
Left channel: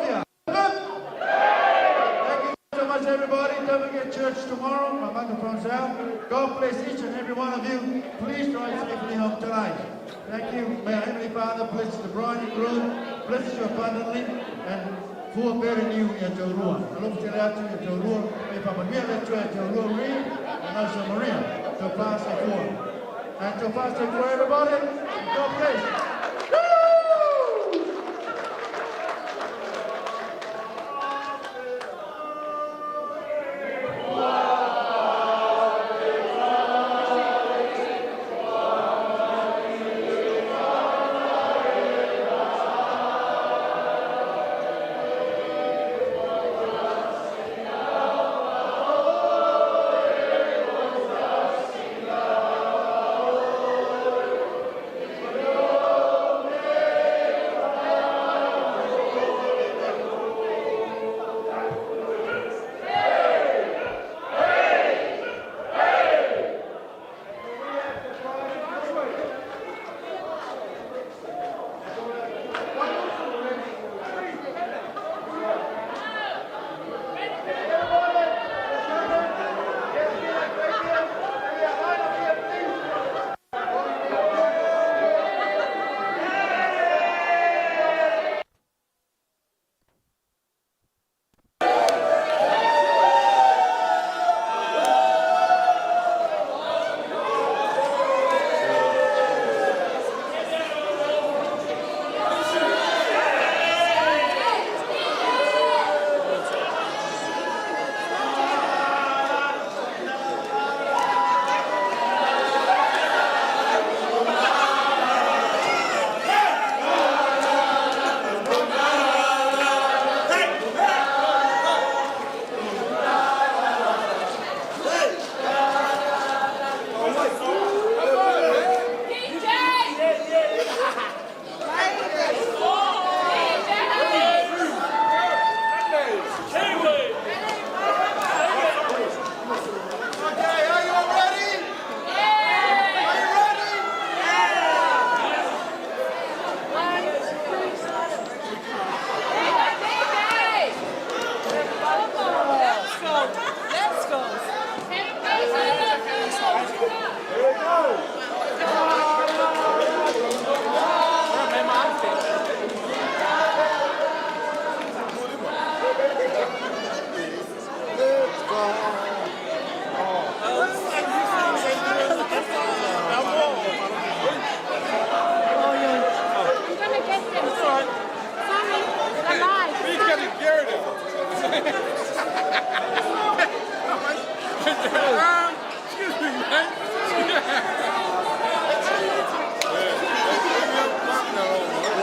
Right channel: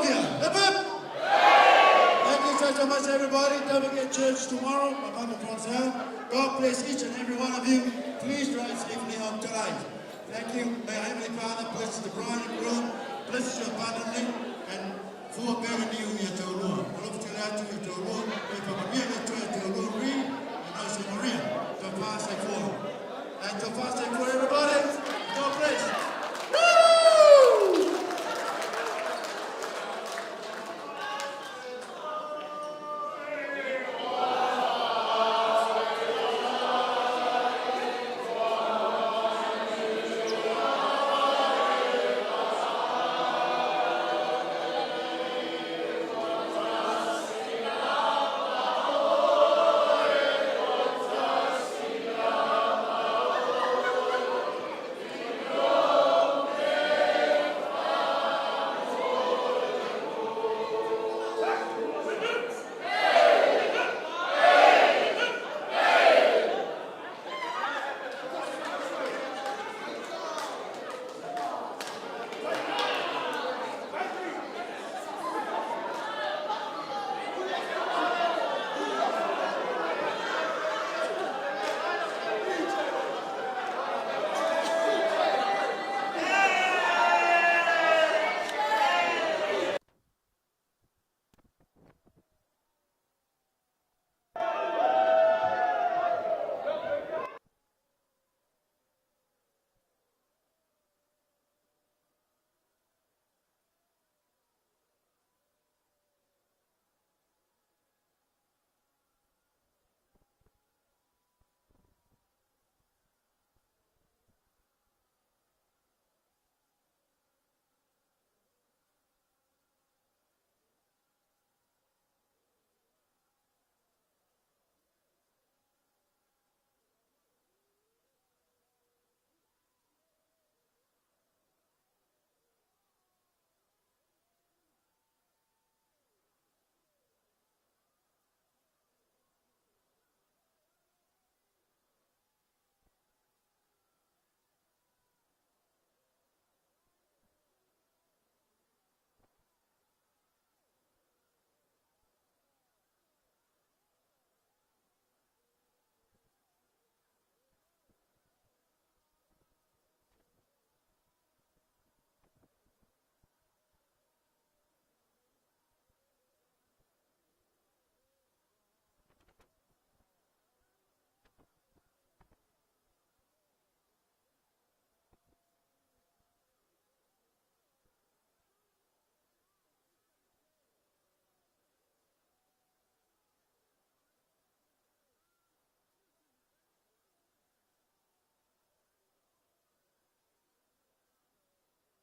of you. Amen. Thank you so much, everybody. Don't forget church tomorrow. My microphone's out. God bless each and every one of you. Please drive safely home tonight. Thank you. May our Heavenly Father bless the bride and groom, bless you abundantly, and for a better new year to Rua. I love to out to you to Rua. If I'm a real lecturer to Rua Reed, and also Maria, to pass it for. And to pass it for everybody. God bless. Woo!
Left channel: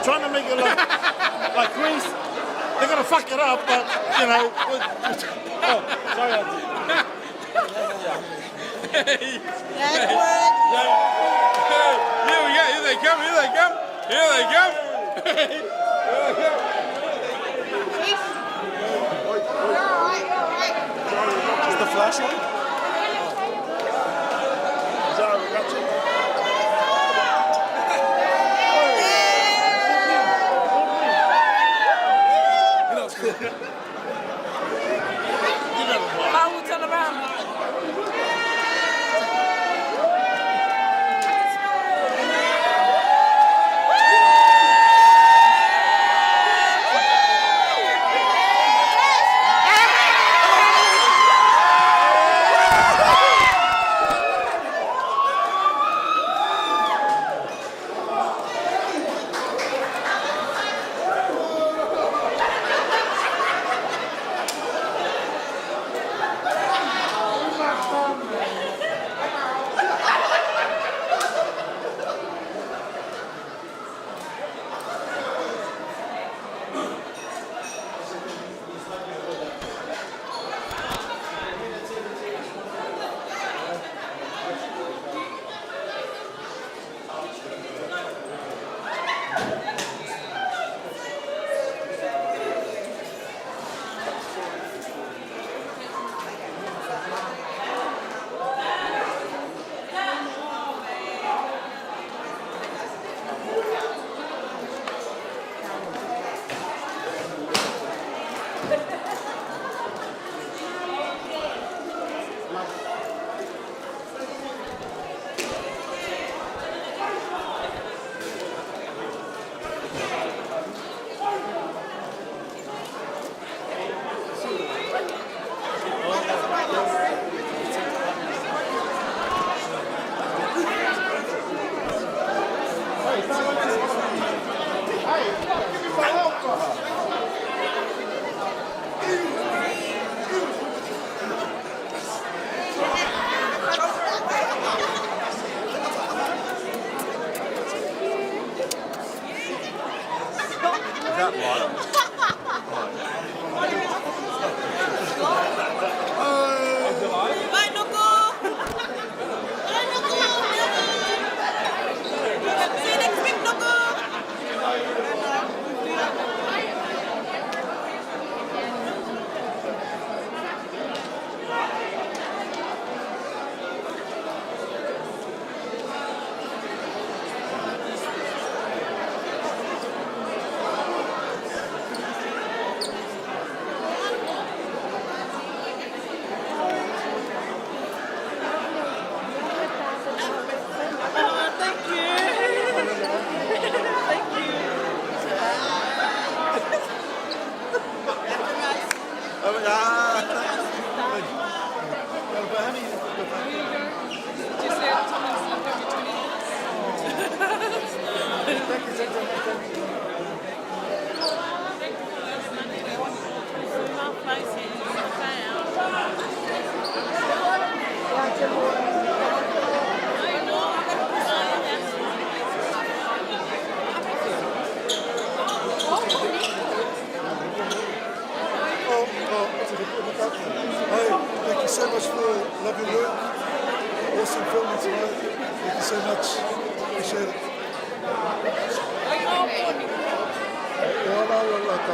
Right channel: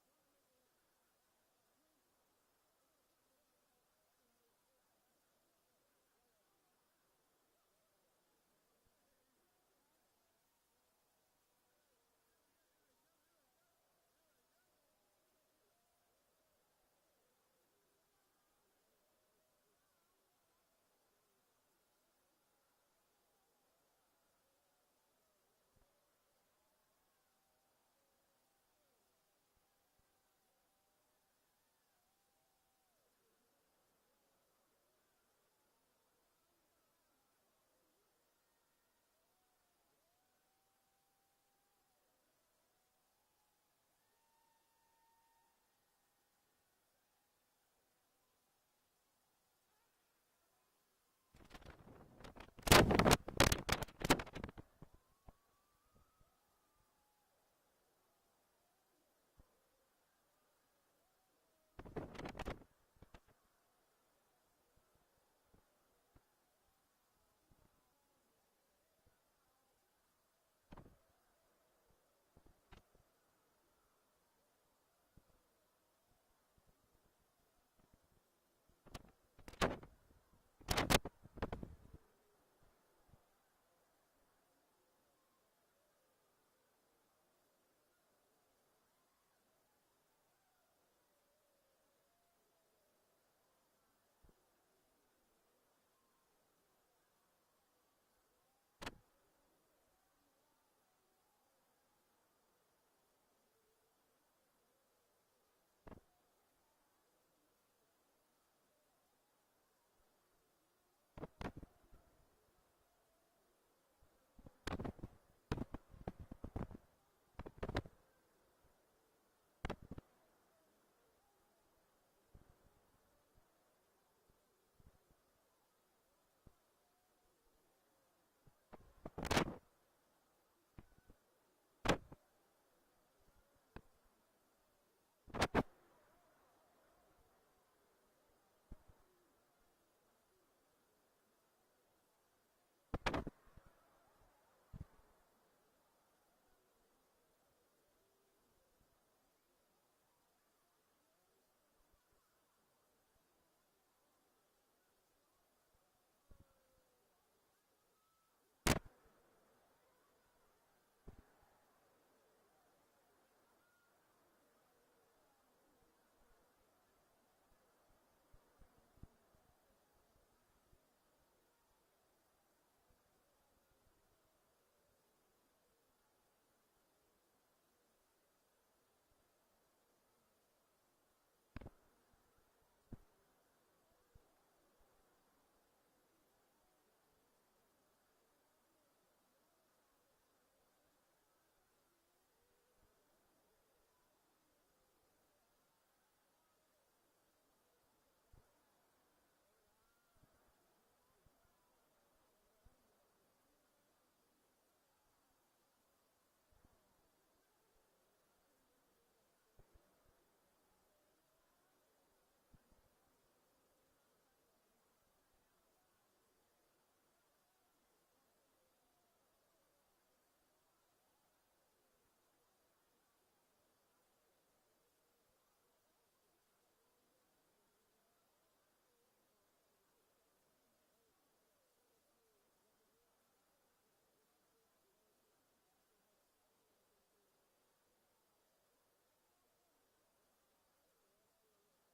Trying to make it look like Greece. They're gonna fuck it up, but you know. Oh, sorry, Auntie. Here we go. Here they come. Here they come. Here they come. Is the flash on? Sorry, we got you. I will turn around. Hey, thank you so much for lovely work. Awesome filming tonight. Thank you so much. Appreciate it. Yeah, no, like,